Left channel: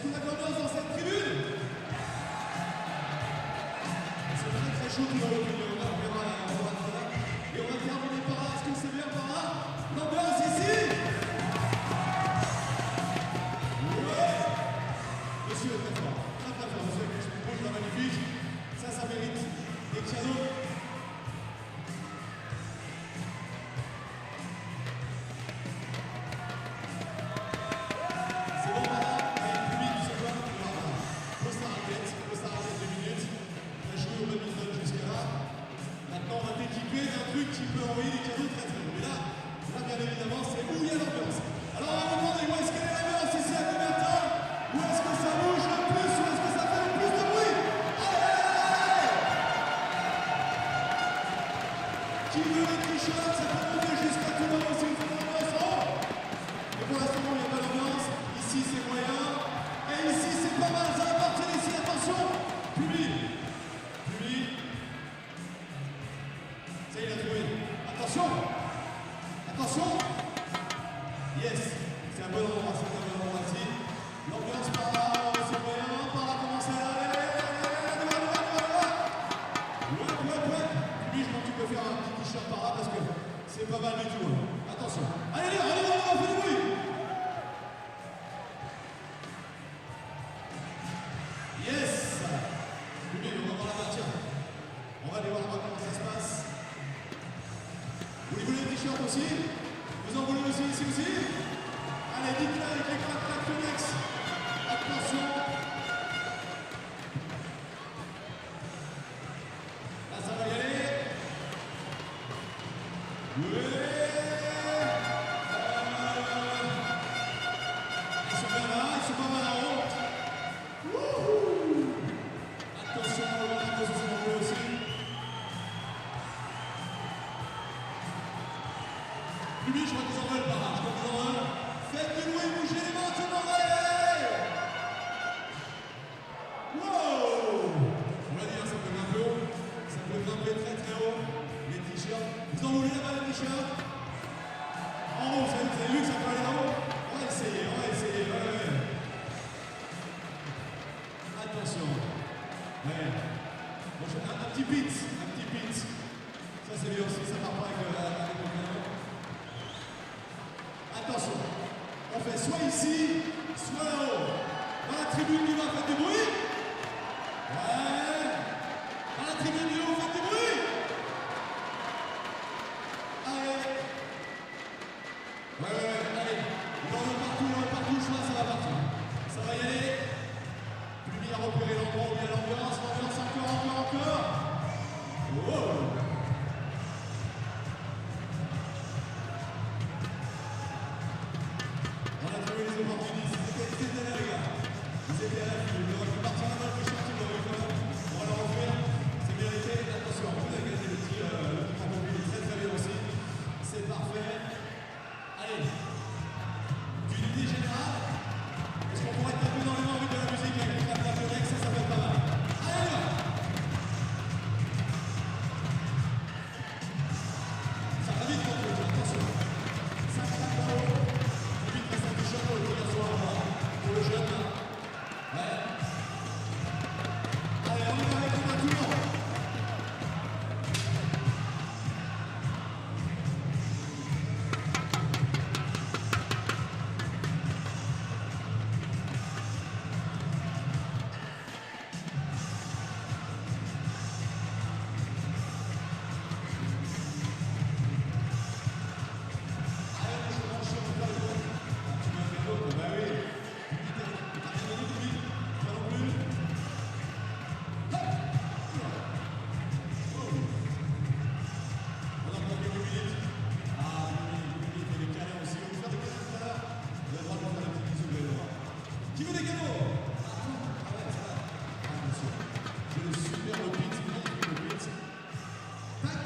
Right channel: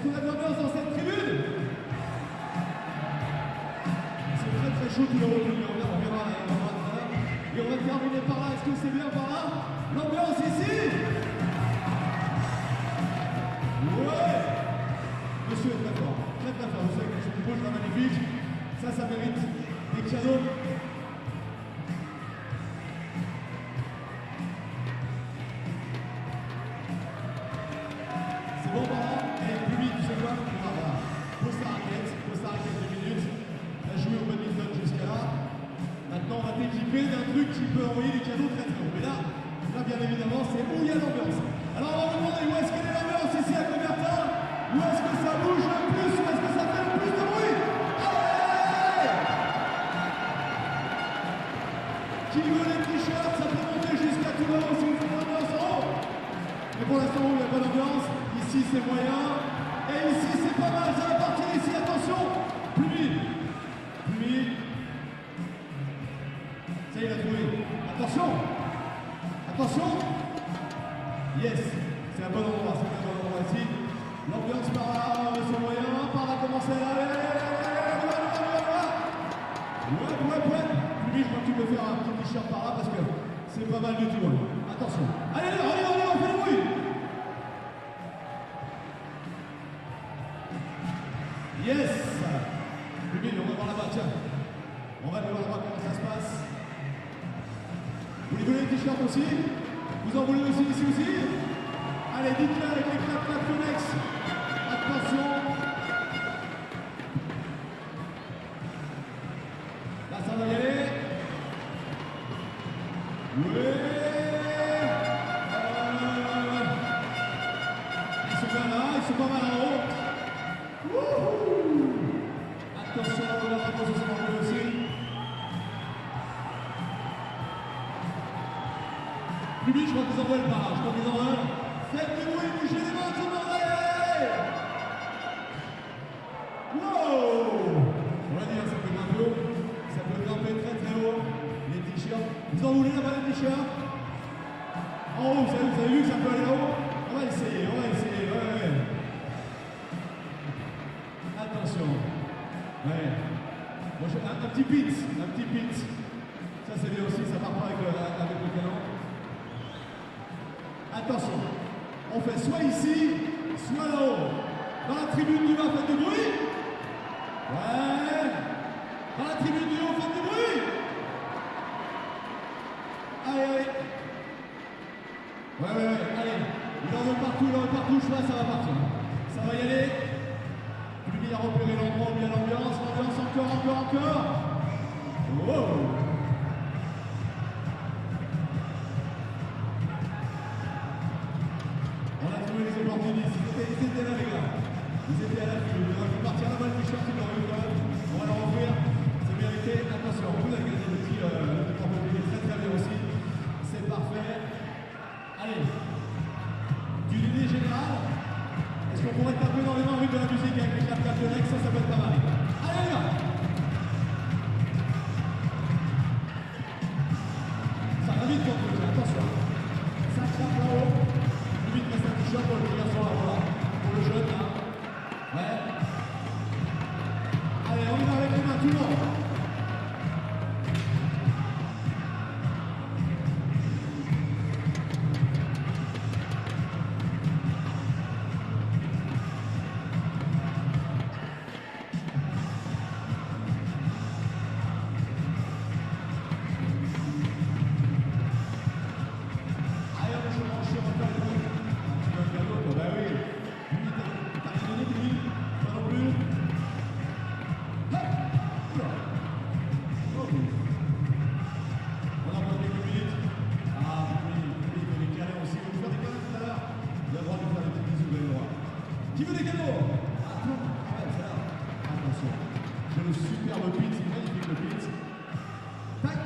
Est-ce qu'on a de l'ambiance dans cette tribune? C'est très très chaud tout le haut, on verra là, on va faire. Et on va terminer par là, est-ce que c'est bien par là? L'ambiance ici? Ouais! Monsieur est très fort, monsieur avec son rouge là magnifique. Ça mérite des pianos. C'est bon par là? Et plus vite, c'est quoi? Voilà. Pose ta raquette 2 minutes. Tu as joué au badminton jusqu'à là. Maintenant, on va t'équiper d'un truc qui peut envoyer des pianos très très haut. Mais là, bien évidemment, c'est où il y a l'ambiance. Alors, on va vous demander où est-ce qu'elle est l'ambiance ici à Cobertin? Où est-ce que ça bouge le plus? Où est-ce que ça fait le plus de bruit? Allez! Qui veut les t-shirts? Ça peut monter jusqu'à tout le haut si vous faites l'ambiance en haut. Et pour l'instant, il n'y a pas d'ambiance. Ici, c'est moyen. Et ici, c'est pas mal. Ça va partir ici. Attention. Plus vite. Ça, il a trouvé. Attention. Yes. C'est un bon endroit. Ici. L'ambiance par là, c'est moyen. Par là, commencez là. Allez. Ouais. Plus, je crois que tu peux faire un petit t-shirt par là parce que c'est pas mal du tout. Hein. Attention. Allez, on fait du bruit. Yes. Plus, on va voir là-bas, tiens. On va aller voir là-bas comment ça se passe. Vous voulez le t-shirt aussi? Vous en voulez aussi ici aussi? Allez, dites-le avec les clap Yonex. Attention. Là, ça va y aller. Ouais. Ils sont bien là, ils sont pas mal en haut. Wouhou. Attention, c'est bon aussi. Lui, je crois qu'ils en veulent pas. Faites du bruit, bougez les mains, tout le monde, allez. Wow. On l'a dit, hein, ça peut grimper haut. Ça peut grimper très très haut. Les t-shirts. Vous en voulez là-bas les t-shirts? En haut, vous avez vu que ça peut aller là-haut? On va essayer. Ouais. Attention. Ouais. Bon, un petit pit. Ça c'est bien aussi, ça part pas avec le canon. Attention. On fait soit ici, soit là-haut. Dans la tribune du bas, faites du bruit. Ouais. Dans la tribune du haut, faites du bruit. Allez. Ouais. Allez. Il en veut partout, je vois, ça va partir. Ça va y aller. Lui a repéré l'endroit où il y a l'ambiance. Encore. Wow. Les opportunistes, ils étaient là les gars, ils étaient à la fin, ils auraient pu partir là-bas le t-shirt, ils l'auraient eu quand même, on va leur offrir, c'est mérité, attention, vous avez gagné le petit porte-bébé, très bien aussi, c'est parfait. Allez, d'une idée générale, est-ce qu'on pourrait taper dans les mains de la musique avec les clap Yonex, ça peut être pas mal. Allez là. Ça va vite quand on fait, attention, ça claque là-haut. Vite, reste un t-shirt pour le petit garçon là-bas, pour le jeune là. Ouais. Allez, on y va avec les mains, tout le monde. Qui veut des cadeaux? Ah ouais, ça là. Attention. J'ai le superbe pit, c'est magnifique le pit. Tac.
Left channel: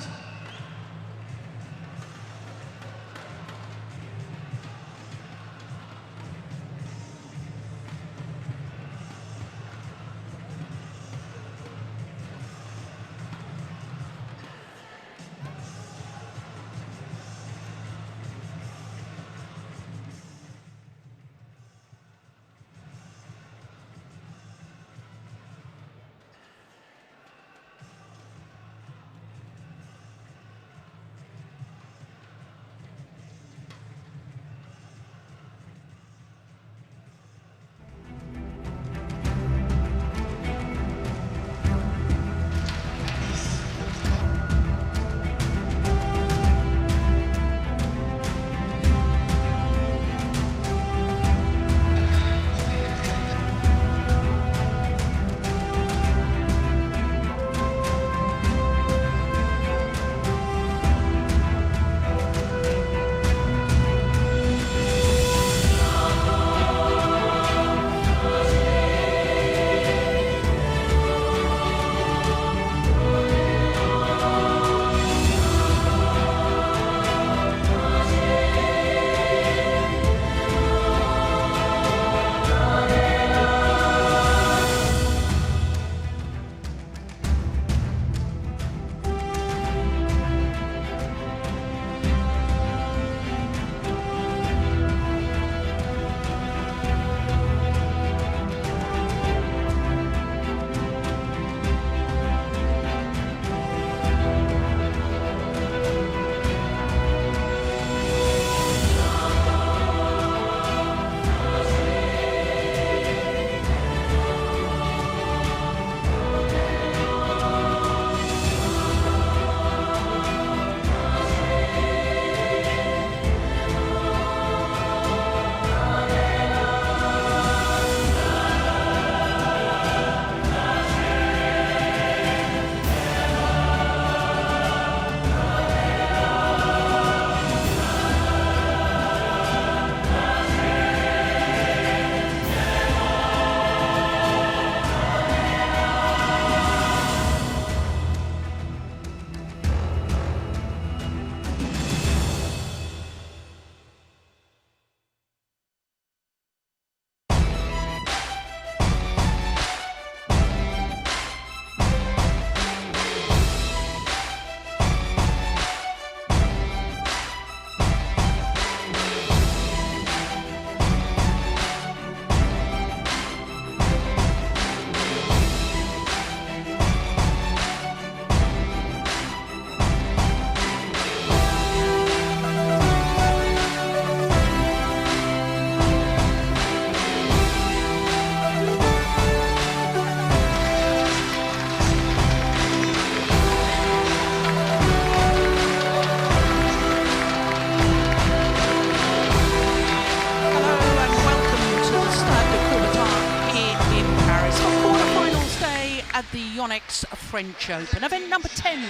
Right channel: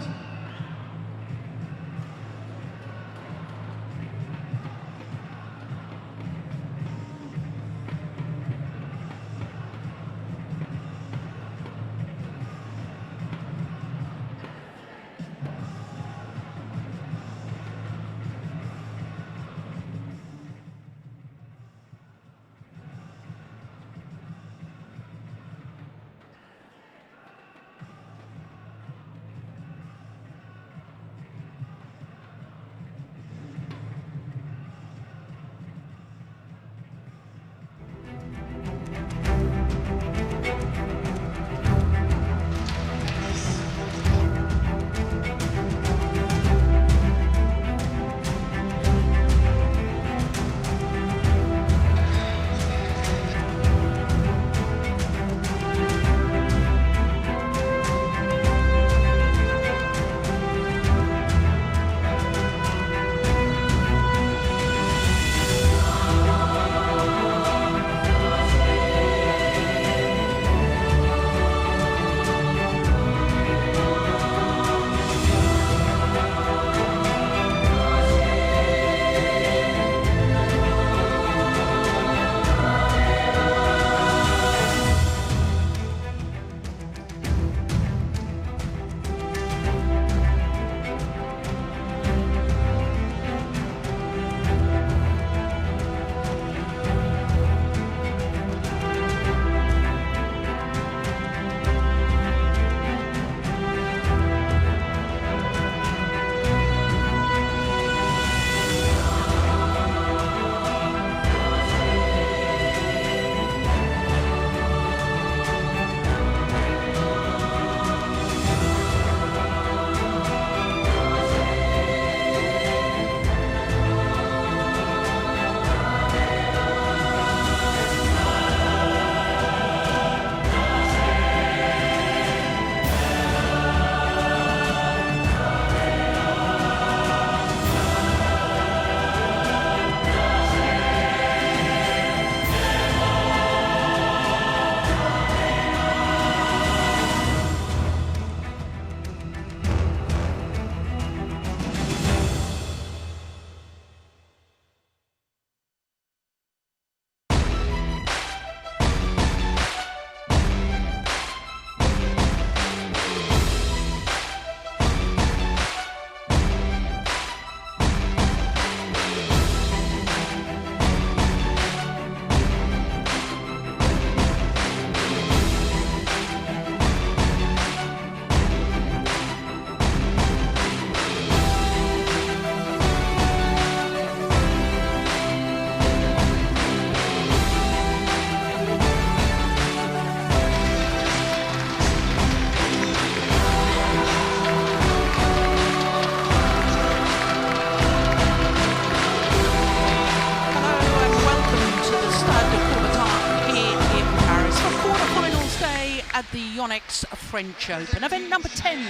It's for quarterfinals day at the Yonex French Open. Event number 10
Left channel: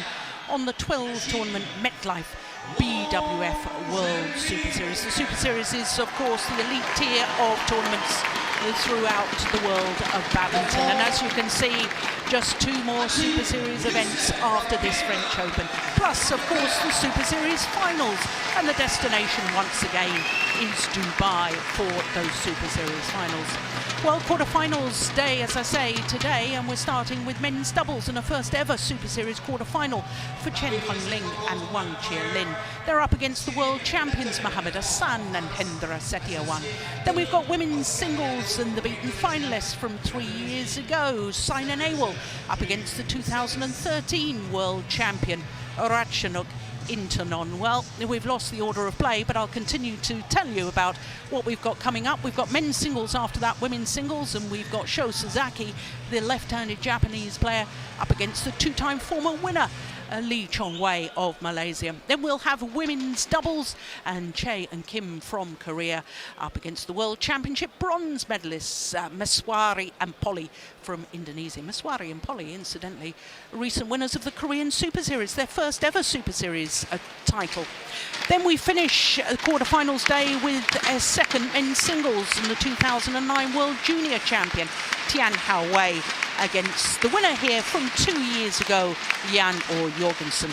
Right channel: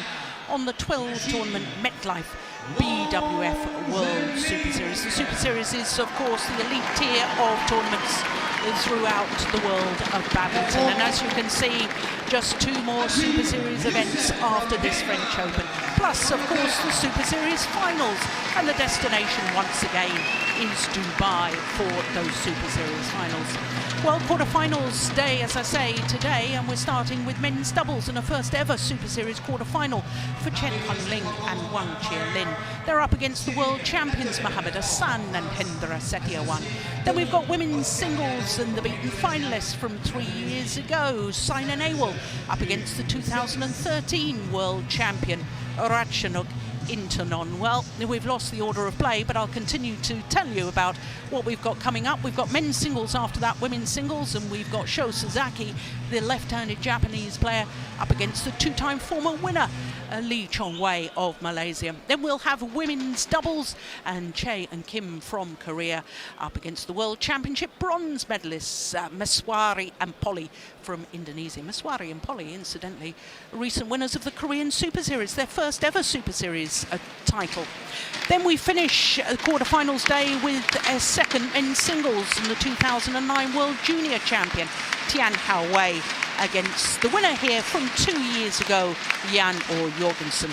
on the 12 tournament MetLife BWF World Superseries. The Super Series is, of course, the elite tier of tournaments throughout the world of badminton. And as you can see, just 2 more Super Series events after this French Open. Plus, of course, the Super Series finals. And the destination, once again, is Dubai for those Super Series finals. Well, quarterfinals day, as I say, today, and we're starting with men's doubles in a first ever Super Series quarterfinal for Chen, Ling and Wang, Chi-Lin. They're up against the world champions Mohammad, Ahsan and Hendra, Setiawan. Then we've got women's singles and the beaten finalists from 3 years ago, Saina, Nehwal, up against the 2013 world champion Ratchanok, Intanon. Well, we've lost the order of play, but I'll continue to tell you about what we've got coming up. We've got men's singles after that, women's singles, and we've got Sasaki, the left-handed Japanese player, up against the 2-time former winner, Houwei of Malaysia. Then we'll have women's doubles, and Chae and Kim from Korea up against the World Championship bronze medalists, Maheswari and Polii from Indonesia. Maheswari and Polii, incidentally, recent winners of the Korean Super Series, their first ever Super Series title. Then we finish quarterfinals day with a second men's singles and the 2009 World Junior Champion, Tian Houwei, against the winner here from 2 years ago, Yang or Jorgensen.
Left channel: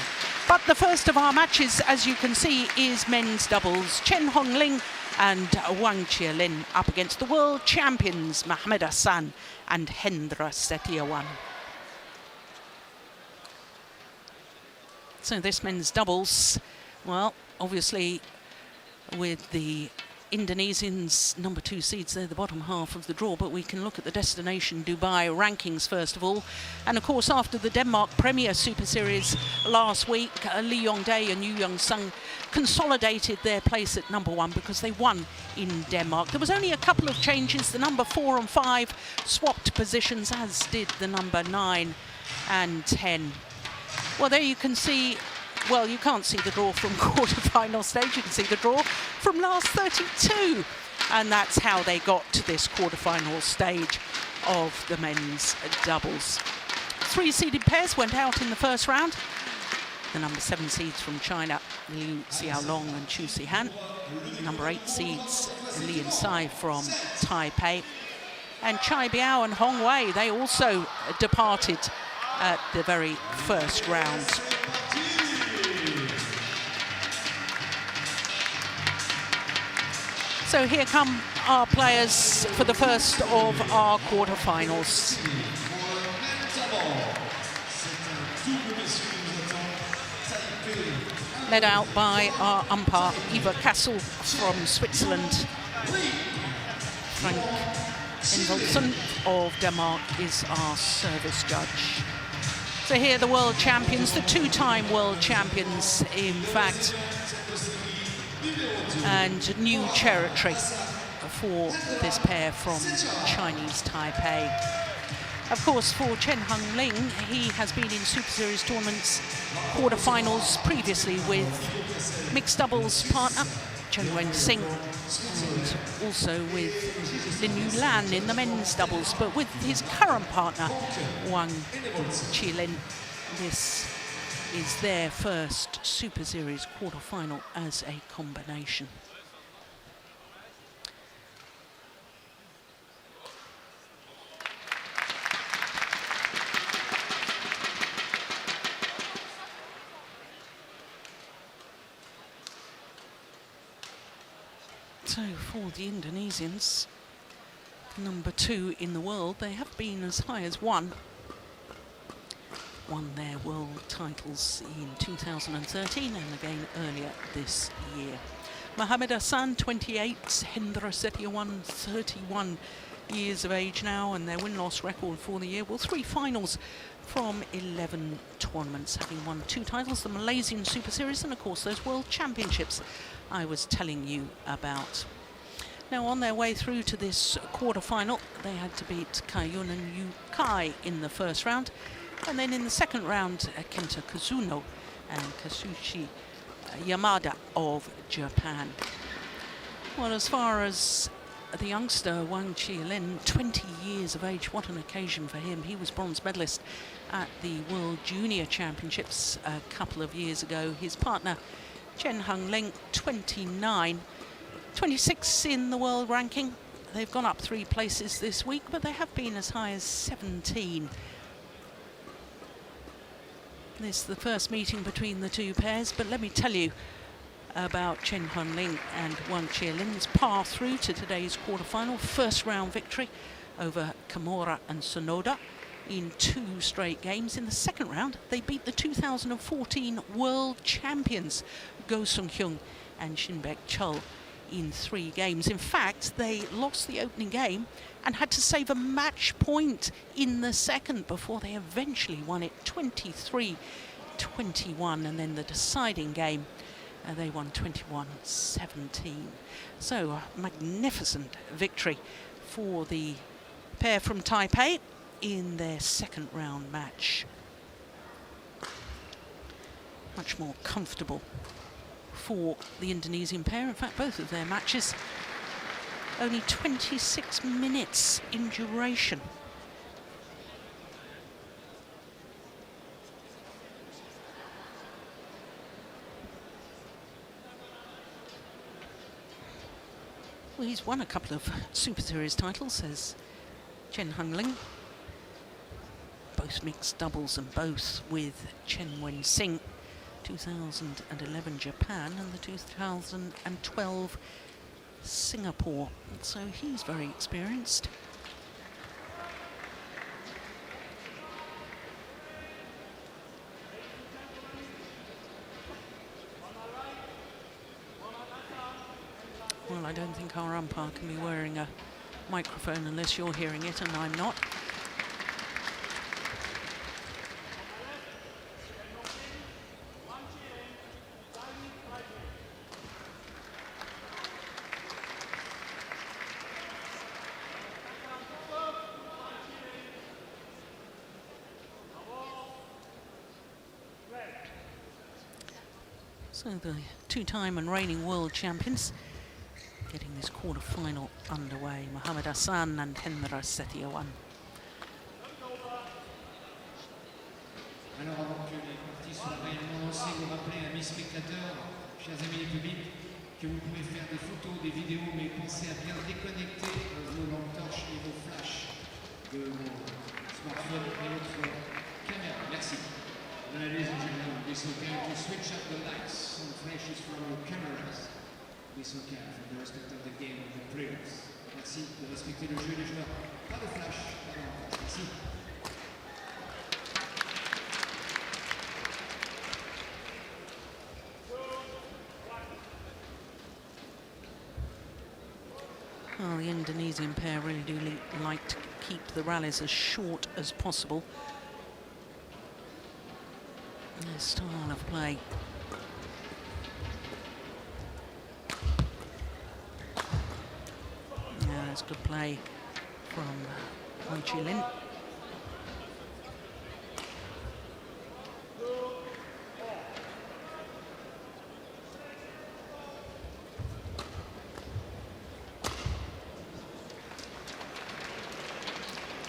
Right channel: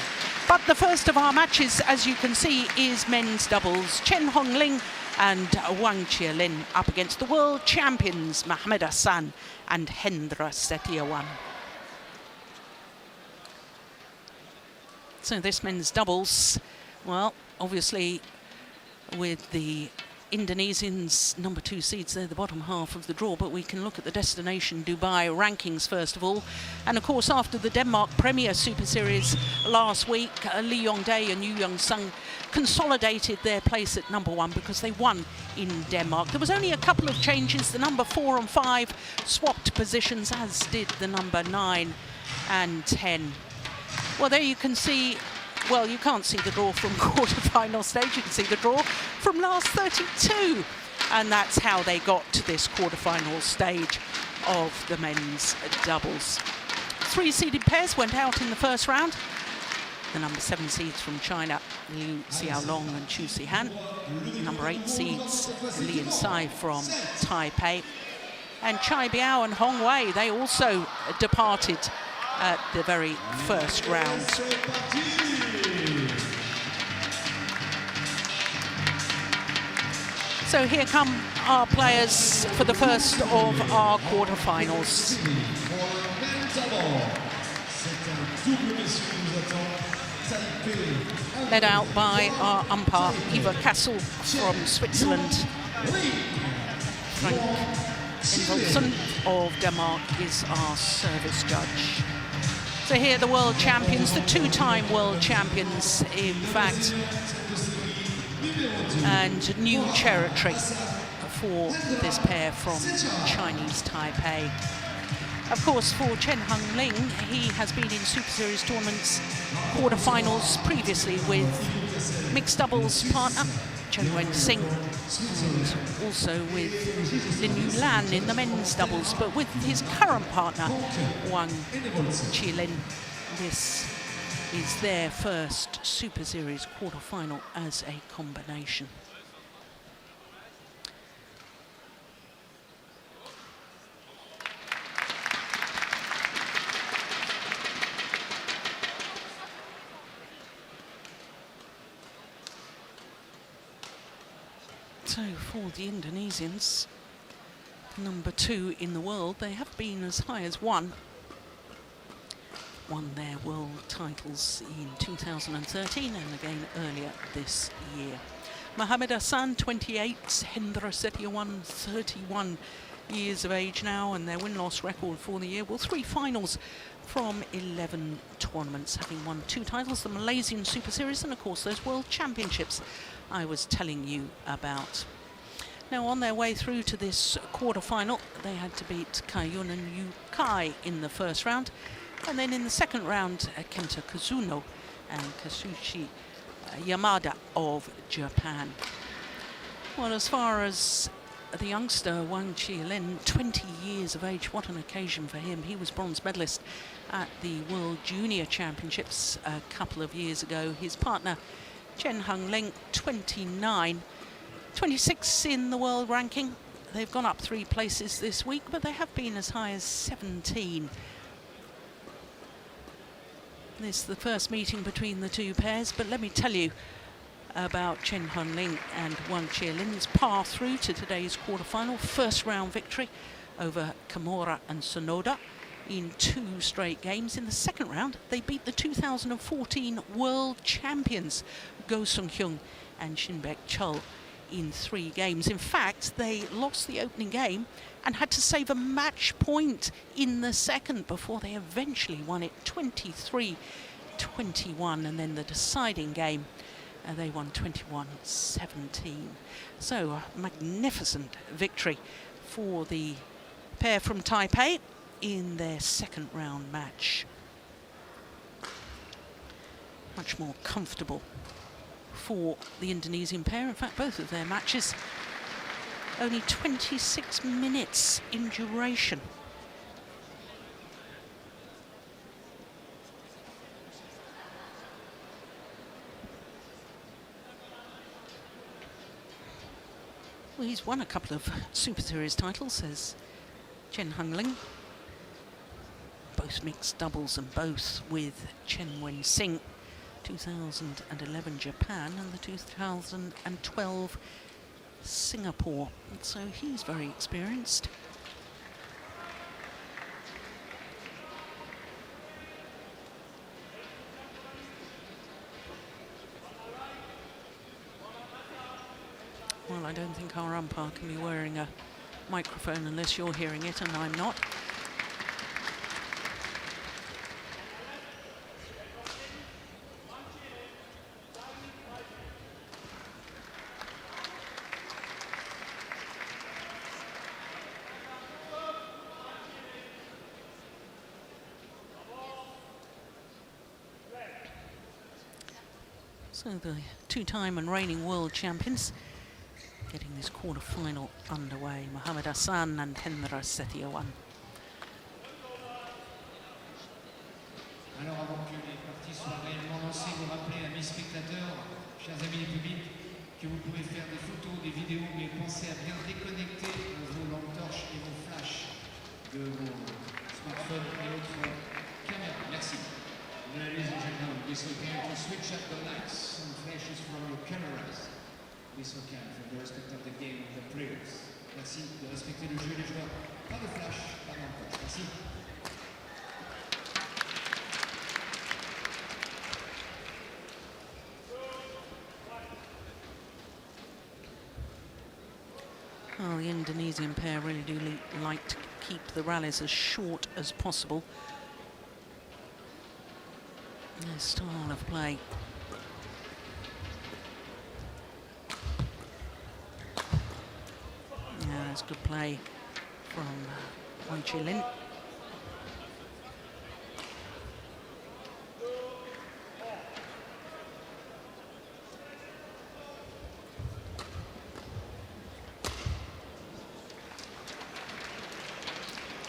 But the first of our matches, as you can see, is men's doubles. Chen Ling and Wang, Chi-Lin up against the world champions, Mohammad, Ahsan and Hendra, Setiawan. So this men's doubles, well, obviously with the Indonesians, number 2 seeds, they're the bottom half of the draw, but we can look at the destination Dubai rankings first of all. And of course, after the Denmark Premier Super Series last week, Lee Yong-dae and Yeong Sung consolidated their place at number 1 because they won in Denmark. There was only a couple of changes. The number 4 and 5 swapped positions, as did the number 9 and 10. Well, there you can see. Well, you can't see the draw from quarterfinal stage. You can see the draw from last 32. And that's how they got to this quarterfinal stage of the men's doubles. 3 seeded pairs went out in the first round. The number 7 seeds from China, Liu Xiaolong and Chu Sihan. Number 8 seeds, Li and Sai from Taipei. And Chai Biao and Houwei, they also departed at the very first round. So here come our players for the first of our quarterfinals. Led out by our umpire, Eva Kassel from Switzerland. Frank Envelsen of Denmark is our service judge. So here the world champions, the 2-time world champions, in fact, and new territory for this pair from Chinese Taipei. Of course, for Chen Ling, he has been in Super Series tournaments quarterfinals previously with mixed doubles partner Chen Wen-sing, and also with Lin Yulan in the men's doubles, but with his current partner Wang, Chi-Lin, this is their first Super Series quarterfinal as a combination. So for the Indonesians, number 2 in the world, they have been as high as 1. Won their world titles in 2013 and again earlier this year. Mohammad Ahsan, 28, Hendra Setiawan, 31 years of age now, and their win-loss record for the year, well, 3 finals from 11 tournaments, having won 2 titles, the Malaysian Super Series and of course those World Championships I was telling you about. Now on their way through to this quarter-final, they had to beat Kai-Yun and Yu-Kai in the first round. And then in the second round, Kenta Kazuno and Kazushi Yamada of Japan. Well, as far as the youngster Wang Chi-Lin, 20 years of age. What an occasion for him. He was bronze medalist at the World Junior Championships a couple of years ago. His partner Chen Ling, 29, 26 in the world ranking. They've gone up 3 places this week, but they have been as high as 17. This is the first meeting between the two pairs, but let me tell you about Chen Ling and Wang Chi-Lin's path through to today's quarterfinal. First round victory over Kimura and Sonoda in 2 straight games. In the second round, they beat the 2014 world champions Go Sung-hyun and Shinbek Chul in 3 games. In fact, they lost the opening game and had to save a match point in the second before they eventually won it 23-21, and then the deciding game they won 21-17. So a magnificent victory for the pair from Taipei in their second round match. Much more comfortable for the Indonesian pair. In fact, both of their matches only 26 minutes in duration. Well, he's won a couple of Super Series titles, says Chen Ling. Both mixed doubles and both with Chen Wen-sing. 2011 Japan and the 2012 Singapore. So he's very experienced. Well, I don't think our umpire can be wearing a microphone unless you're hearing it, and I'm not. So the 2-time and reigning world champions getting this quarter-final underway. Mohammad Ahsan and Hendra Setiawan. Alors avant que les parties soient réellement lancées, vous rappelez, amis spectateurs, chers amis du public, que vous pouvez faire des photos, des vidéos, mais pensez à bien déconnecter vos lampes torches et vos flashs de vos smartphones et autres caméras. Merci. Ladies and gentlemen, this is going to switch up the lights and flashes from your cameras. This is okay for the respect of the game of the players. Merci de respecter le jeu des joueurs. Pas de flash, pas de flash. Merci. Well, the Indonesian pair really do like to keep the rallies as short as possible. Their style of play. Yeah, that's good play from Wang Chi-Lin.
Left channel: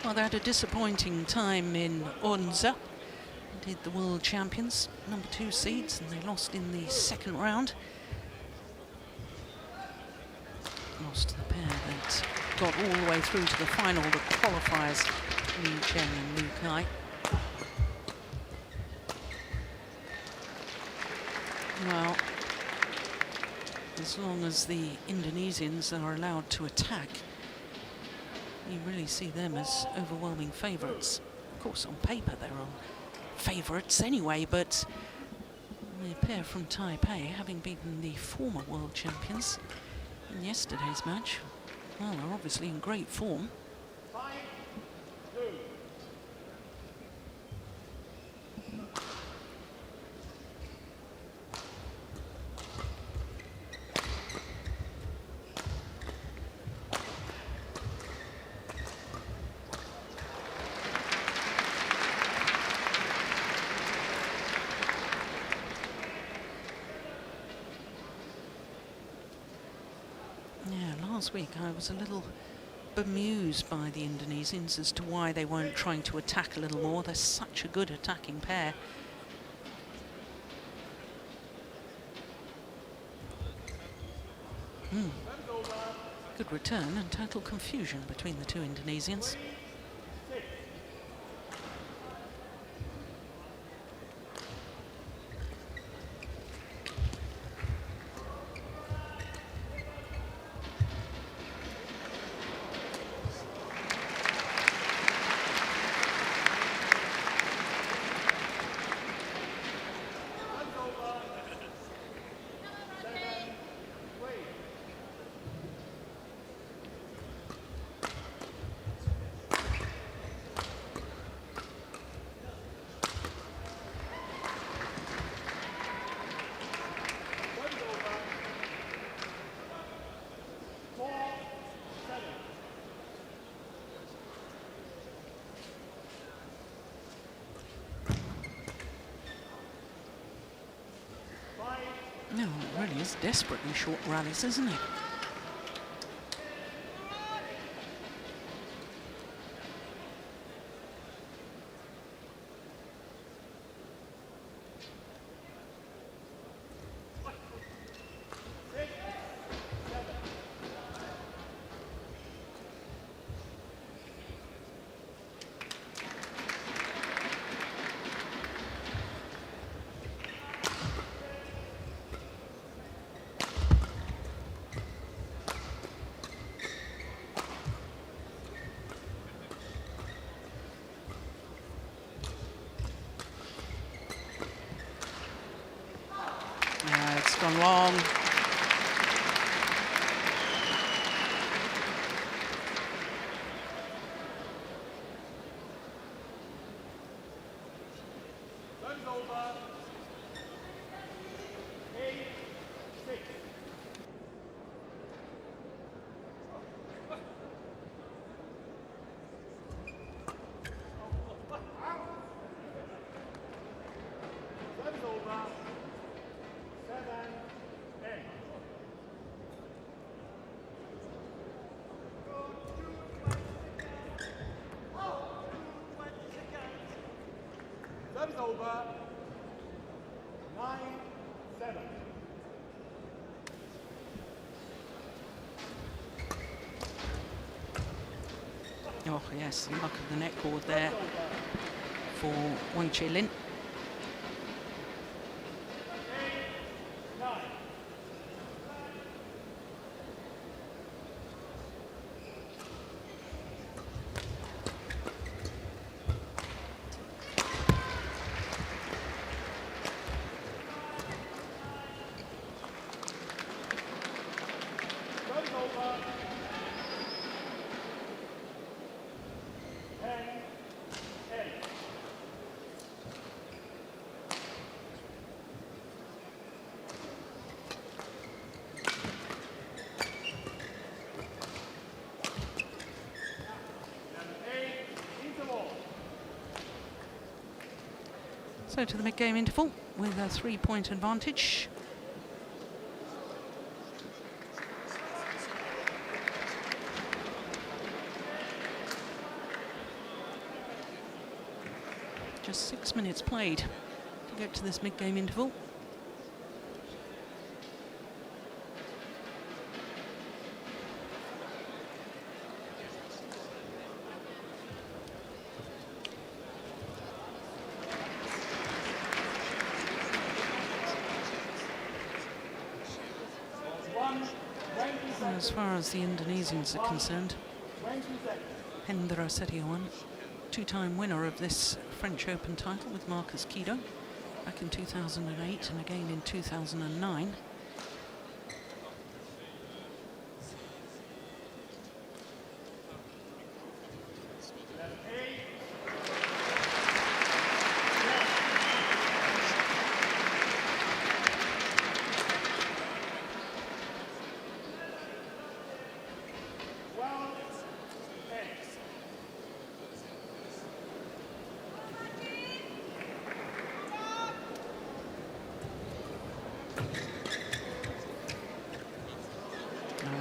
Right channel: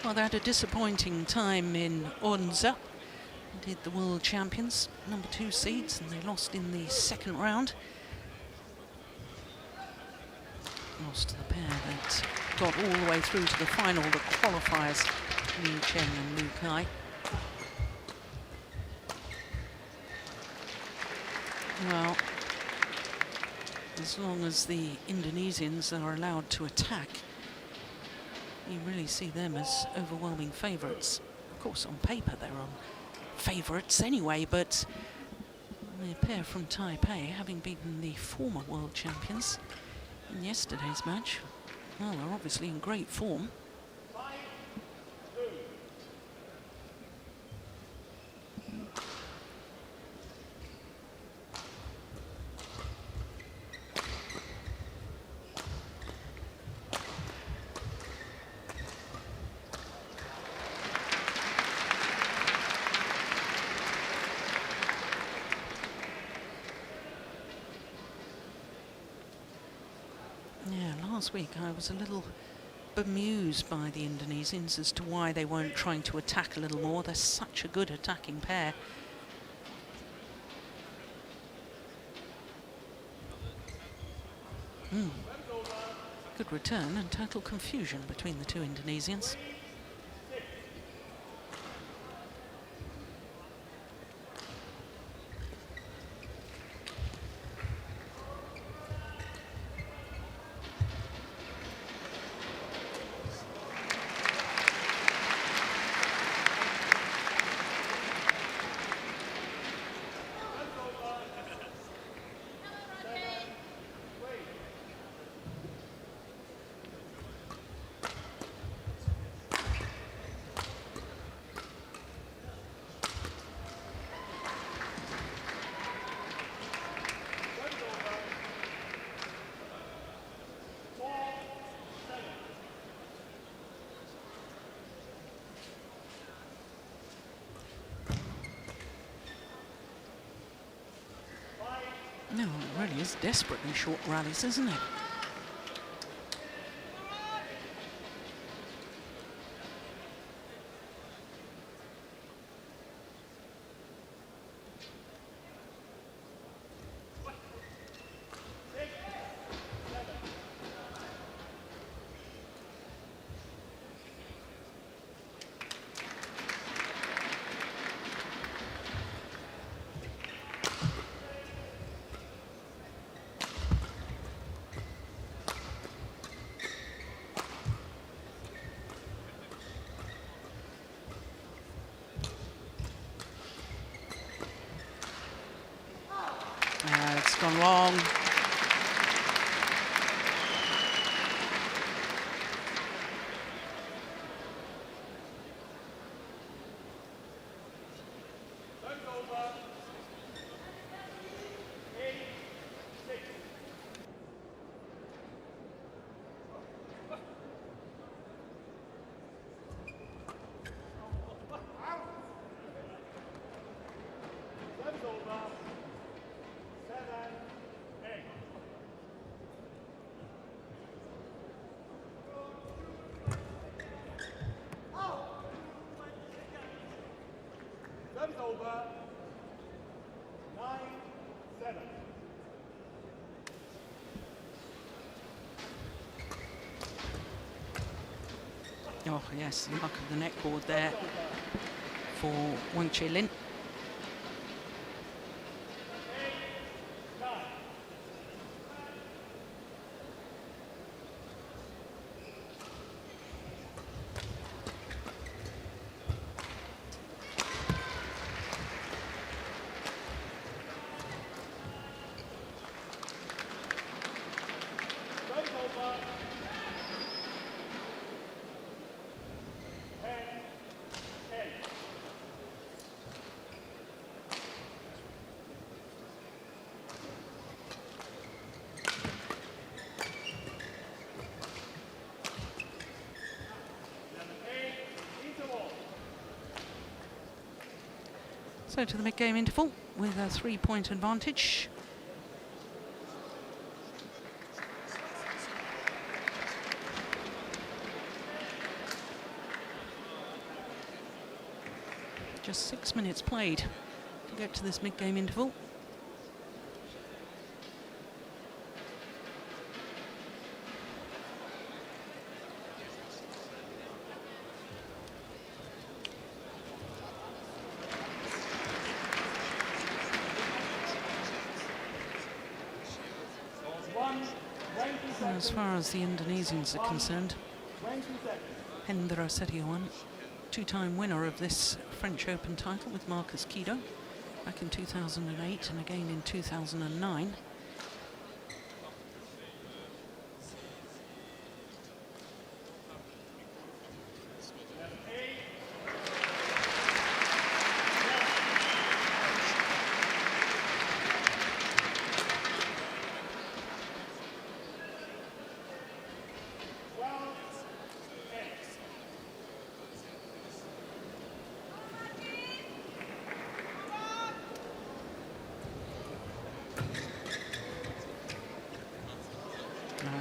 Well, they had a disappointing time in Onza. Did the world champions, number 2 seeds, and they lost in the second round. Lost to the pair that got all the way through to the final, the qualifiers, Liu Chen and Liu Kai. Well, as long as the Indonesians are allowed to attack, you really see them as overwhelming favourites. Of course, on paper they're on favourites anyway, but the pair from Taipei, having beaten the former world champions in yesterday's match, well, they're obviously in great form. last week, I was a little bemused by the Indonesians as to why they weren't trying to attack a little more. They're such a good attacking pair. Good return and total confusion between the two Indonesians. No, it really is desperately short rallies, isn't it? It's gone long. Oh yes, the luck of the net cord there for Wang Chi-Lin. So to the mid-game interval with a 3-point advantage. Just 6 minutes played to get to this mid-game interval. As far as the Indonesians are concerned, Hendra Setiawan, two-time winner of this French Open title with Marcus Kido back in 2008 and again in 2009.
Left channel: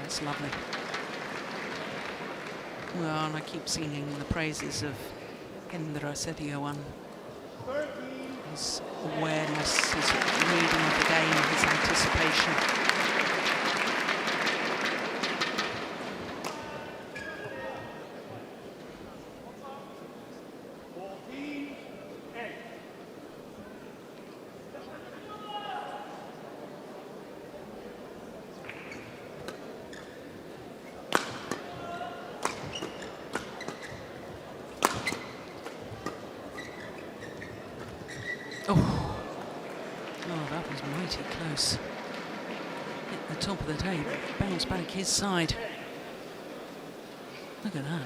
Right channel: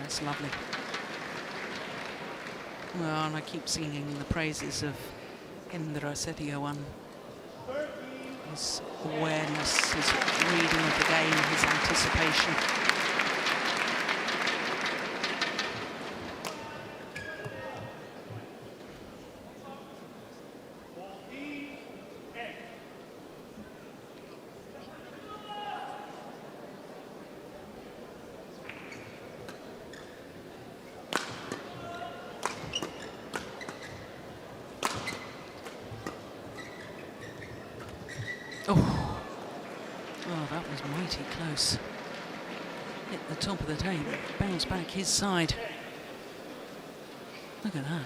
That's lovely. Well, and I keep singing the praises of Hendra Setiawan. His awareness, his reading of the game, his anticipation. Oh, that was mighty close. Hit the top of the table, bounce back his side. Look at that.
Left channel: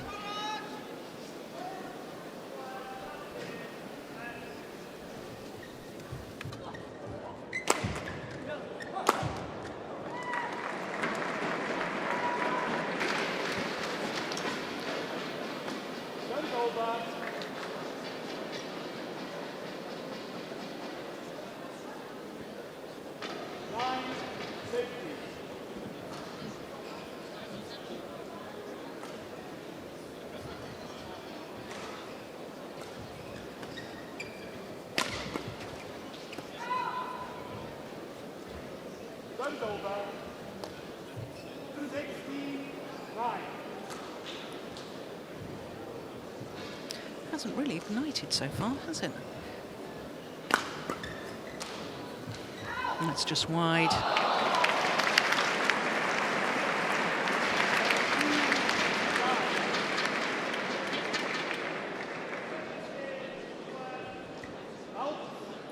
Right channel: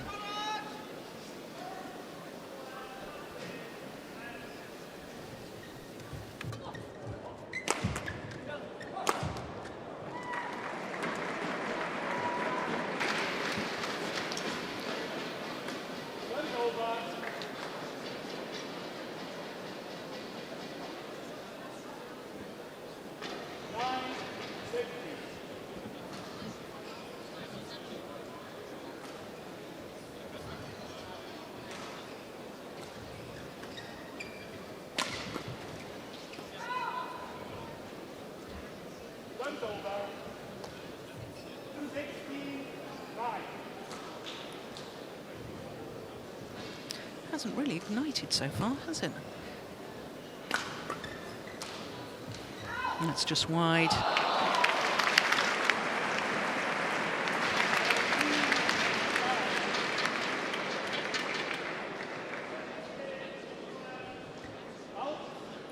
Hasn't really ignited so far, has it? And that's just wide.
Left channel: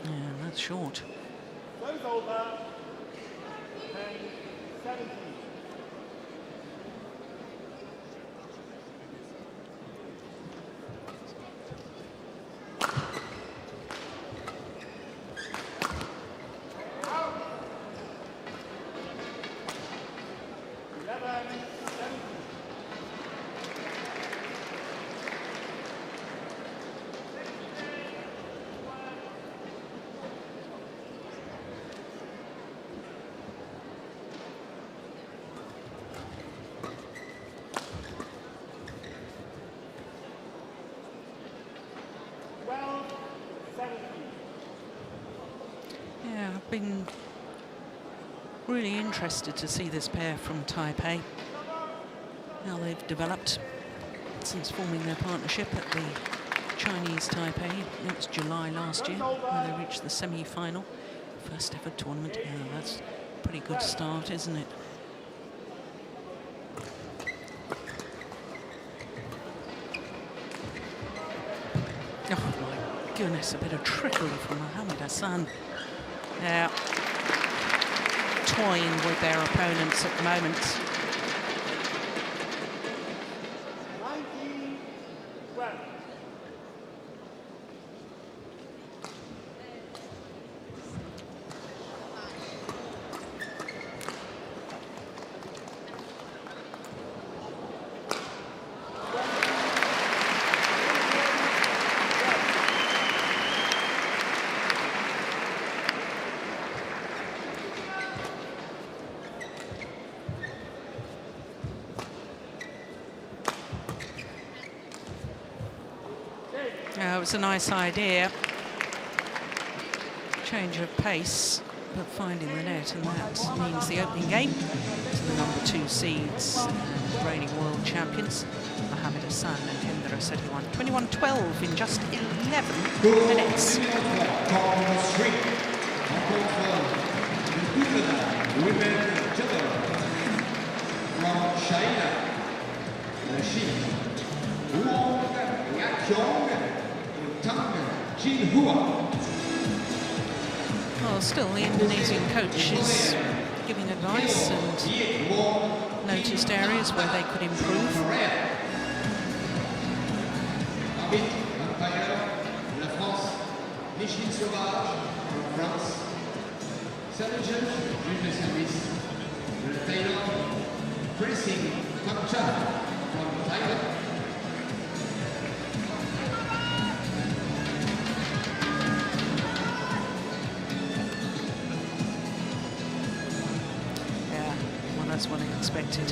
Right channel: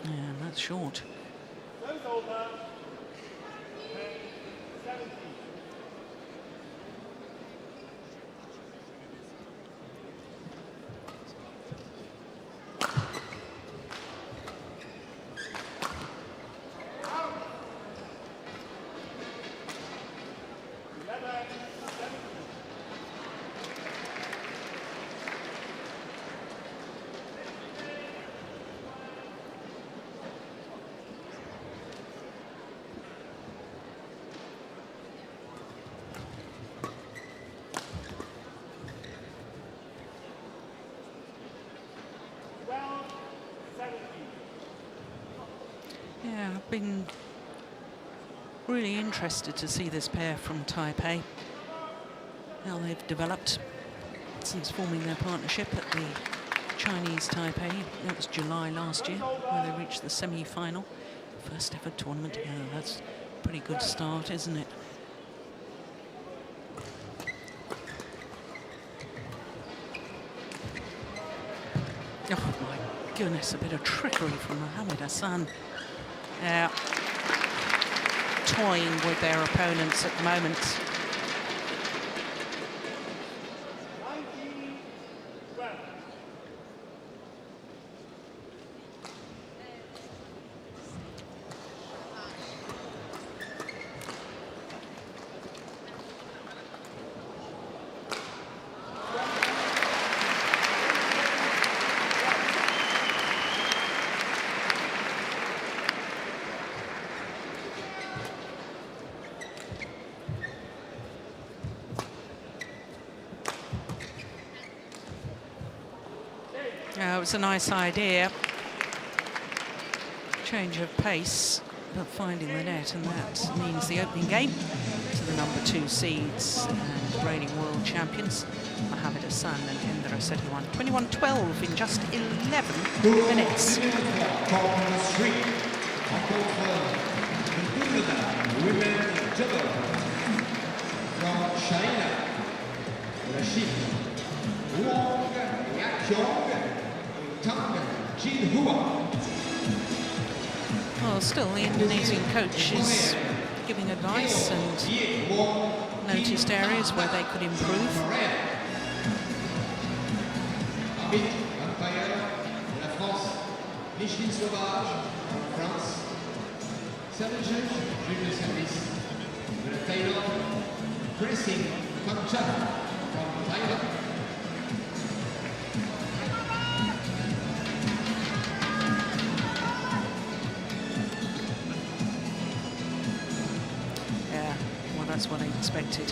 Yeah, and that's short. Yeah, I've been really interested to see this pair from Taipei, how they've developed since forming their partnership at the Chinese Taipei. That was July last year, where they reached the semi-final. First ever tournament together. That's a pretty good start, isn't it? Oh my goodness, a bit of trickery from Mohammad Ahsan. Yeah, toying with their opponents at the moment. It was a nice idea. Change of pace, but finding the net, and that means the opening game to the number 2 seeds and reigning world champions, Mohammad Ahsan and Hendra Setiawan. 21-12 in just 11 minutes. From China, Wang, Jung, Well, still the Indonesian coach is giving advice and noticed areas where they could improve. Yeah, well, that's what I expected.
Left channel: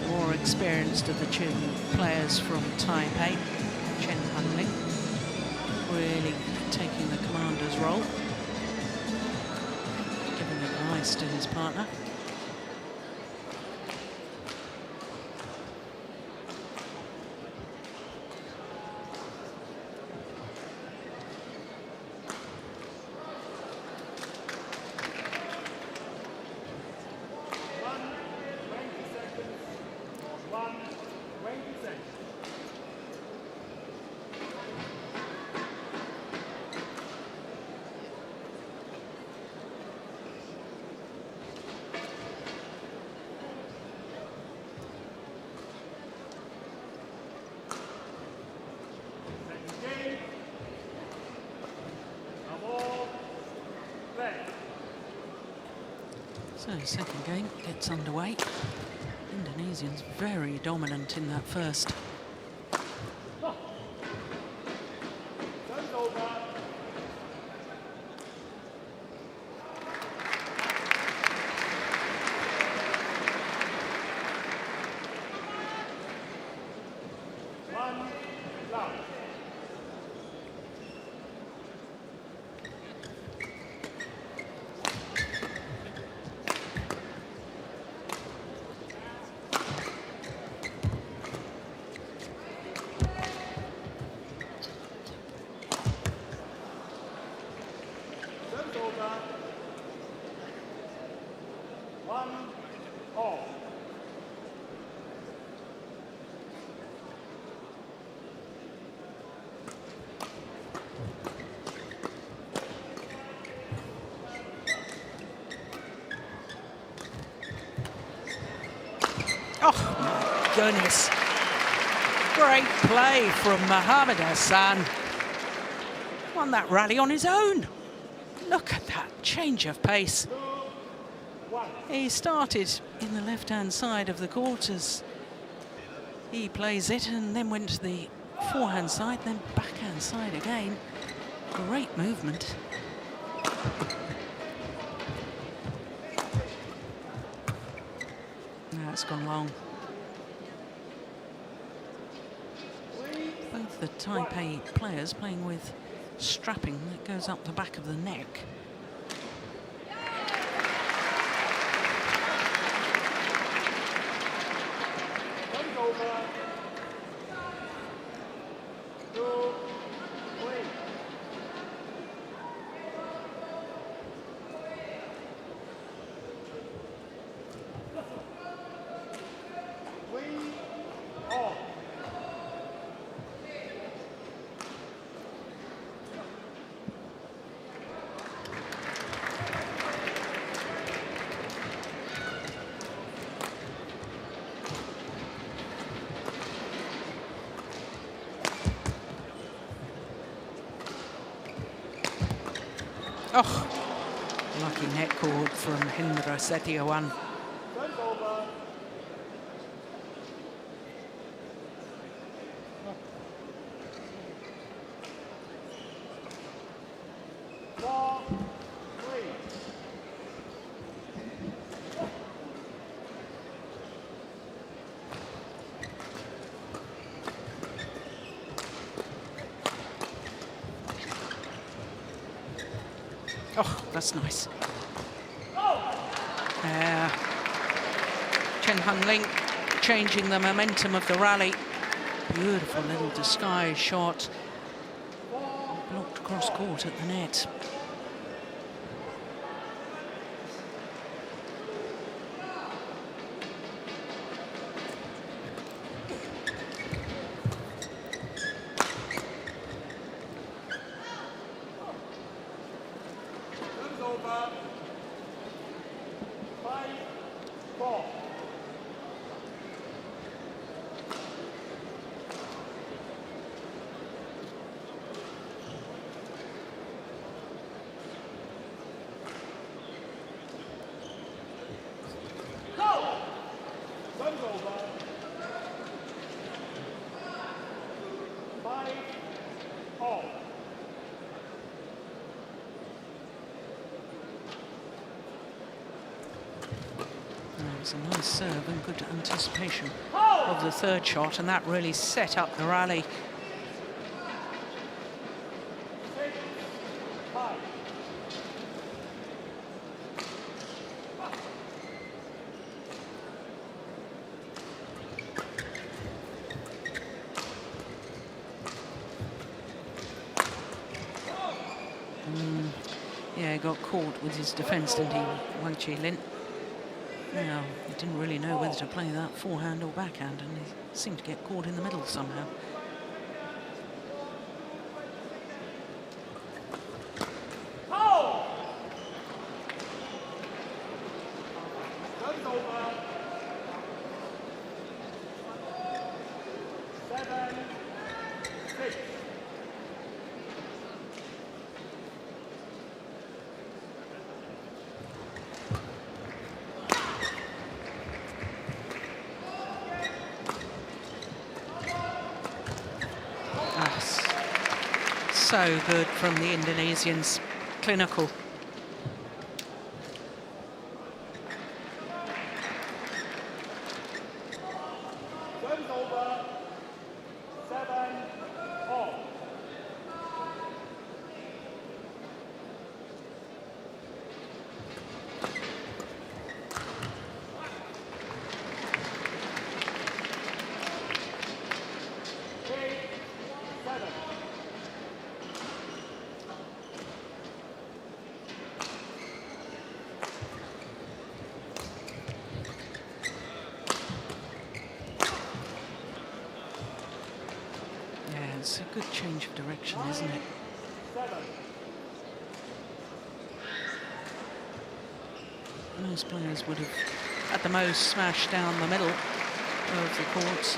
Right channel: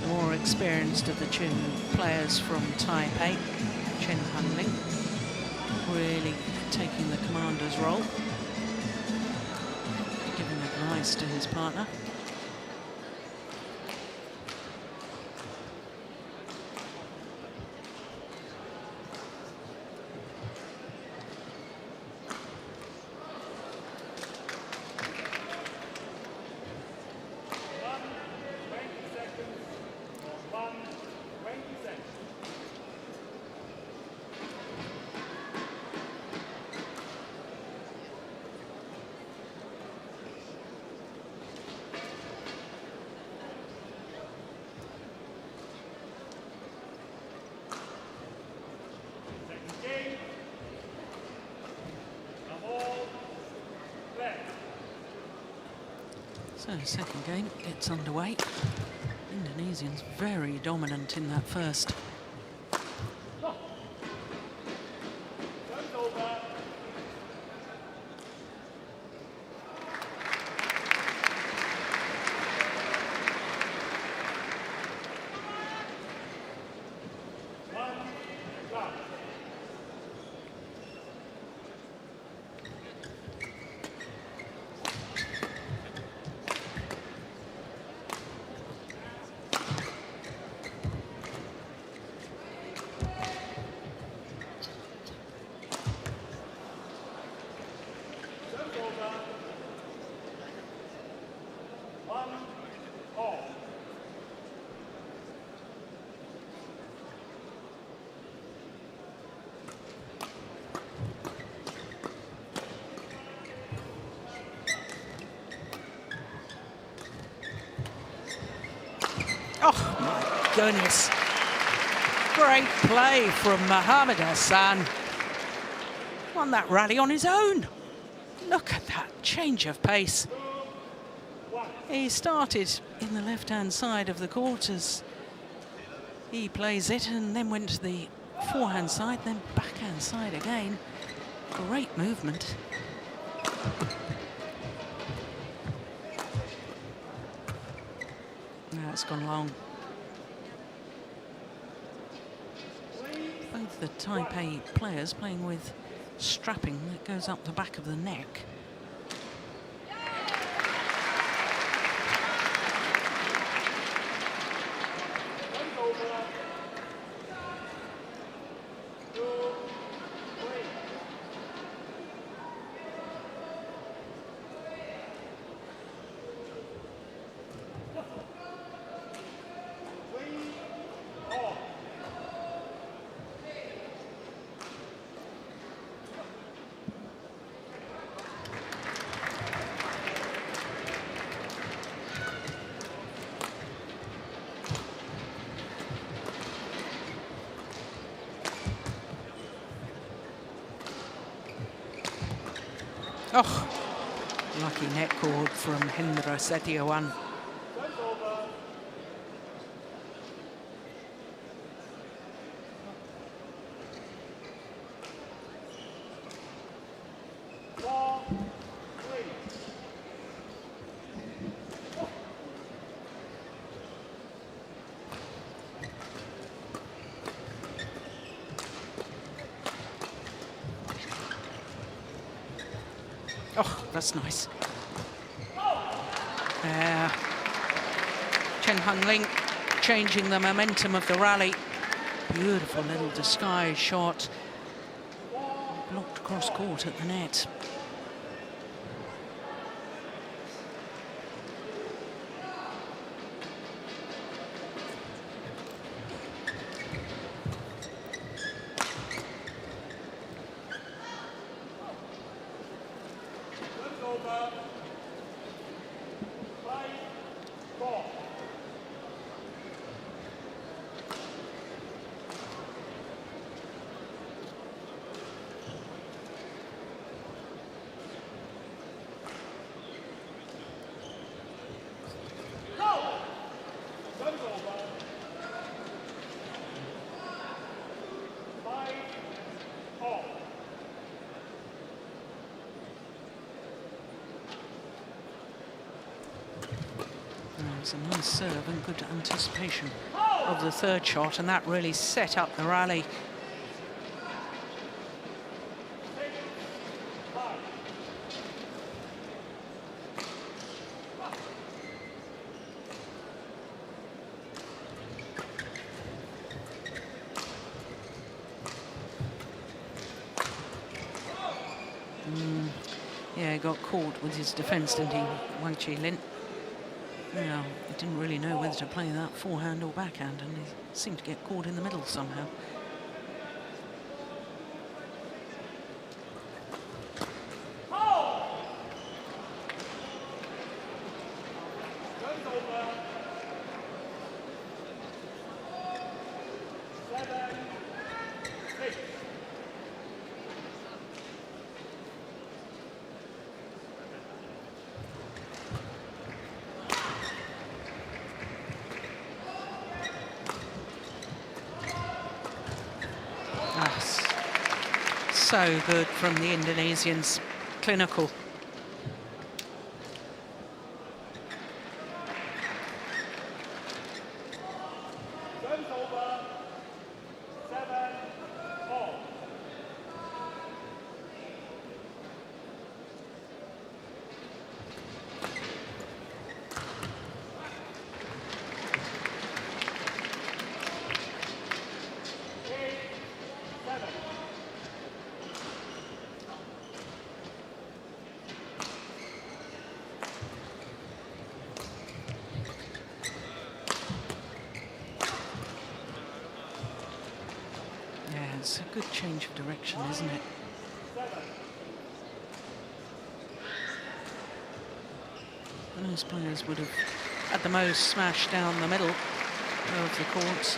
The the more experienced of the two players from Taipei, Chen Ling, really taking the commander's role, giving advice to his partner. So second game gets underway. Indonesians very dominant in that first. Oh my goodness. Great play from Mohammad Ahsan. Won that rally on his own. Look at that change of pace. He started in the left-hand side of the court as he plays it, and then went to the forehand side, then backhand side again. Great movement. Now it's gone long. Both the Taipei players playing with strapping that goes up the back of the neck. Oh, lucky net cord from Hendra Setiawan. Oh, that's nice. Chen Ling changing the momentum of the rally. Beautiful little disguise shot. Blocked cross court at the net. was a nice serve and good anticipation of the third shot, and that really set up the rally. Yeah, he got caught with his defence, didn't he, Wang Chi-Lin? Now, he didn't really know whether to play that forehand or backhand, and he seemed to get caught in the middle somehow. So good from the Indonesians, clinical. It's a good change of direction, isn't it? Most players would have, at the most, smashed down the middle of the courts,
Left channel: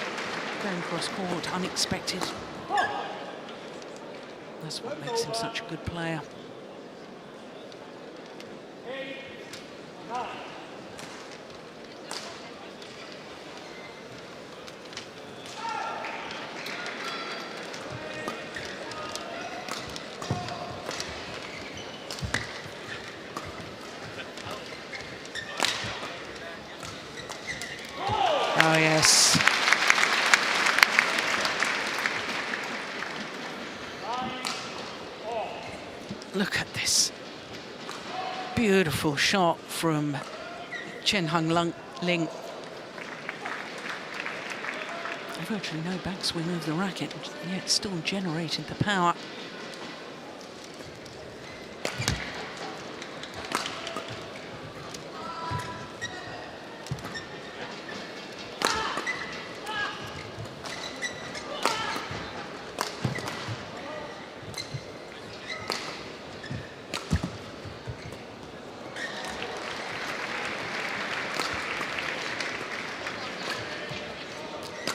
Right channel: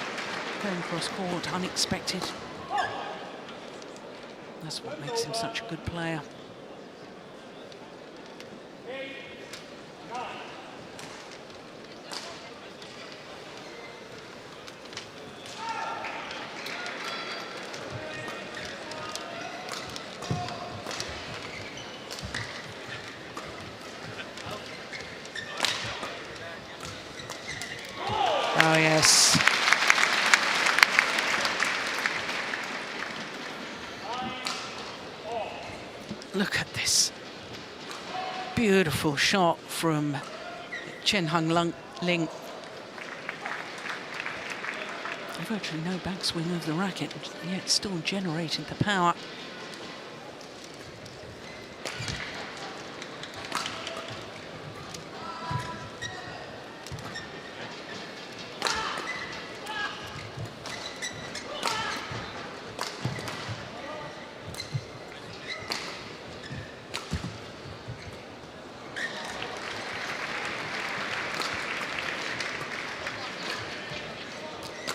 going cross court, unexpected. That's what makes him such a good player. Oh, yes. Look at this. Beautiful shot from Chen Ling. Virtually no backswing of the racket, yet still generated the power.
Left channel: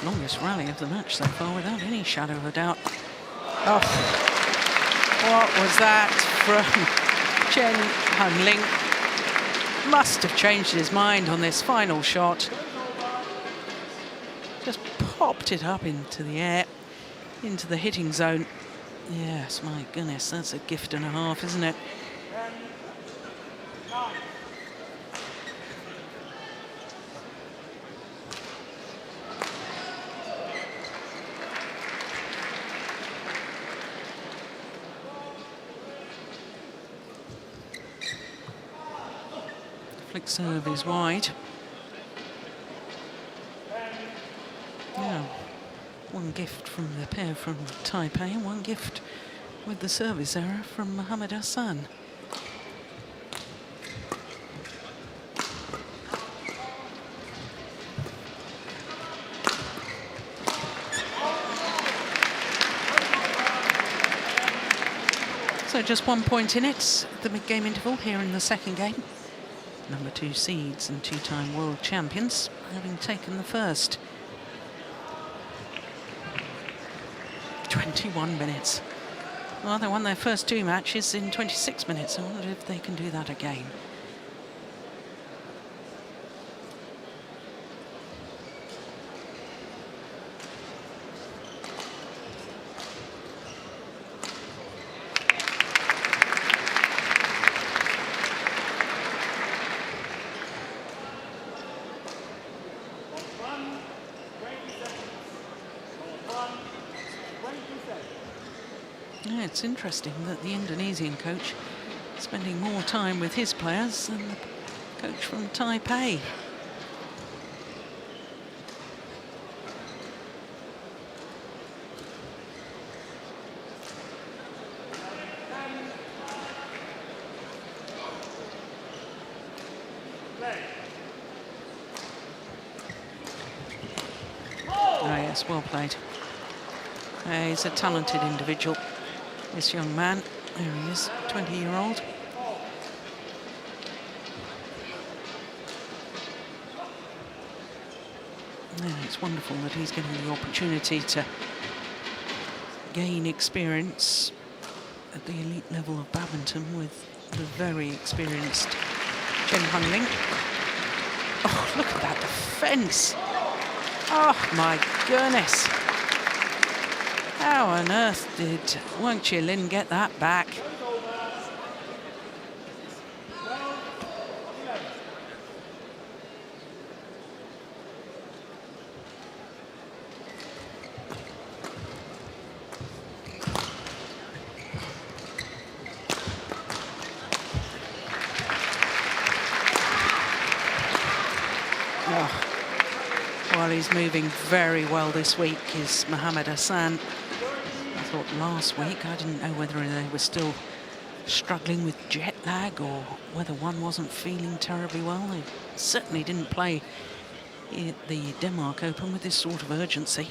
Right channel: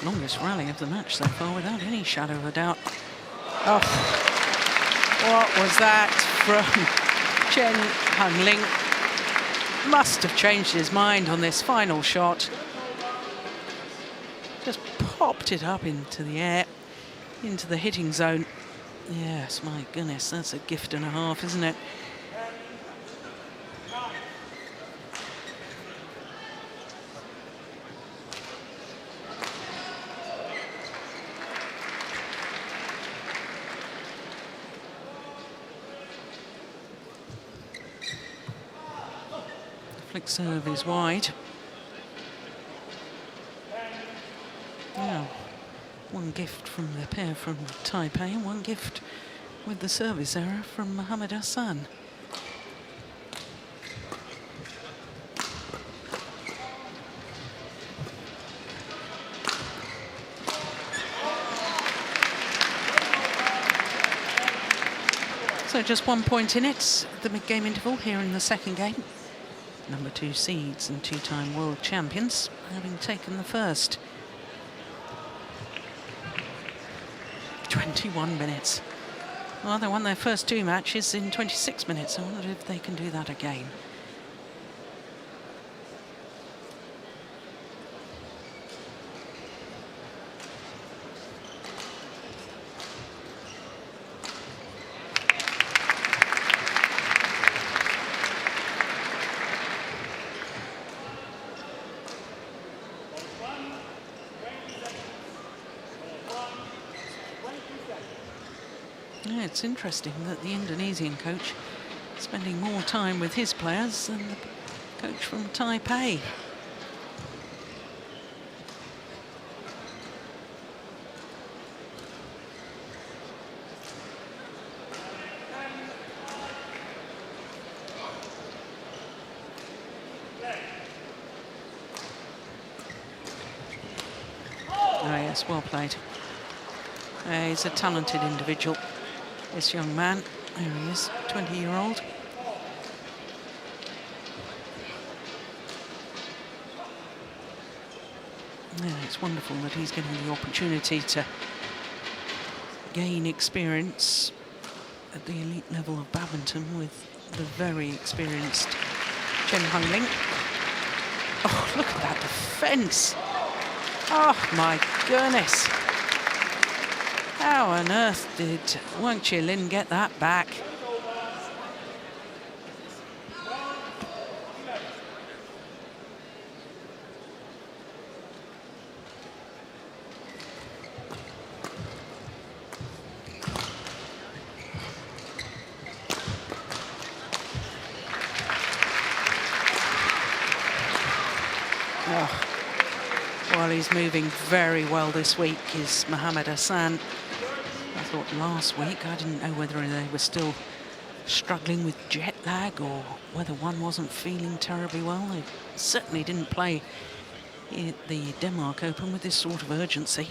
Longest rally of the match so far, without any shadow of a doubt. Oh, what was that from Chen Ling? Must have changed his mind on this final shot. Just popped it up into the air, into the hitting zone. Yes, my goodness, that's a gift and a half, isn't it? Flick serve is wide. Yeah, one gift from the pair from Taipei, and one gift with the service error from Mohammad Ahsan. So just 1 point in it, the mid-game interval here in the second game. Number 2 seeds and 2-time world champions, having taken the first. 21 minutes. Well, they won their first 2 matches in 26 minutes. I wonder if they can do that again. Yeah, it's interesting that the Indonesian coach is spending more time with his players than the coach from Taipei. Oh yes, well played. He's a talented individual, this young man. There he is, 20-year-old. Yeah, it's wonderful that he's getting the opportunity to gain experience at the elite level of badminton with the very experienced Chen Ling. Oh, look at that defence. Oh, my goodness. How on earth did Wang Chi-Lin get that back? Oh. Well, he's moving very well this week, is Mohammad Ahsan. I thought last week, I didn't know whether they were still struggling with jet lag or whether one wasn't feeling terribly well. They certainly didn't play at the Denmark Open with this sort of urgency.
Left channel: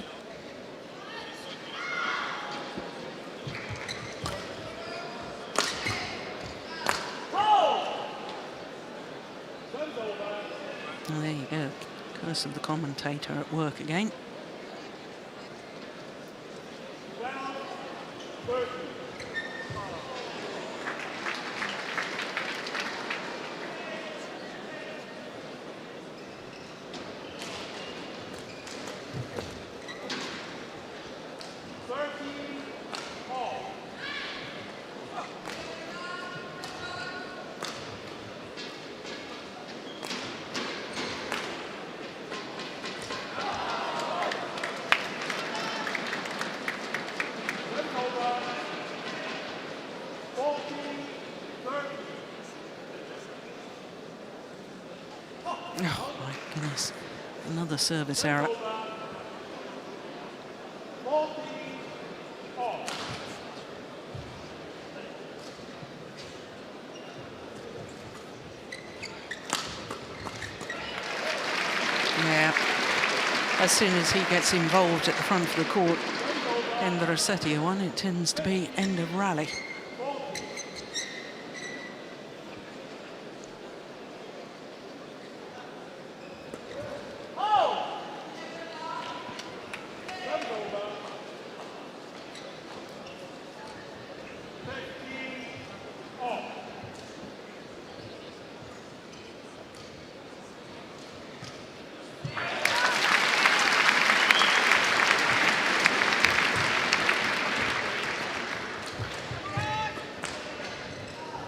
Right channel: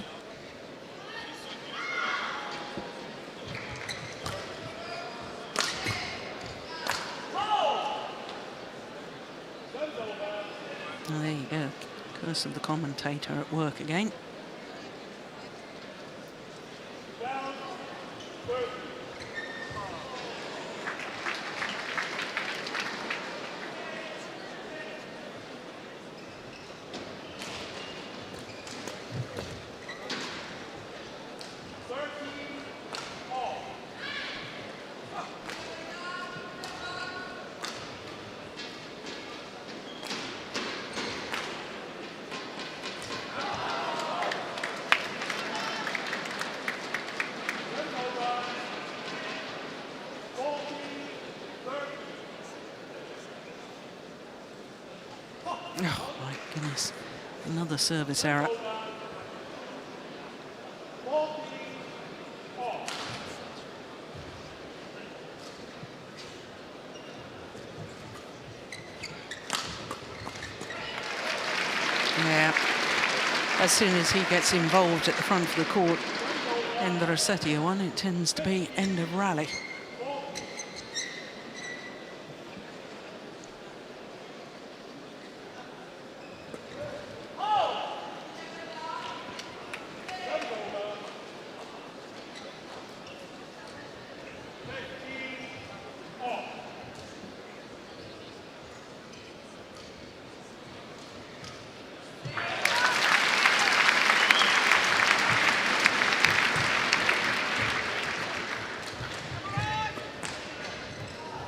Oh, there you go. Curse of the commentator at work again. Oh, my goodness. Another service error. Yeah. As soon as he gets involved at the front of the court, Hendra Setiawan, it tends to be end of rally.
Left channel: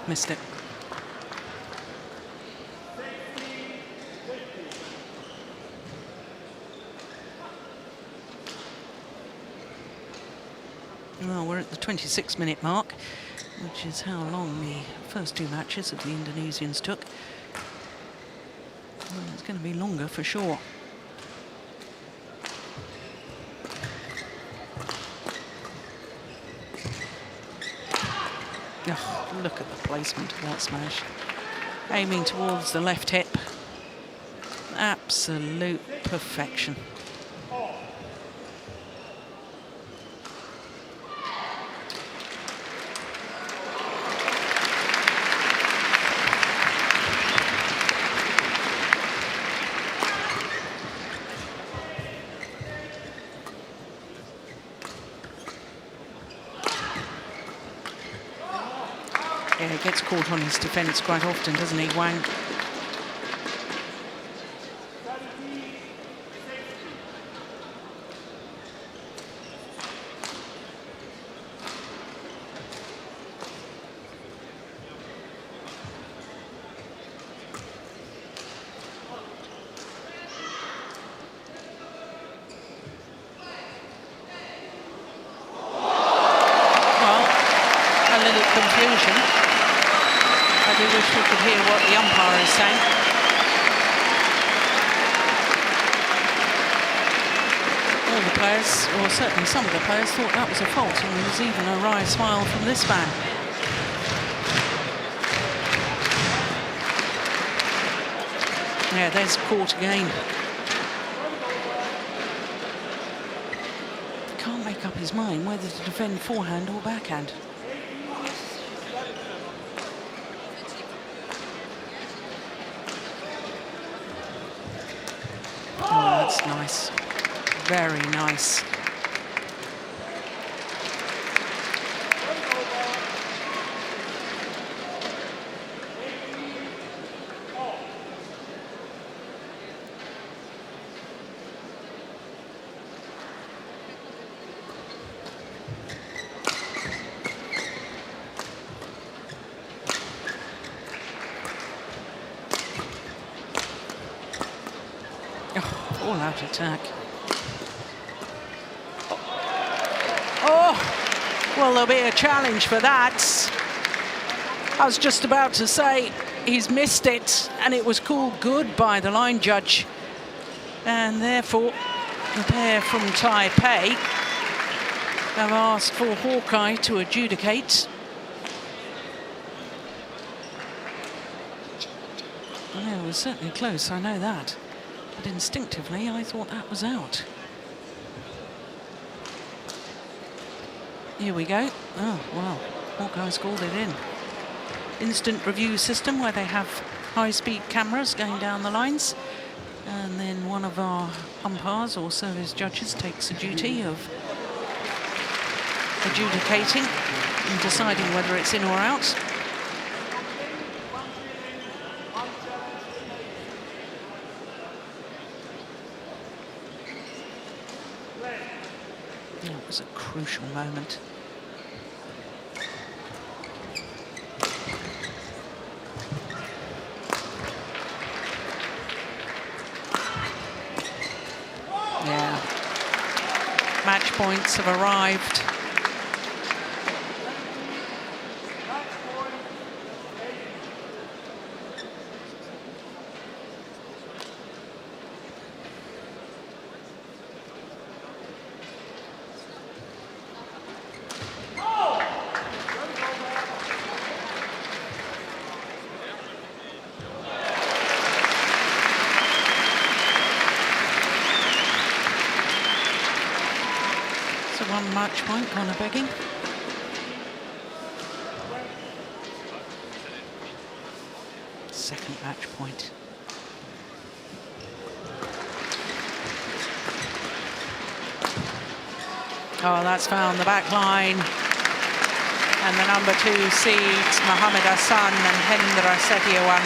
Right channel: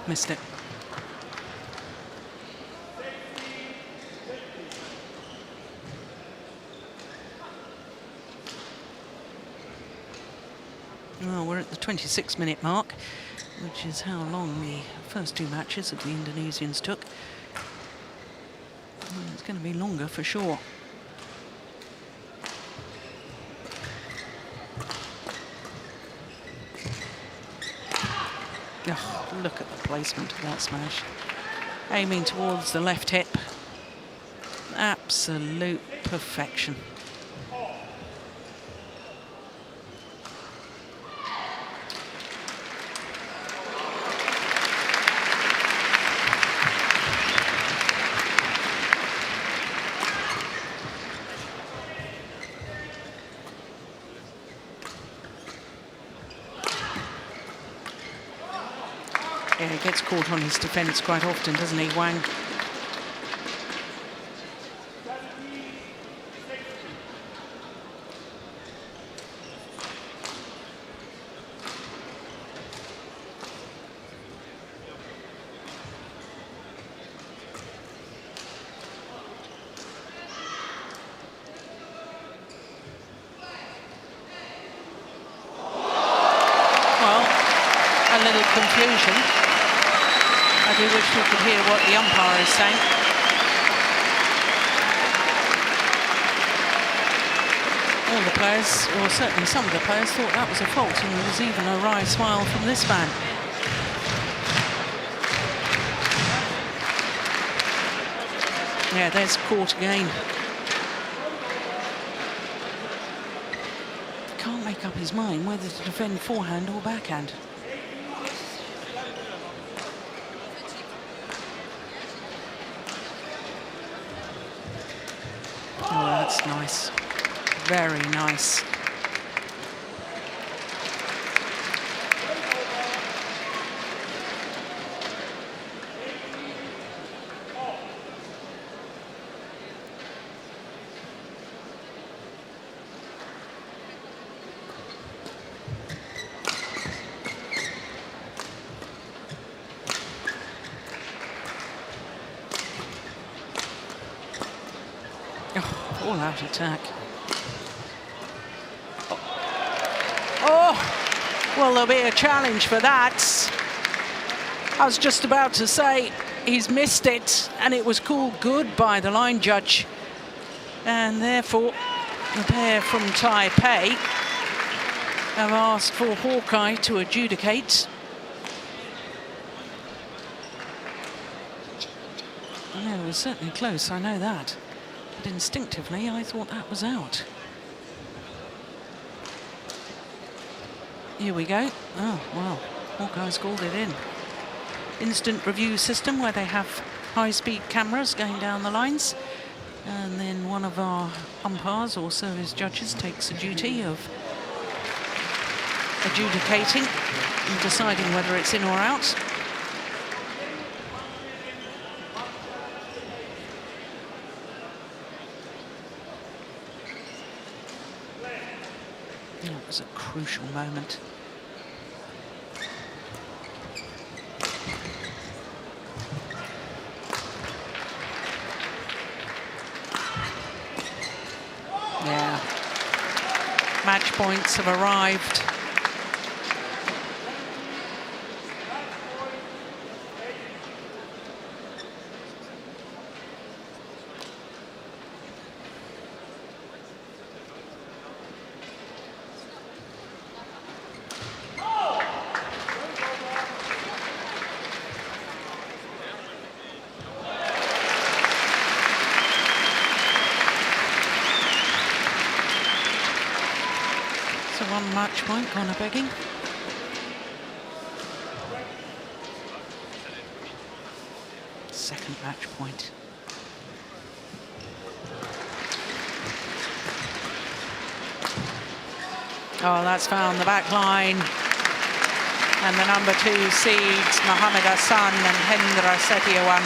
Missed it. Well, we're at the 26-minute mark, which is how long the first two matches of the Indonesians took. Well, it's going to be longer for sure. Oh, look at the placement of that smash. Aiming towards the left hip. Absolute perfection. Yeah, he gets caught on his defence quite often, doesn't he, Wang? Well, a little confusion. I do wish we could hear what the umpire is saying. All the players, or certainly some of the players, thought that was a fault, and there was even a wry smile from this man. Yeah, there's caught again. Can't make up his mind whether to defend forehand or backhand. Oh, that's nice. Very nice. Oh, all-out attack. Oh, well, there'll be a challenge for that. I was just about to say he's missed it, and it was called good by the line judge. And therefore, the pair from Taipei have asked for Hawkeye to adjudicate. Yeah, it was certainly close, I know that. But instinctively, I thought that was out. Here we go. Oh, wow. Hawkeye's called it in. Instant review system where they have high-speed cameras going down the lines. And then one of our umpires or service judges takes the duty of adjudicating and deciding whether it's in or out. It was a crucial moment. Yeah. Match points have arrived. One match point, Connor begging. Second match point. Oh, that's found the back line. And the number 2 seeds, Mohammad Ahsan and Hendra Setiawan,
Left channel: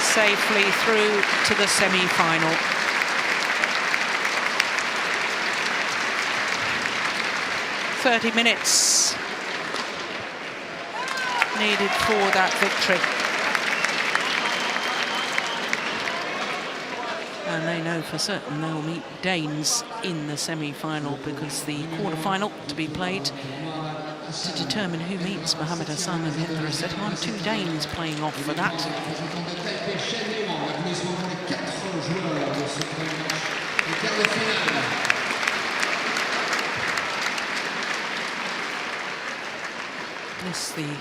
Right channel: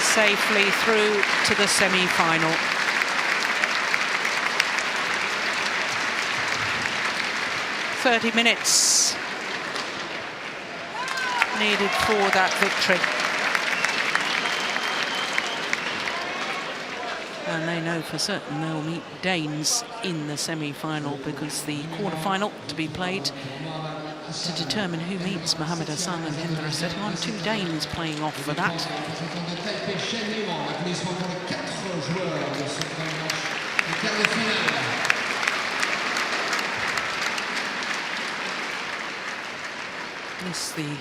safely through to the semi-final. .30 minutes needed for that victory. And they know for certain they'll meet Danes in the semi-final, because the quarter-final to be played to determine who meets Mohammad Ahsan and Hendra Setiawan. 2 Danes playing off for that. This the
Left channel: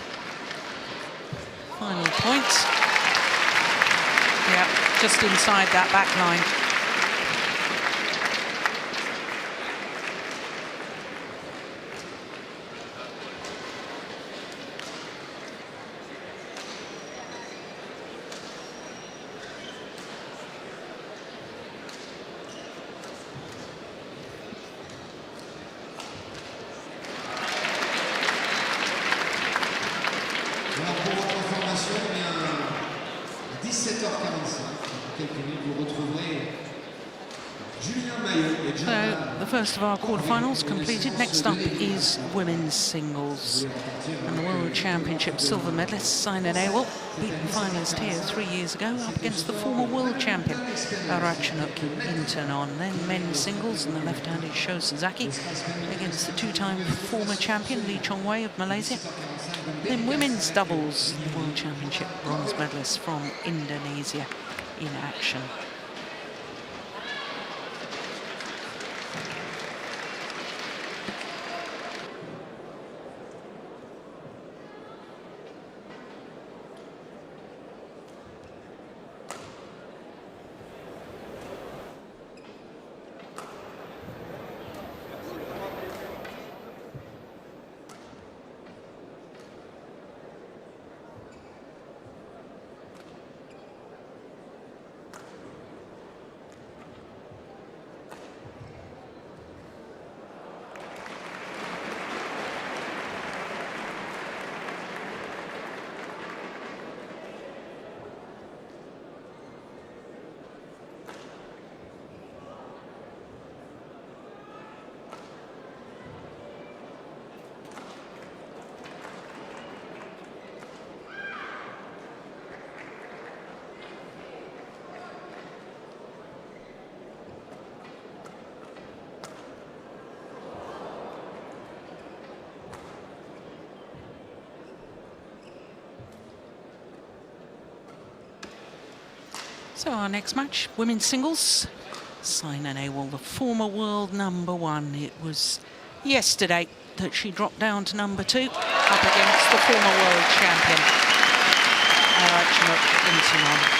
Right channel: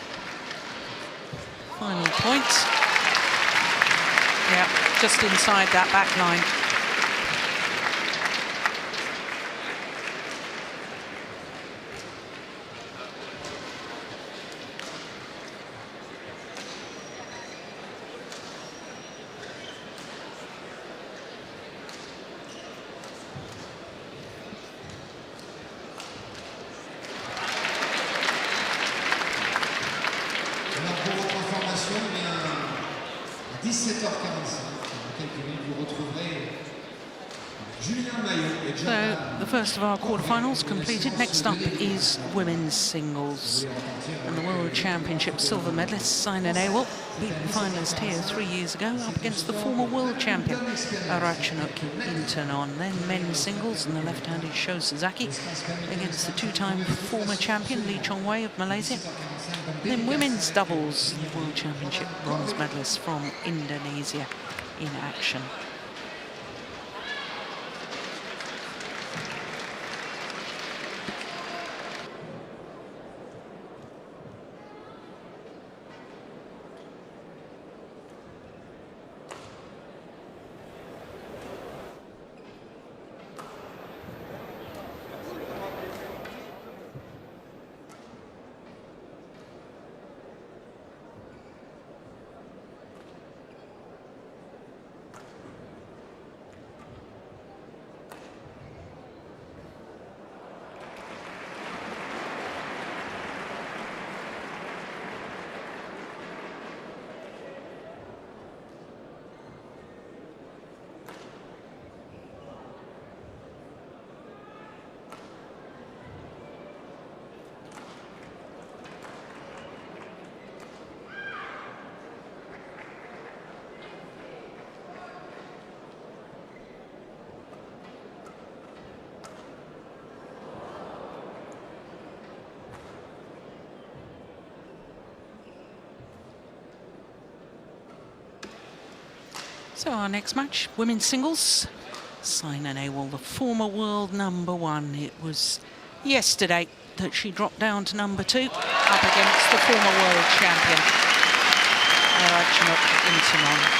final point. Yeah, just inside that back line. So the first of our quarterfinals completed. Next up is women's singles, and the World Championships silver medalist Saina Nehwal, beaten finalist here 3 years ago, up against the former world champion Ratchanok Intanon. Then men's singles, and the left-handed Sasaki against the 2-time former champion Houwei of Malaysia. Then women's doubles, the World Championship bronze medalist from Indonesia in action. So our next match, women's singles. Saina Nehwal, the former world #1. It was yesterday that she dropped down to #2 up against the former world champion, Ratchanok Intanon.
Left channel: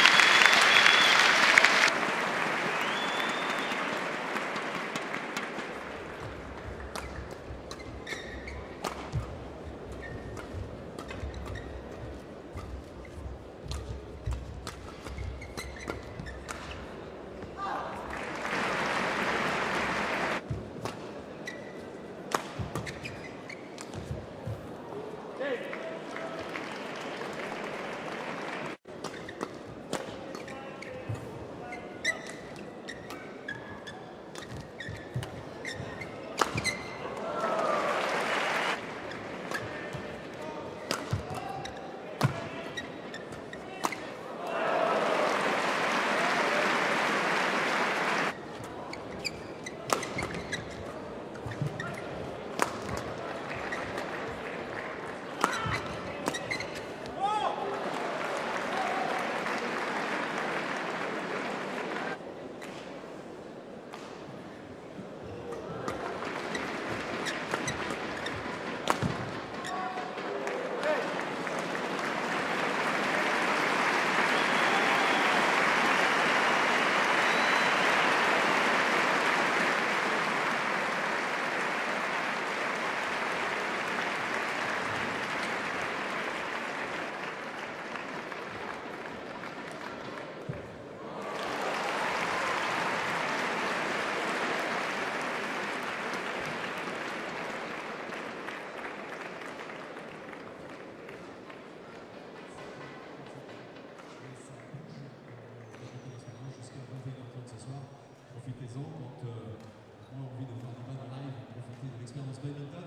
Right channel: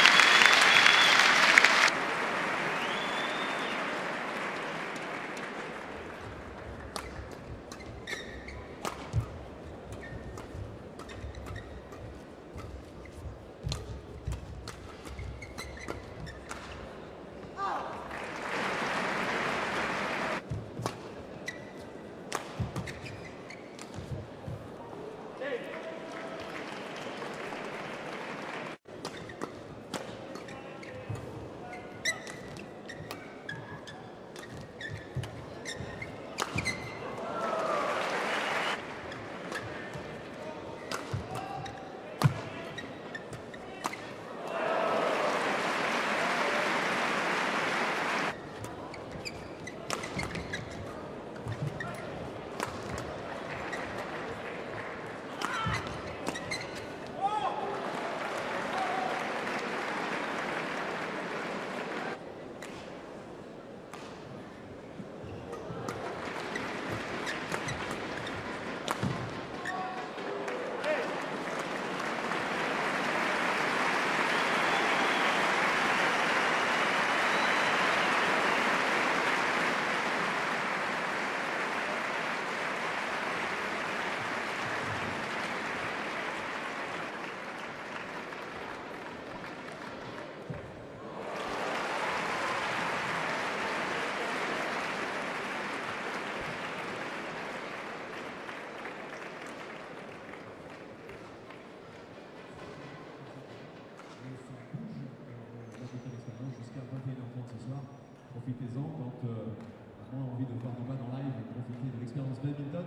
Profitez-en quand on a moins envie de voir du bas en live, profitez de l'expérience badminton.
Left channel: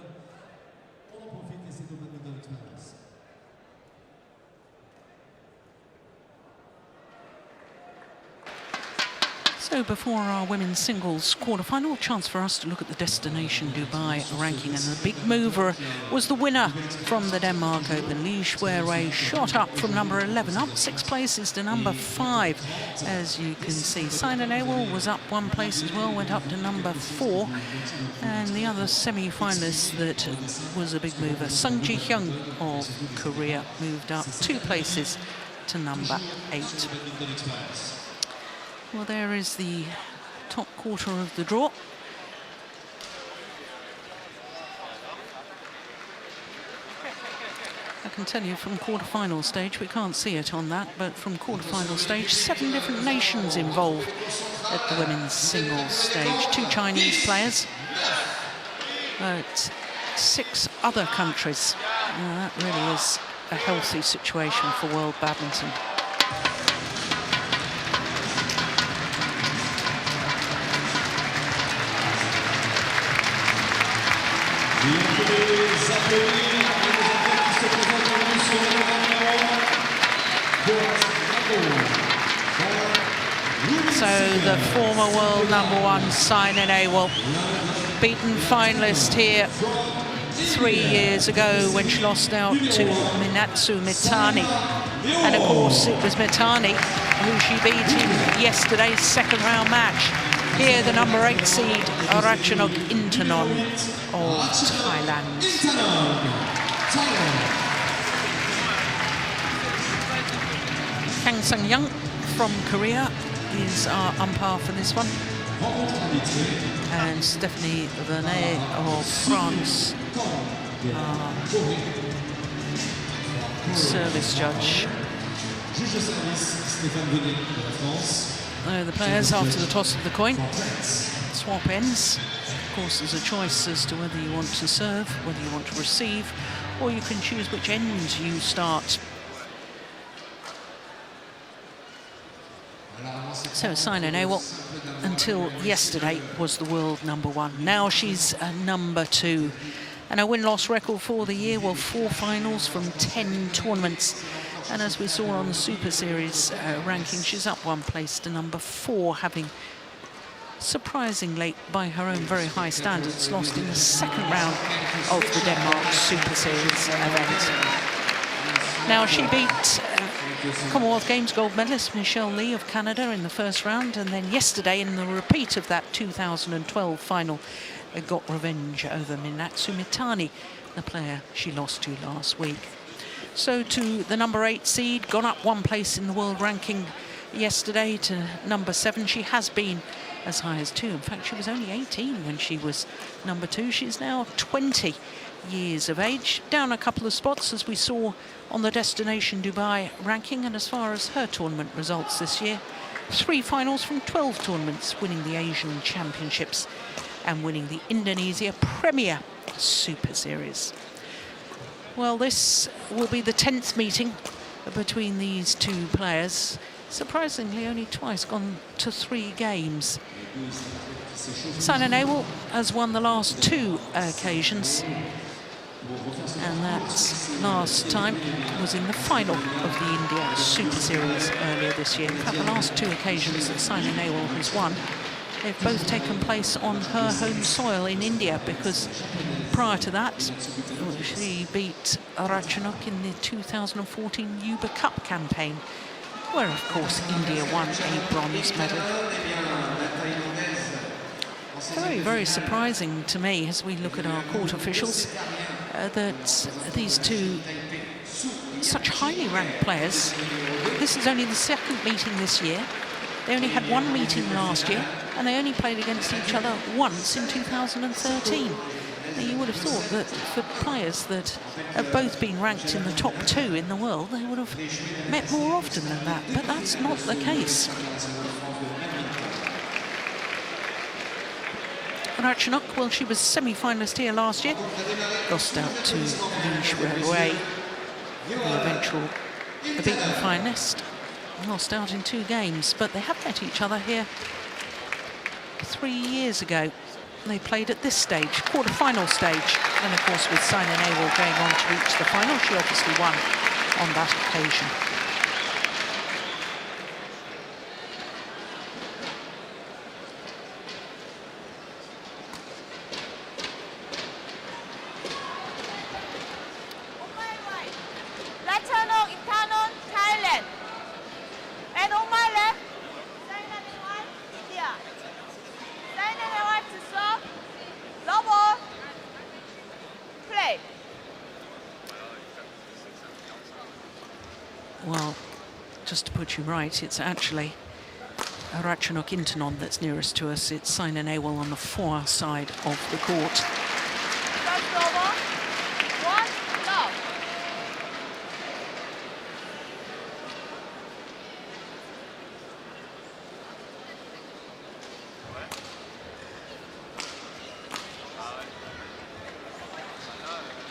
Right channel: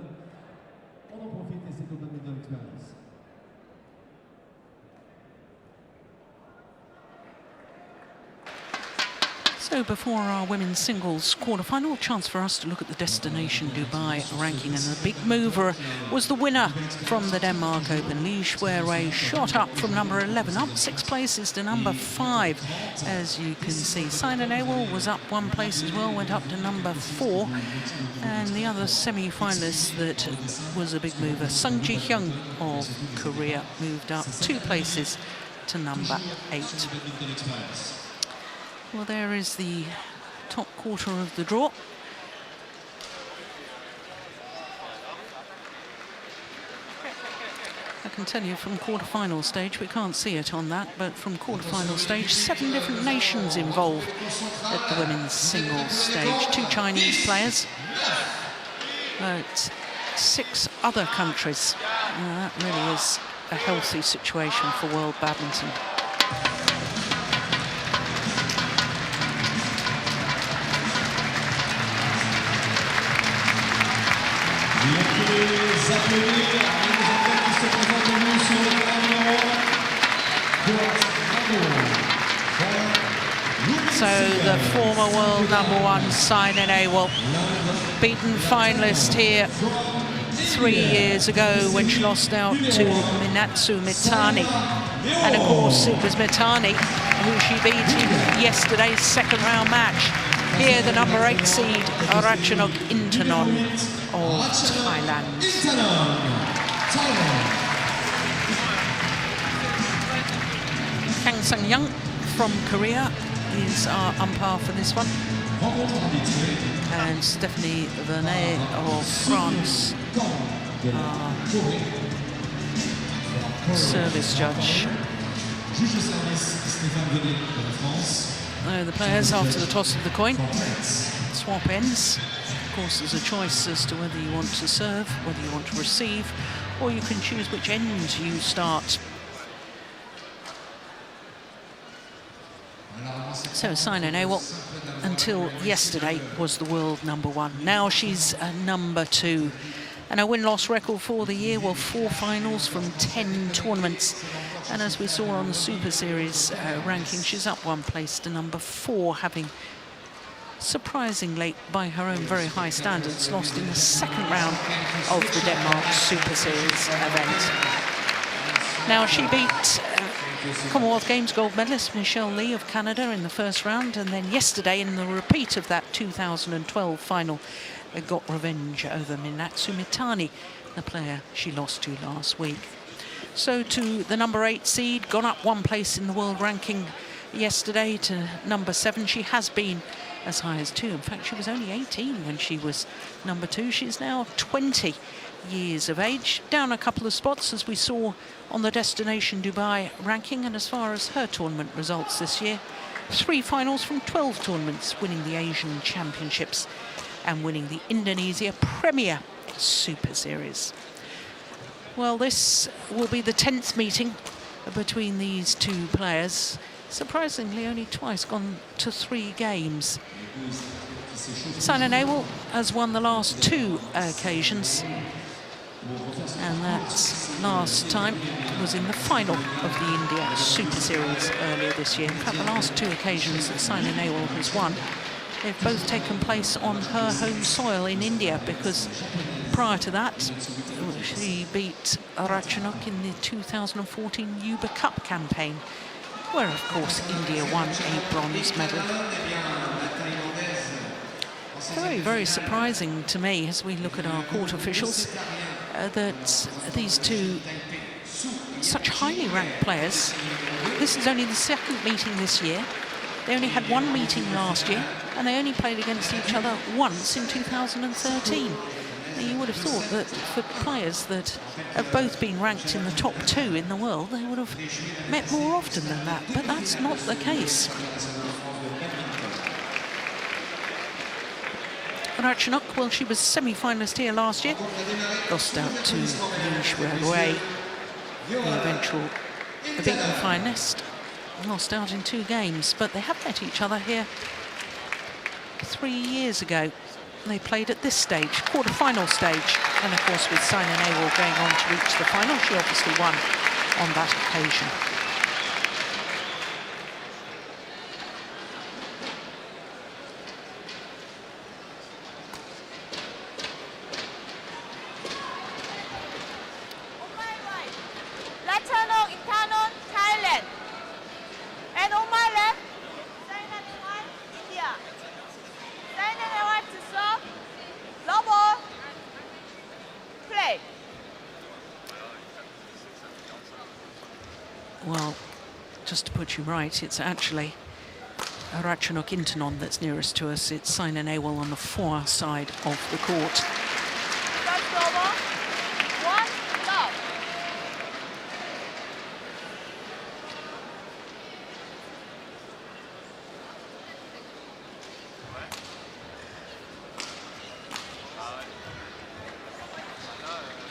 On en profite et c'est au badminton experience. So before our women's singles quarterfinal, chance for us to look at the Destination Dubai ranking, and the big mover was the winner from the Denmark Open. Houwei shot up from #11, up 6 places to #5. As you can see, Saina Nehwal was up 1 place as well, went up to #4. And the other semi-finalist that was a big mover, Yeong of Korea, moved up 2 places to #8. Well, there is the top quarter of the draw. I can tell you from quarterfinal stage, we can't see it on that, but from quarterfinal stage, 7 different nations involved at the women's singles stage. 2 Chinese players, but 6 other countries. That really is a healthy situation for world badminton. So the former world #1 Saina Nehwal, beaten finalist here 3 years ago when she lost out to Minato Mitani. And of course it was Mitani who she beat in yesterday's second round match. Here the number 8 seed Ratchanok Intanon of Thailand. Kang Sang-young from Korea is our umpire for this one. And Stephanie Vernet of France, service judge. The players, after the toss of the coin, swap ends. Of course, there's a choice as to whether you want to serve, whether you want to receive, or you can choose which end you start. So Saina Nehwal, until yesterday, was the world number 1. Now she's number 2. And her win-loss record for the year, well, 4 finals from 10 tournaments. And as we saw on the Super Series ranking, she's up 1 place to number 4, having surprisingly, by her own very high standards, lost in the second round of the Denmark Super Series event. Now she beat Commonwealth Games gold medalist Michelle Lee of Canada in the first round, and then yesterday in the repeat of that 2012 final, got revenge over Minato Mitani, the player she lost to last week. So to the number 8 seed, gone up 1 place in the world ranking yesterday to number 7. She has been as high as 2. In fact, she was only 18 when she was number 2. She's now 20 years of age, down a couple of spots as we saw on the Destination Dubai ranking. And as far as her tournament results this year, 3 finals from 12 tournaments, winning the Asian Championships and winning the Indonesia Premier Super Series. Well, this will be the 10th meeting between these 2 players. Surprisingly, only twice gone to 3 games. Saina Nehwal has won the last 2 occasions, and that last time was in the final of the India Super Series earlier this year. In fact, the last 2 occasions that Saina Nehwal has won, they've both taken place on her home soil in India, because prior to that, she beat Ratchanok in the 2014 Yuba Cup campaign, where, of course, India won a bronze medal. Very, very surprising to me as we look at our court officials that these 2 such highly ranked players, this is only the 2nd meeting this year. They only had 1 meeting last year, and they only played against each other once in 2013. Now, you would have thought that for players that have both been ranked in the top 2 in the world, they would have met more often than that, but that's not the case. Ratchanok, well, she was semi-finalist here last year, lost out to Houwei, the eventual beaten finalist, lost out in 2 games, but they have met each other here 3 years ago. They played at this stage, quarter-final stage, and of course with Saina Nehwal going on to reach the final, she obviously won on that occasion. Ratchanok, Intanon, Chi-Lin. And Uma left. Yeah. Then want to serve. Double. Play. Well, just to put you right, it's actually Ratchanok Intanon that's nearest to us. It's Saina Nehwal on the far side of the court. First double. 1, love.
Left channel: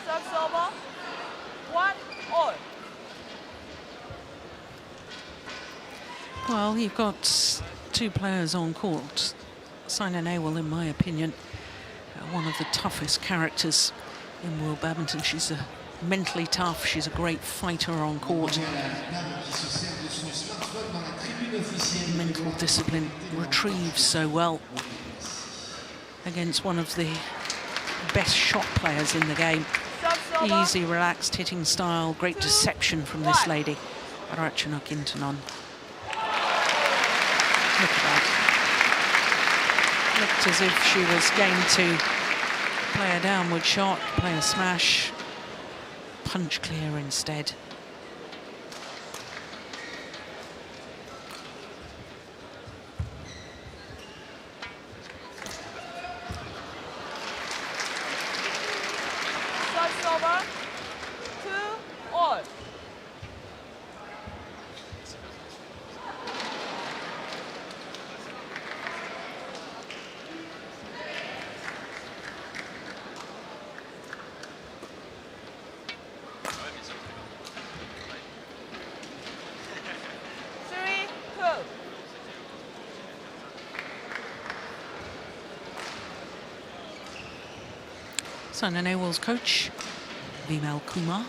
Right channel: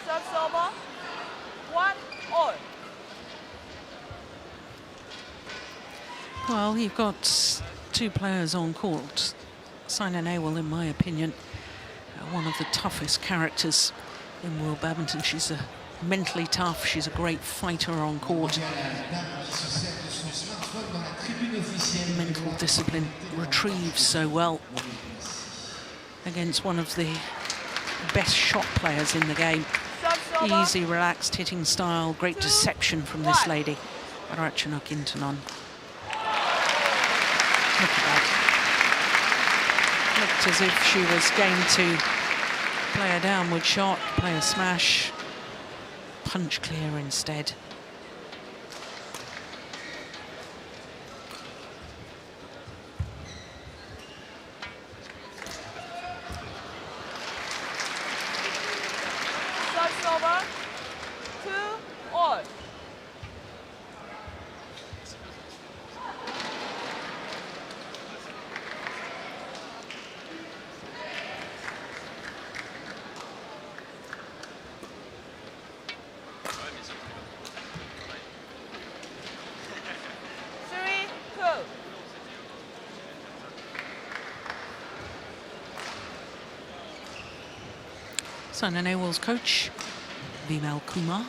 First double. 1, all. Well, you've got 2 players on court. Saina Nehwal, in my opinion, one of the toughest characters in world badminton. She's mentally tough. She's a great fighter on court. Mental discipline, retrieves so well against one of the best shot players in the game. Easy, relaxed hitting style, great deception from this lady, Ratchanok Intanon. Look at that. Looked as if she was going to play a downward shot, play a smash, punch clear instead. Saina Nehwal's coach, Vimal Kumar.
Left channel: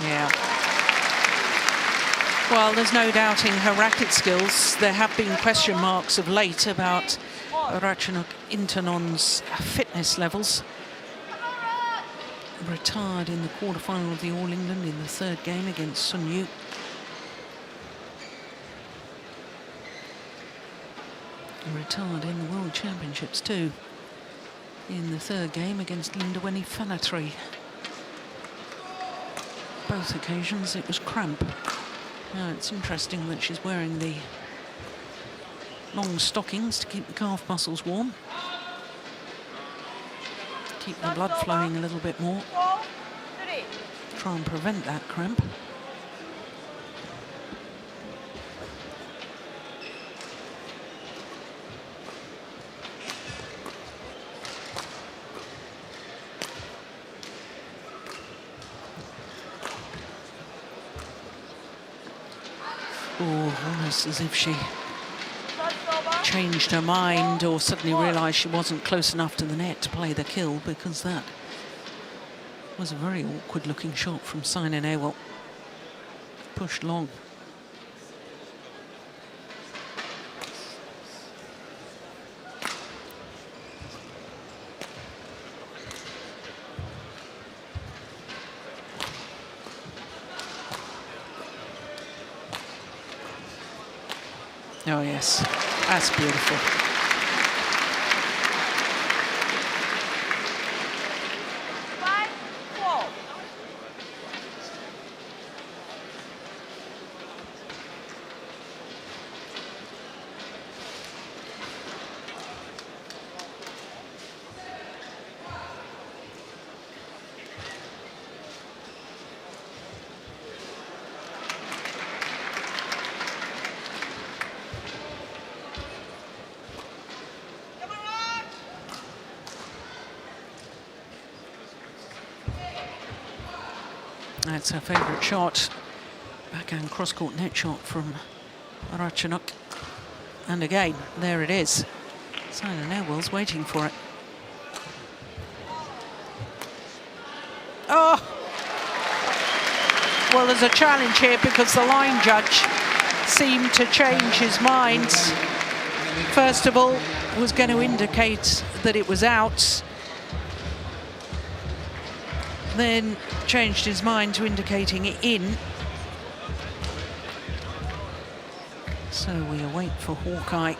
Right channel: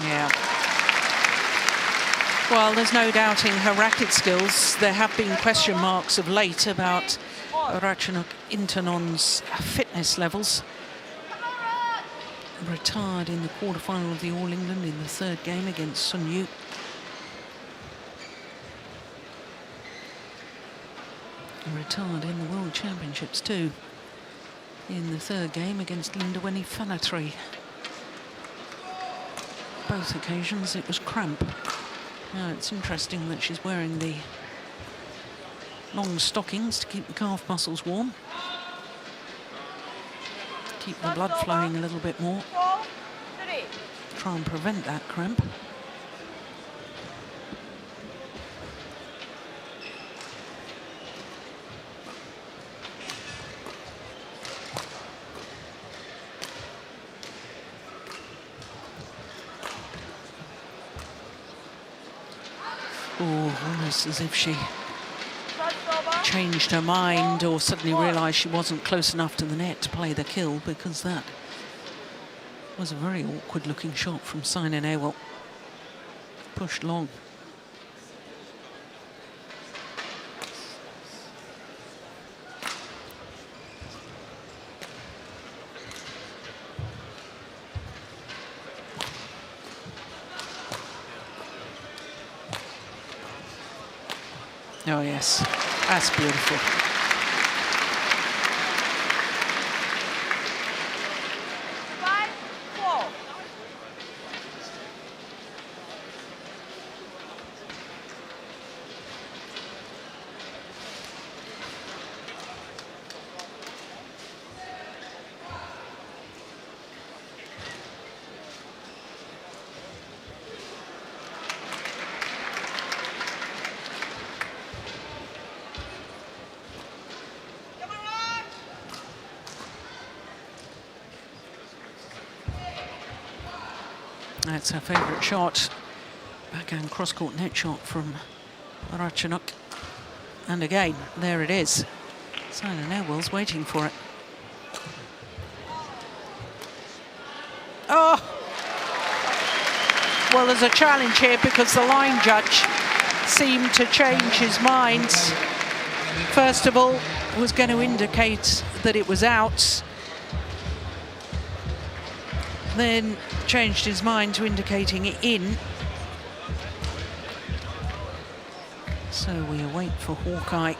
Yeah. Well, there's no doubting her racket skills. There have been question marks of late about Ratchanok Intanon's fitness levels. Retired in the quarterfinal of the All England in the third game against Sun Yu. Retired in the World Championships too, in the third game against Linda Fanatri. Both occasions it was cramp. Now it's interesting that she's wearing the long stockings to keep the calf muscles warm. Keep the blood flowing a little bit more. Try and prevent that cramp. Oh, almost as if she changed her mind or suddenly realised she wasn't close enough to the net to play the kill, because that was a very awkward looking shot from Saina Nehwal. Pushed long. Oh yes, that's beautiful. That's her favourite shot. Backhand cross-court net shot from Ratchanok. And again, there it is. Saina Nehwal's waiting for it. Oh! Well, there's a challenge here because the line judge seemed to change his mind. First of all, was going to indicate that it was out. Then changed his mind to indicating it in. So we await for Hawkeye.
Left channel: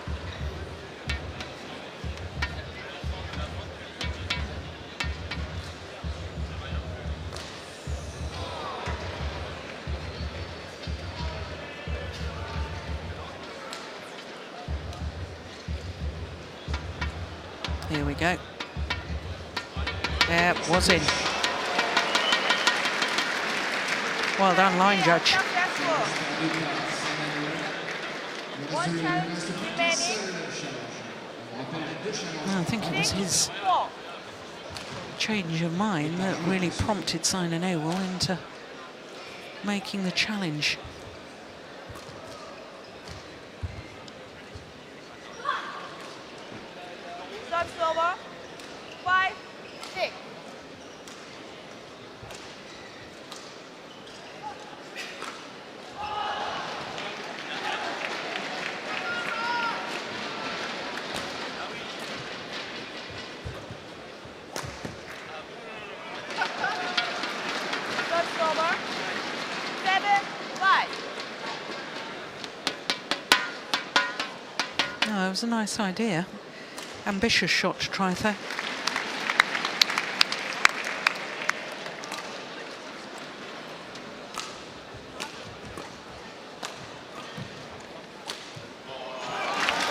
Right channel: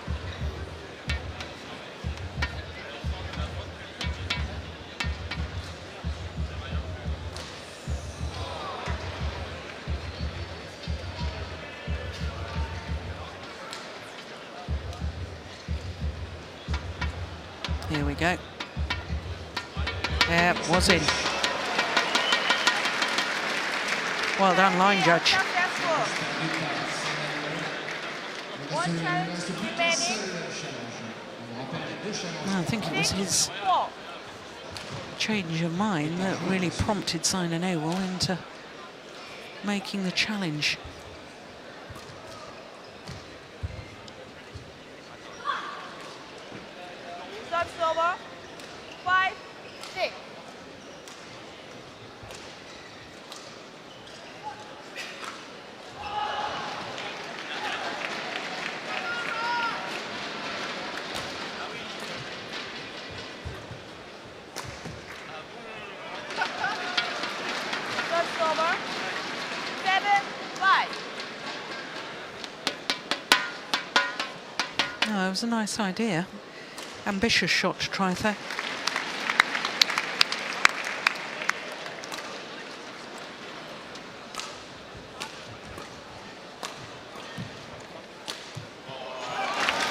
Here we go. Yeah, was in. Well done, line judge. I think it was his change of mind that really prompted Saina Nehwal into making the challenge. was a nice idea. Ambitious shot to try there.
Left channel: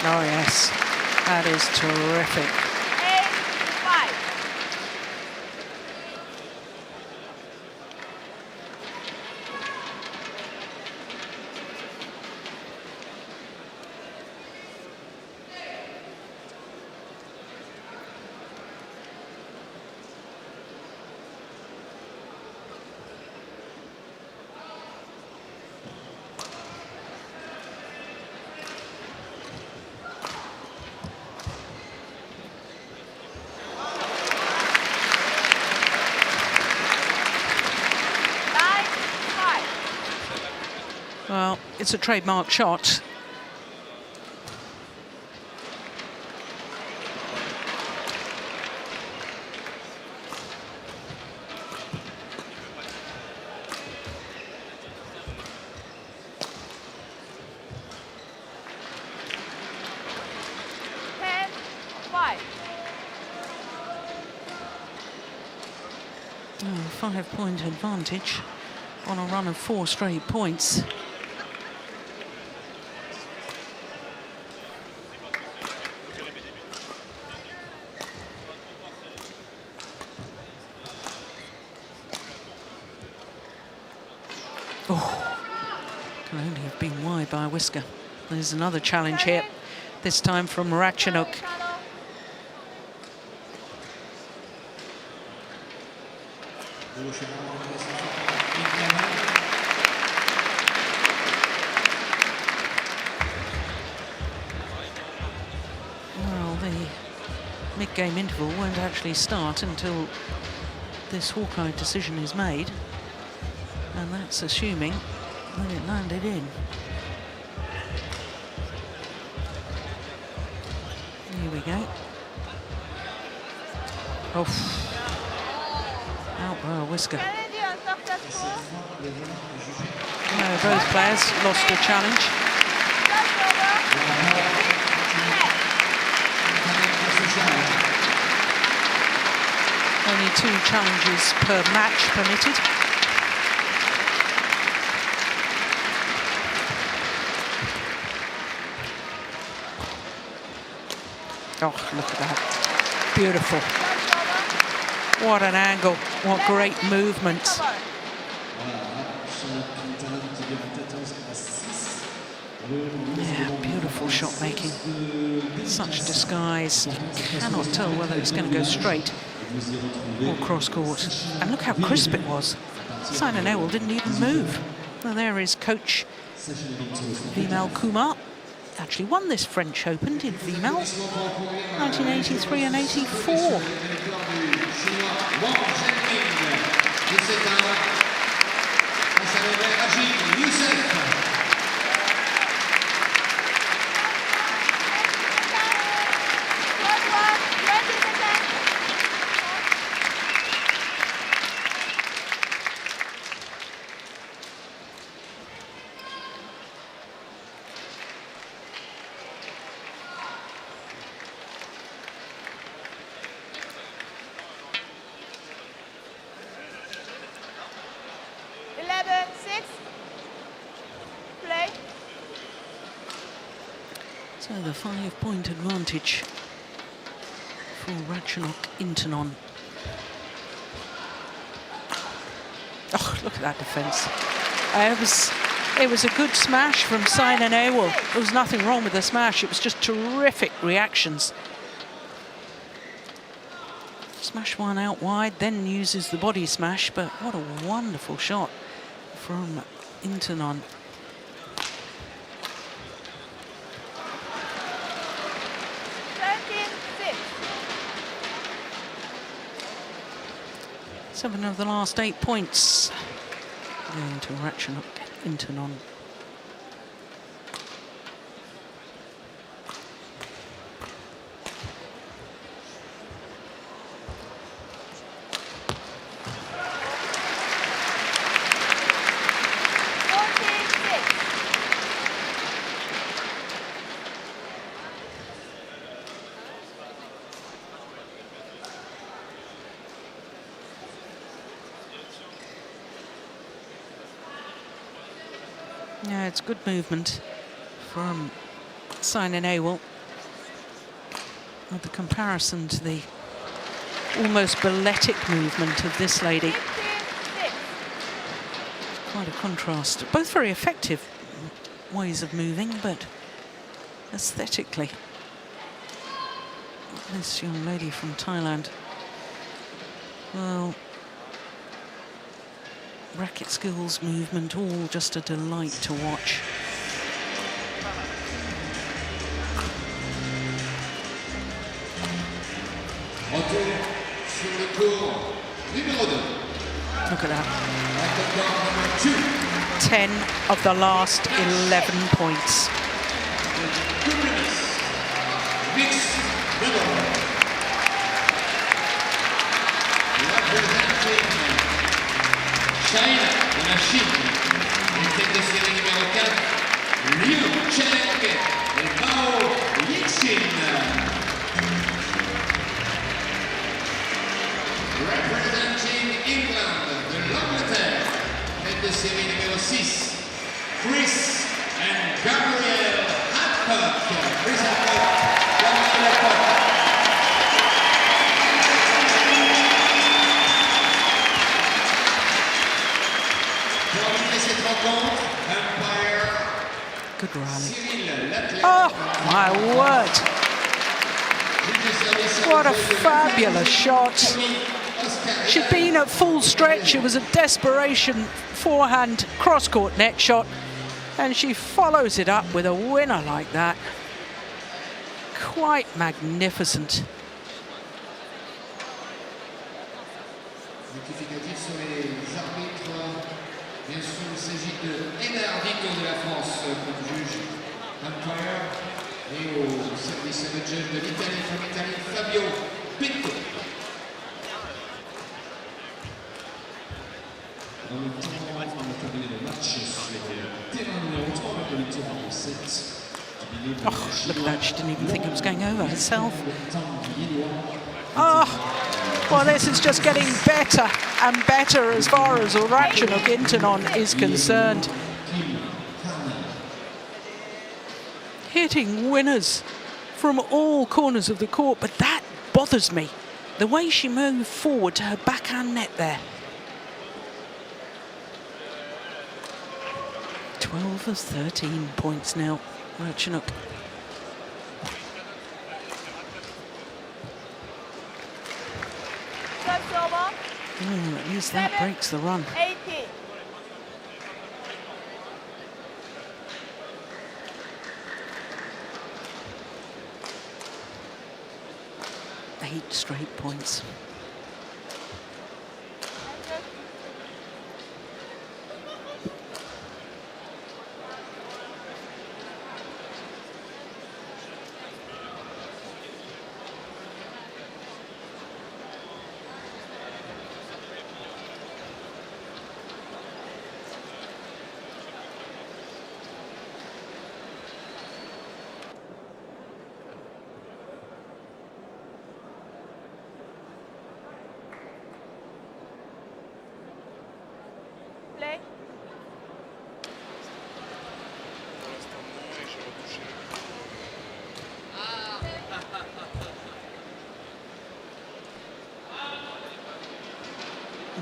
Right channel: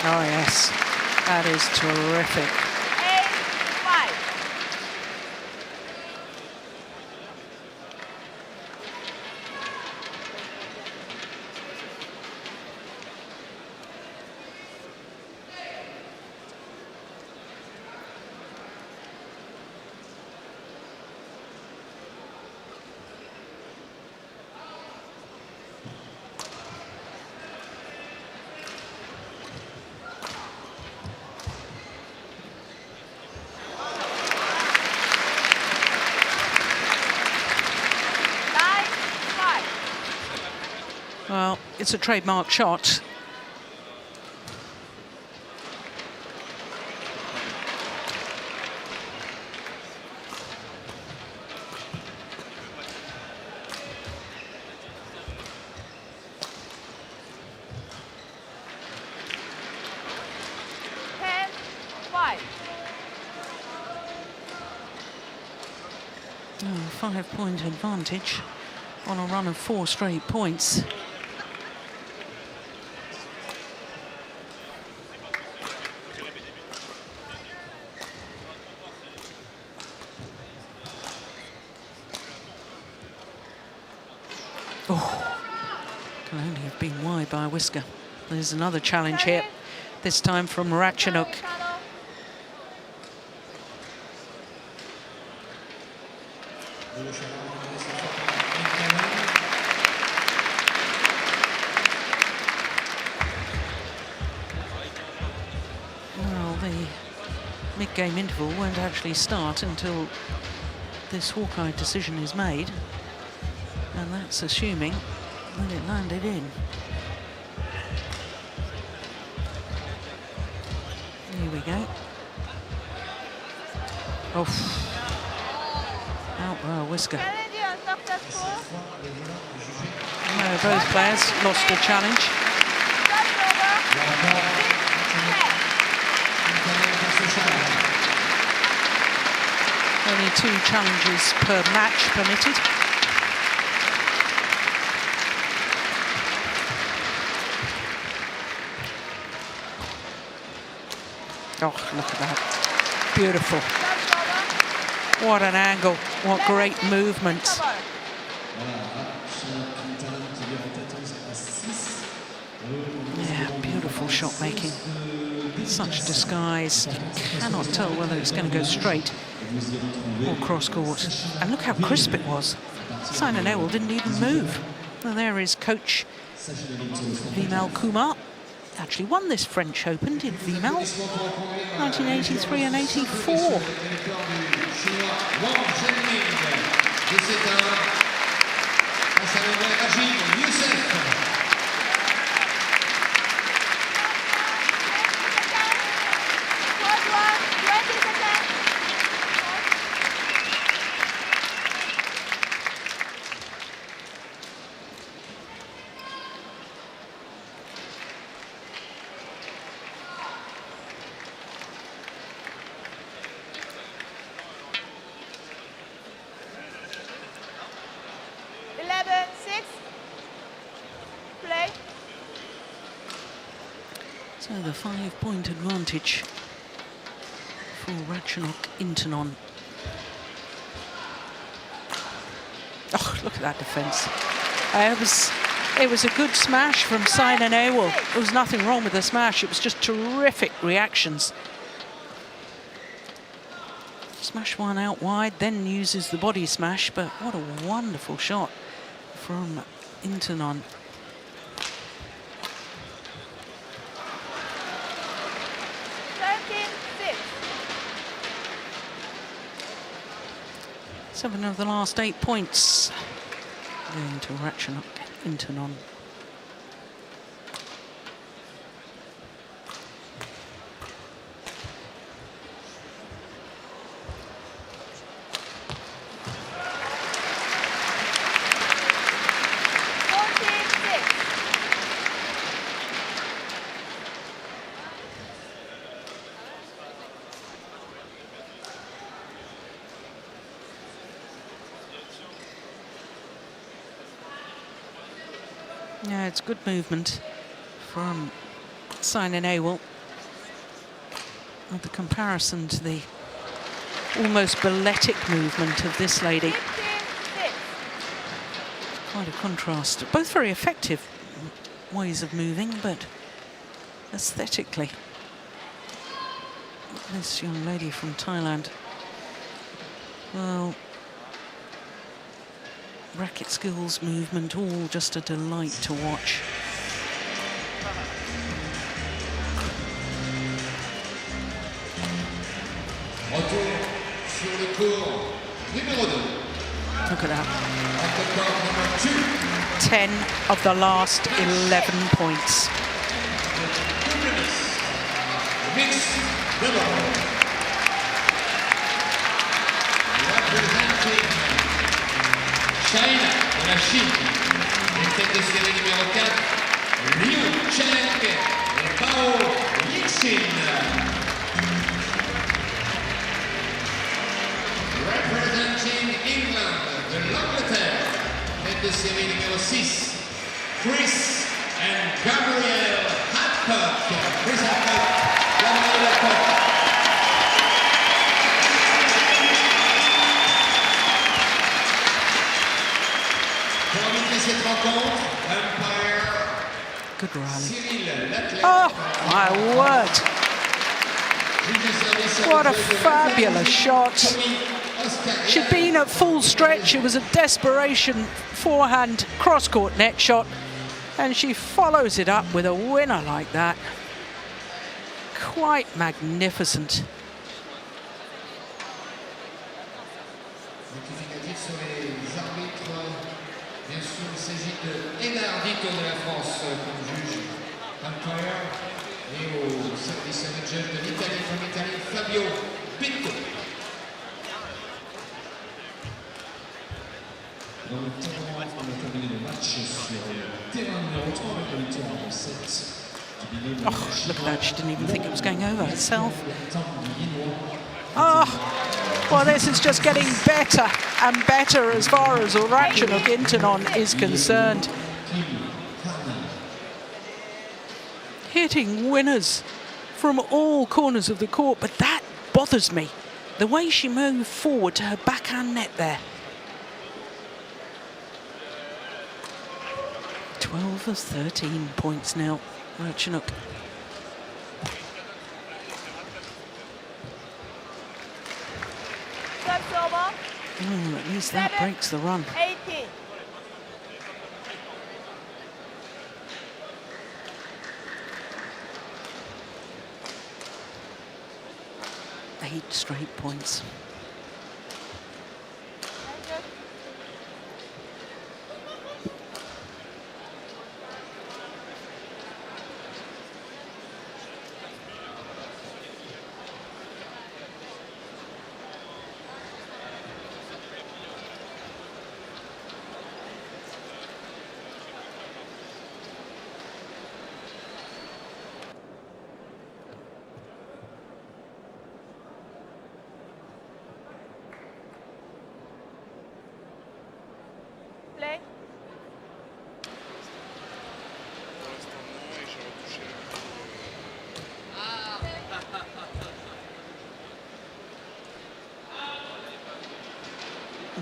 Oh yes, that is terrific. 8-5. Well, it's a trademark shot. Oh, 5-point advantage on a run of 4 straight points. Oh, can only have been wide by a whisker. There's another challenge here, this time from Ratchanok. Well, the mid-game interval won't actually start until this Hawkeye decision is made. And that's assuming that it landed in. Here we go. Oh, out by a whisker. No, both players lost the challenge. Only 2 challenges per match permitted. Oh, look at that. Beautiful. What an angle. What great movement. Yeah, beautiful shot making. Such disguise. You cannot tell whether it's going to go straight or cross court. And look how crisp it was. Saina Nehwal didn't even move. Well, there is coach Vimal Kumar. Actually won this French Open, did Vimal, 1983 and 84. So the 5-point advantage for Ratchanok Intanon. Oh, look at that defence. It was a good smash from Saina Nehwal. There was nothing wrong with the smash. It was just terrific reactions. Smash one out wide, then uses the body smash, but what a wonderful shot from Intanon. Seven of the last 8 points going to Ratchanok Intanon. Yeah, it's good movement from Saina Nehwal. With the comparison to the almost balletic movement of this lady. Quite a contrast. Both very effective ways of moving, but aesthetically, this young lady from Thailand, well, racket skills, movement, all just a delight to watch. Look at that. 10 of the last 11 points. China de la Chine, les têtes de série numéro 4, Liu Chen et Polii. Representing England, de l'Angleterre, tête de série numéro 6, Chris and Gabriel Hancock. Chris Hancock, Gabriel Hancock. Good rally. Oh, my word. What a fabulous shot. She'd been at full stretch. It was a desperation forehand cross-court net shot. And she follows it up with a winner like that. Quite magnificent. Oh, look at that, she didn't even think it was going over herself. Oh, well, this is just getting better and better as far as Ratchanok Intanon is concerned. Hitting winners from all corners of the court, but that bothers me. The way she moved forward to her backhand net there. 12 of 13 points now, Ratchanok. At least that breaks the run. 8 straight points.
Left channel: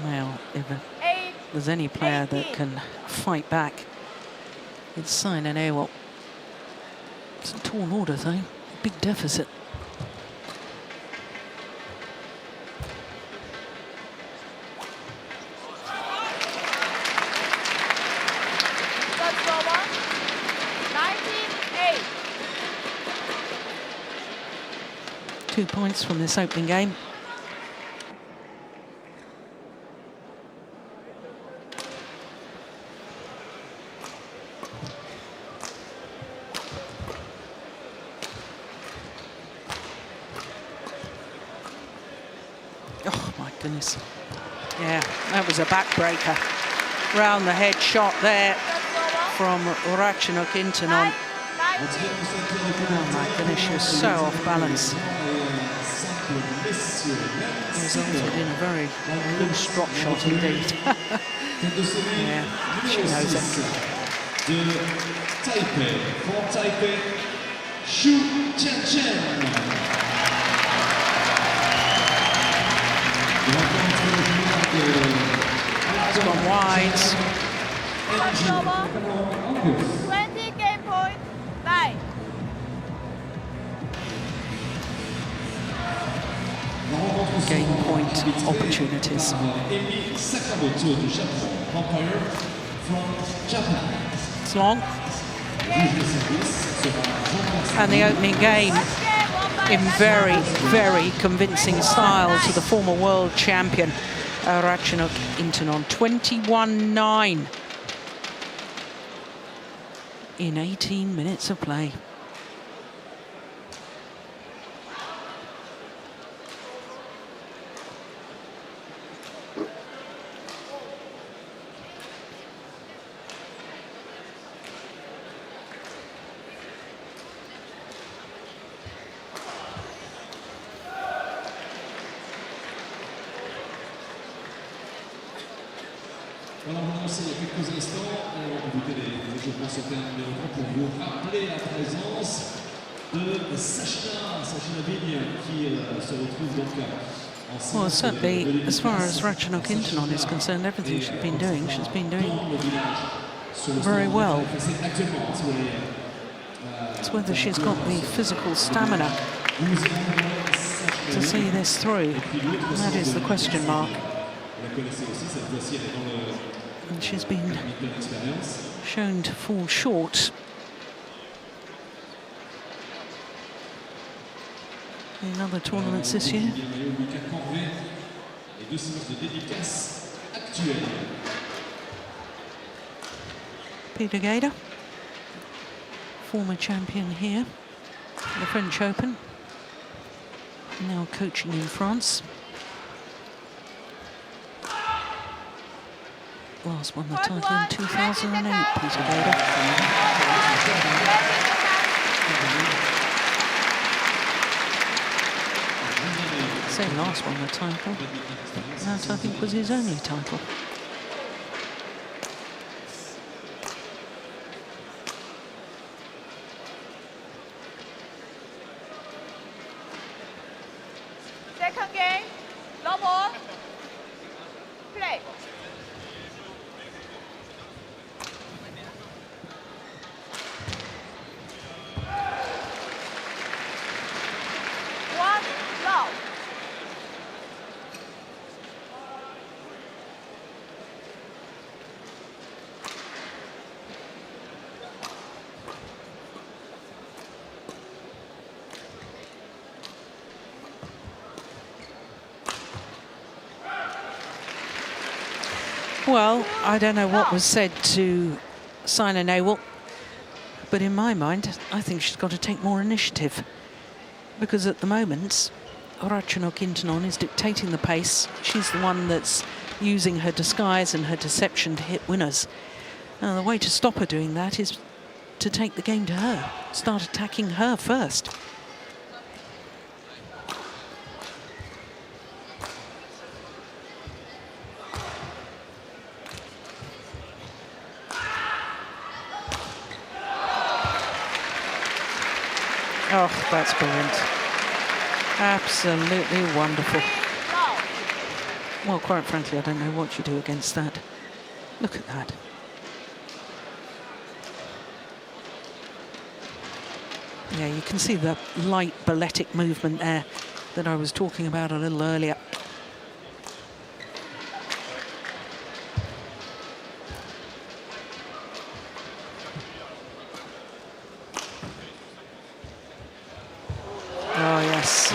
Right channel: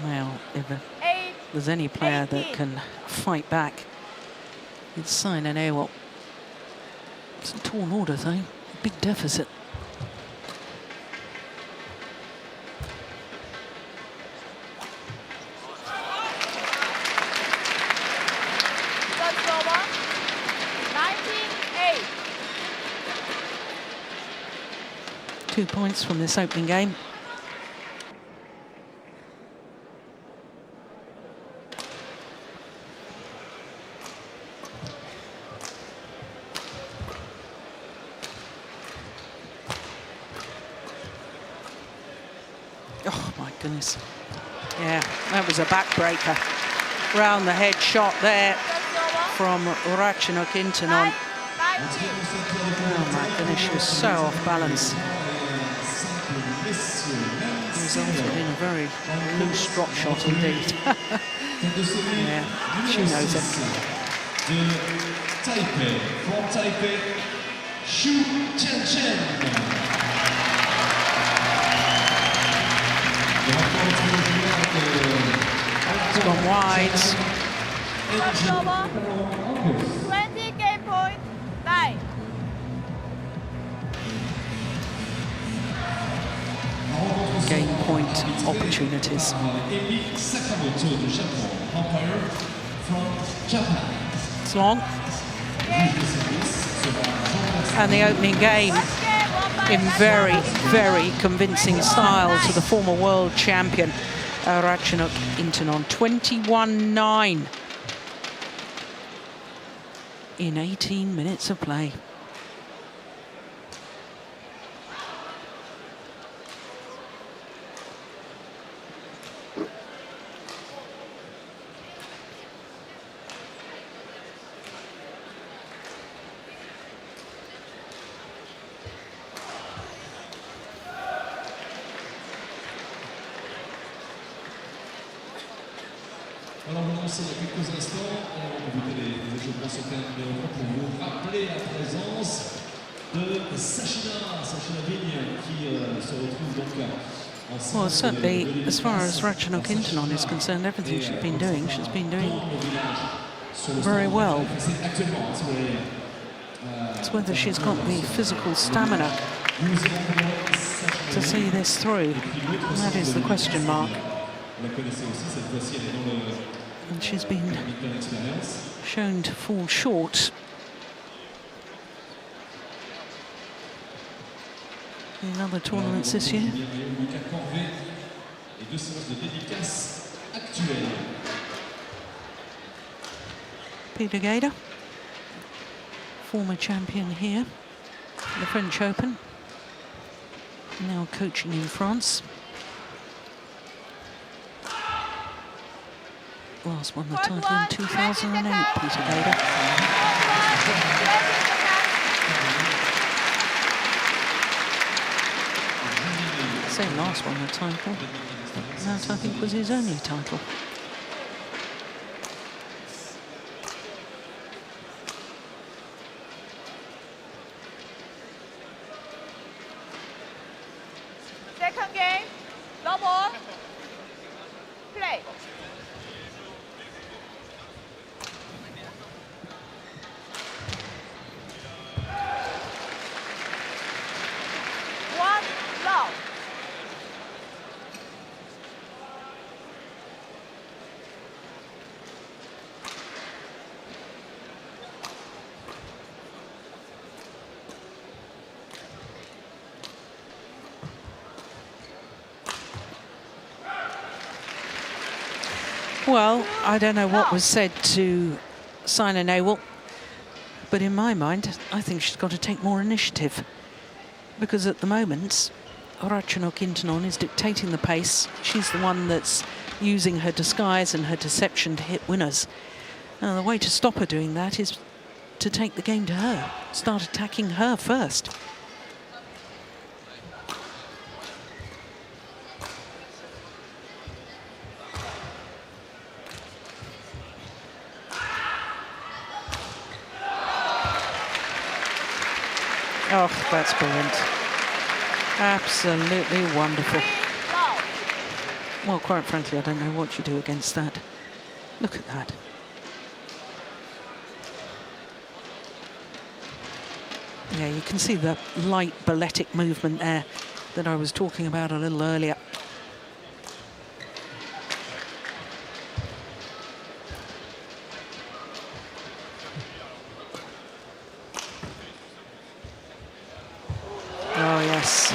Well, if there's any player that can fight back, it's Saina Nehwal. It's a tall order though, big deficit. Two points from this opening game. Oh my goodness. Yeah, that was a backbreaker. Round the head shot there from Ratchanok Intanon. Oh my goodness, she was so off balance. Resulted in a very loose drop shot indeed. Yeah, she knows it. de Taipei, from Taipei, Chen. It's gone wide. 20 game point, 9. Game point opportunities. It's long. And the opening game in very, very convincing style to the former world champion, Ratchanok Intanon. 21-9 in 18 minutes of play. Voilà, on a lancé il y a quelques instants. On va écouter les échauffements sur terrain numéro 3 pour vous rappeler la présence de Saina qui se retrouve donc Well, certainly, as far as Ratchanok Intanon is concerned, everything she's been doing very well. It's whether she's got the physical stamina to see this through. That is the question mark. And she's been shown to fall short in other tournaments this year. Peter Gader, former champion here, the French Open, now coaching in France. Last won the title in 2008, Peter Gader. Say last won the title, but that I think was his only title. Second game, no more. Play. Well, I don't know what was said to Saina Nehwal, but in my mind, I think she's got to take more initiative. Because at the moment, Ratchanok Intanon is dictating the pace. She's the one that's using her disguise and her deception to hit winners. Now, the way to stop her doing that is to take the game to her, start attacking her first. Oh, that's brilliant. Absolutely wonderful. Well, quite frankly, I don't know what you do against that. Look at that. Yeah, you can see the light balletic movement there that I was talking about a little earlier. Oh, yes.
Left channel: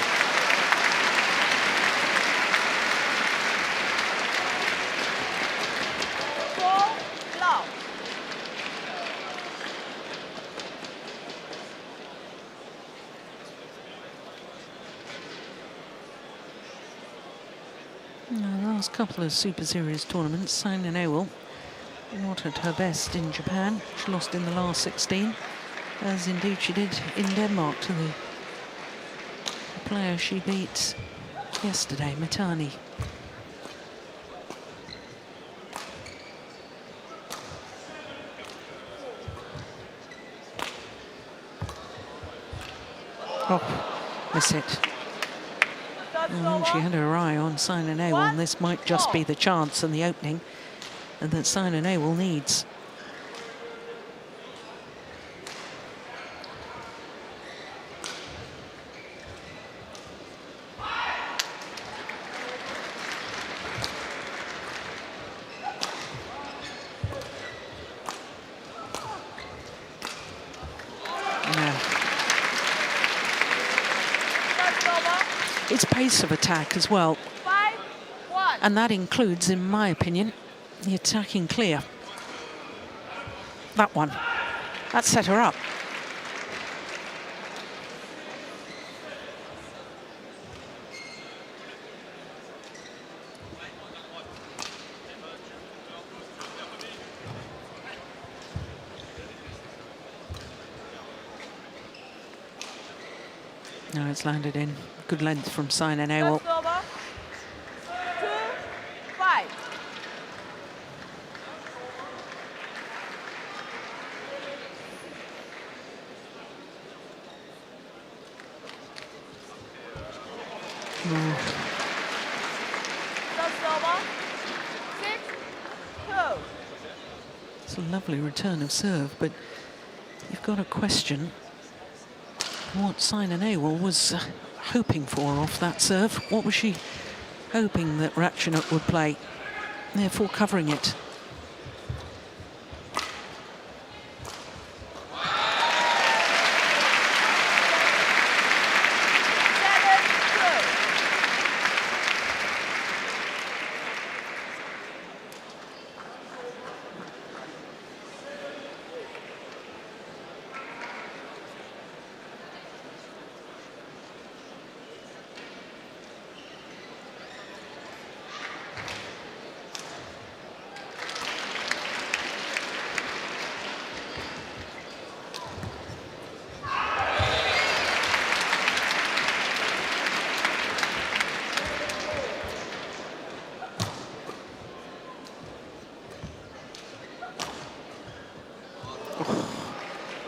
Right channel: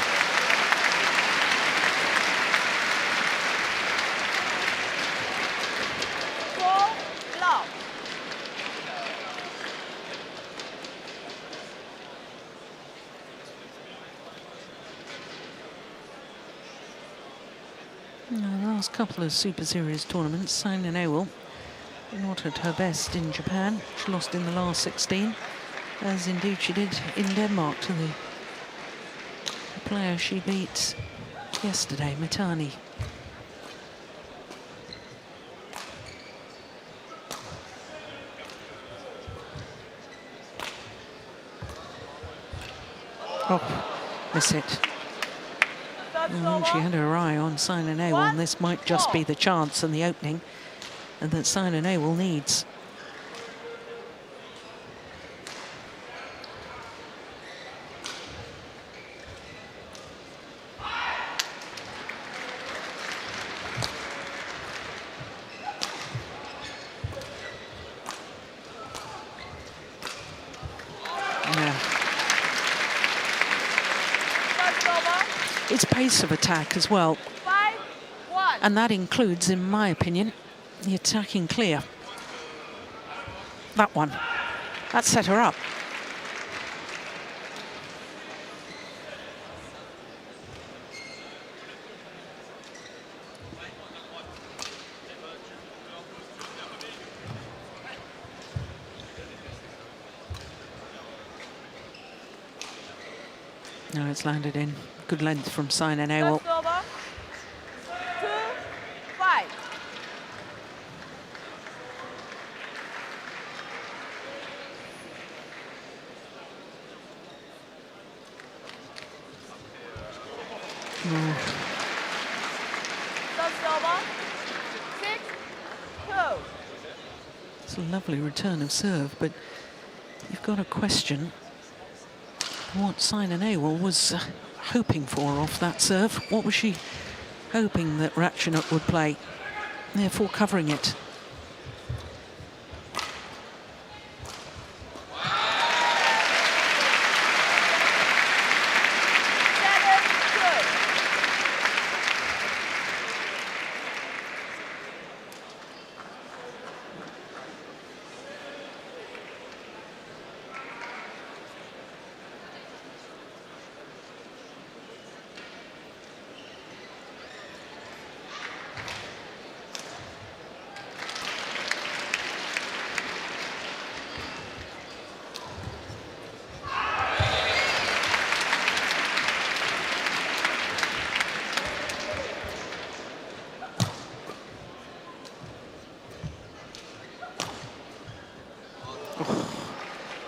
The last couple of Super Series tournaments, Saina Nehwal not at her best in Japan. She lost in the last 16, as indeed she did in Denmark to the player she beat yesterday, Mitani. Oh, miss it. I think she had her eye on Saina Nehwal, and this might just be the chance and the opening and that Saina Nehwal needs. It's pace of attack as well, and that includes, in my opinion, the attacking clear. That one, that set her up. No, it's landed in. Good length from Saina Nehwal. It's a lovely return of serve, but you've got to question what Saina Nehwal was hoping for off that serve. What was she hoping that Ratchanok would play, therefore covering it?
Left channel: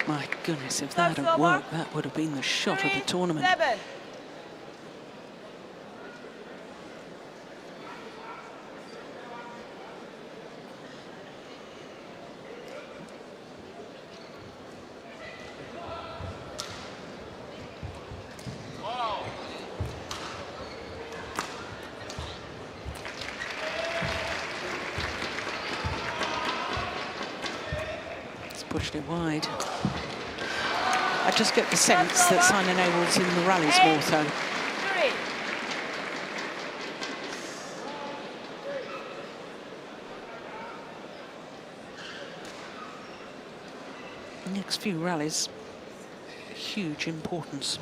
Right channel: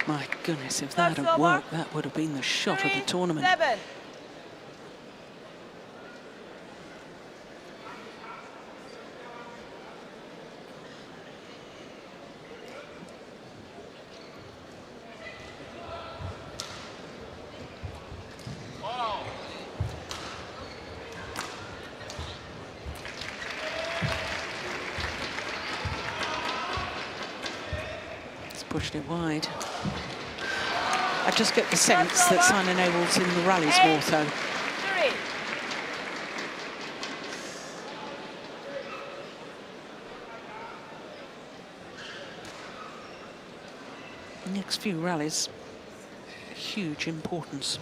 My goodness, if that had worked, that would have been the shot of the tournament. It's pushed it wide. I just get the sense that Saina Nehwal's in the rallies more so. The next few rallies, huge importance.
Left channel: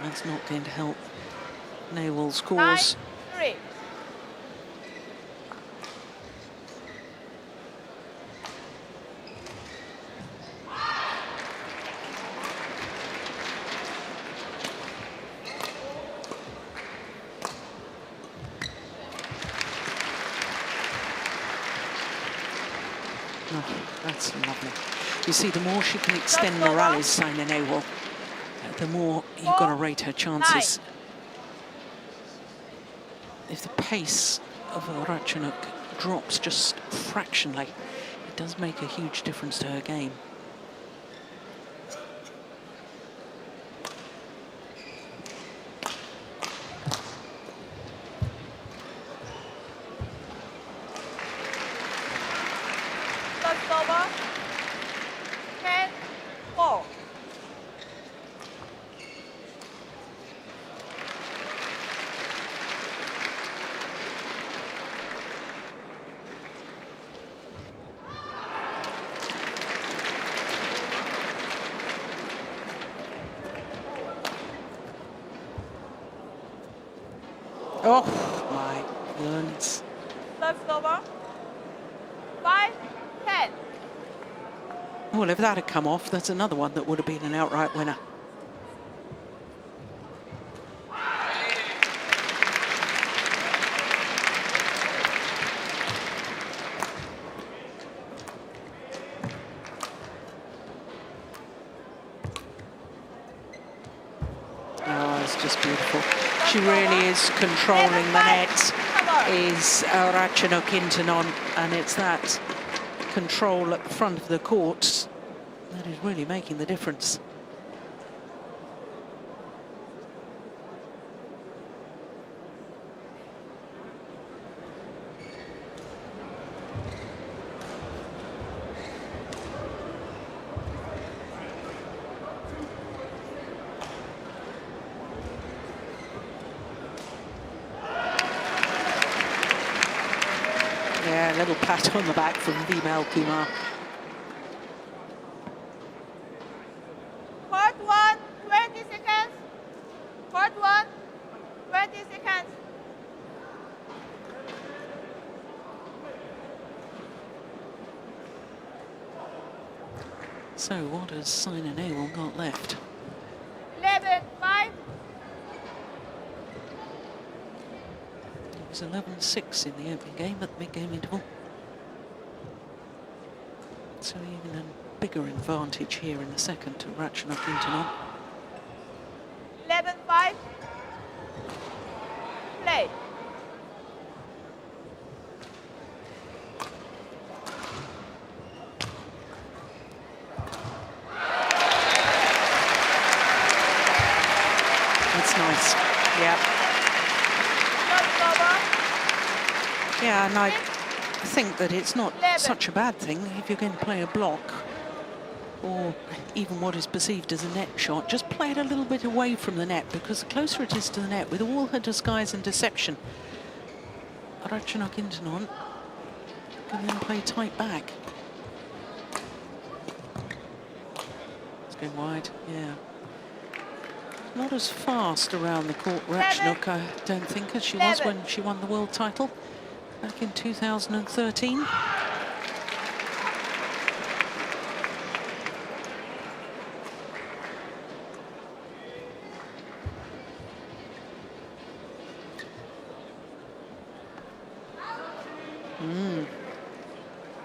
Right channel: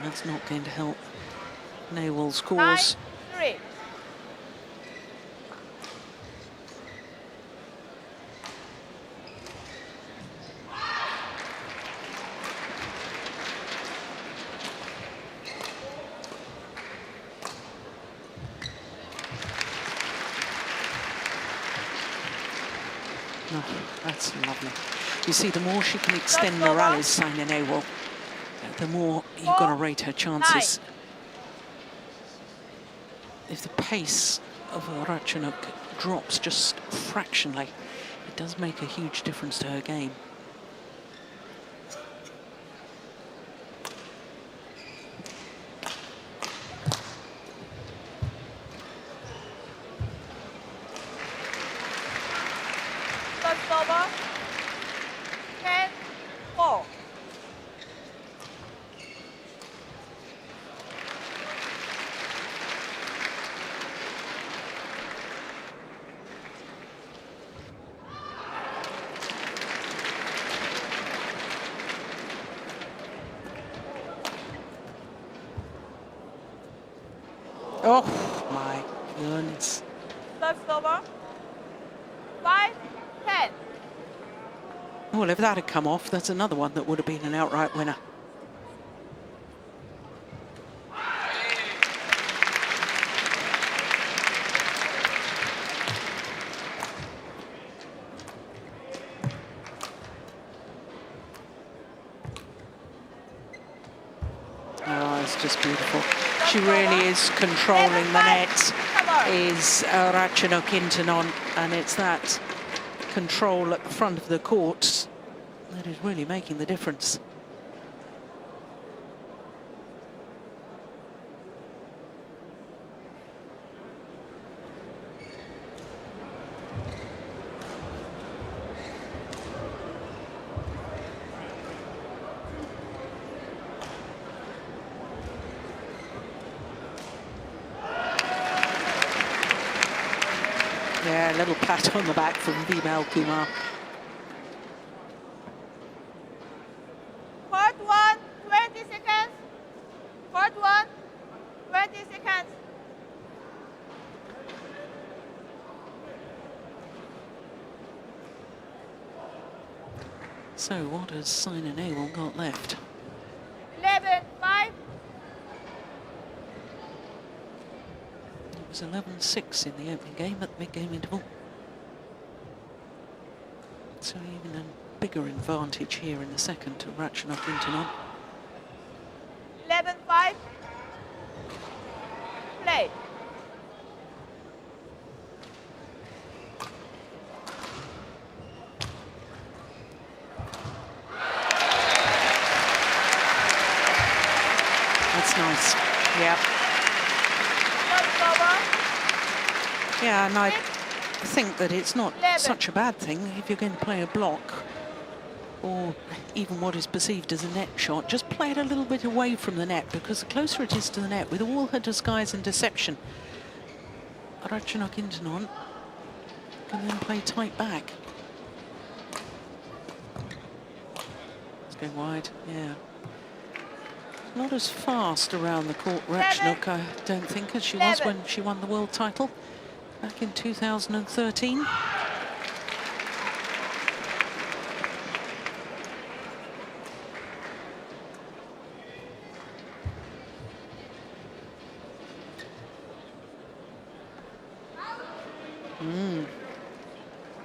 That's not going to help Nehwal's cause. Oh, that's lovely. You see, the more she can extend the rallies, Saina Nehwal, the more you've got to rate her chances. If the pace of Ratchanok drops just fractionally, it does make a huge difference to her game. Oh my goodness. Well, if that had come off, that's another one that would have been an outright winner. beautiful. She really is controlling the net, is Ratchanok Intanon, and it's that control at the front of the court that is really making the difference. Yeah, a little pat on the back from Vimal Kumar. Court 1, 20 seconds. Court 1, 20 seconds. So what has Saina Nehwal got left? 11-5. It was 11-6 in the opening game at the mid-game interval. So even a bigger advantage here in the second to Ratchanok Intanon. 11-5. Play. That's nice. Yeah. Yeah, and I think that it's not such a bad thing if you're going to play a block or even what is perceived as a net shot, just play it a little bit away from the net, because the closer it is to the net, with all her disguise and deception, Ratchanok Intanon can then play tight back. It's going wide, yeah. Not as fast around the court, Ratchanok, I don't think, as she was when she won the world title back in 2013. Mm.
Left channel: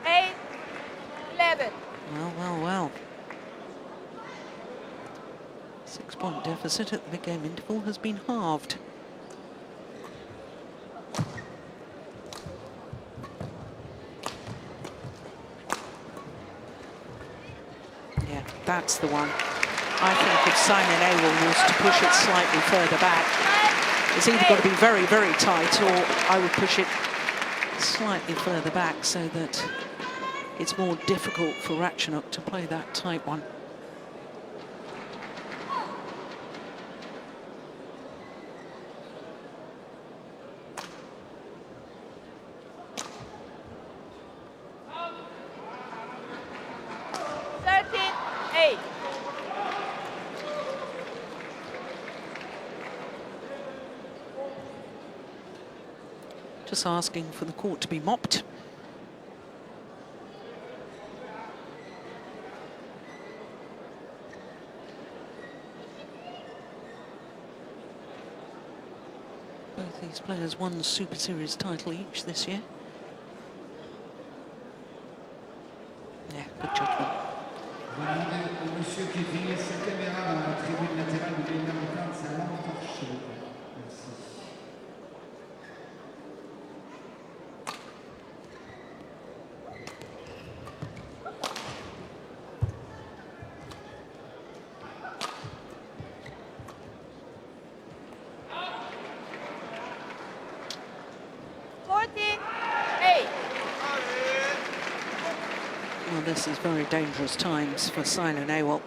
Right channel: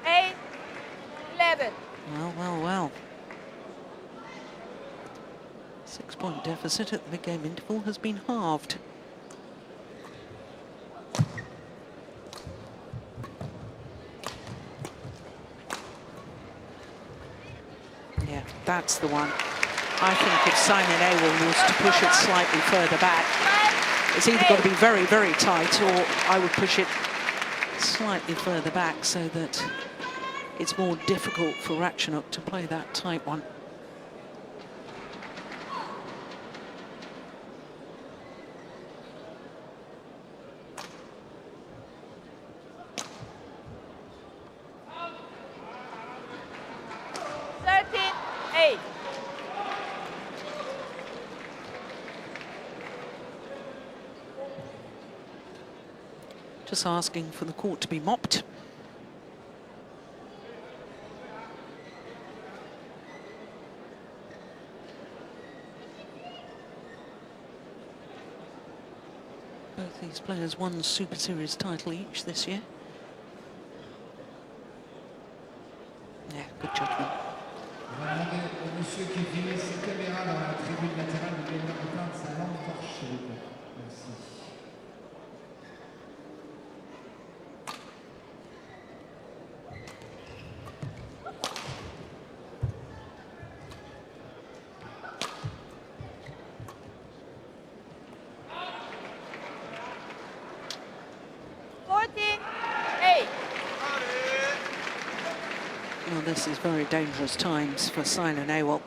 8-11. Well, well, well. 6-point deficit at the mid-game interval has been halved. Yeah, that's the one. I think if Saina Nehwal was to push it slightly further back, it's either got to be very, very tight, or I would push it slightly further back so that it's more difficult for Ratchanok to play that tight one. Just asking for the court to be mopped. Both these players won Super Series title each this year. Yeah, good judgment. Well, this is very dangerous times for Saina Nehwal.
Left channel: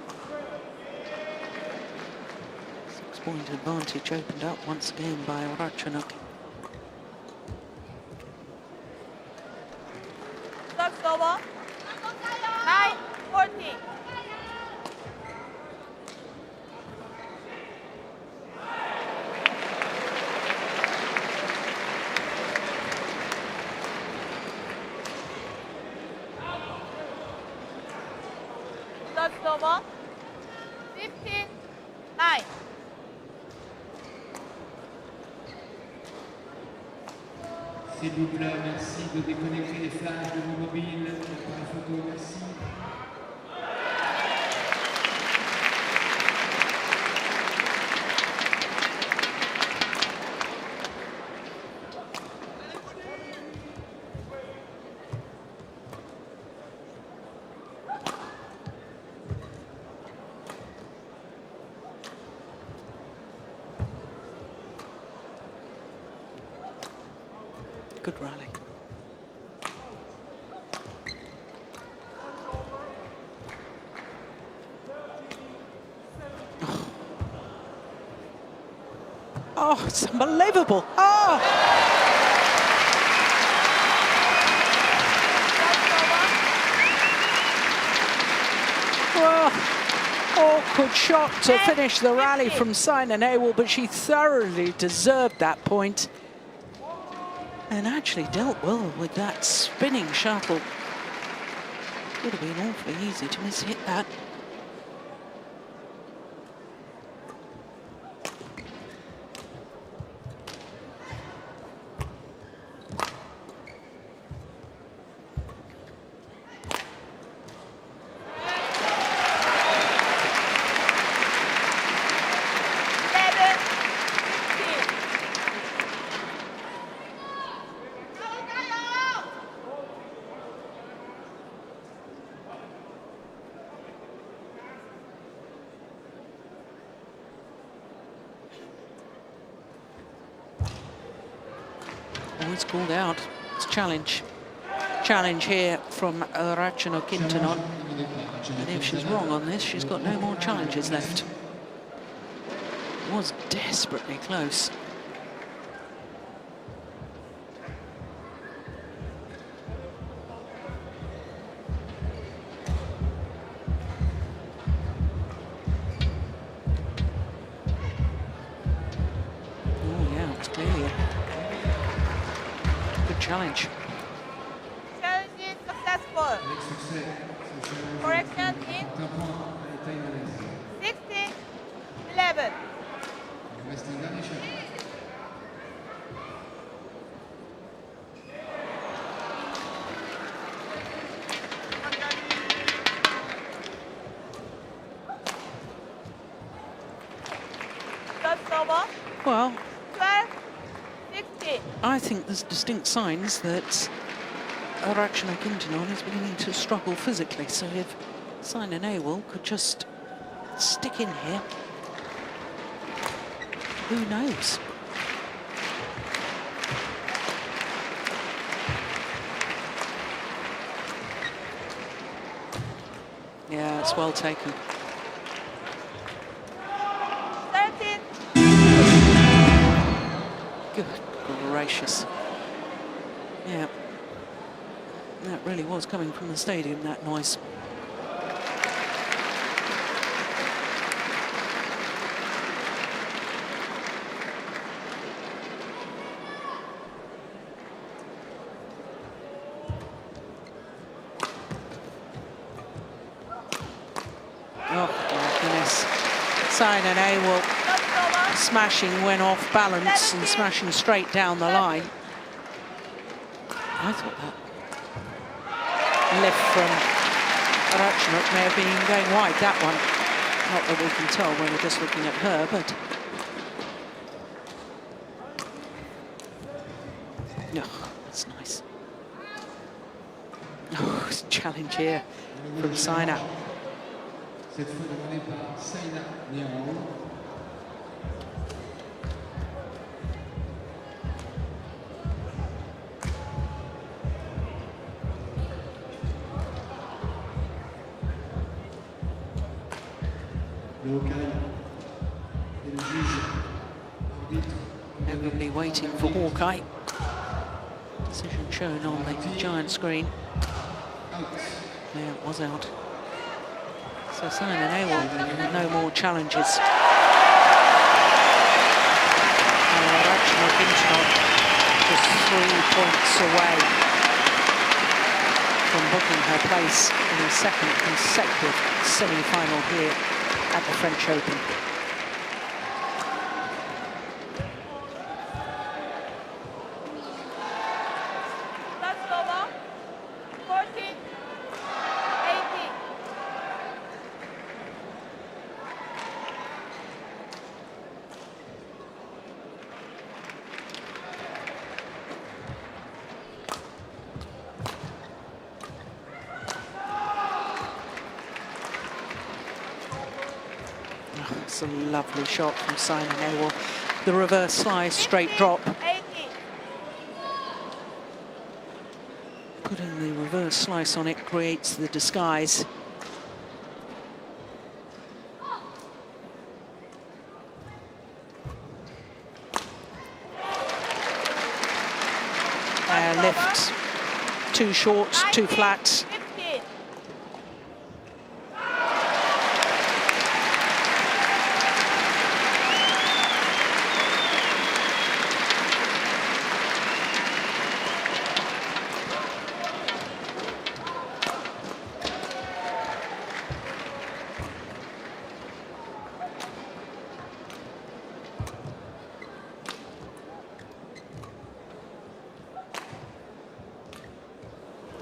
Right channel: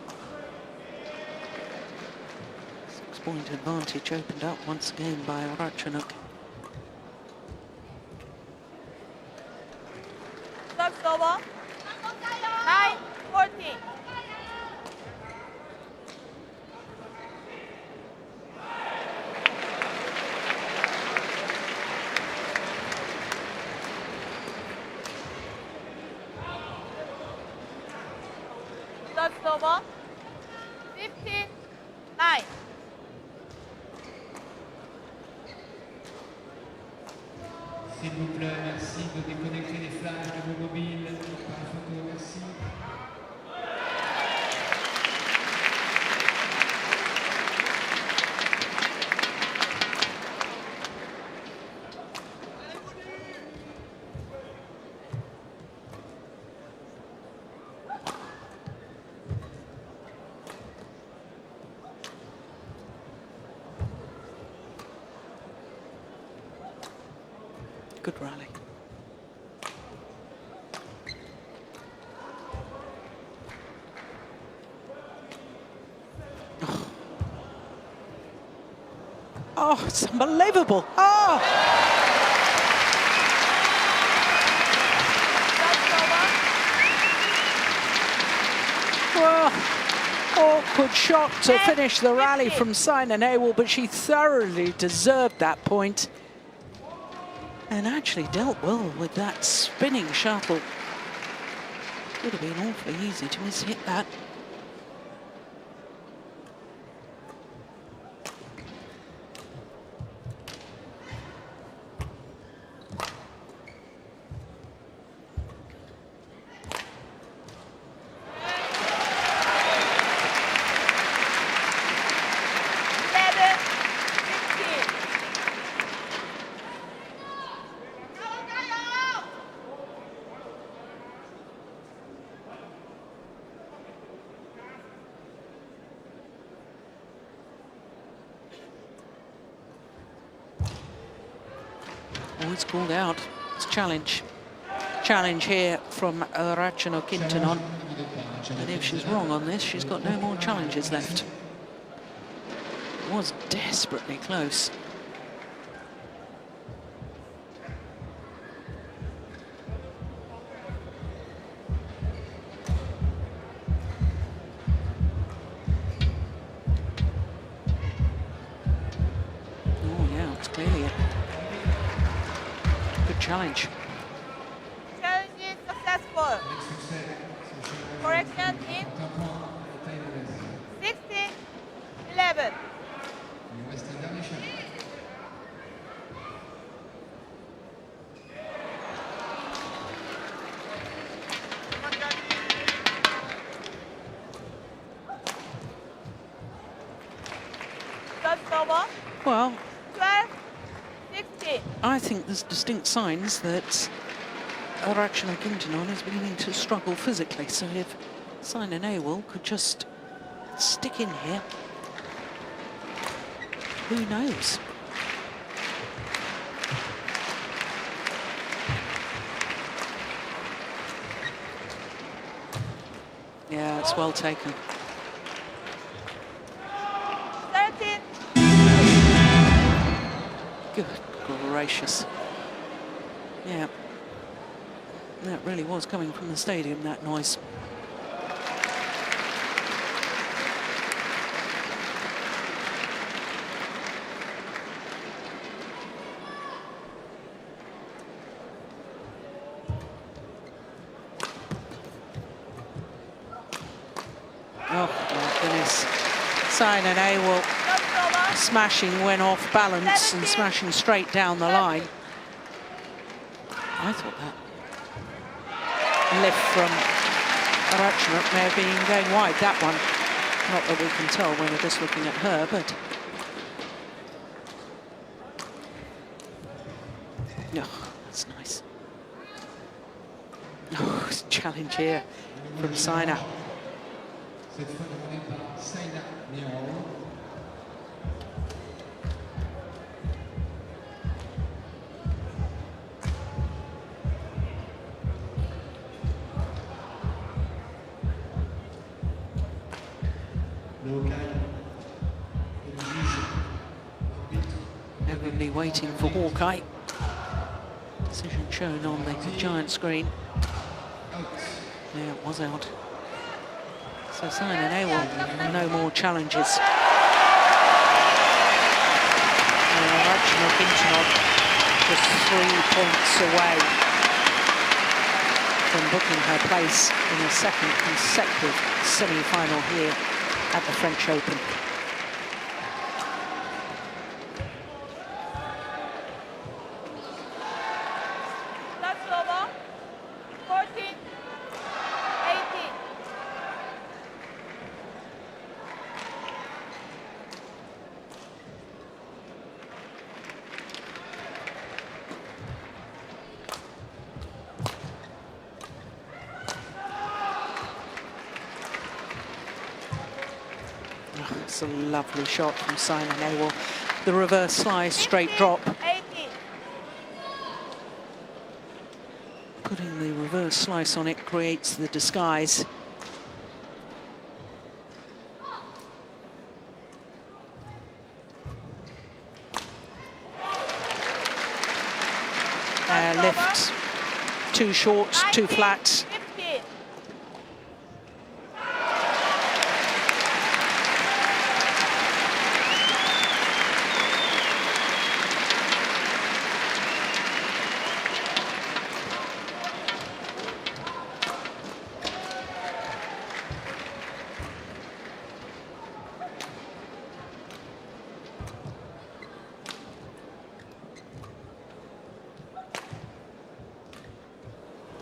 6-point advantage opened up once again by Ratchanok. That's over. 9-14. That's over. 15-9. S'il vous plaît, merci de déconnecter les flashs de vos mobiles. Pour la photo, merci. Good rally. Oh, it's unbelievable. Oh! Well, awkward shot to finish the rally from Saina Nehwal, but she thoroughly deserved that point. And actually dealt well with that spinning shuttle. Would have been awfully easy to miss-hit that. Oh, it's called out. It's challenge. Challenge here from Ratchanok Intanon. And if she's wrong on this, she's got no more challenges left. It was desperately close. Oh yeah, it's clearly a good challenge. Challenge is successful. Correction team. 16-11. That's over. Well, 12-16. I think there's distinct signs that Ratchanok Intanon is beginning to struggle physically. So if Saina Nehwal could just stick in here, who knows? Yeah, it's well taken. 13. Good gracious. Yeah. That really was coming from the stadium, that noise. Oh, my goodness. Saina Nehwal smashing went off balance and smashing straight down the line. I thought that lift from Ratchanok may have been going wide, that one. Not that we can tell when we're just looking at her, but... Oh, that's nice. Oh, challenge here from Saina. Cette fois demandée par Saina Nehwal. Everybody waiting for Houwei. Decision shown on the giant screen. Yeah, it was out. So Saina Nehwal, no more challenges. And Ratchanok Intanon just 3 points away from booking her place in a second consecutive semi-final here at the French Open. That's over. 14-18. Oh, it's a lovely shot from Saina Nehwal. The reverse slice, straight drop. 18. Putting the reverse slice on it creates the disguise. Lift, too short, too flat.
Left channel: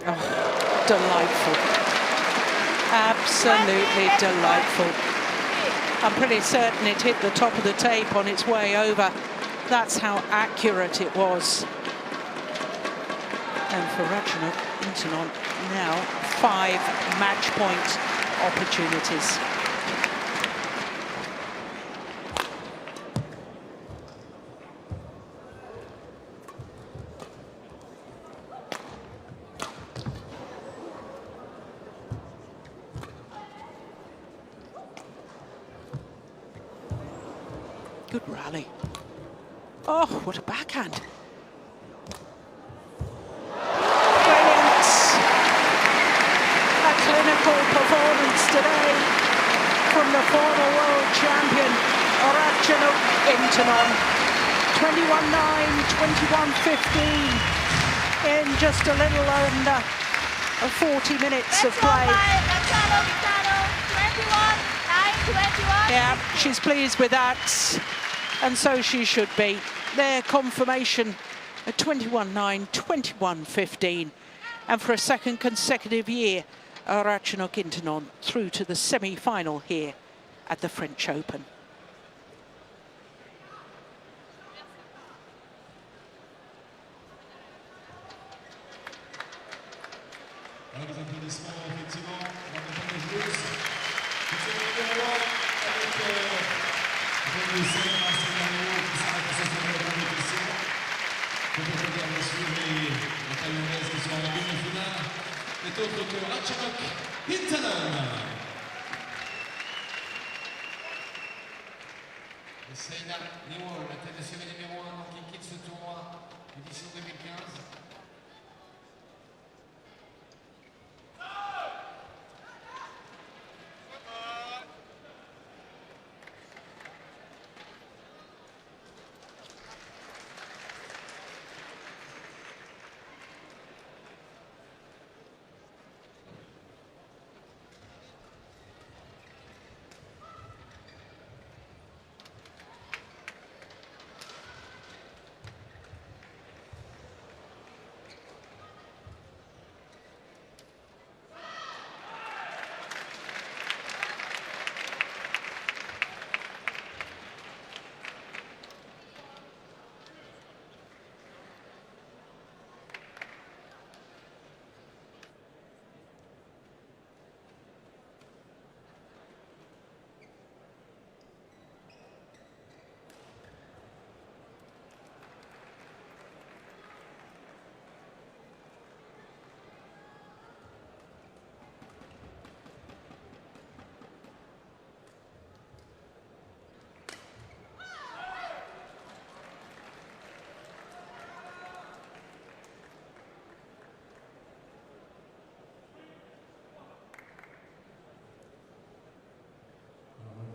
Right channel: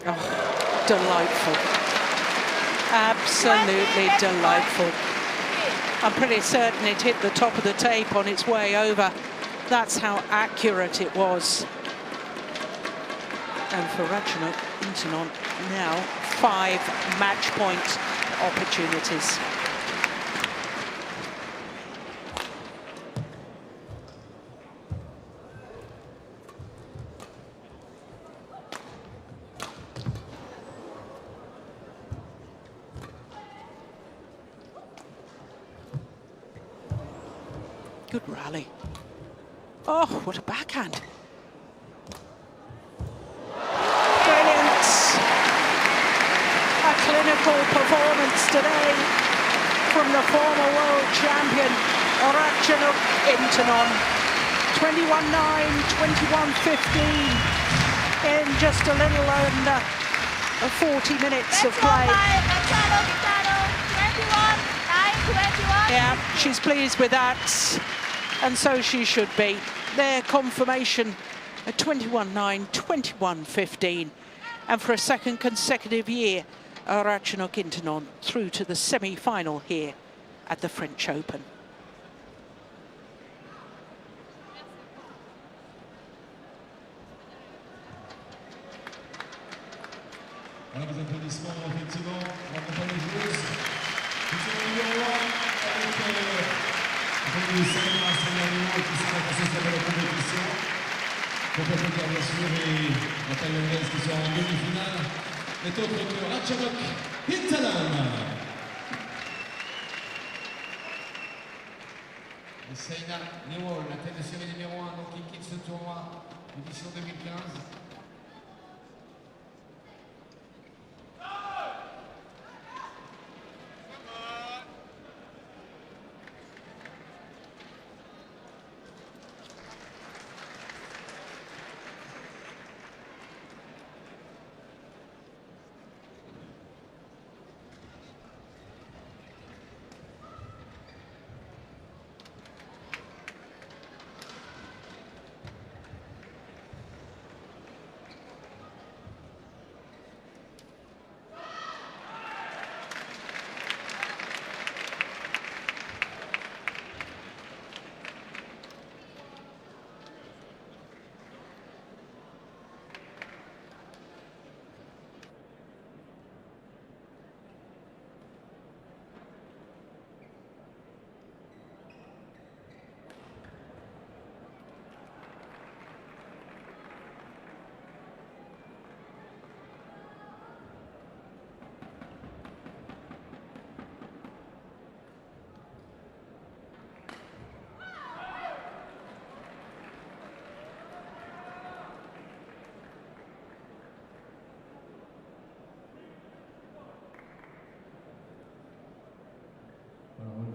Oh, delightful. Absolutely delightful. I'm pretty certain it hit the top of the tape on its way over. That's how accurate it was. And for Ratchanok, Intanon now 5 match point opportunities. Good rally. Oh, what a backhand. Brilliant. A clinical performance today from the former world champion, Ratchanok Intanon. 21-9, 21-15 in just a little under 40 minutes of play. Yeah, she's pleased with that. And so she should be. Their confirmation at 21-9, 21-15. And for a second consecutive year, Ratchanok Intanon through to the semi-final here at the French Open. Voilà les applaudissements, effectivement, pour accompagner les joueuses. Nous sommes numéro 1 avec Saina, qui sera passé sur la compétition. Pour applaudir bien sûr la Thaïlandaise qui sera en demi-finale. N'est autre que Ratchanok Intanon. Et Saina, Nehwal, la tête de série numéro 1, donc qui quitte ce tournoi, édition 2015.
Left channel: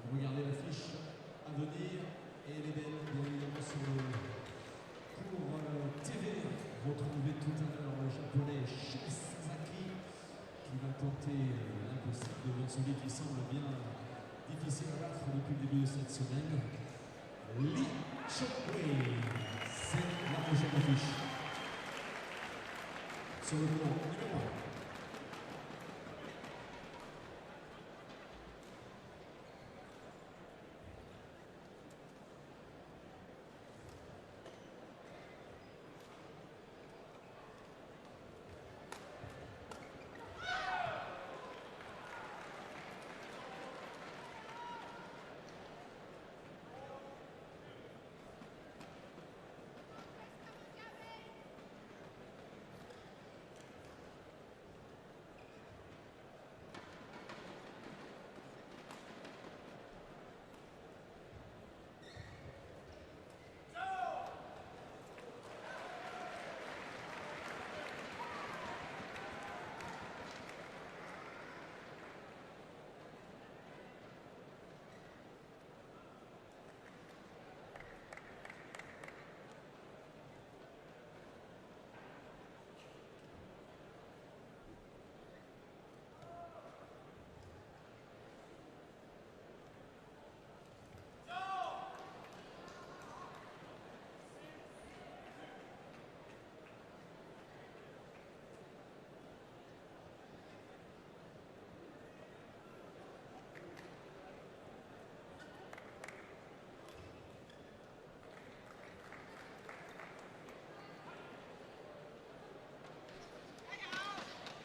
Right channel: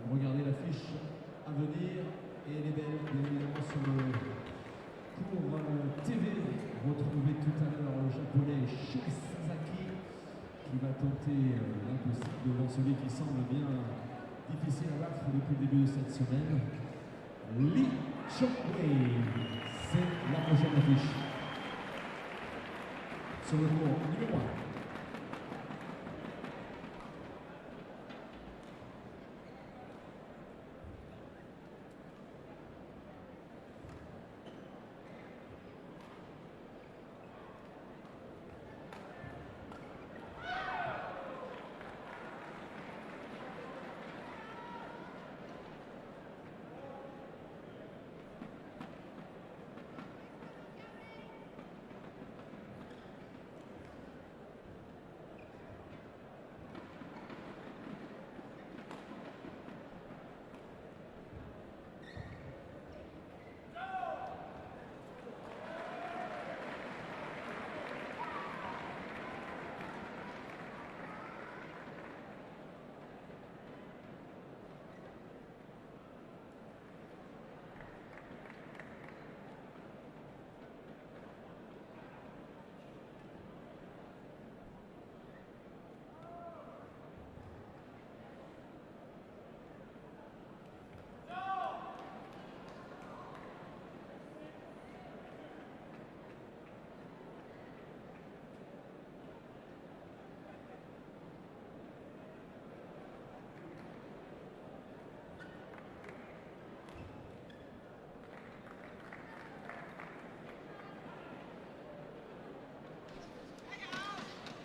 Regardez l'affiche à venir et elle est belle, bien évidemment sur le cours TV. Retrouvez tout à l'heure le japonais Sasaki qui va tenter l'impossible devant celui qui semble bien difficile à battre depuis le début de cette semaine. Ling c'est la prochaine affiche. Sur le cours numéro 1.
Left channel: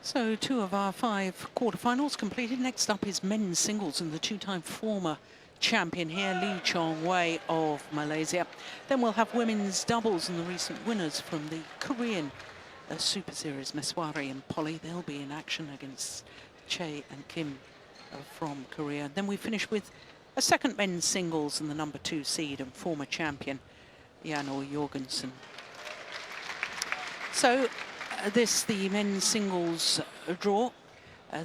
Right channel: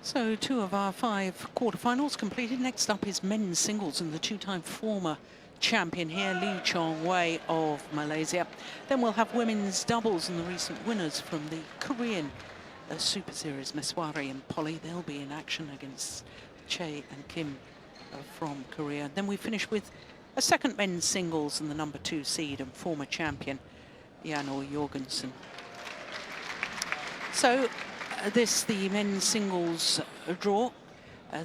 So 2 of our 5 quarterfinals completed. Next up is men's singles and the 2-time former champion here, Houwei of Malaysia. Then we'll have women's doubles and the recent winners from the Korean Super Series, Maheswari and Polii. They'll be in action against Chae and Kim from Korea. Then we finish with a second men's singles and the number 2 seed and former champion, Jorgensen. So this the men's singles draw.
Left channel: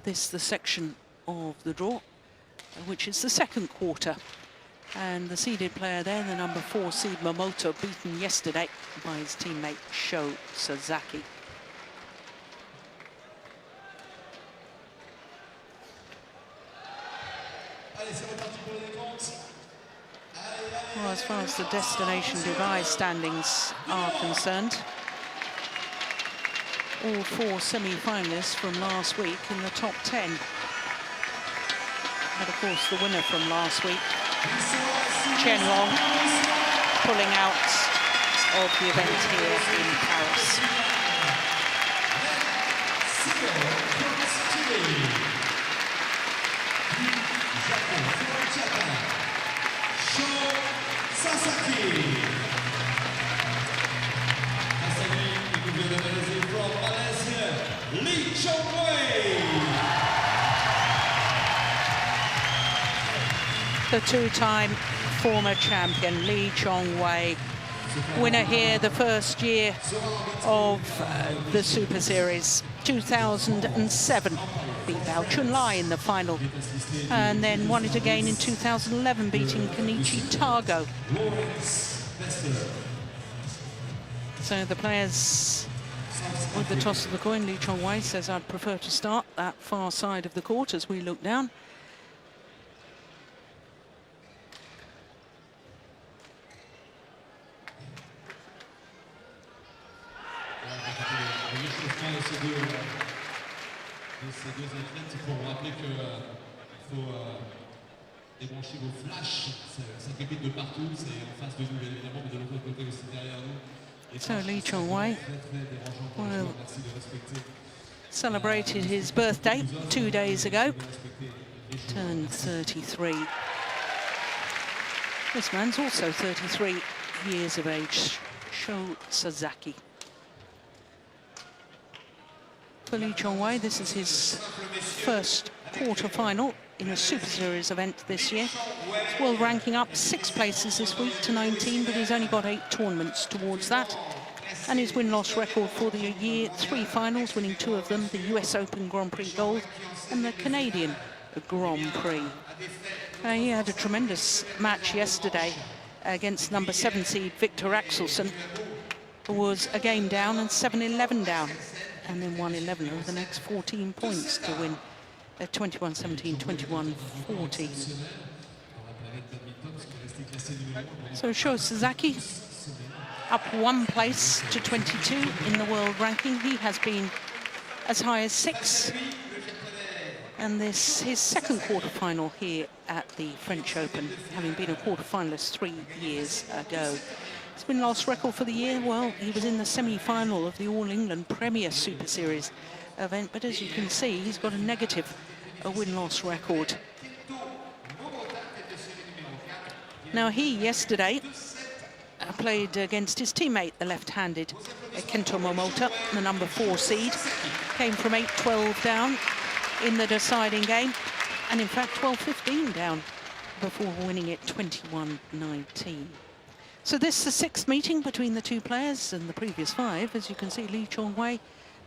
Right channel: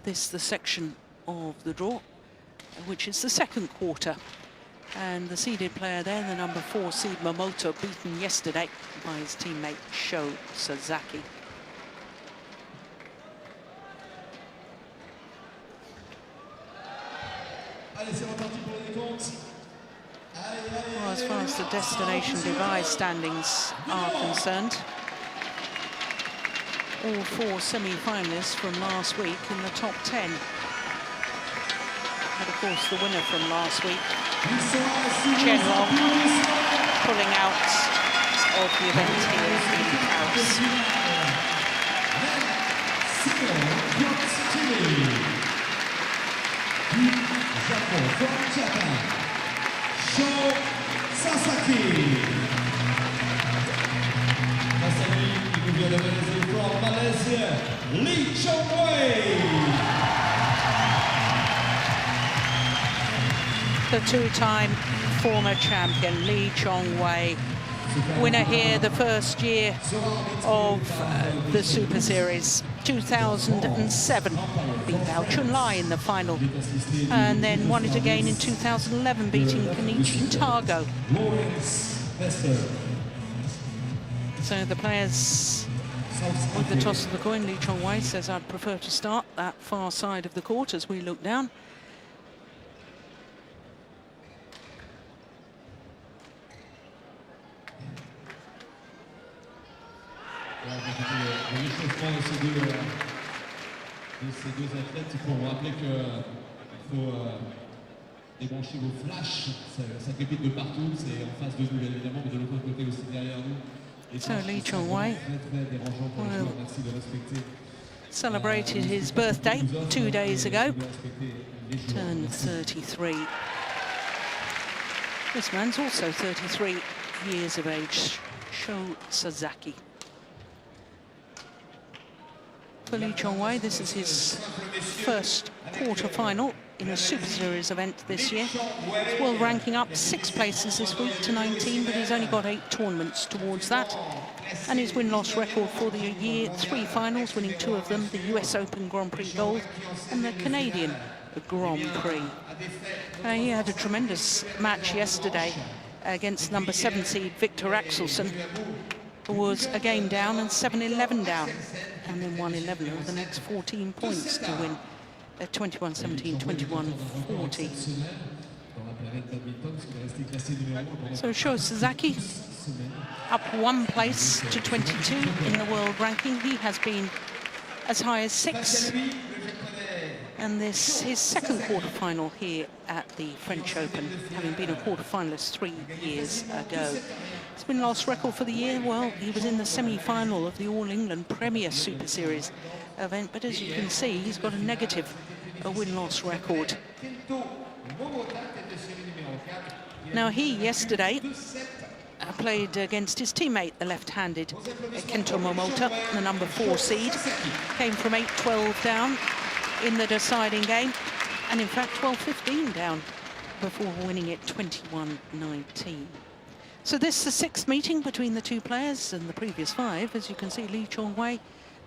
This the section of the draw, which is the second quarter. And the seeded player there, the number 4 seed Momoto, beaten yesterday by his teammate Sasaki. Well, as far as the destination Dubai standings are concerned, all 4 semi-finalists from last week in the top 10. But of course, the winner from last week, Chen pulling out of the event here in Paris. Sasaki. From Malaysia, the 2-time former champion, Houwei. Winner here the first year of the Super Series, 2007. Beat Chun-Li in the final. And then won it again in 2011, beating Kenichi Tago. So the players with the toss of the coin, Houwei says, I'd prefer to start that far side of the court as we look down. Ces deux athlètes, il faut rappeler qu'il faut débrancher vos flashs, ça crépite de partout, c'est en face de nous bien évidemment, mais de l'autre côté aussi derrière nous. So Houwei celebrated his birthday 2 days ago, turned 33. This man's also 33 years of age, Sasaki. For Houwei, this is his first quarter-final in a Super Series event this year. His world ranking up 6 places this week to 19, but he's only got 8 tournaments towards that. And his win-loss record for the year, 3 finals, winning 2 of them, the US Open Grand Prix Gold and the Canadian Grand Prix. He had a tremendous match yesterday against number 7 seed Viktor Axelsen, who was a game down and 7-11 down, and then won 11 of the next 14 points to win 21-17, 21-40. So Sasaki up 1 place to 22 in the world ranking. He has been as high as 6. And this his second quarter-final here at the French Open, having been a quarter-finalist 3 years ago. His win-loss record for the year, well, he was in the semi-final of the All England Premier Super Series event, but as you can see, he's got a negative win-loss record. Now, he yesterday played against his teammate, the left-handed Kento Momota, the number 4 seed. Came from 8-12 down in the deciding game, and in fact 12-15 down before winning it 21-19. So this is the 6th meeting between the 2 players, and the previous 5, as you can see, Houwei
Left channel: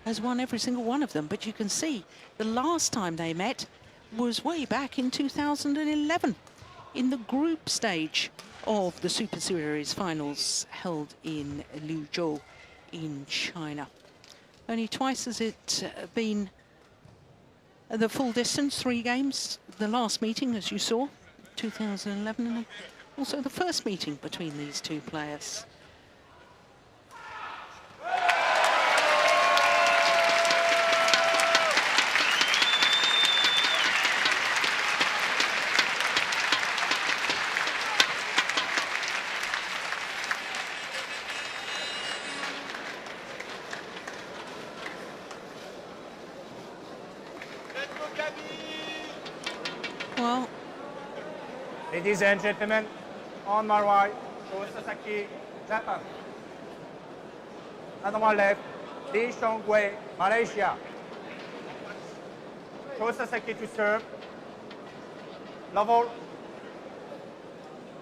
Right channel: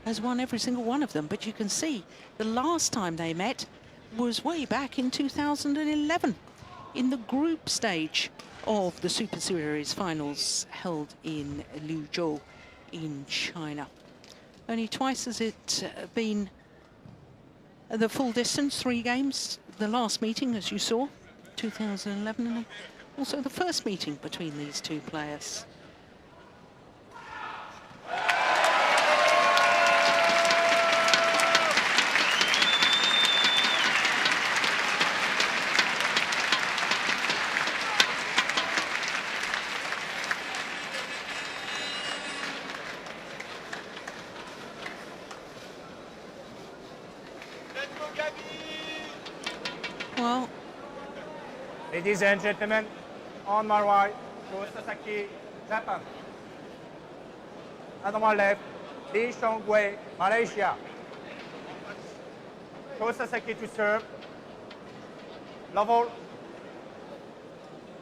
has won every single one of them. But you can see the last time they met was way back in 2011 in the group stage of the Super Series finals held in Luzhou in China. Only twice has it been the full distance, 3 games. The last meeting, as you saw, 2011, and also the first meeting between these 2 players. Well, Ladies and gentlemen, on my right to Sasaki, Japan. Another one left, Houwei, Malaysia. To Sasaki to serve. Level.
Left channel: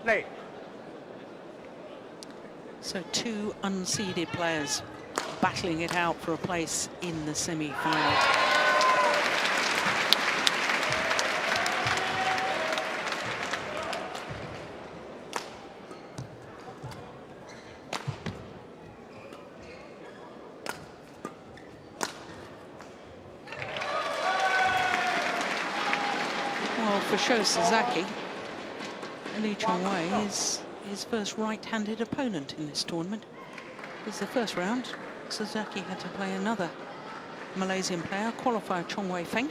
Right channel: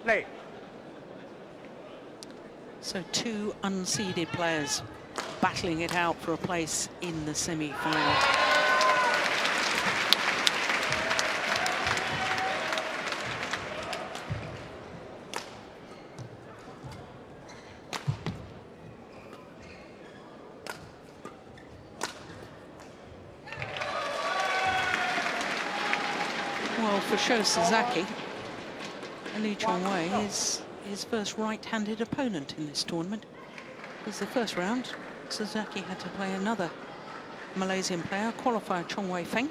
Play. so two unseeded players battling it out for a place in the semi-final. Well, for Sho Sasaki, Lee Chong-wei is his first right-handed opponent in this tournament. Because the first round, Sasaki had to play another Malaysian player, qualifier Chong Wei Feng.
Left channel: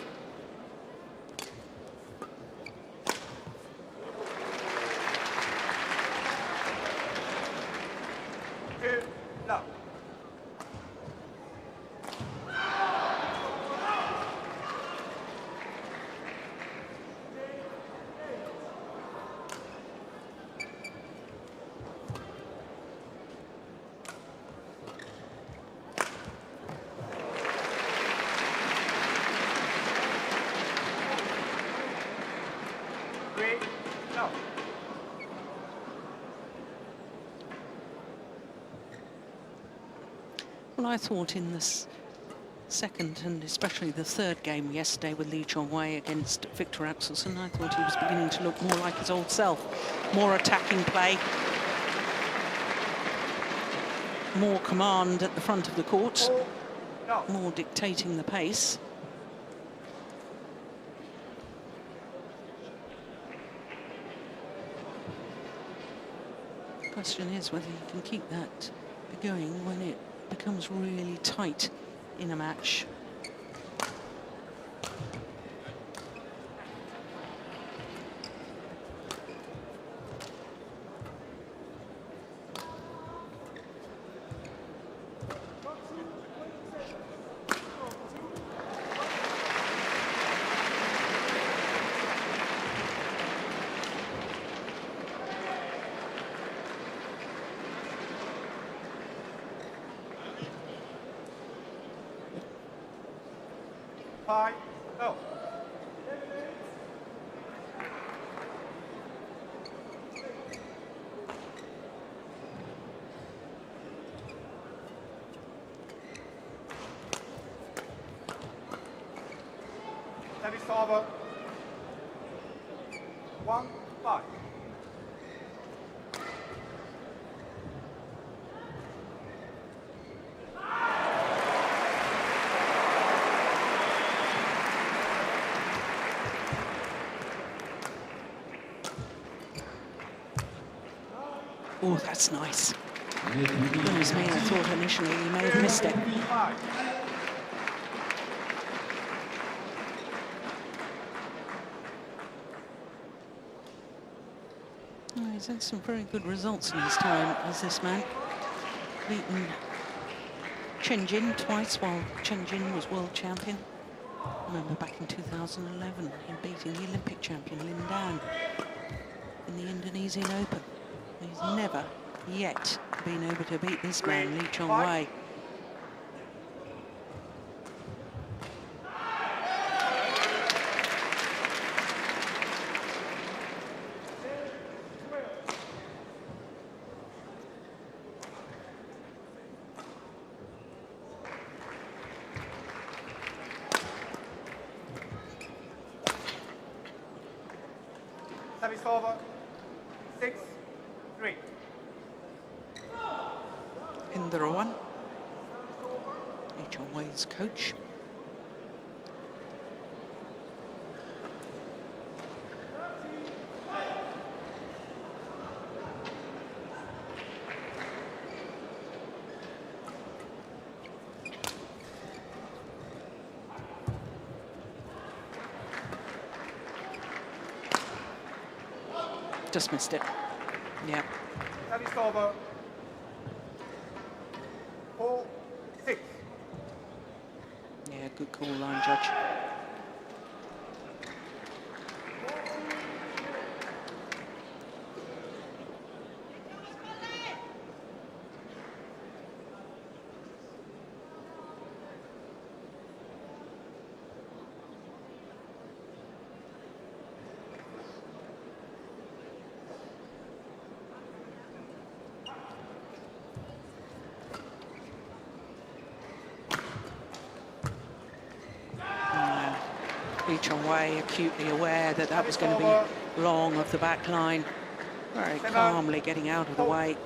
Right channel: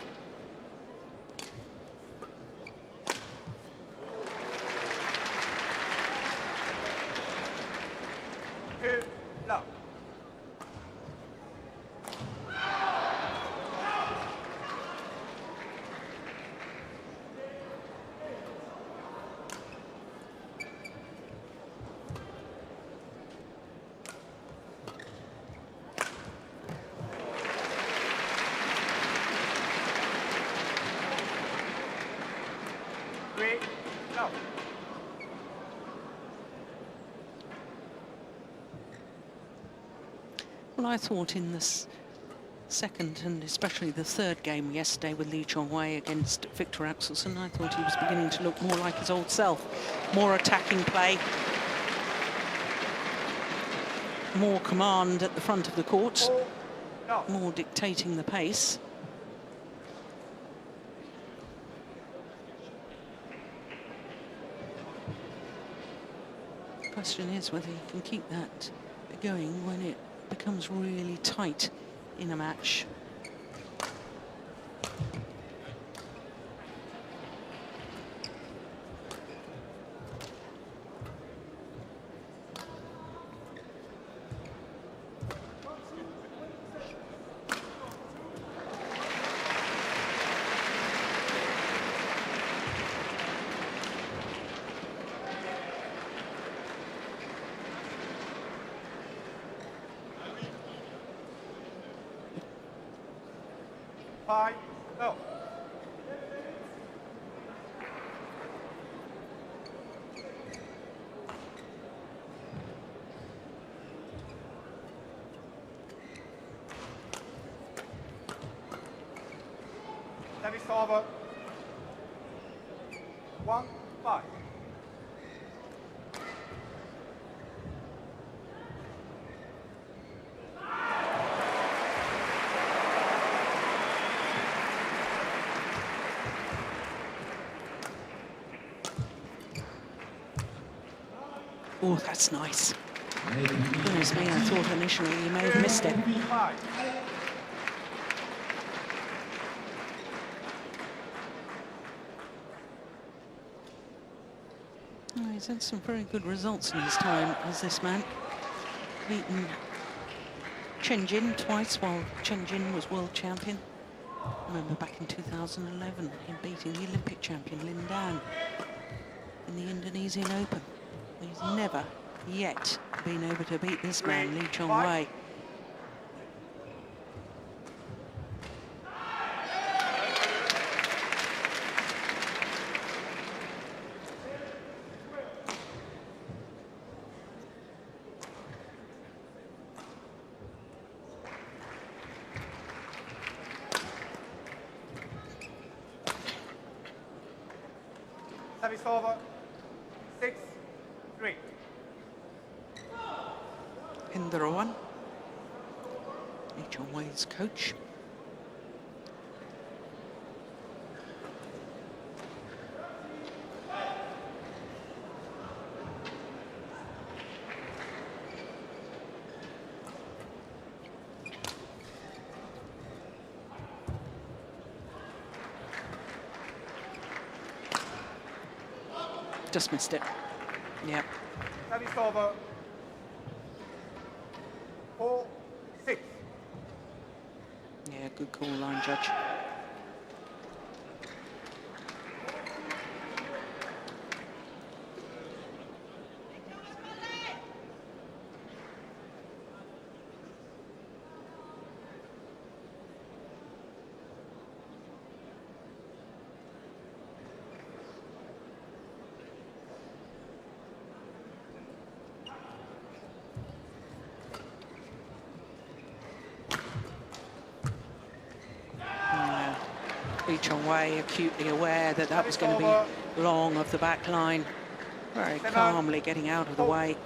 Well, I thought in this second and especially the third game yesterday with Lee Chong-wei against Victor Axelsen, I thought he was beginning to look more like his old self. More attacking play, more command at the front of the court, more dictating the pace. The question is whether he can keep that going when it becomes really tight in a match. Service over. 1-5. Oh, that's nice. Goodness me, I thought initially he may have missed it. Oh, he's had some very good results in his time as this man. Beaten Chen twice while Chen was world champion. I remember back in 2011, him beating the Olympic champion Lin Dan in the Indonesian Open. He's never yet been able to beat this man, Lee Chong-wei. Service over. 6-3. Hendra, Lee Chong-wei's coach. Just missed it. Yep. Service over. 4-6. Yeah, good call, line judge. Lee Chong-wei acutely aware that that was going to be long off the back line. Very calmly getting out of the way.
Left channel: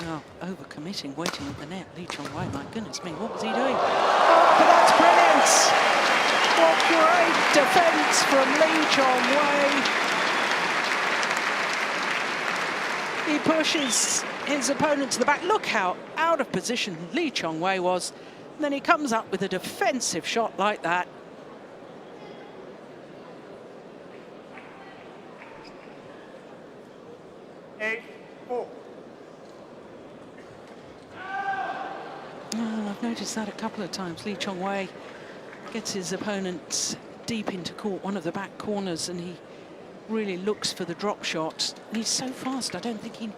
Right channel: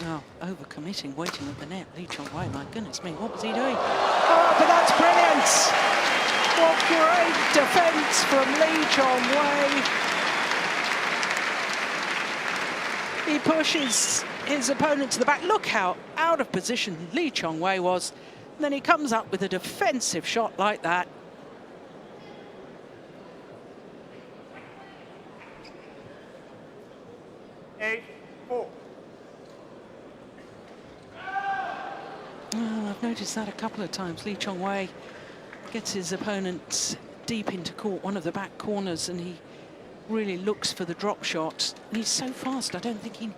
Oh, over-committing, waiting at the net. Lee Chong-wei, my goodness me, what was he doing? Oh, but that's brilliant! What great defence from Lee Chong-wei. He pushes his opponent to the back. Look how out of position Lee Chong-wei was. And then he comes up with a defensive shot like that. Well, I've noticed that a couple of times. Lee Chong-wei gets his opponent deep into court, one of the back corners, and he really looks for the drop shot. And he's so fast, I don't think he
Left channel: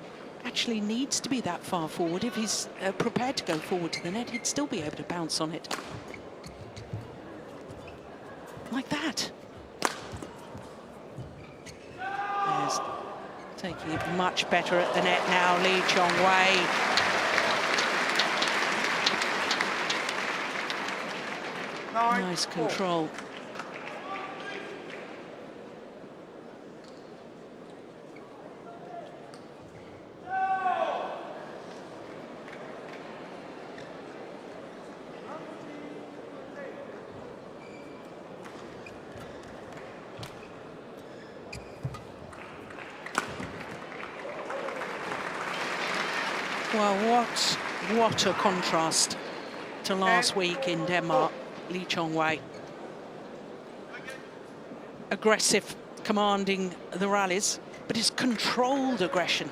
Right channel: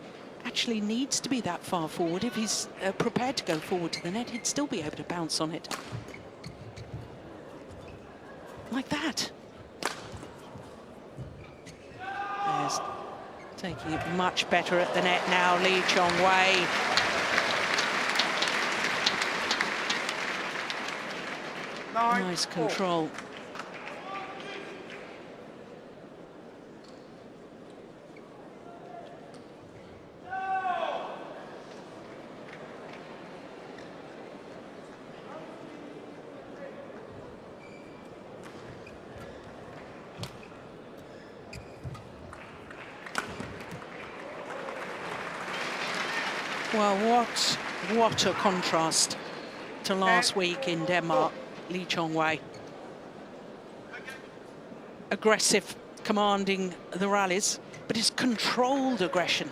actually needs to be that far forward. If he's prepared to go forward to the net, he'd still be able to bounce on it. Like that. There's taking it much better at the net now, Lee Chong-wei. Nice control. Well, what a contrast to last week in Denmark. Lee Chong-wei. Aggressive, commanding the rallies, but his controlled aggression.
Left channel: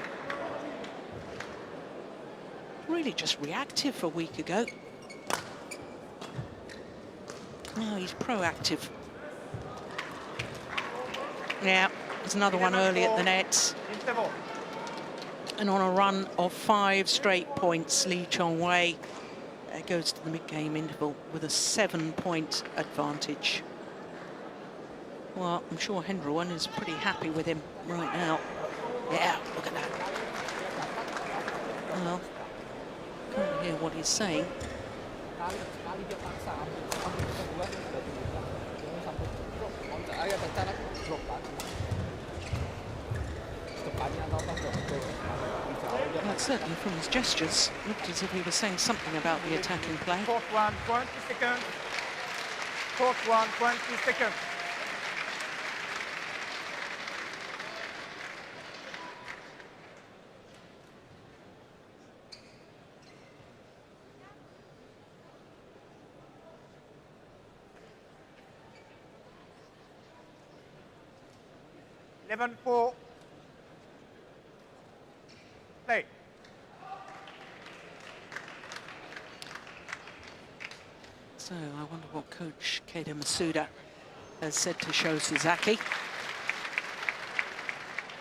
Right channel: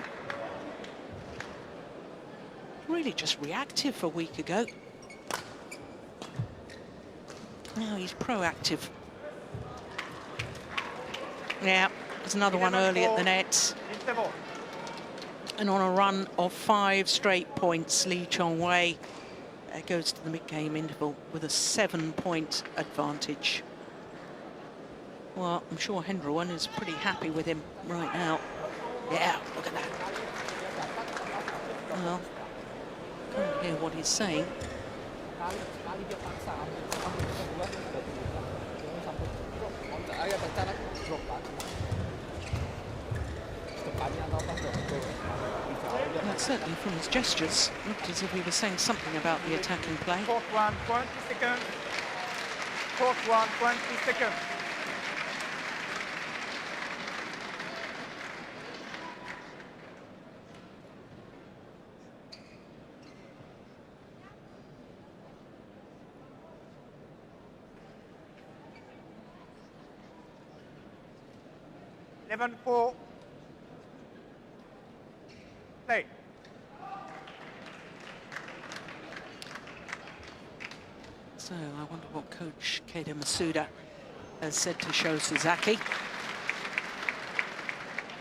Really just reactive a week ago. Now he's proactive. Yeah, there's another one early at the net. And on a run of 5 straight points, Lee Chong-wei goes to the mid-game interval with a 7-point advantage. Well, I'm sure Hendra is pretty happy with him right now. Yeah, look at that. Well, can't hear what he's saying. Well, certainly from his gestures, looked as if he was saying something about the attacking play. Clock 1, 20 seconds. Clock 1, 20 seconds. Eleven, 4. Hey. So I wonder what coach Keita Masuda has said to Sho Sasaki.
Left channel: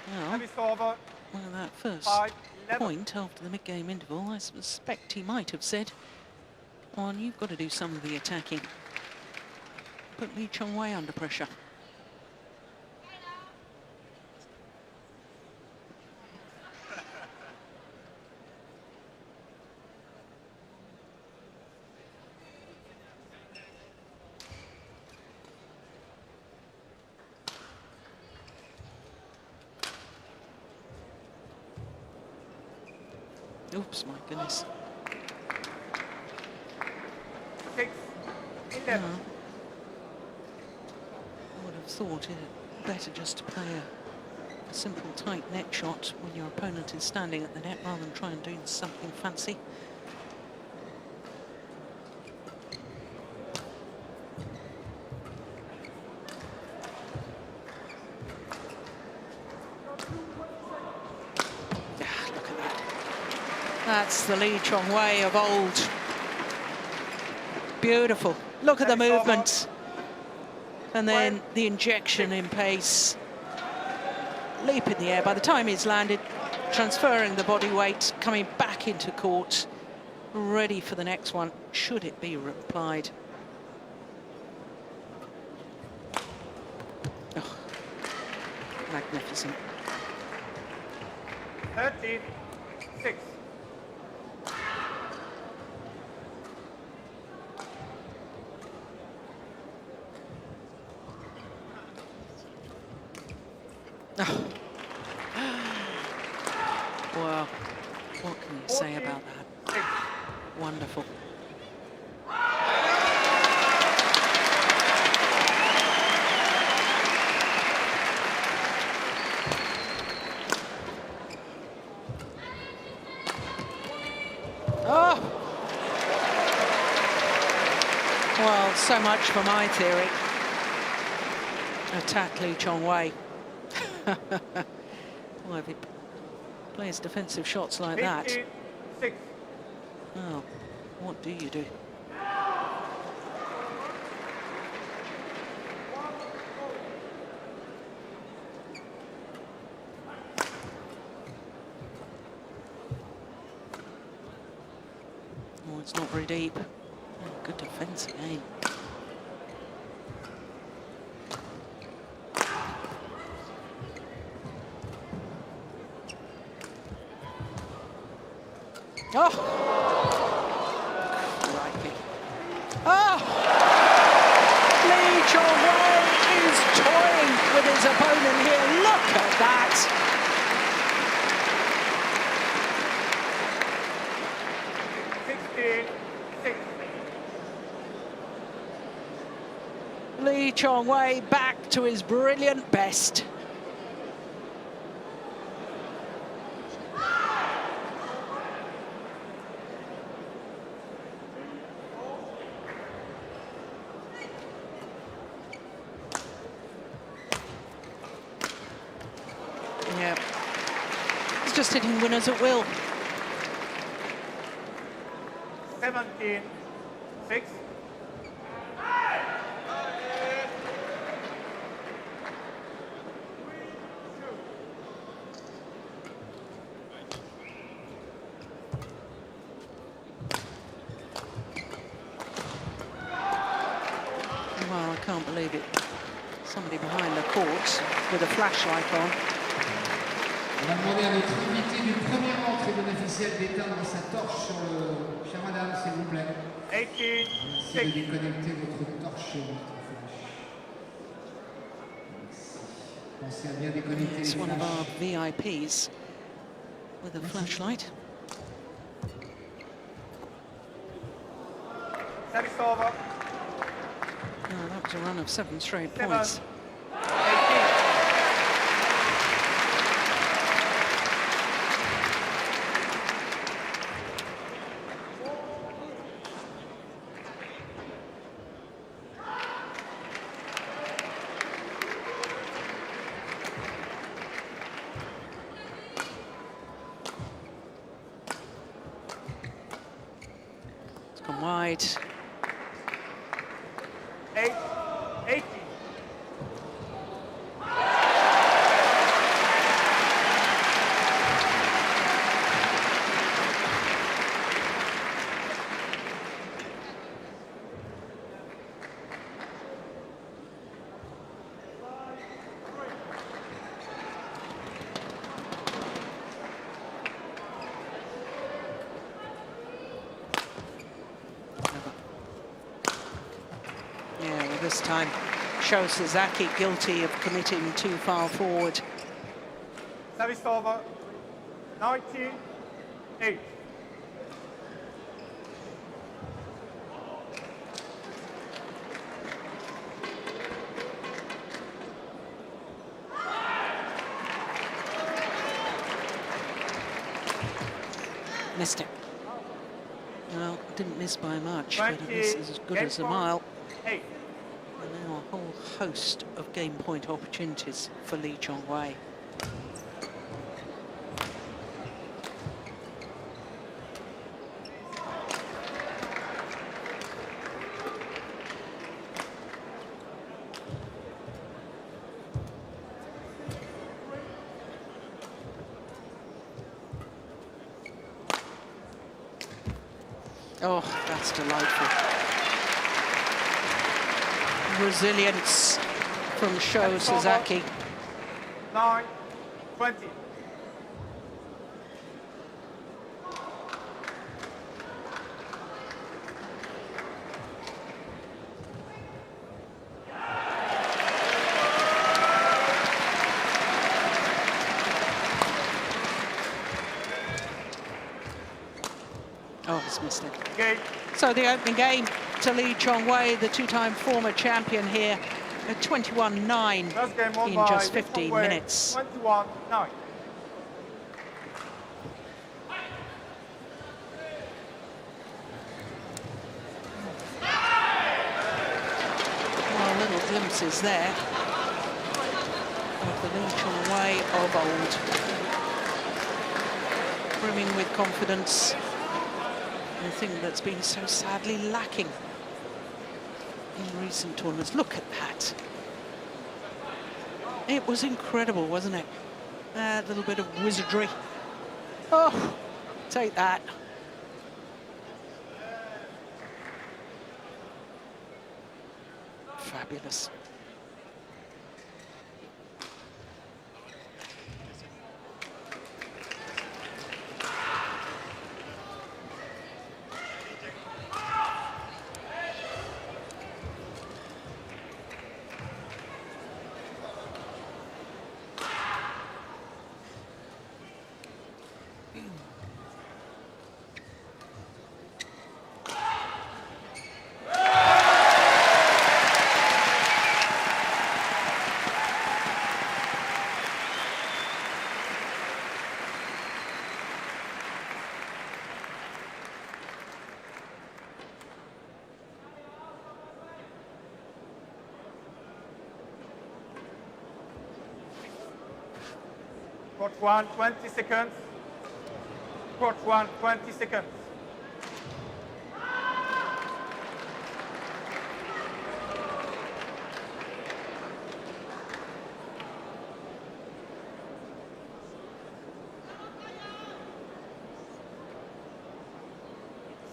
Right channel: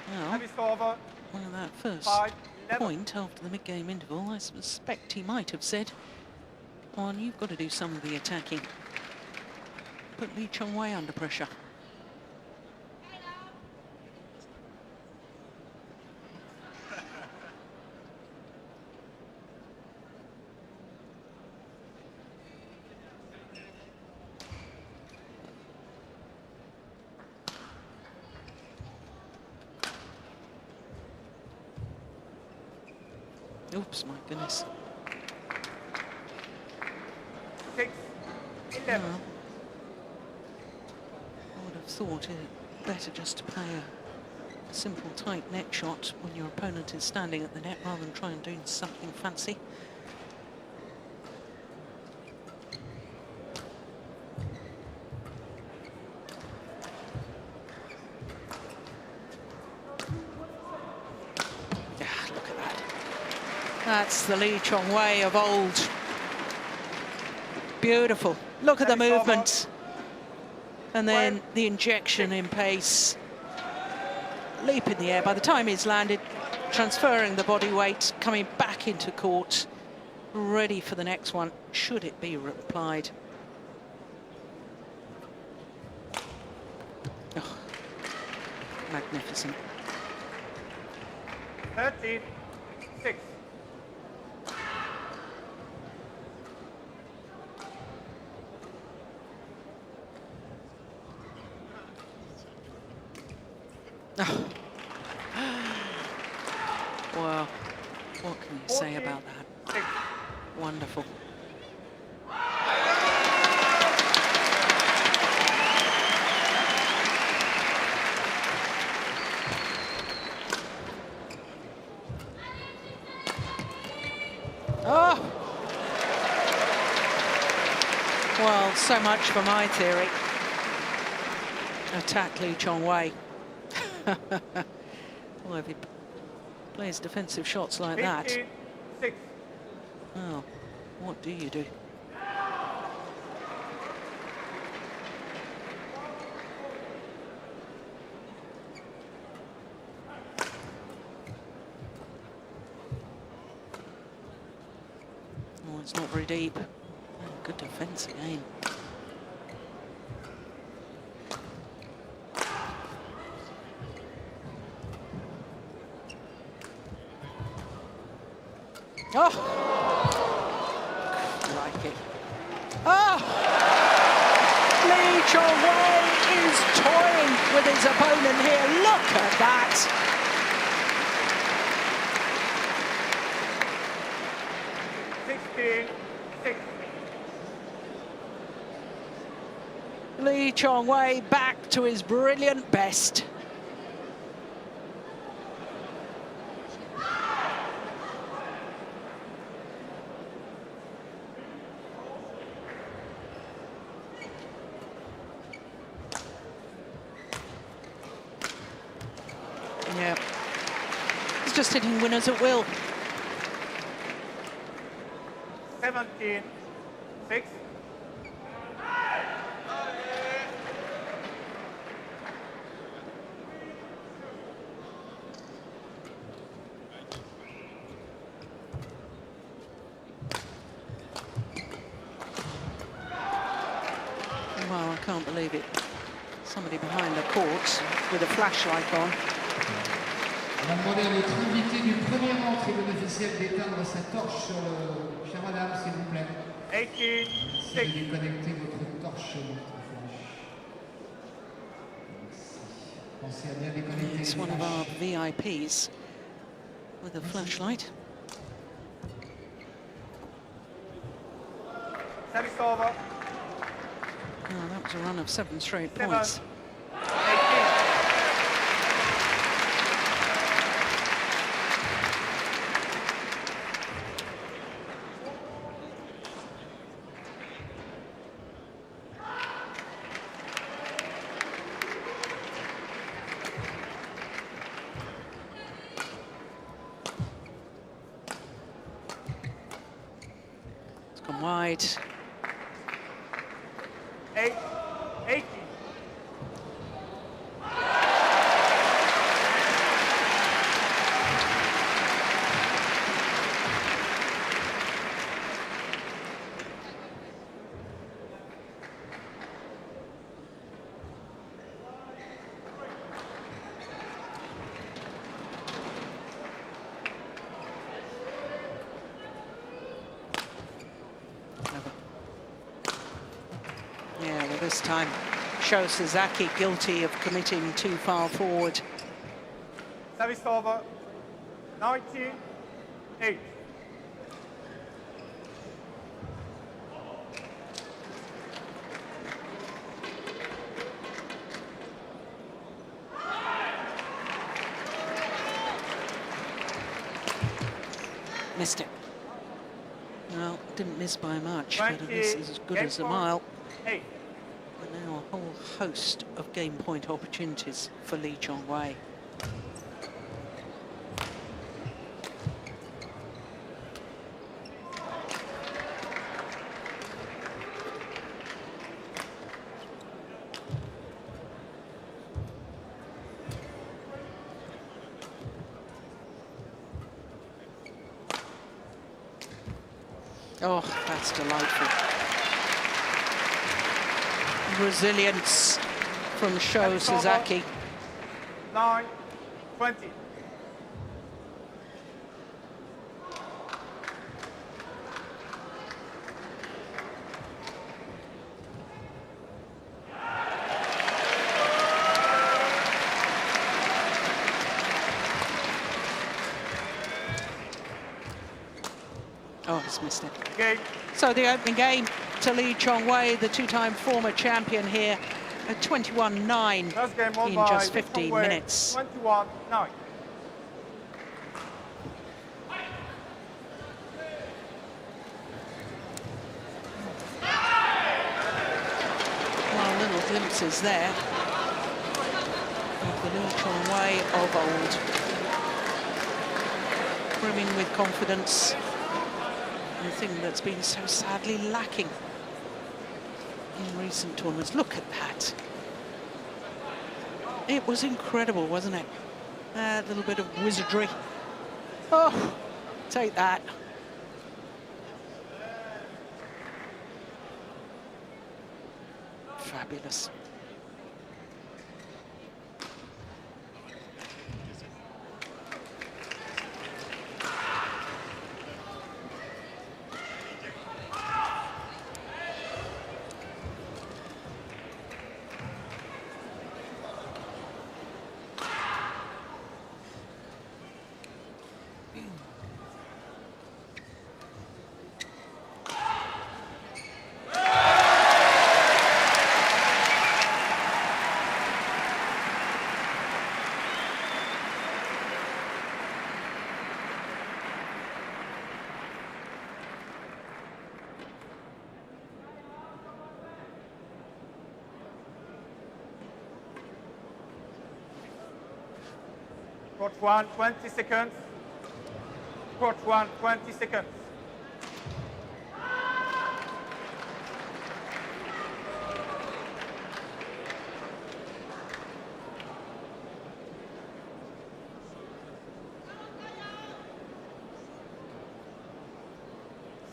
Well, one of that first point after the mid-game interval, I suspect he might have said, "On, you've got to do some of the attacking." Put Lee Chong-wei under pressure. Oops, my goodness. No. I would have thought it better just to play a simple, tight net shot when your opponent is standing at the net rather than try and do something fancy. That's the Lee Chong-wei of old. Beautiful. Look at the movement. And then the injection in pace. Leap in the air. By the time he's landed, transferring the body weight, coming back into court, ready for the next one, should it be replied. Oh, magnificent. 13-6. Oh. Well, what can you say about that? Wonderful. Oh! Well, so much for my theory. Attack Lee Chong-wei. Well, if he plays defensive shots like that, well, what do you do? Oh, it's not very deep. Oh, good defense again. Oh! Crikey. Oh! Lee Chong-wei is toying with his opponent here. Look at that! Lee Chong-wei back to his brilliant best. Yeah, he's just hitting winners at will. 17-6. Well, I can't believe it. Somebody behind the court with a flashlight on. On va demander à notre invité du premier rang, tribune officielle, d'éteindre sa torche sur le... Chère madame, s'il vous plaît. Merci de déconnecter votre torche, votre flash. Pensez à bien déconnecter It's les one of our flashs. VIPs with a flashlight. Service over. Oh, that was a run of 7 straight points. It's gone wide. 8. Clever. Yeah, well, this time shows Sasaki guilty of committing too far forward. Service over. 98. Missed it. Well, didn't miss by much, but a miss is as good as a mile. 8. And now a whole host of game point opportunities for Lee Chong-wei. Oh, that's delightful. Resilience from Sasaki. 9-20. Oh, he's missed it. Game. So the opening game to lead Houwei, the two-time former champion here, at 21-9 Last game won in by just 15 Houwei, minutes. 21-9. Well, little glimpses there of the Houwei of old. Brimming with confidence. The thing that's been so sadly lacking in recent tournaments. Look at that. It was incredible, wasn't it? That little bit of wizardry. Oh, take that. Fabulous. Court 1, 20 seconds. Court 1, 20 seconds.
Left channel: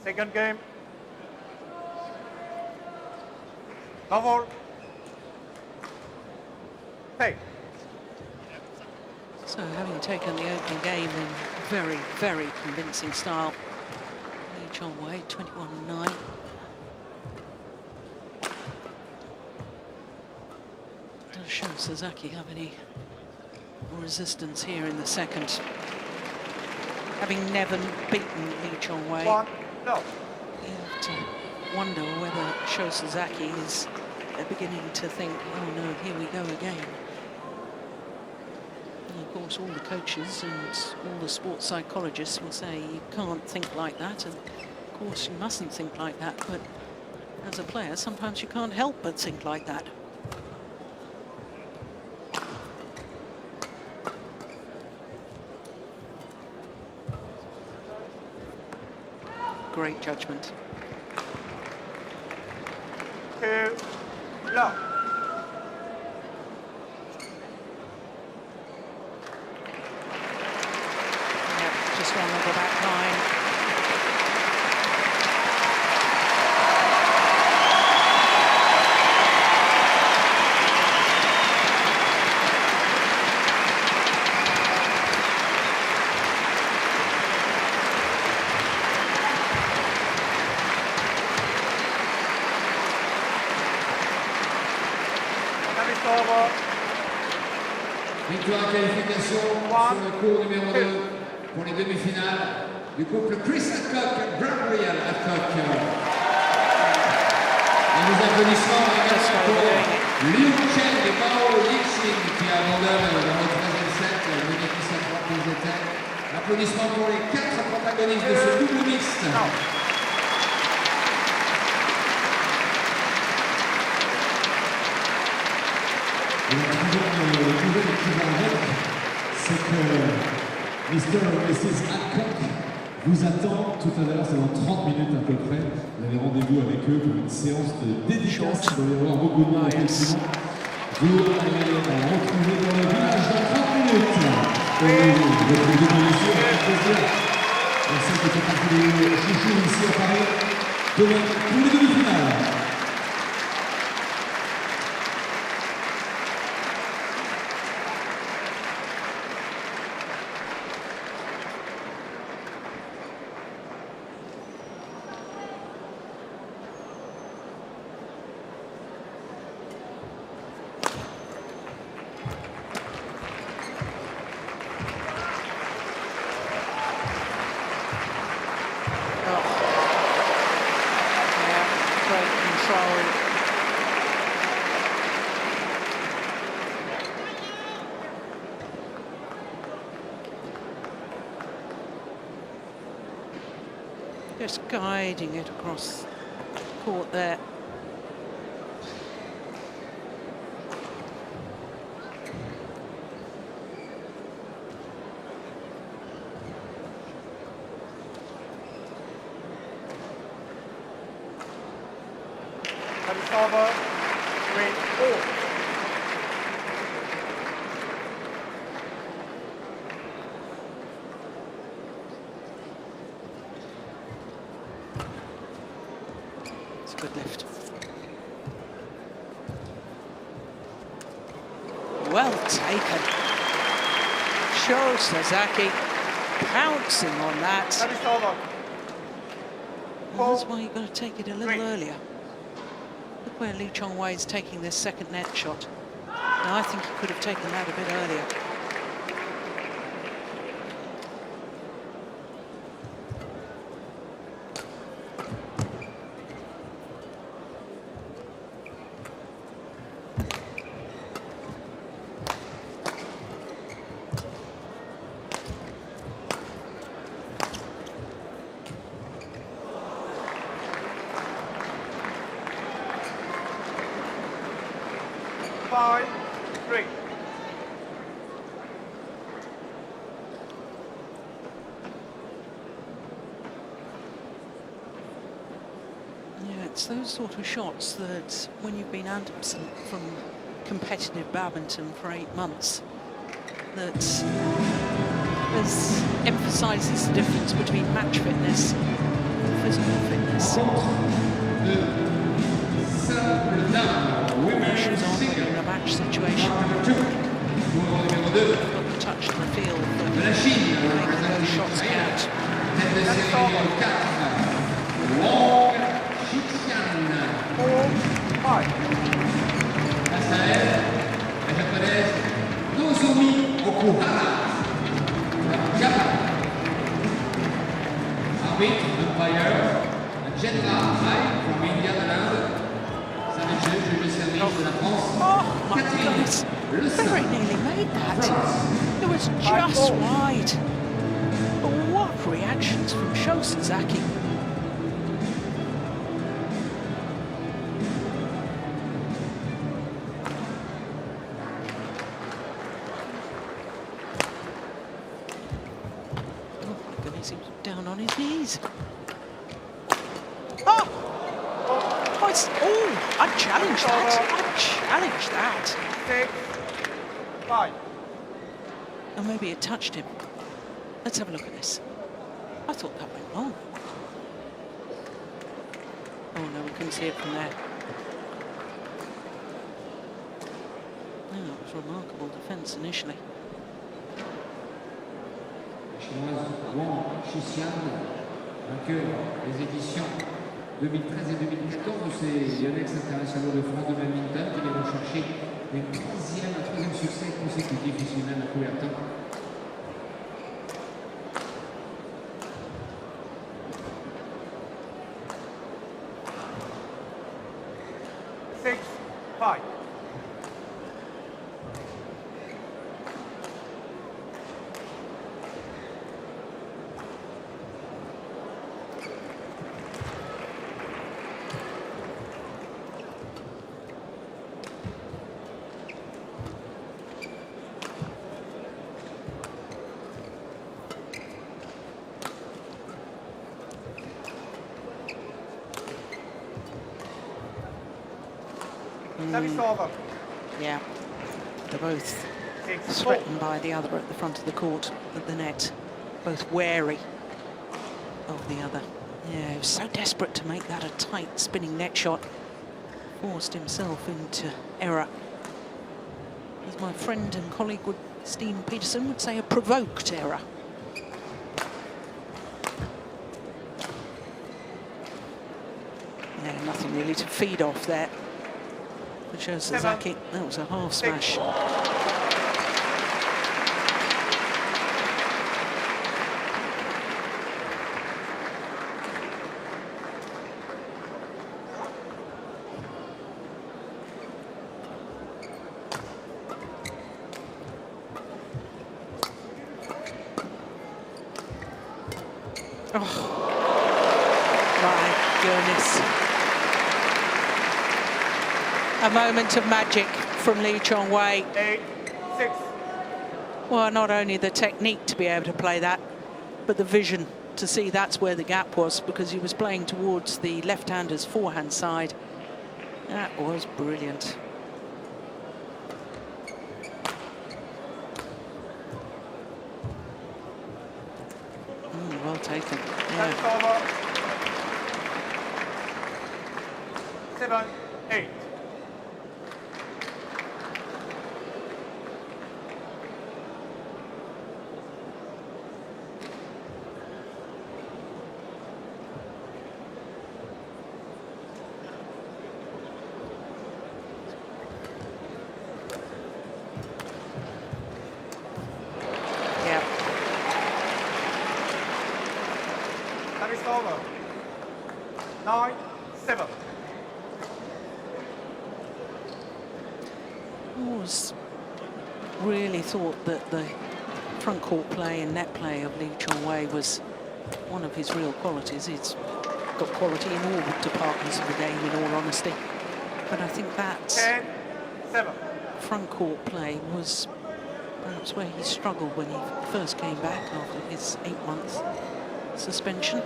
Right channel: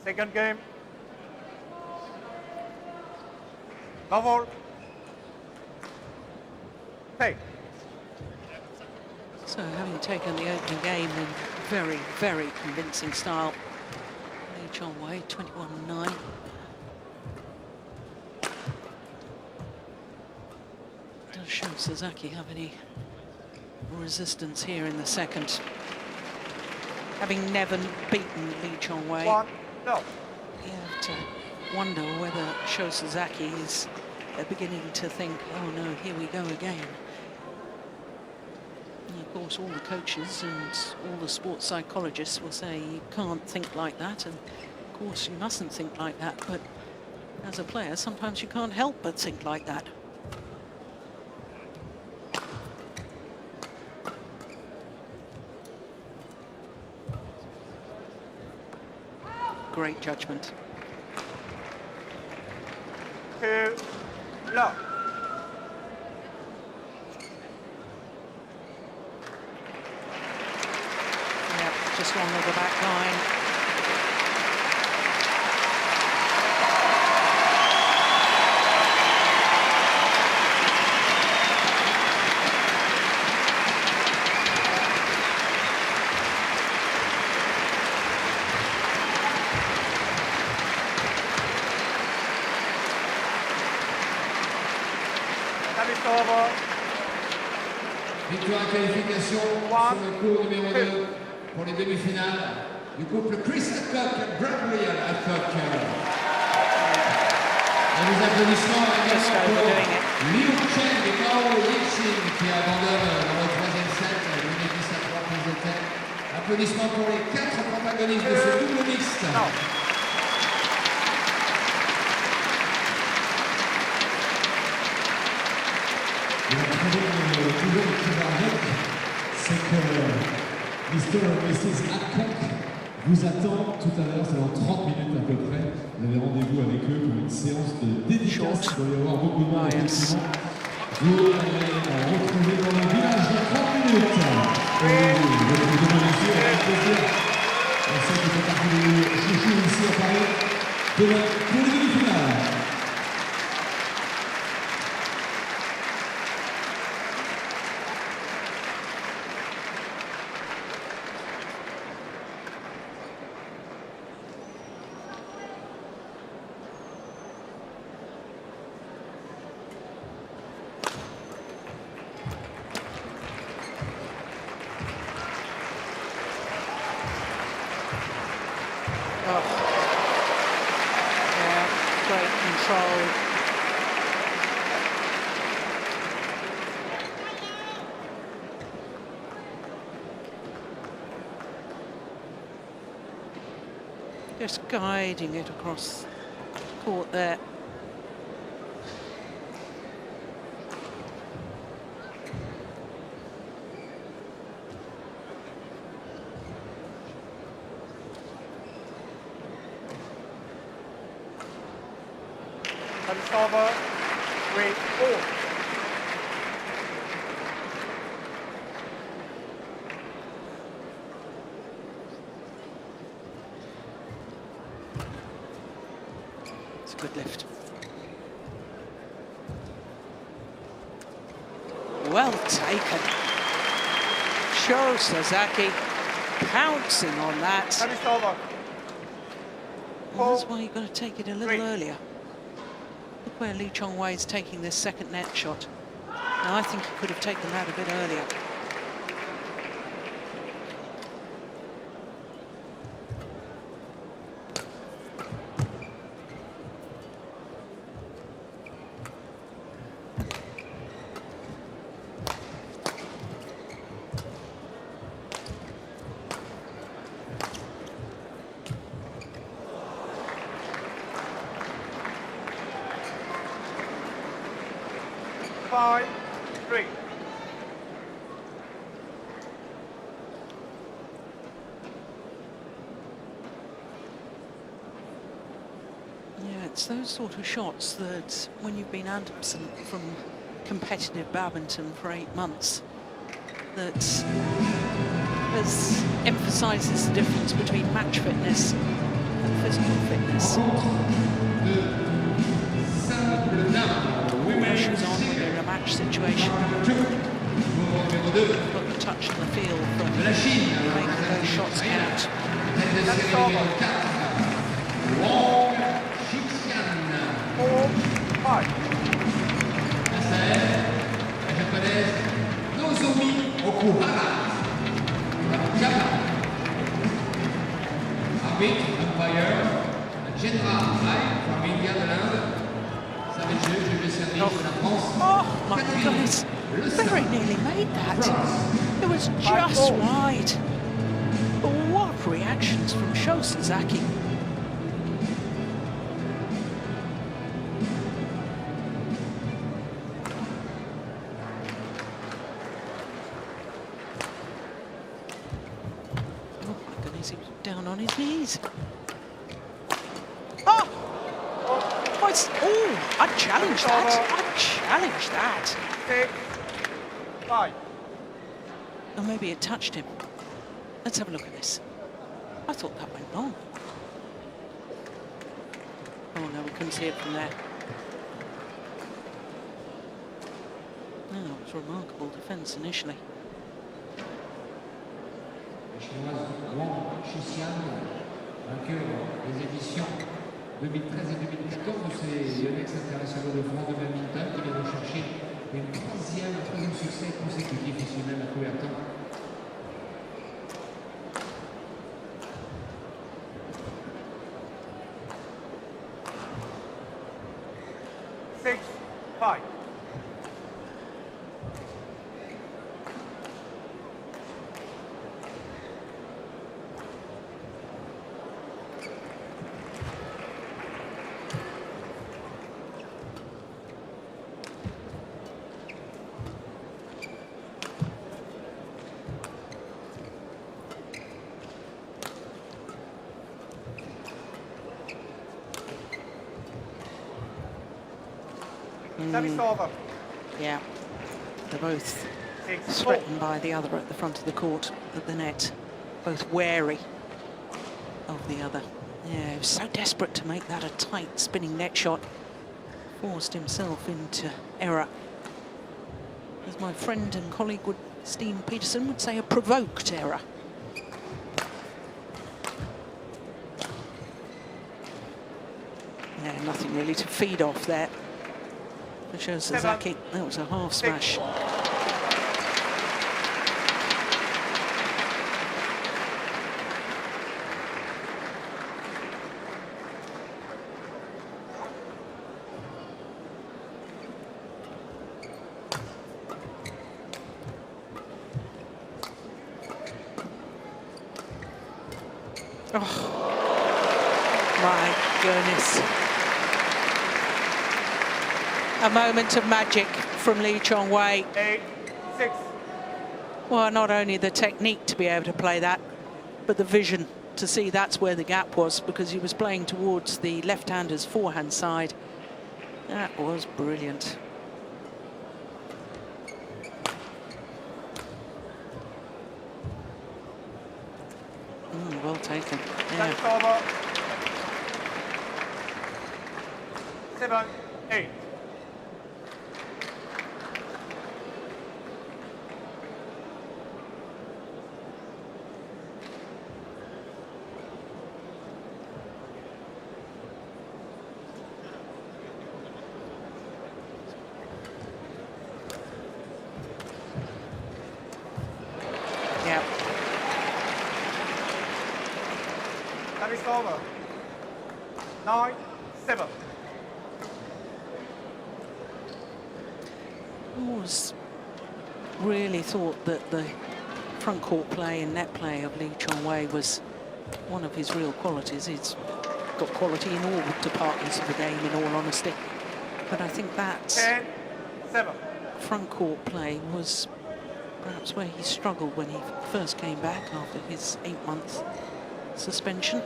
Second game. Novel. Hey. So having taken the opening game in very, very convincing style, Houwei 21-9. Does show Sasaki have any resistance here in the second. Having never beaten Houwei, No. you have to wonder whether Sasaki is beginning to think, oh no, here we go again. And of course, all the coaches and all the sports psychologists will say you can't think like that, and of course you mustn't think like that, but as a player, sometimes you can't help but think like that. Great judgment. No. Yep, just long of the back line. Victoire en qualification sur le cours numéro 2 pour les demi-finales du couple Krishinda Gabriel Ratchanok. Et les applaudissements Just overdoing it. Liu Chen et Ling qui abandonnent dans le troisième set, le gagné sa frappe aux états. Applaudissements pour les 4 protagonistes de ce double mixte. C'est que Mr. et Mrs. Hancock vous attend tout à l'heure, c'est dans 30 minutes à peu près. Vous avez rendez-vous avec eux pour une séance de dédicace. Il va y avoir beaucoup de monde. Yes. Vous allez retrouver dans le village dans 30 minutes. Vous retrouvez ici avec plaisir. On sait que c'est parti chouchou ici à Paris. Oh. Yeah, great control. Just guiding it across court there. Good lift. Well taken. Show Sasaki pouncing on that. Well, that's why you've got to take it a little earlier. Look where Lee Chong-wei is taking this second net shot. Now I think he could have taken that a bit earlier. It's those sort of shots that, when you've been absent from competitive badminton for 8 months, that emphasises the difference between match fitness and physical fitness. More pressure's on when you're in a match situation. You've got the touch and the feel for making those shots count. Oh my goodness, very nearly made that. It was just wide. But what reactions from Sho Sasaki. Oh my goodness, he was down on his knees. Oh! Oh, I'd challenge that. I'd challenge that. Or maybe it touched him. Let's have a look at this. I thought that went long. Oh no, we couldn't see it from there. No, it was remarkable defence initially. Chinoise Wang, vainqueur des éditions 2013 et 2014 de ces Yonex internationaux de France de badminton qui vient chercher un troisième succès consécutif ici même à Coubertin. Yeah, they're both threatened by the other at the front of the court, at the net, both wary of the other. Yeah, he was so desperate to make that a tight spinning net shot, forced himself into error. As my friend and colleague Steen Peterson would say, a provoked error. Yeah, nothing really to feed off there. It shows Sasaki, that was a half smash. Oh, my goodness. A moment of magic from Lee Chong-wei. 8-6. Well, not only the technique to be able to play that, but the vision to see that's where the gap was, because he was playing towards the left-hander's forehand side. That was brilliant. Well taken. Yeah. 7-8. Yeah. Service over. 9-7. Always really thought that the front court play and net play of Lee Chong-wei was one of his real qualities. He's got quality in all departments of the game, in all honesty. But I think that 10-7. front court play was perhaps where he struggled when he first came back after his 8-month suspension.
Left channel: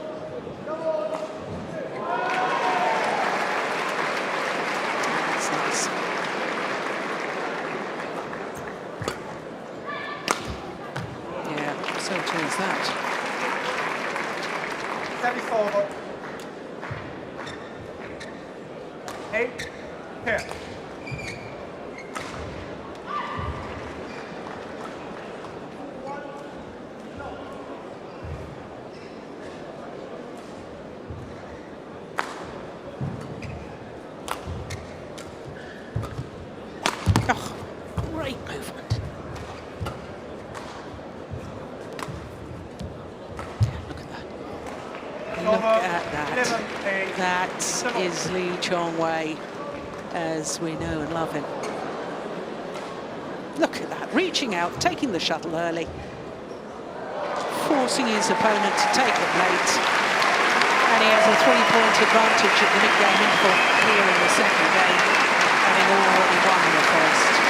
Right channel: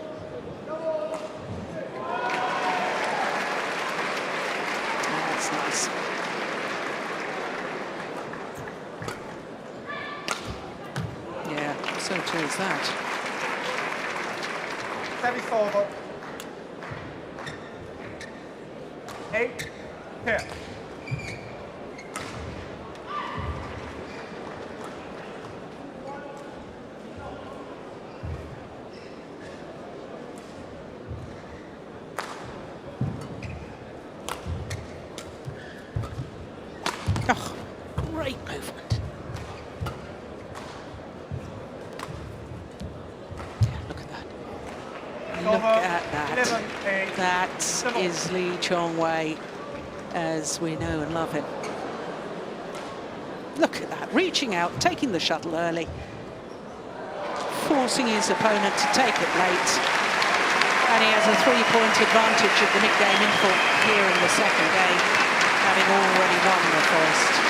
That's nice. Yeah, so too is that. Service over. 8-10. Oh, great movement. Yeah, look at that. Look at that. That is Lee Chong-wei as we know and love him. Look at that, reaching out, taking the shuttle early, forcing his opponent to take it late. And he has a 3-point advantage at the mid-game interval here in the second game, having already won the first.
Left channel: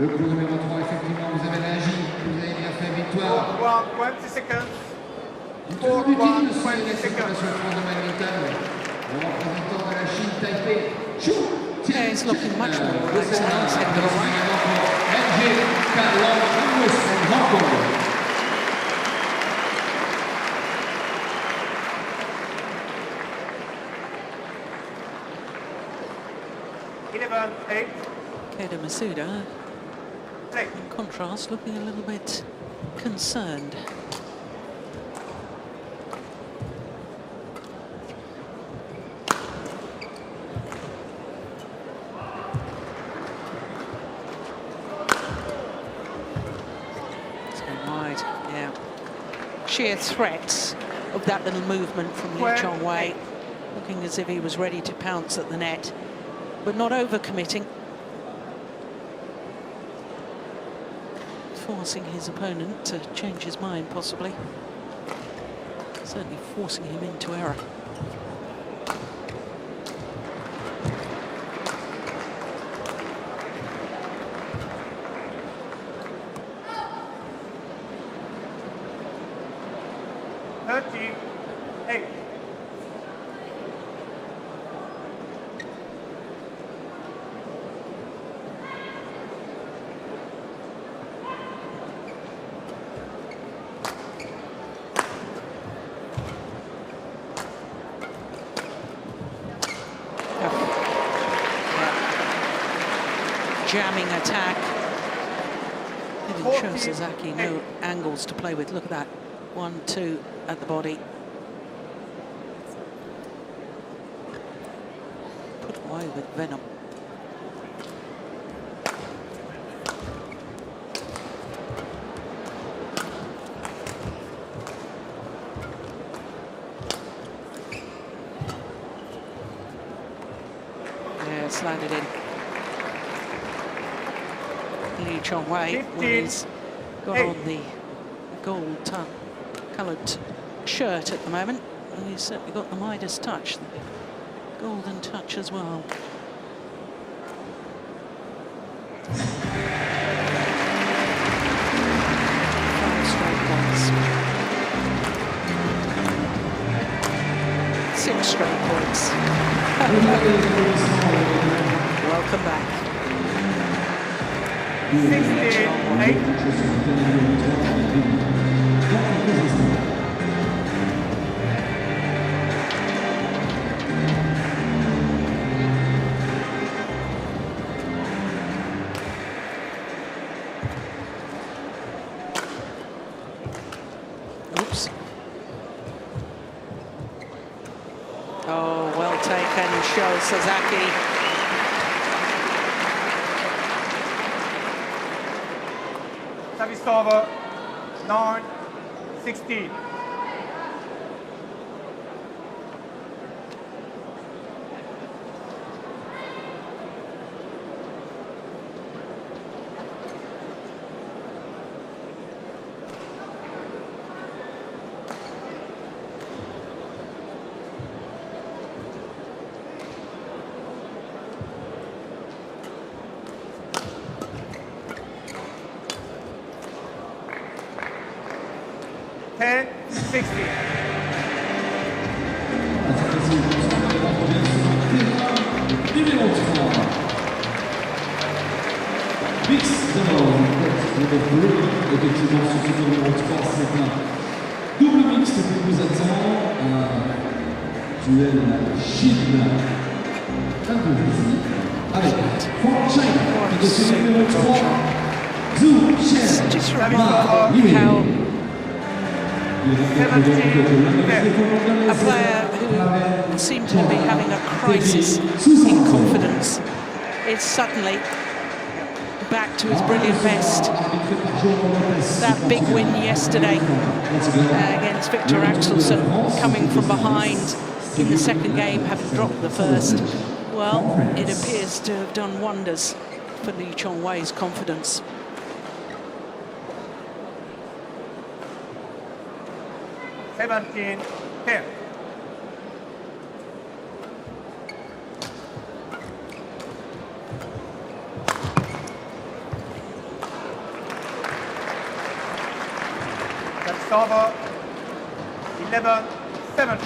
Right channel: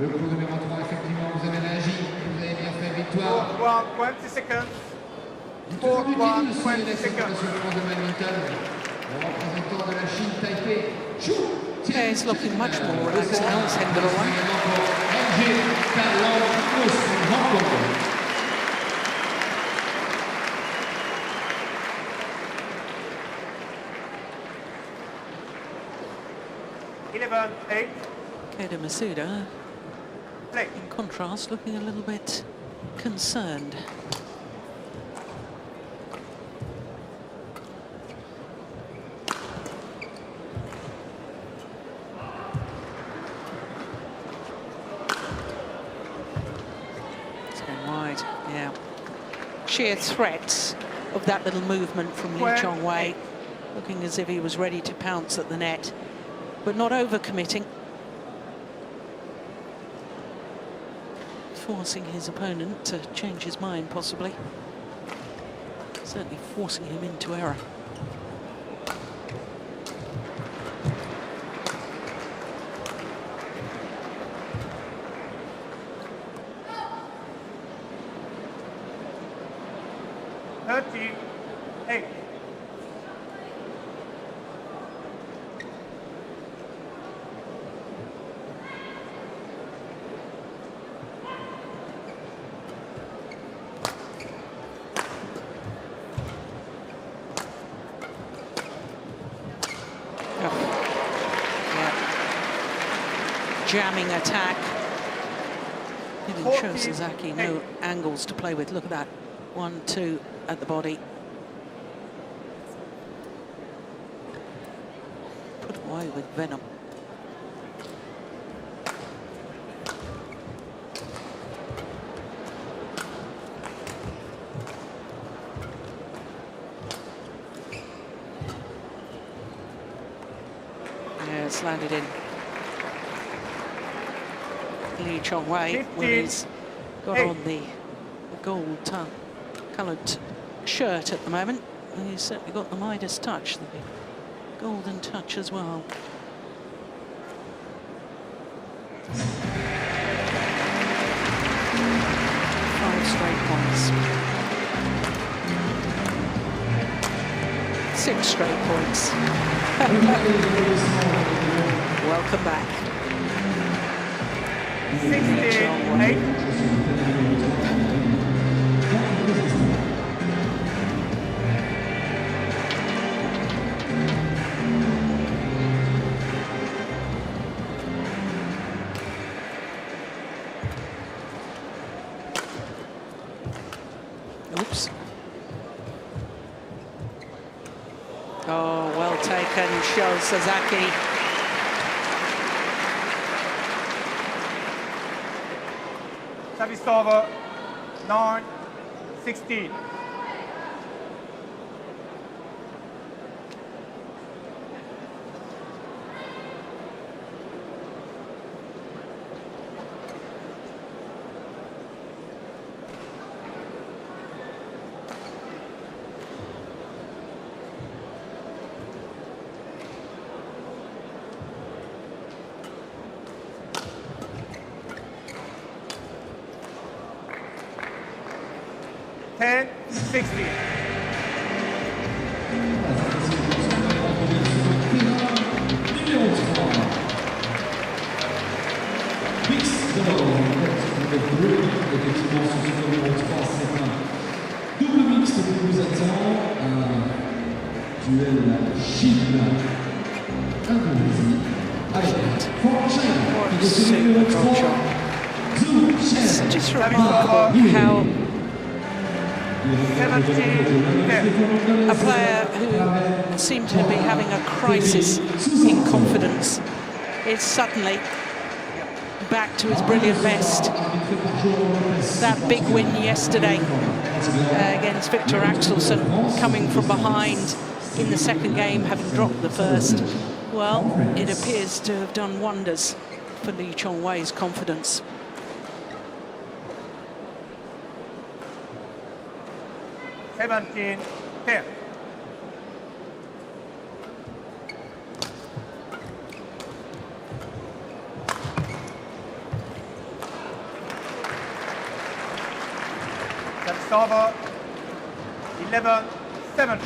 Le coup numéro 3, effectivement, vous avez réagi, vous avez bien fait, victoire. 20 seconds. Victoire du team, c'est la séquence de badminton. Le représentant de la Chine, Taipei, Chong. Yeah, he's looking much more relaxed now, is Hendra. Keita Masuda, in contrast, looking a little bit concerned. It's going wide, yeah. Sheer threats of that little movement from Lee Chong-wei, looking as if he was ready to pounce at the net, but not overcommitting. Forcing his opponent to change his mind, possibly. Certainly forcing him into error. Jamming attack. He didn't show Sasaki no angles to play with. Look at that. 1-2 at the body. Put away with venom. that's landed in. Lee Chong-wei, well, he's got on the gold coloured shirt at the moment. And he's certainly got the Midas touch, the golden touch as well. Five straight points. 6 straight points. Welcome back. Lee Chong-wei. Oops. Oh, well taken, Sho Sasaki. Service over, 9-16. What a super drop shot. It's just remarkable how a player who seemed to be having a crisis in confidence is suddenly back to his brilliant best. That big win yesterday against Victor Axelsen, coming from behind in the second game, having dropped the first. Well, it appears to have done wonders for Lee Chong-wei's confidence. Tian. That's over. 11-7.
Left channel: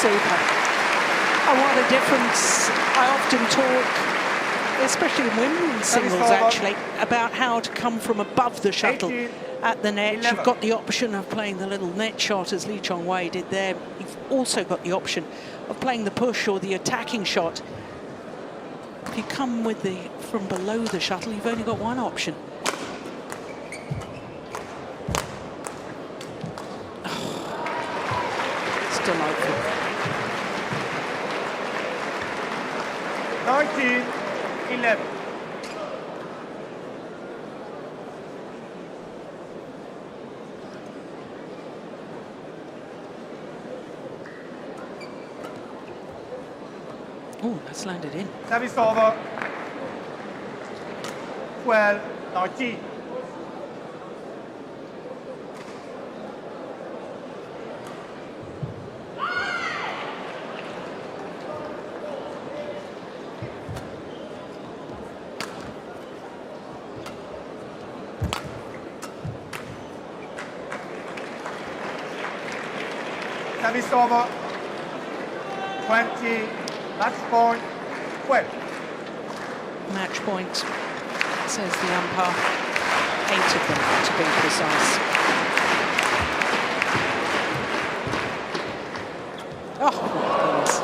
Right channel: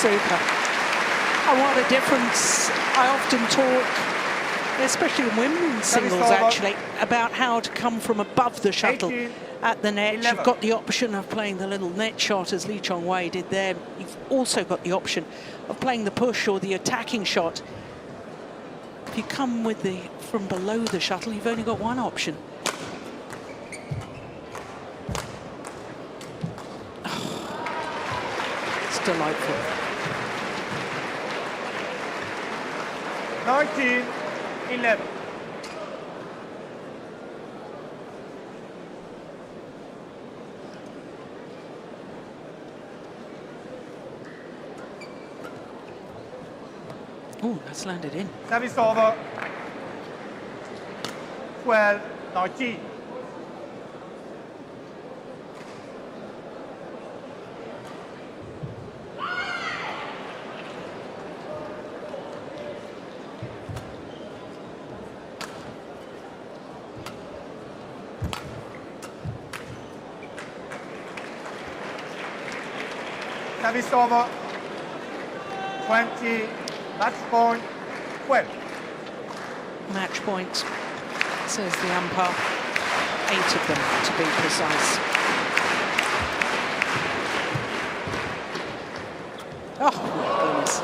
Super. And what a difference. I often talk, especially in women's singles actually, about how to come from above the shuttle at the net. You've got the option of playing the little net shot as Lee Chong-wei did there. You've also got the option of playing the push or the attacking shot. If you come with from below the shuttle, you've only got one option. Oh, it's delightful. 19-11. Oh, that's landed in. Service over. 12-19. Service over. 20. Match point. 12. Match point. says the umpire. 8 of them, to be precise. Oh, my goodness.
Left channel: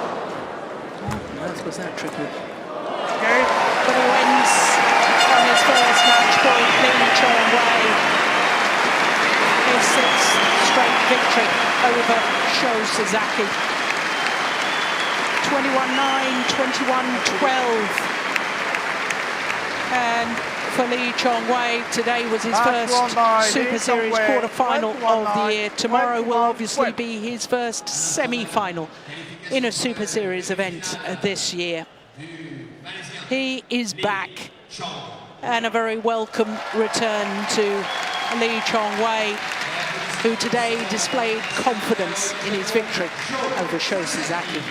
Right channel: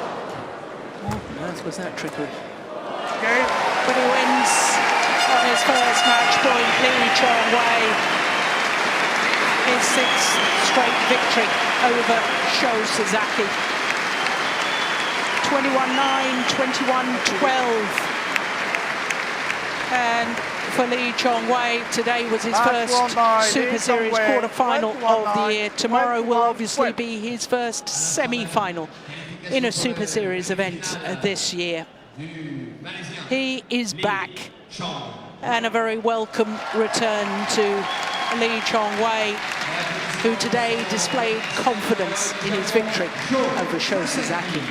What on earth was that trickery? But he wins on his first match point, Houwei. His 6th straight victory over Sasaki. 21-9, 21-12. And for Houwei, today was his first Super Series quarter-final of the year. Tomorrow will obviously be his first semi-final in a Super Series event this year. He is back, and a very welcome return to Houwei, who today displayed confidence in his victory over Sasaki.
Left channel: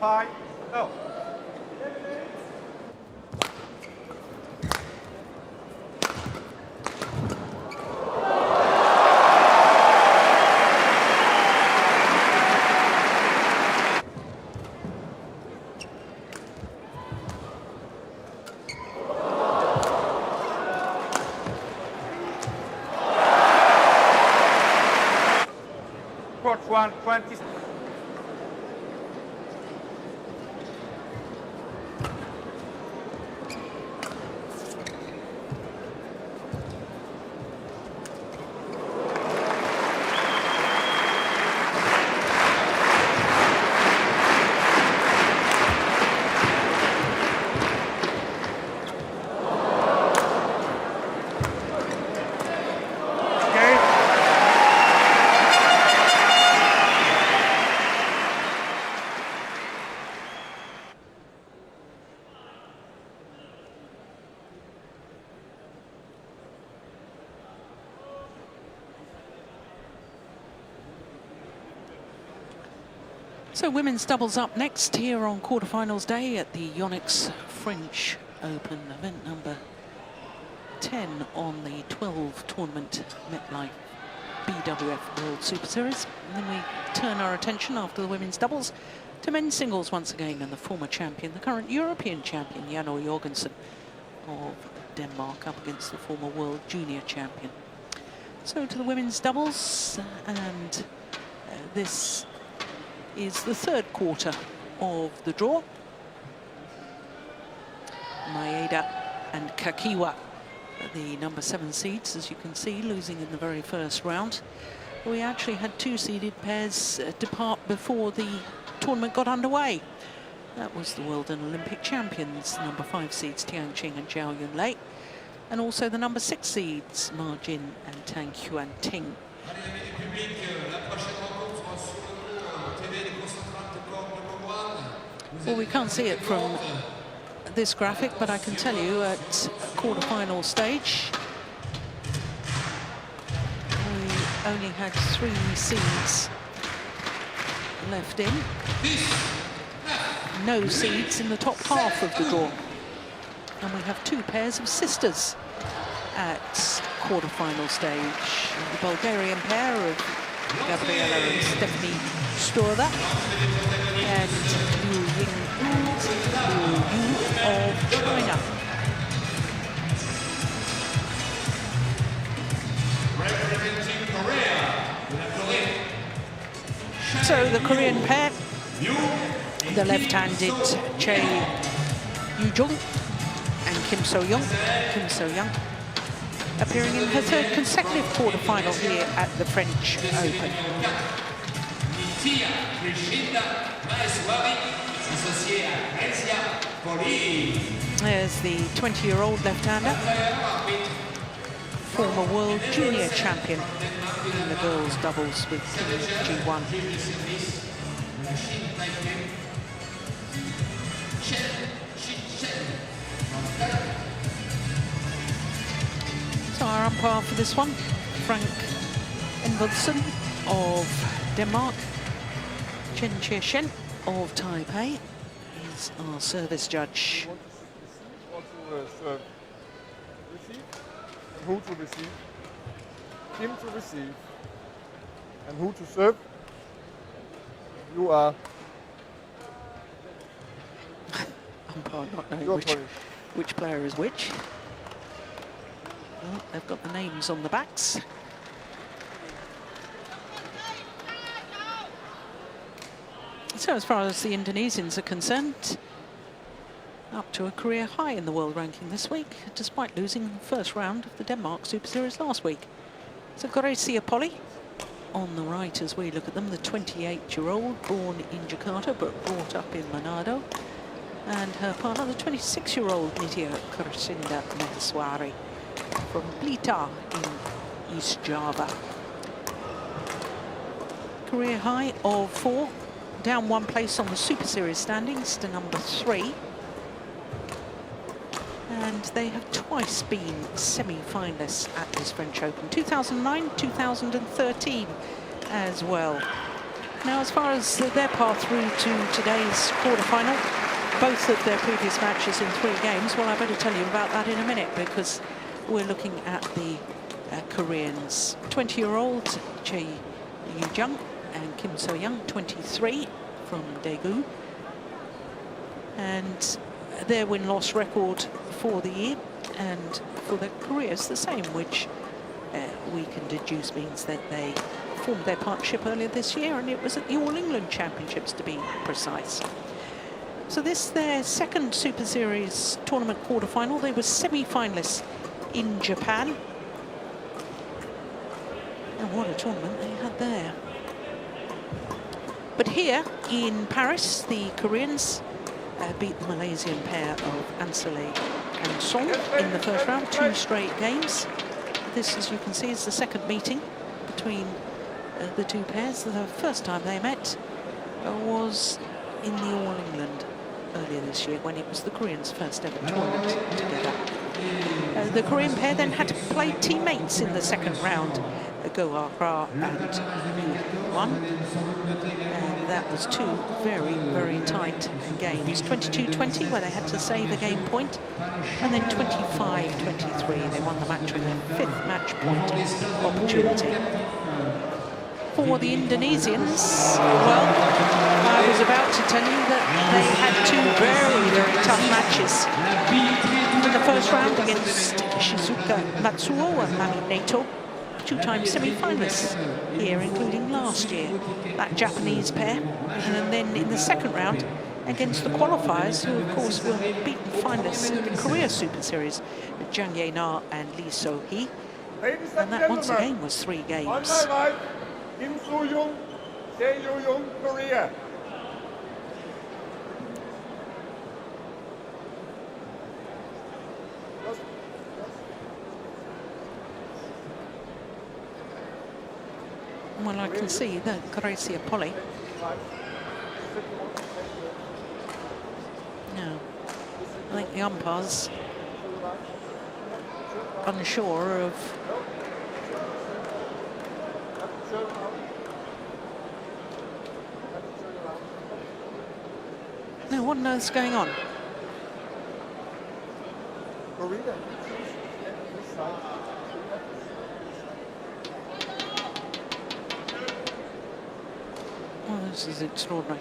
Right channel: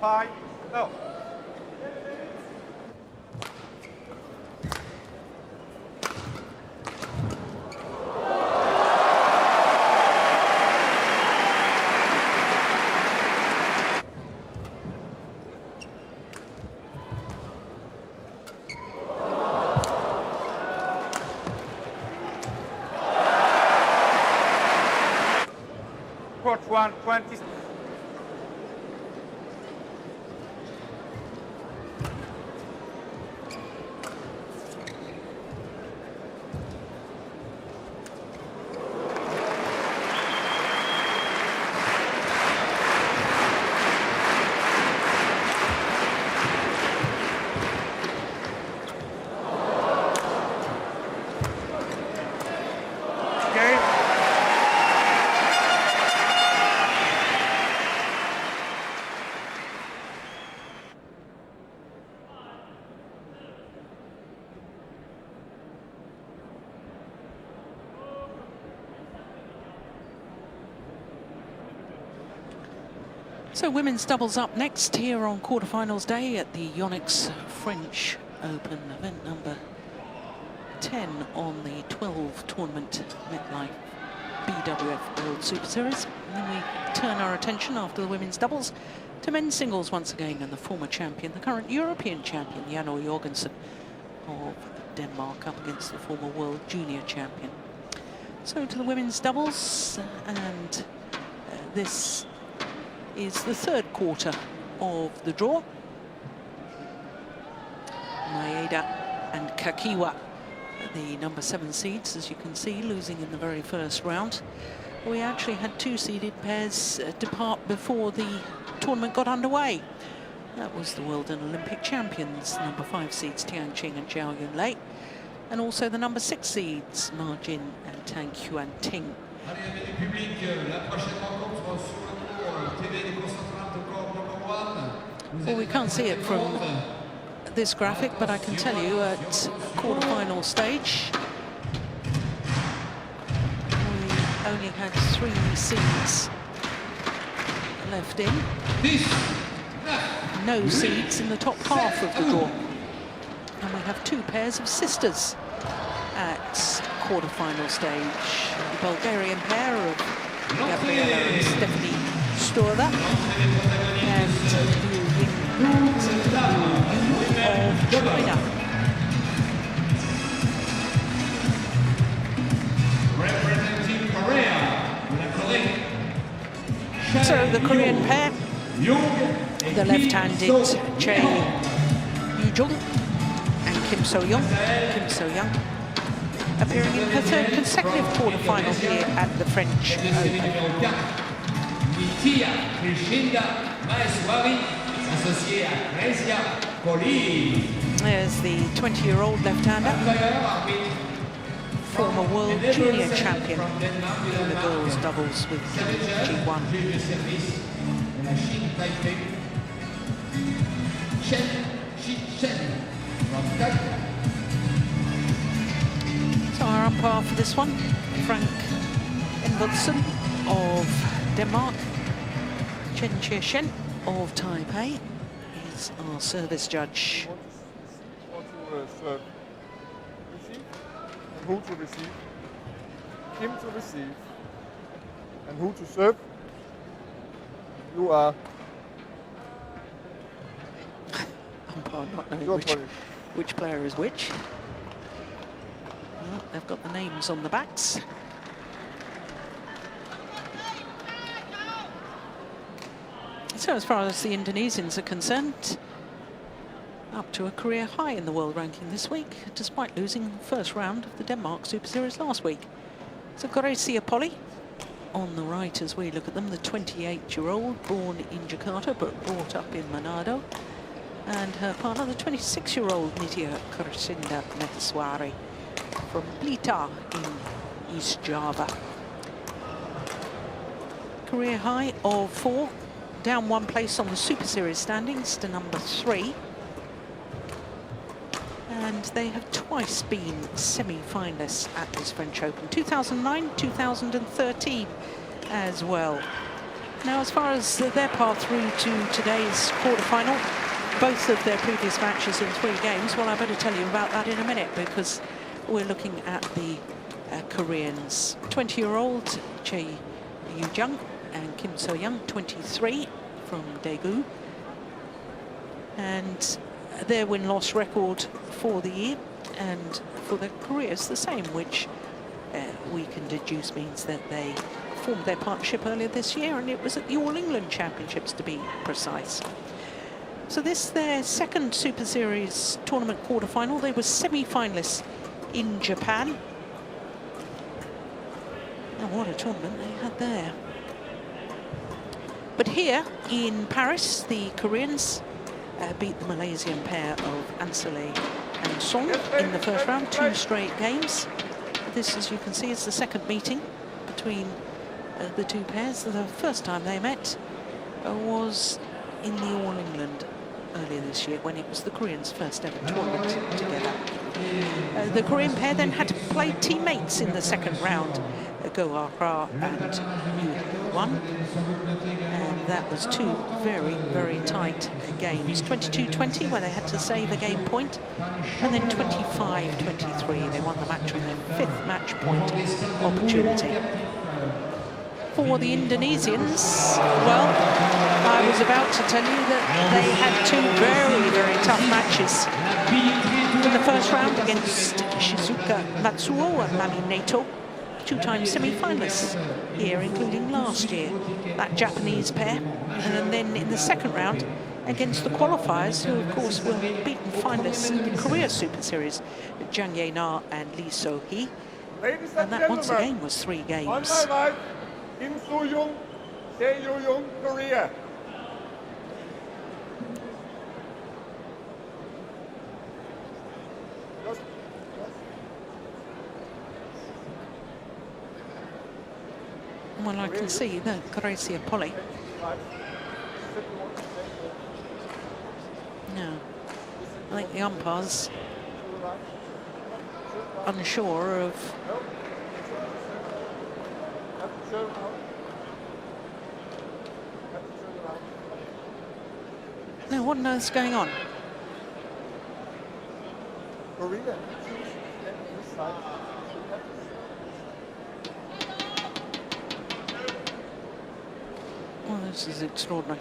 Hi. Go. Court 120. So women's doubles up next here on quarterfinals day at the Yonex French Open, event number 10 on the 12 tournament MetLife BWF World Superseries. And then we turn our attention after the women's doubles to men's singles once again, and the former champion, the current European champion, Jorgensen of Denmark, up against the former world junior champion. So to the women's doubles, and this is the third quarter of the draw. Maeda and Kakiwa, the number 7 seeds, as you can see, losing in the very first round. We actually had 2 seeded pairs depart before the tournament got underway. That was the world and Olympic champions, number 5 seeds Tian and Zhao Yunlei, and also the number 6 seeds Ma Jin and Tang Xuan Ting. Well, we can't see it from this graphic, but I can tell you at quarterfinal stage, we only had 3 seeds left in. No seeds in the top half of the draw. And we have two pairs of sisters at quarterfinal stage. The Bulgarian pair of Gabriela and Stephanie Sturda, and Liu Ying and Liu Yu of China. Representing Korea, So the Korean pair, the left-handed Chae Jung and Kim So-young, appearing in her third consecutive quarterfinal here at the French Open. Nitya, Krishinda, Maheswari, associé à Greysia, Polii. There's the 20-year-old left-hander, former world junior champion in the girls' doubles with Kim Ji-won. Chen from Taipei. So our umpire for this one, Frank Envodsen of Denmark. Chen of Taipei is our service judge. Who to receive, Kim to receive, and who to serve. You are Umpire not knowing which player is which. Well, they've got the names on the backs. So as far as the Indonesians are concerned, up to a career high in the world ranking this week, despite losing the first round of the Denmark Super Series last week. So Greysia Polii on the right as we look at them, the 28-year-old, born in Jakarta but brought up in Manado, and her partner, the 26-year-old Nitya Krishinda Maheswari from Blitar in East Java. Career high of 4, down 1 place on the Super Series standings to number 3. And they have twice been semi-finalists at this French Open, 2009, 2013 as well. Now, as far as their path through to today's quarterfinal, both of their previous matches in 3 games, well, I better tell you about that in a minute, because we're looking at the Koreans. 20-year-old Chae Jung and Kim So-young, 23, from Daegu. And their win-loss record for the year and for their careers the same, which we can deduce means that they formed their partnership earlier this year, and it was at the All England Championships, to be precise. So this, their second Super Series tournament quarterfinal. They were semi-finalists in Japan. And what a tournament they had there. But here in Paris, the Koreans beat the Malaysian pair of Ansale and Song in the first round, 2 straight games. This, as you can see, is the second meeting between the two pairs. The first time they met was in the All England earlier this year, when it was the Koreans' first ever tournament together. The Korean pair then had to play teammates in the second round, Go Ah-ra and Yu Won. And that was 2 very, very tight games. 22-20, where they had to save a game point, and then 25-23. They won the match on their 5th match point opportunity. For the Indonesians, well, I was about to tell you that they had 2 very, very tough matches. In the first round against Shizuka Matsuo and Mami Nato, 2-time semi-finalists here, including last year, that Japanese pair. And then in the second round against the qualifiers, who of course were beaten finalists in the Korea Super Series, Jang Ye-na and Lee So-hee. And that once again was 3 games. Kim So-young, Chae Young, Korea. Well, I can see that Greysia Polii. No, I think the umpire's unsure of no, what on earth's going on? Well, this is extraordinary.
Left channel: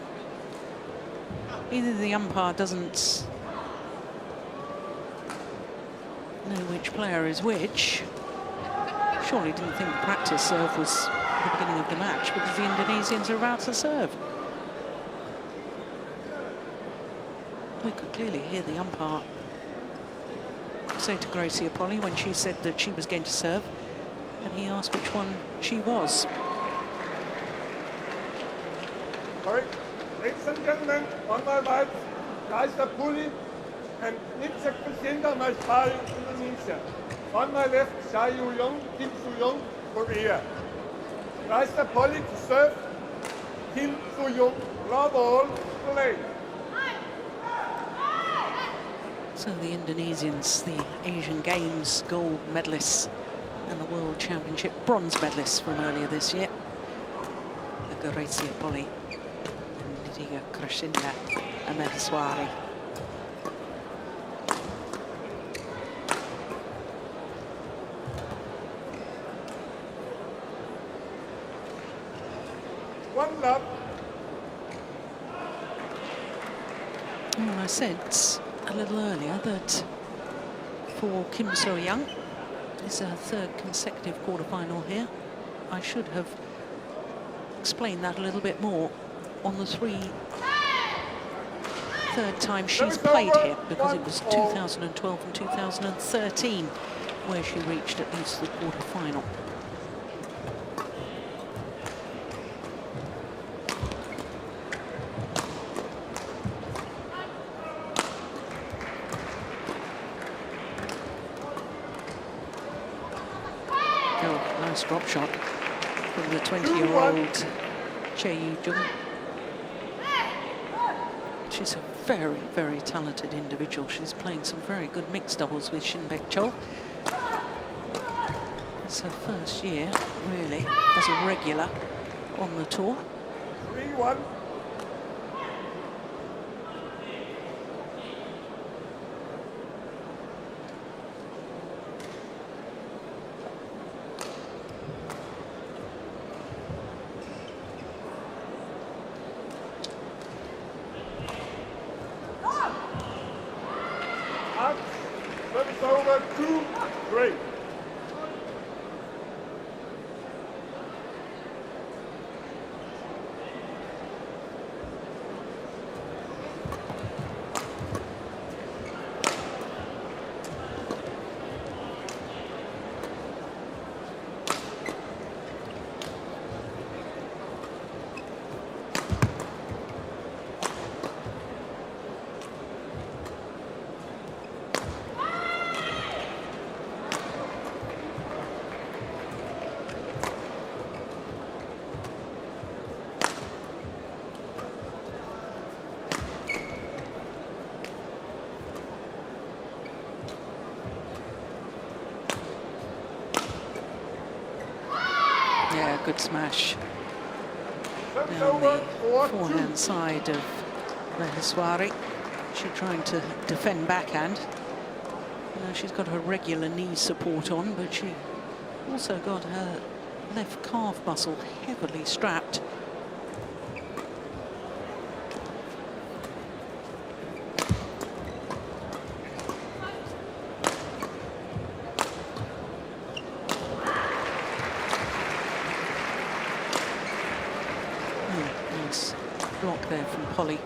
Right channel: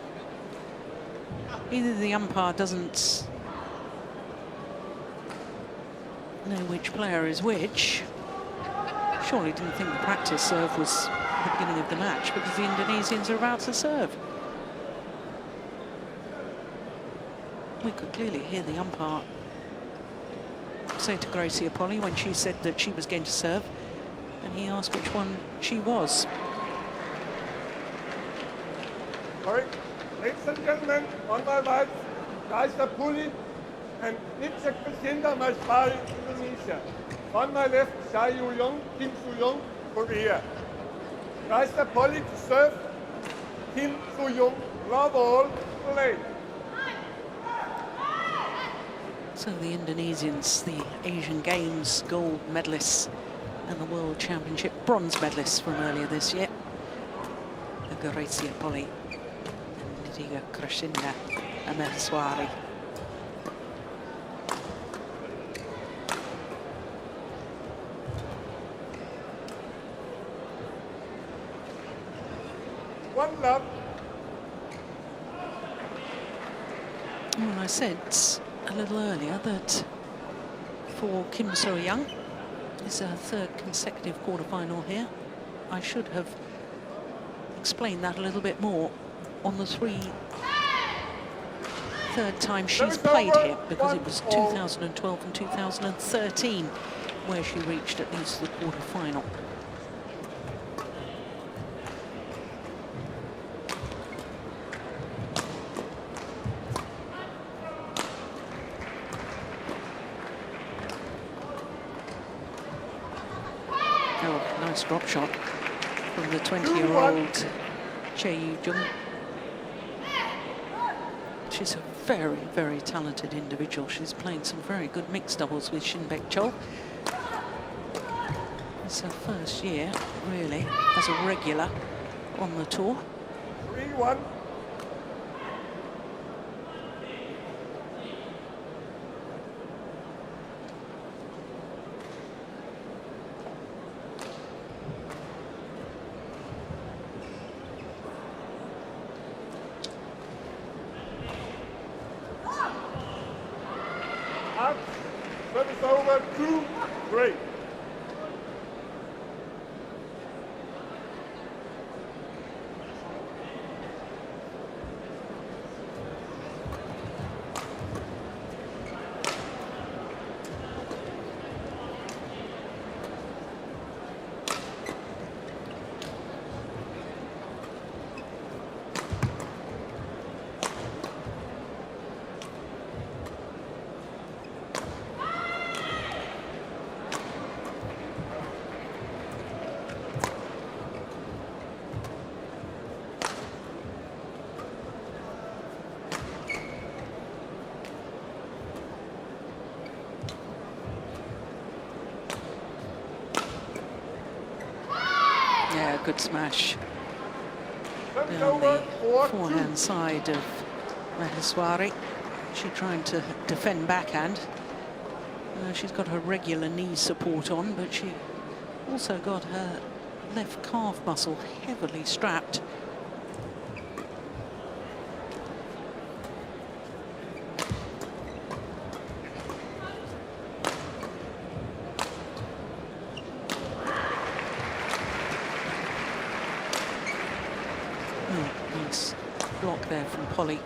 Either the umpire doesn't know which player is which. Surely didn't think the practice serve was at the beginning of the match, because the Indonesians are about to serve. We could clearly hear the umpire say to Greysia Polii when she said that she was going to serve, and he asked which one she was. Alright, ladies and gentlemen, on my right, Greysia Polii and Nitya Krishinda, Maheswari and Nitya. On my left, Chae, Yeong, Young, Korea. Greysia Polii to serve, Kim Young, love all, play. So the Indonesians, the Asian Games gold medalists and the World Championship bronze medalists from earlier this year. The Greysia Polii and Nitya Krishinda and Maheswari. One love. Well, I said a little earlier that for Kim So-young, it's her third consecutive quarterfinal here. I should have explained that a little bit more on the third time she's played here, because it was 2012 and 2013 where she reached at least the quarterfinal. Oh, nice drop shot from the 20-year-old Chae Jung. She's a very, very talented individual. She's playing some very good mixed doubles with Shinbek Chol. It's her first year, really, as a regular on the tour. 3-1. Service over, 2-3. Yeah, good smash down the forehand side of Maheswari. She's trying to defend backhand. She's got her regular knee support on, but she also got her left calf muscle heavily strapped. Oh, nice block there from Polii.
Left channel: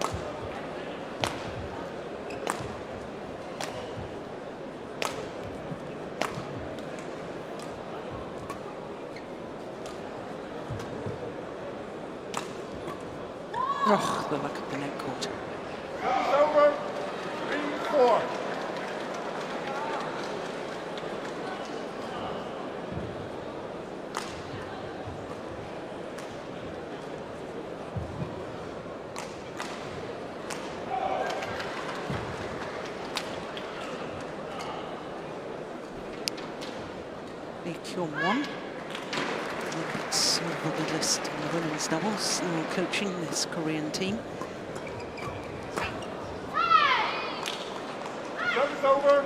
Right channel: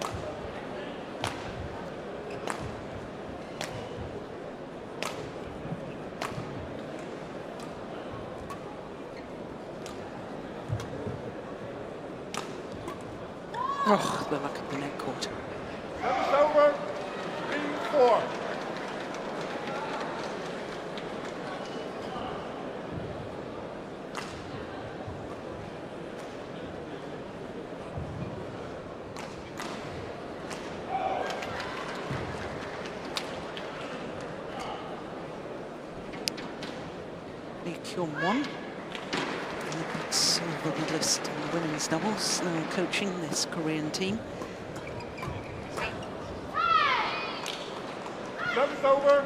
Oh, the luck of the net court. Service over, 3-4. Lee Kyung-won, Olympic silver medalist in the women's doubles, now coaching this Korean team. Service over,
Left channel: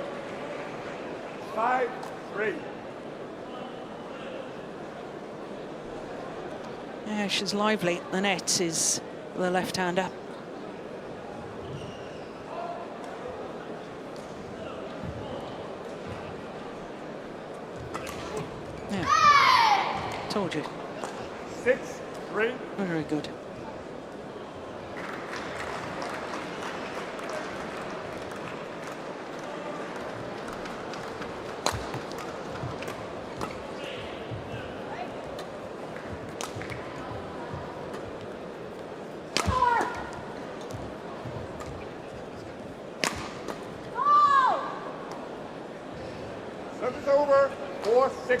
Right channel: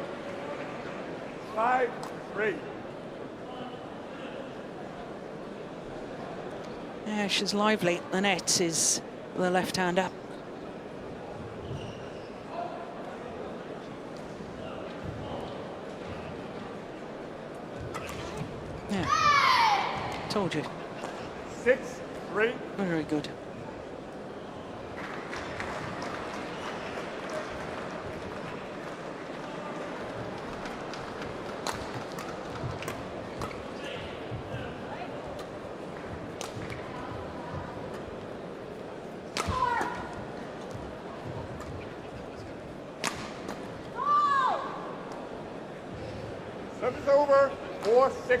5-3. 3 Yeah, she's lively. The net is the left hand up. Yeah. Told you. 6-3. Very good. Service over. 4-6.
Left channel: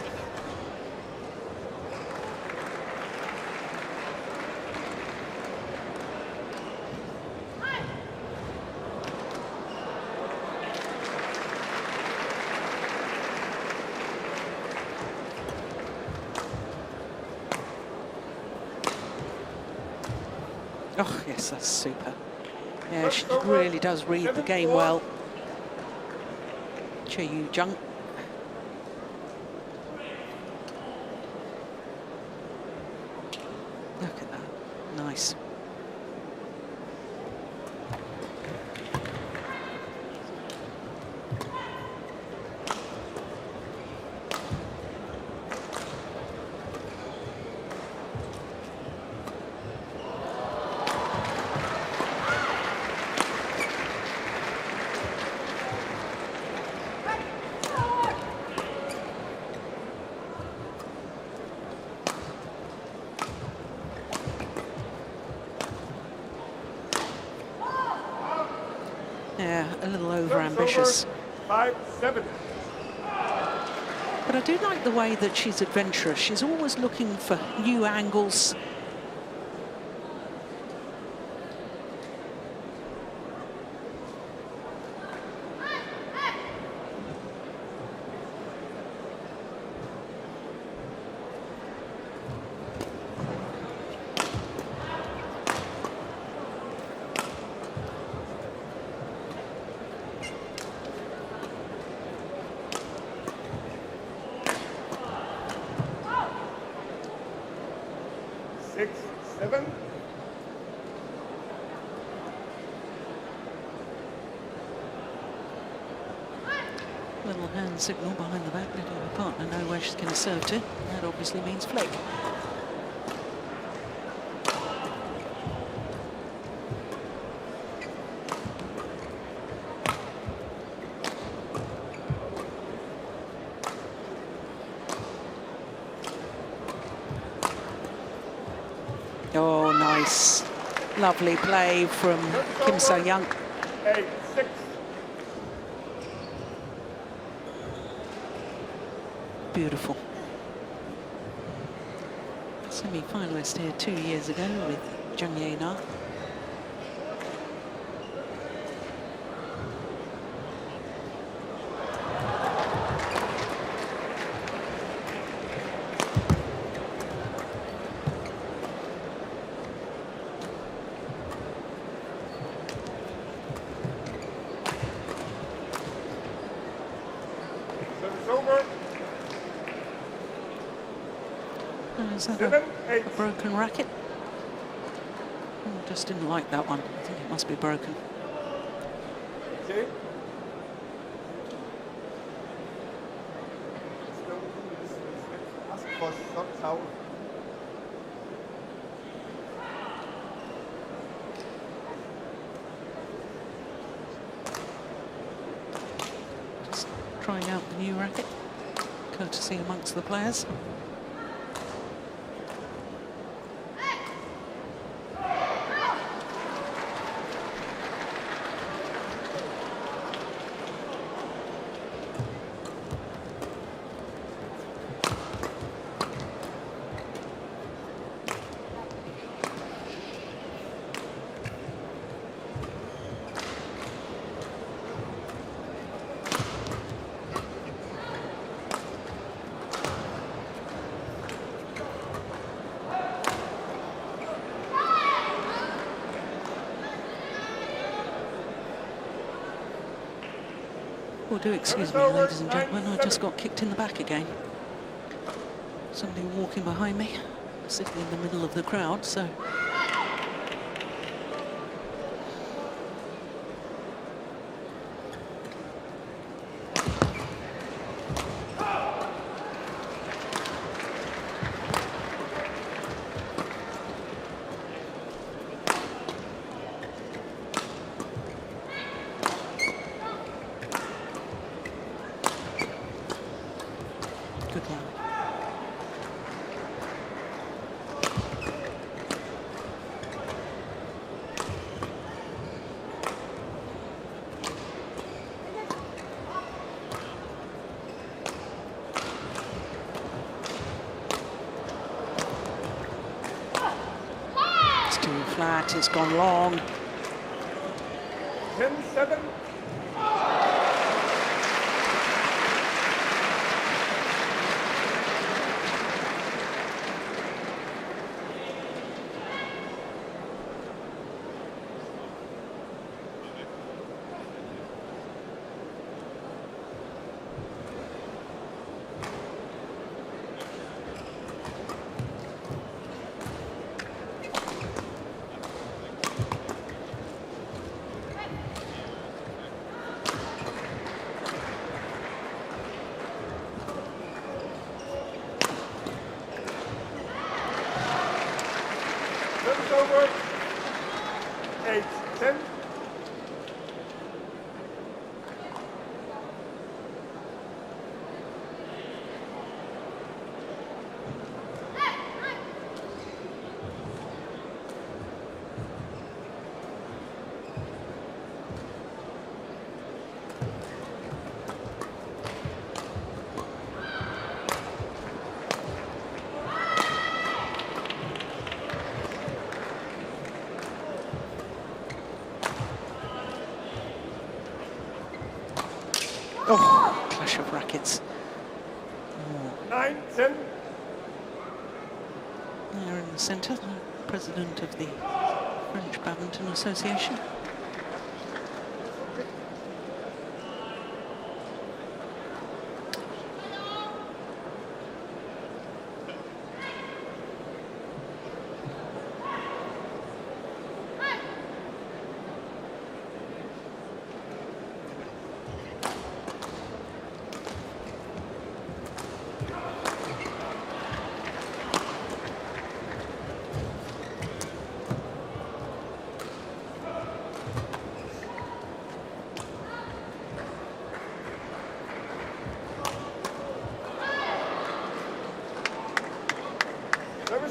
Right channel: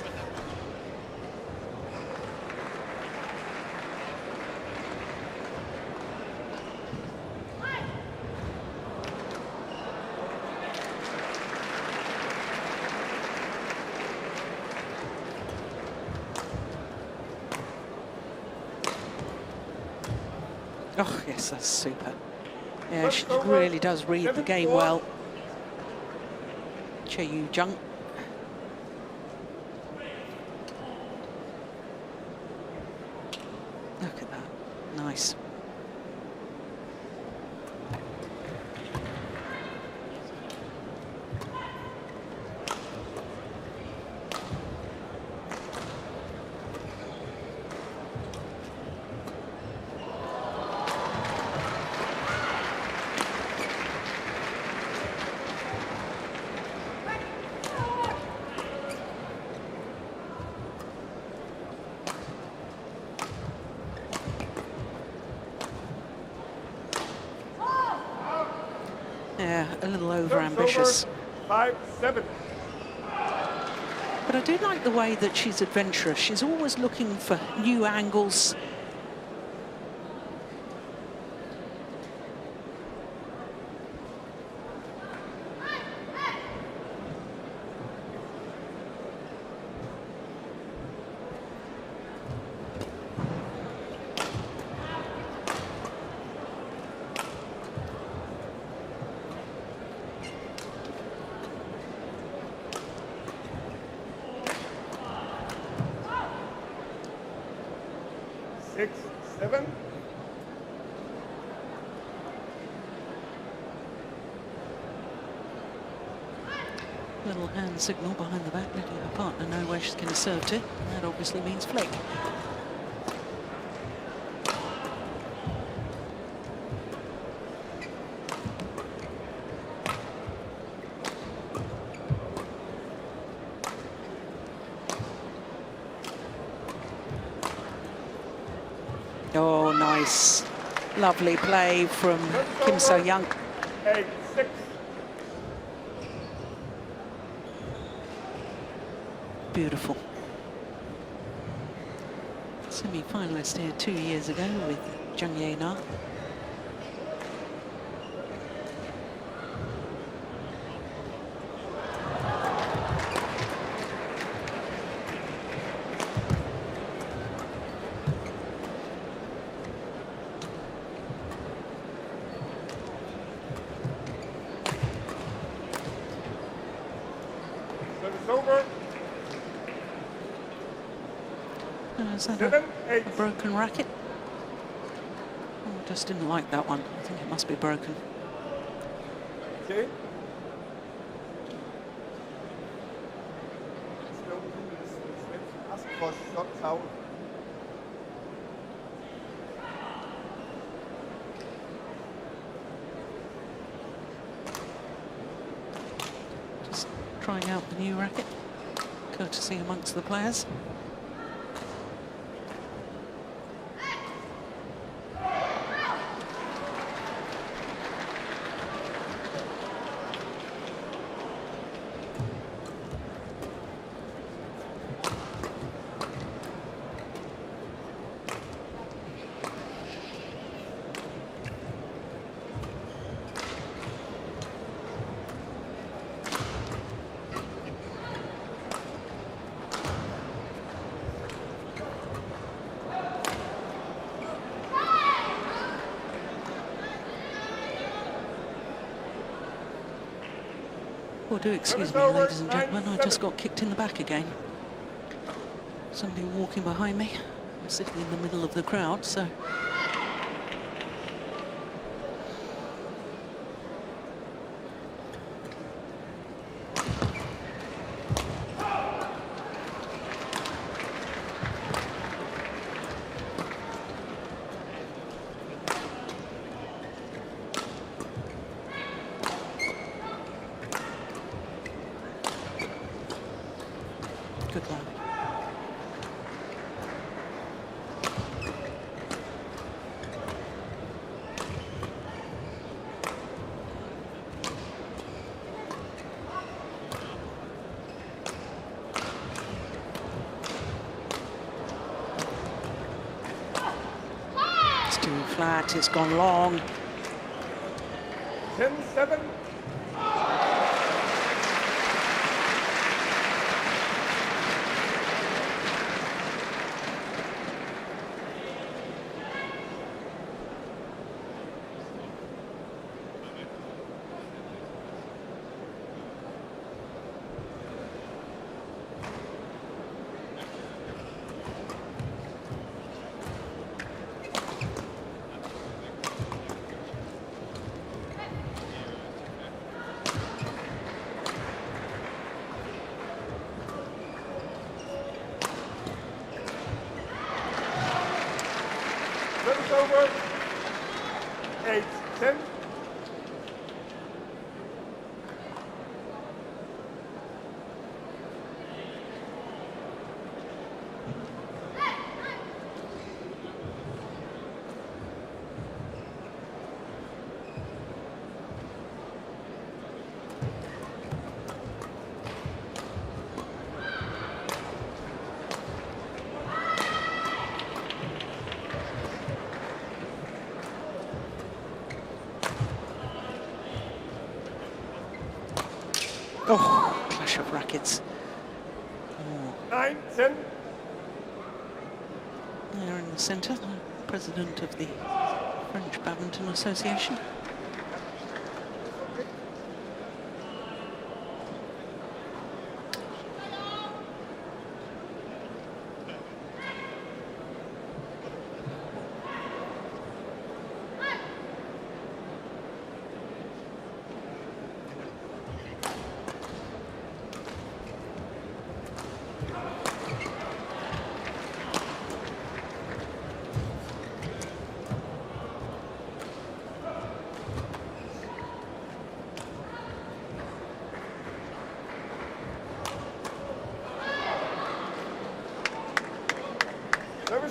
Oh, yes, that's super. Yeah, she really does read the game well. Chae Jung. Look at that. Nice. Yeah, a little over-ambitious. 5-7. But I do like the way that she's adventurous. She's always looking for new angles. Little hand signal behind the back, letting her partner know where she's going to serve to. That obviously means flick. Oh, nice. Lovely play from Kim So-young. Beautiful. Semi-finalist here 2 years ago with Jung Na. Is that a broken racket? Oh, just didn't like that one. I think it must be broken. Just trying out the new racket, courtesy amongst the players. Well, do excuse me, ladies and gentlemen, I just got kicked in the back again. Somebody walking behind me. sitting in the middle of the crowd, so. Good rally. It's too flat, it's gone long. 10-7. Over. 8-10. Oh, clash of rackets. Oh. 9-10. There in the centre, the president of the French Badminton Association.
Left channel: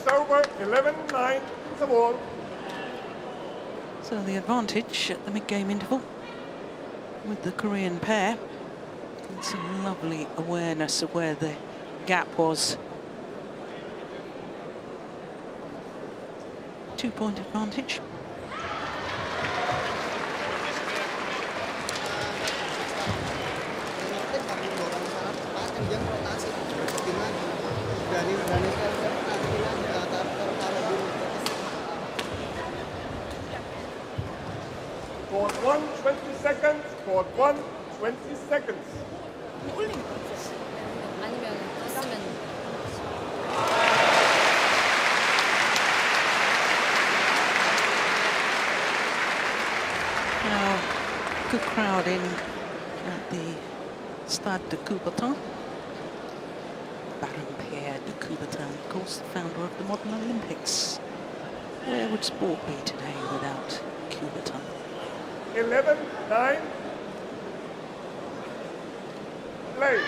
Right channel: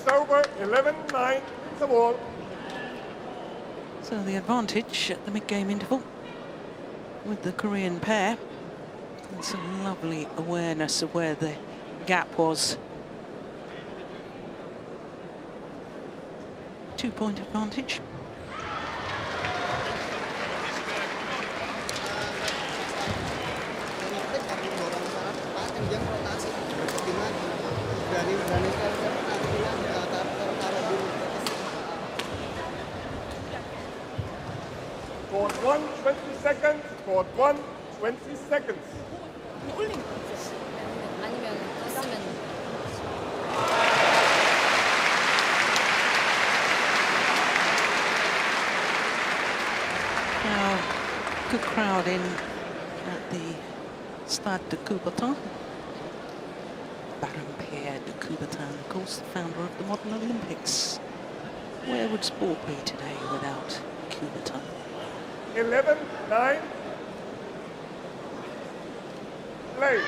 Over. 11-9. The wall. So the advantage at the mid-game interval with the Korean pair. And some lovely awareness of where the gap was. 2-point advantage. For 120 seconds. For 120 seconds. Now, good crowd in at the Stade de Coubertin. Baron Pierre de Coubertin, of course, the founder of the modern Olympics. Where would sport be today without Coubertin? 11-9. Play.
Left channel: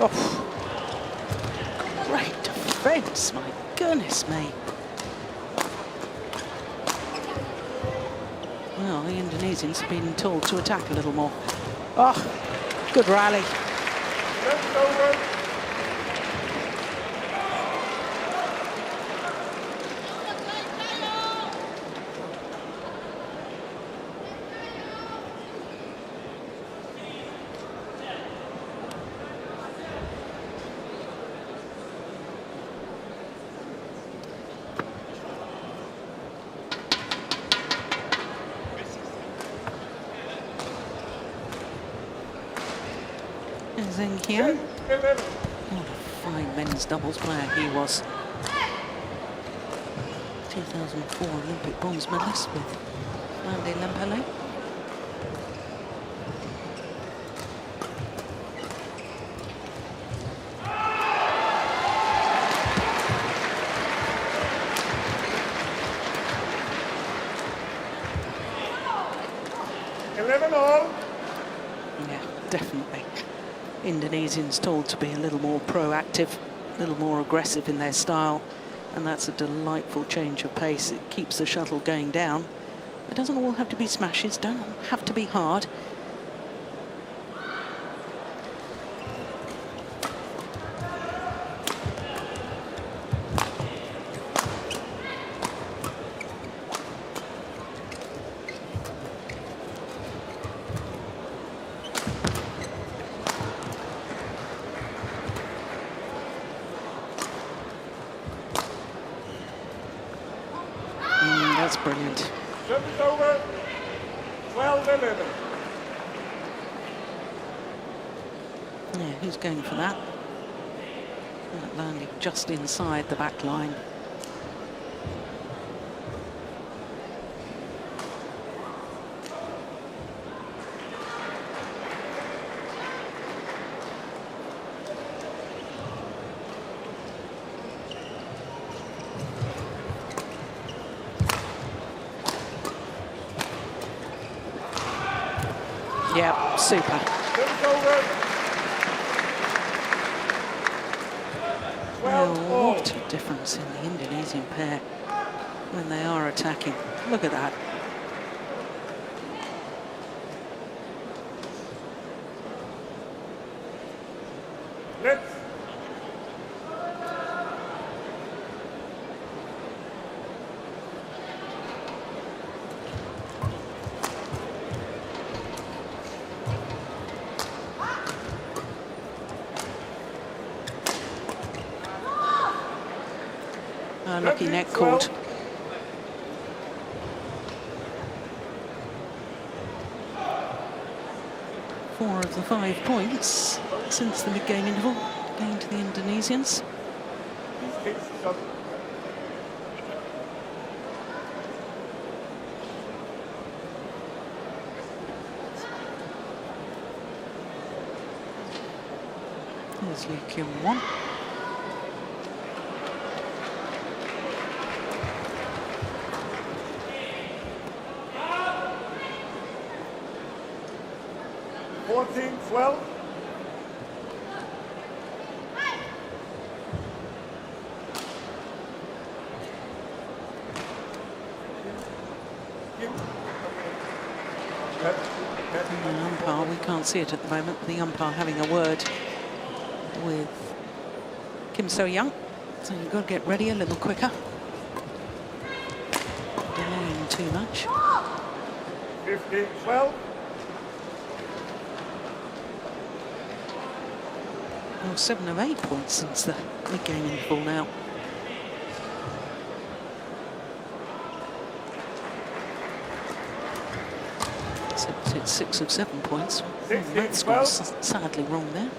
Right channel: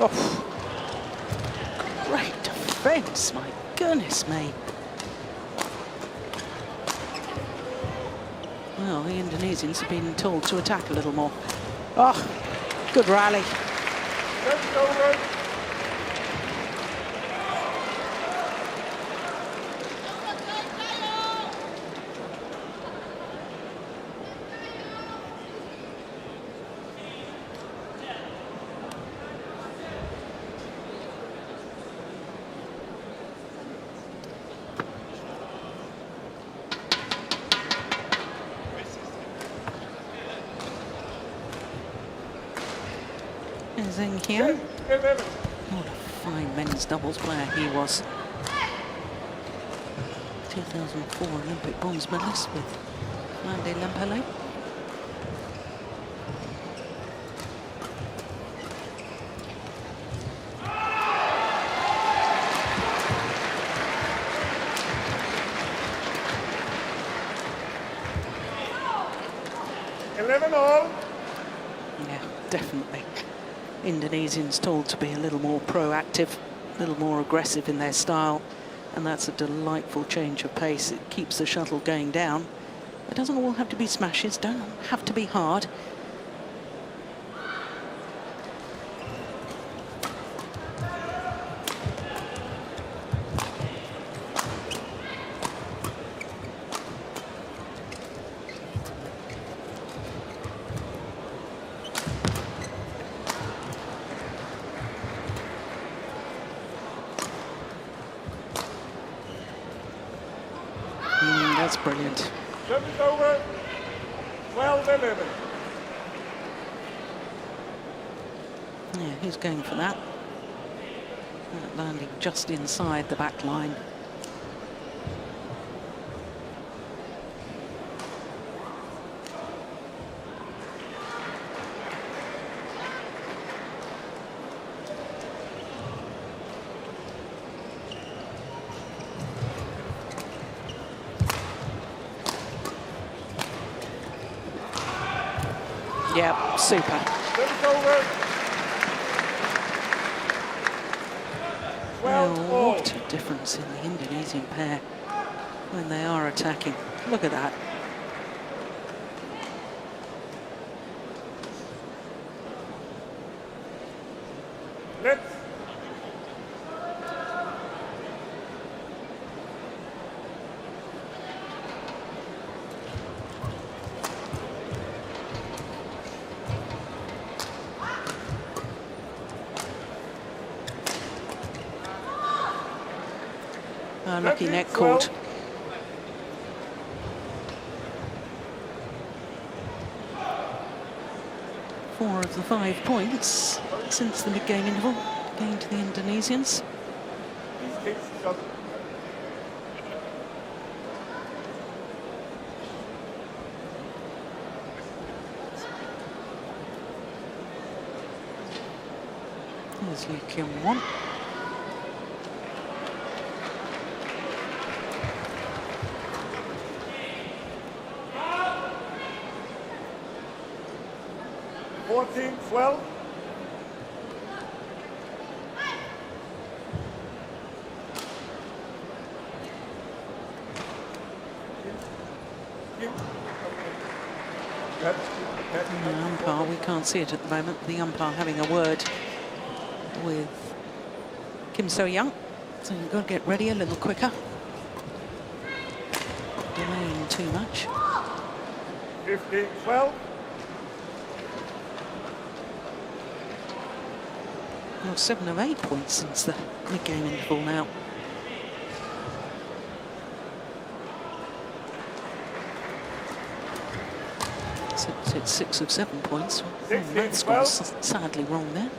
Oh, great defence, my goodness me. Well, the Indonesians have been told to attack a little more. Oh, good rally. Zheng Hian. What a fine men's doubles player he was. 2004 Olympic bronze medalist with Lande Lempele. Yeah, definitely. Indonesians told to be a little more proactive, a little more aggressive in their style, and that's a delightful change of pace. It keeps the shuttle going down. It doesn't all have to be smashes, don't have to be hard. That's brilliant. Yeah, who's going for that? That landing just inside the back line. Yeah, super. Well, what a difference in the Indonesian pair when they are attacking. Look at that. Lucky net cord. Four of the 5 points since the mid-game interval going to the Indonesians. There's Lee Kyung-won. We can't see it at the moment. The umpire having a word with Kim So-young. So you've got to get ready a little quicker. Delaying too much. 15-12. Well, 7 of 8 points since the mid-game interval now. It's 6 of 7 points. Oh, that score's sadly wrong there.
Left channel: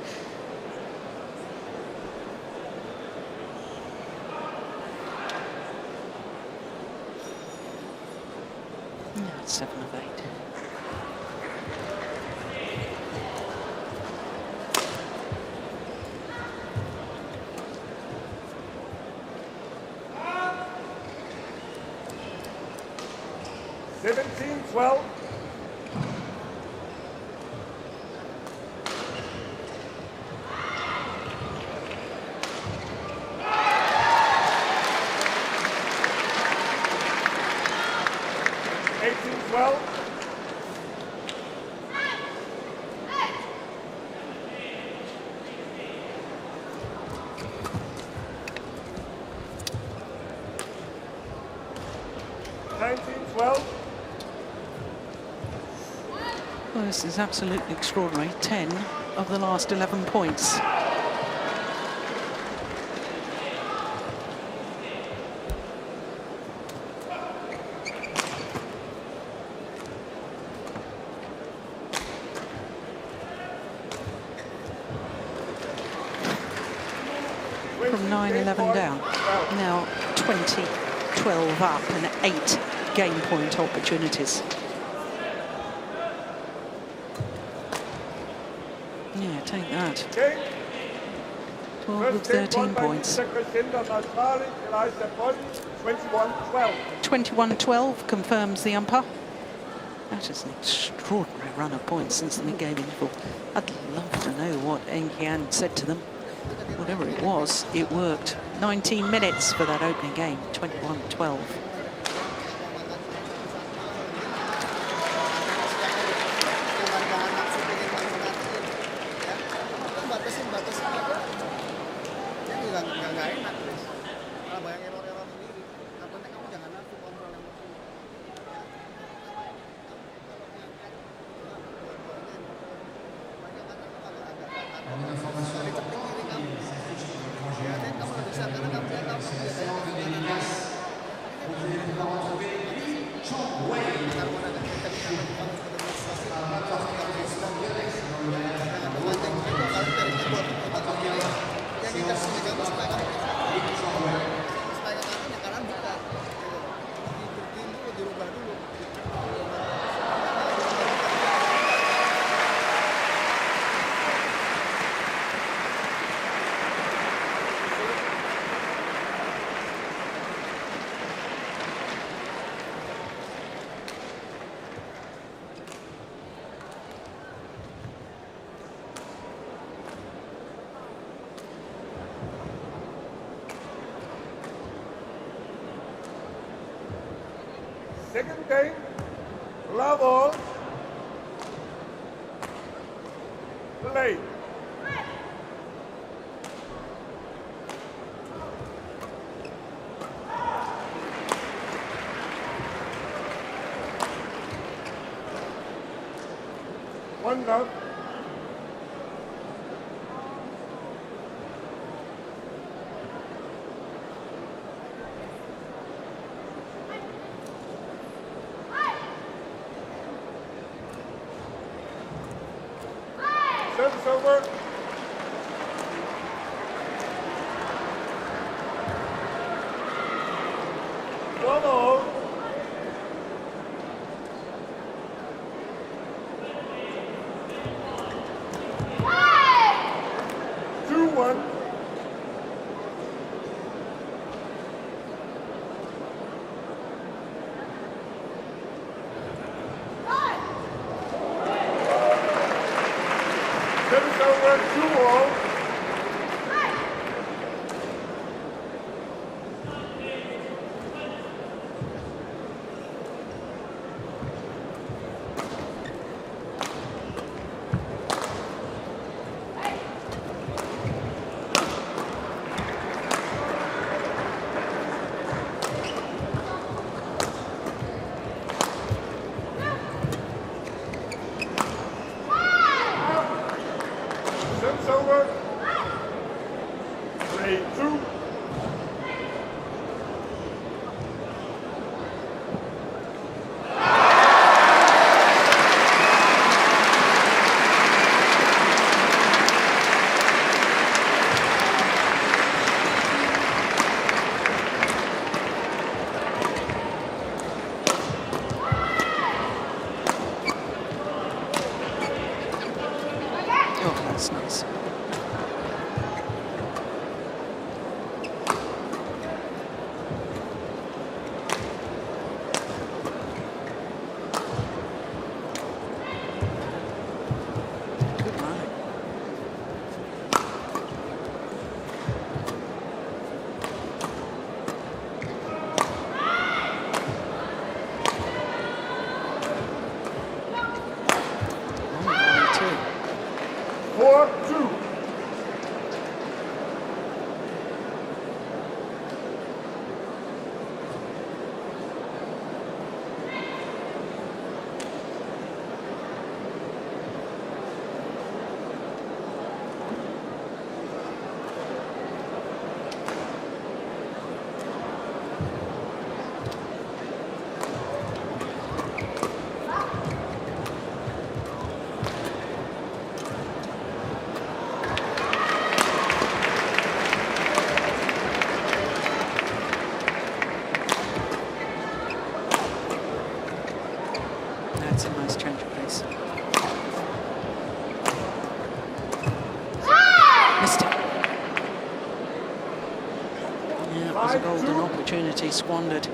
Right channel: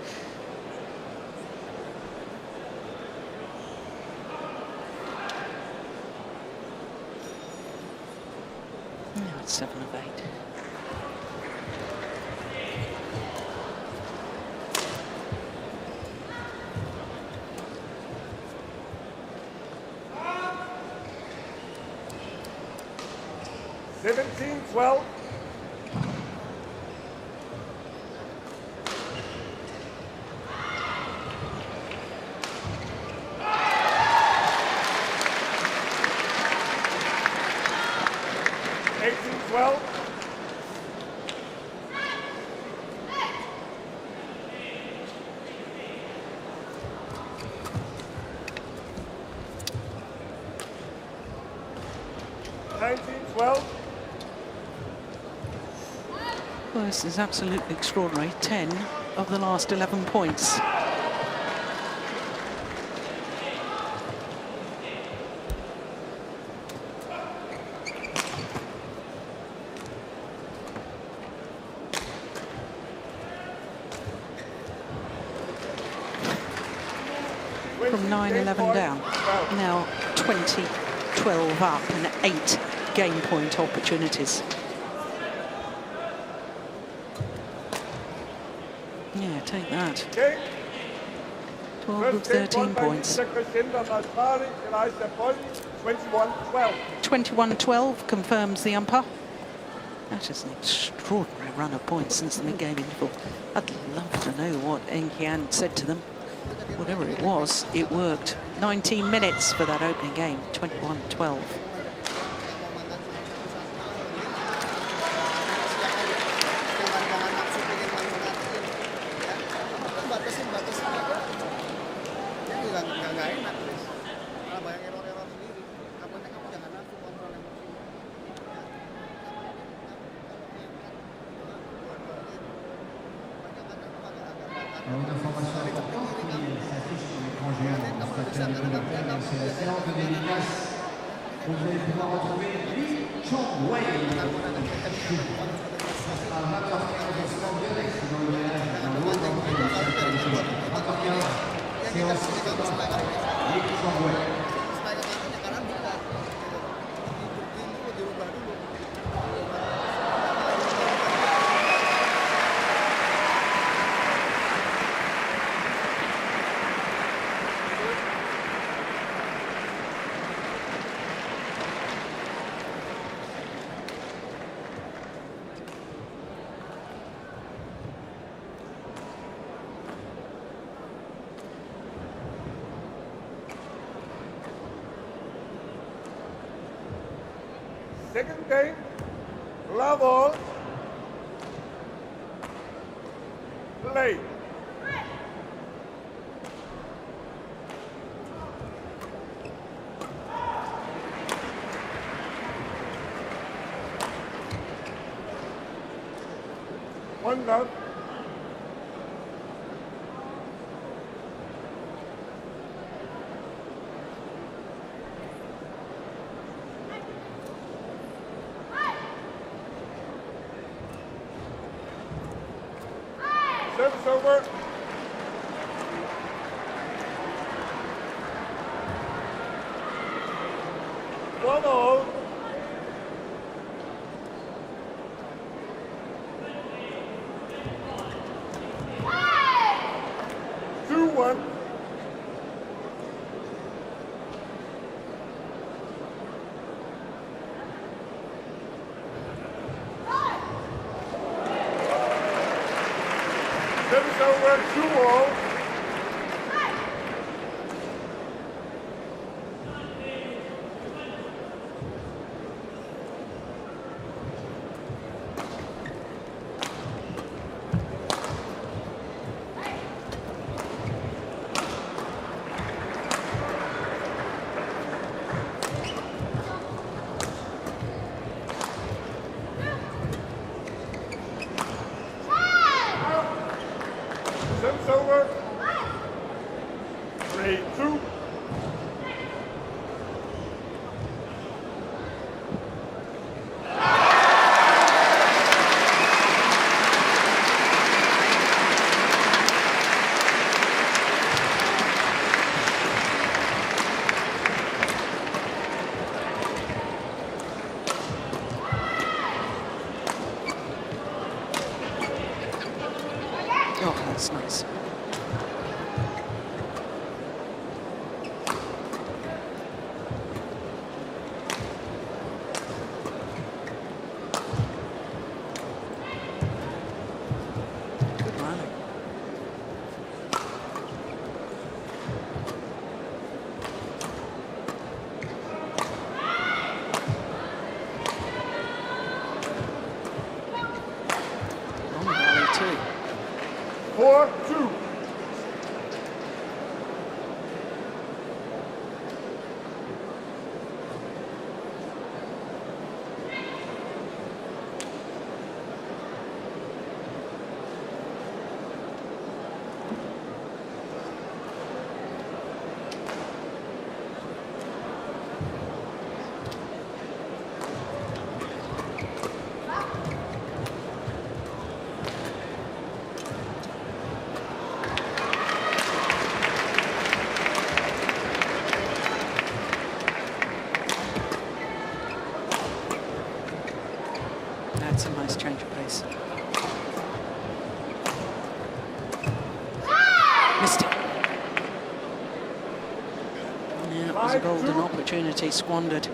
No, it's 7 of 8. Well, this is absolutely extraordinary. 10 of the last 11 points. from 9-11 down. Now 20-12 up and 8 game point opportunities. Yeah, take that. 12 of 13 points. 21-12 confirms the umpire. That is an extraordinary run of points since the mid-game interval. I'd love to know what Tian said to them. Whatever it was, it worked. 19 minutes for that opening game, 21-12. Alors, une information importante qui s'affiche sur l'écran géant du spectateur réglementaire, c'est la séance de dédicace où vous allez pouvoir retrouver Ling, Chong, Wang, ça sera 20h15 au stand Yonex dans le ménage, dans le haut d'entrée du spectateur de Chong. 20h15, séance photographe avec Ling, Chong, Wang. Second game, level, play. One love. Oh, that's nice. Good rally. Long rally too. 4-2. that's a nice change of pace. Missed it. Yeah, it was a golden opportunity squandered.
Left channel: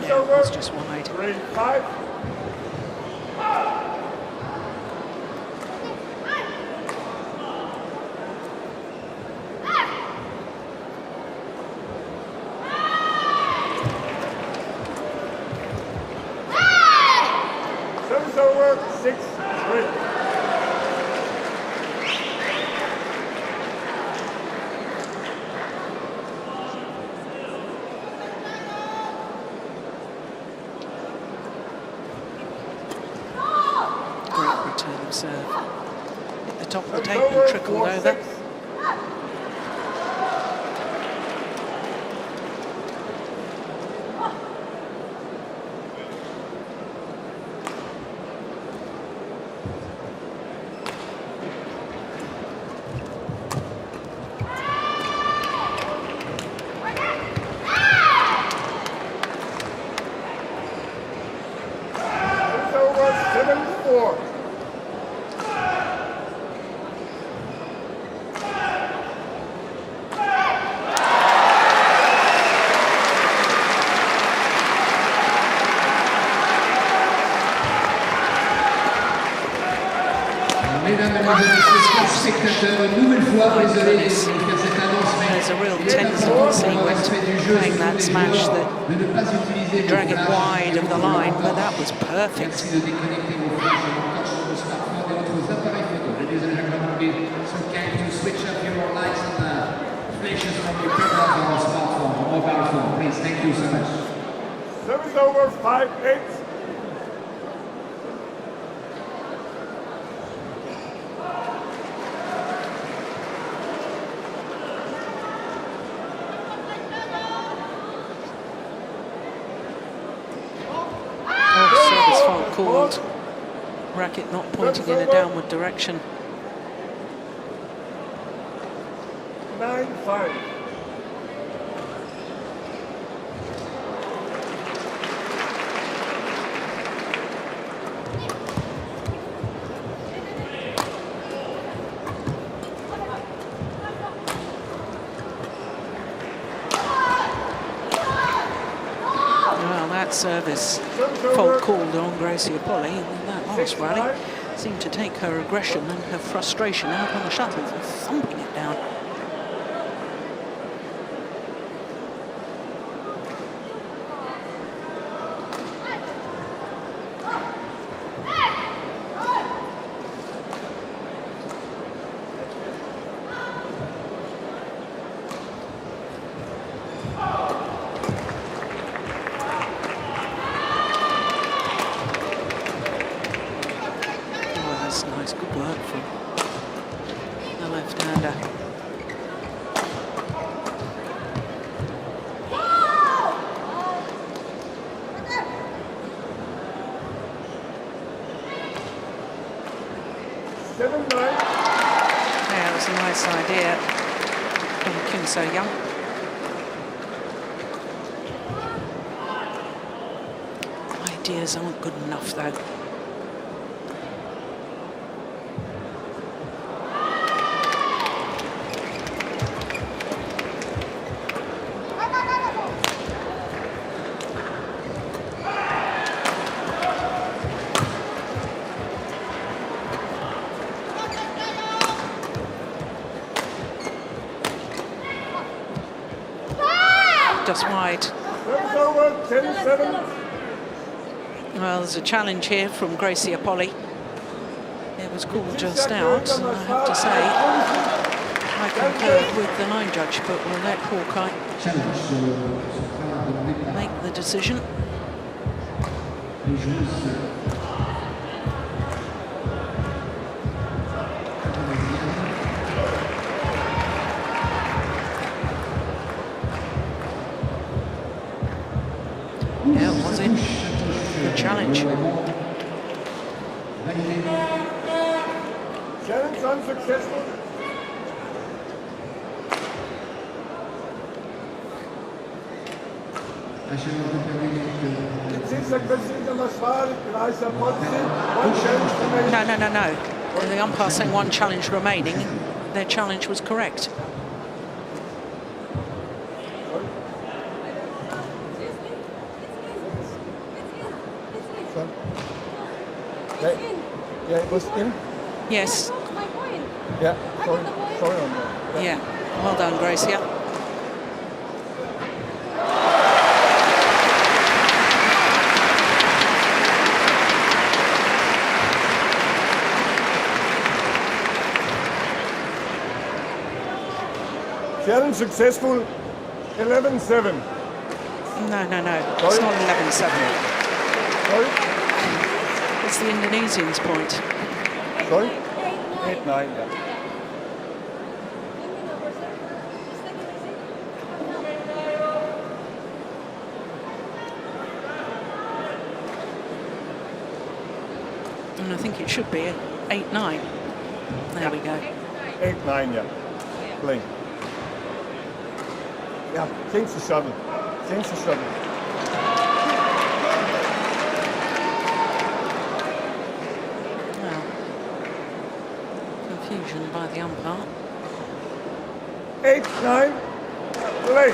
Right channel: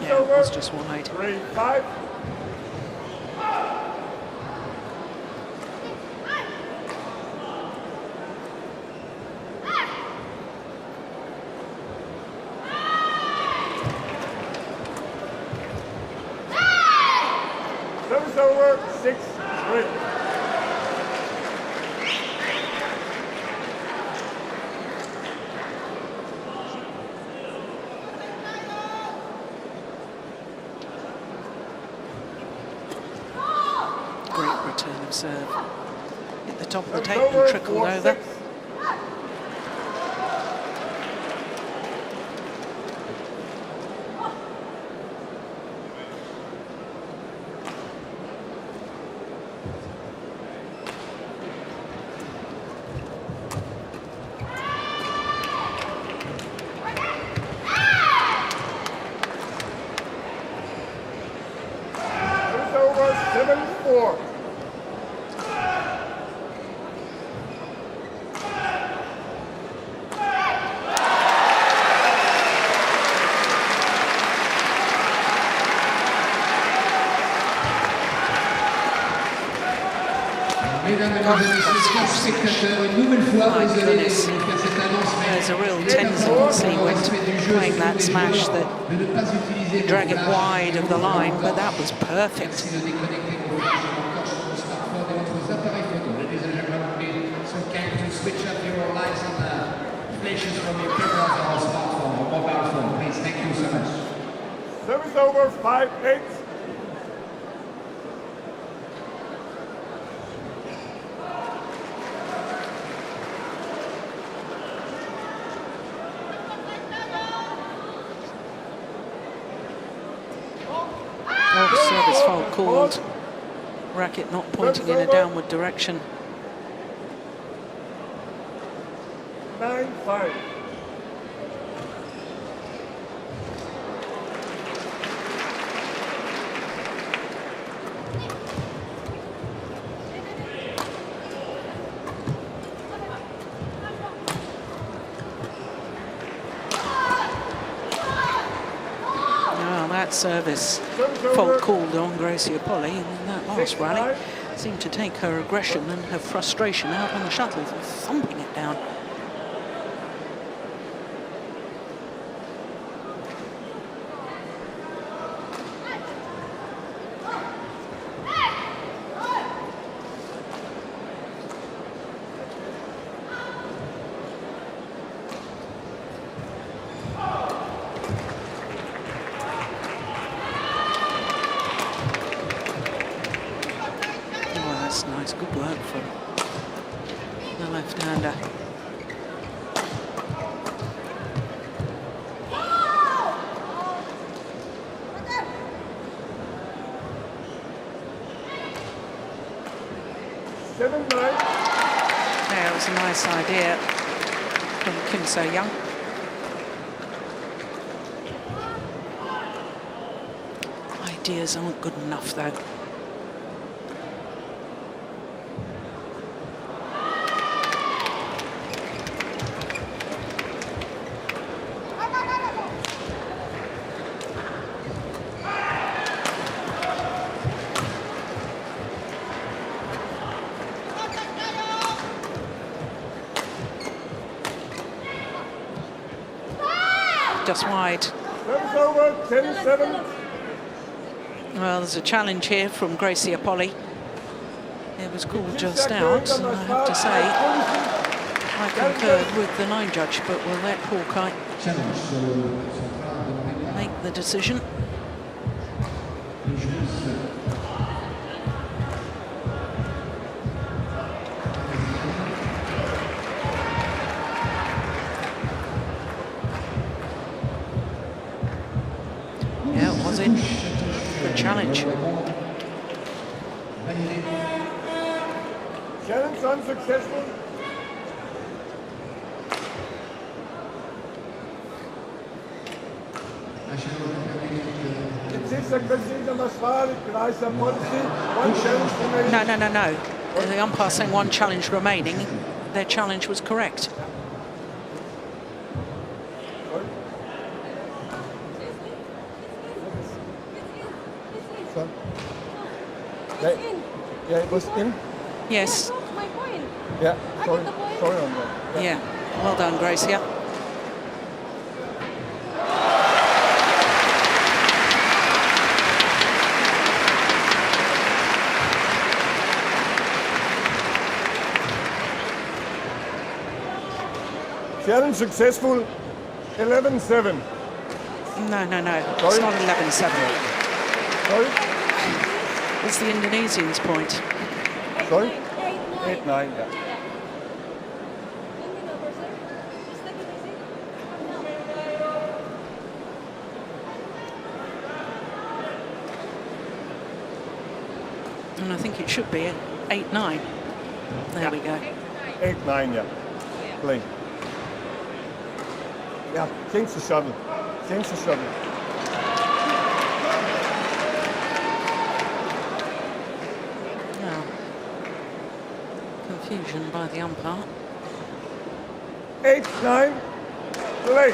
Yeah, it was just wide. Great return of serve. Hit the top of the tape and trickled over. My goodness, there's a real tendency when playing that smash that you drag it wide of the line, but that was perfect. Thank you so much. Service over 5-8. Oh, service fault called. Racket not pointing in a downward direction. 9-5. Well, that service fault called on Greysia Polii in that last rally seemed to take her aggression and her frustration out on the shuttle and thumping it down. Nice, good work from the left-hander. Yeah, it was a nice idea from Kim So-young. Ideas aren't good enough, though. Just wide. Well, there's a challenge here from Greysia Polii. It was called just out, and I have to say, I concurred with the line judge, but we'll let Houwei make the decision. Yeah, it was in. Good challenge. Challenge unsuccessful. No, no, no, no. The umpire saying one challenge remaining. Their challenge was correct. Yeah, it was in. Yes. Yeah. Sorry on that. Yeah. Well done, Greysia. Challenge successful. 11-7. No, no, no. It's not 11-7. Sorry? It's the Indonesians' point. Sorry? 8-9, yeah. And I think it should be 8-9. There we go. 8-9, yeah. Play. Yeah, change the shuttle. Change the shuttle. Now, confusion by the umpire. 8-9. Play.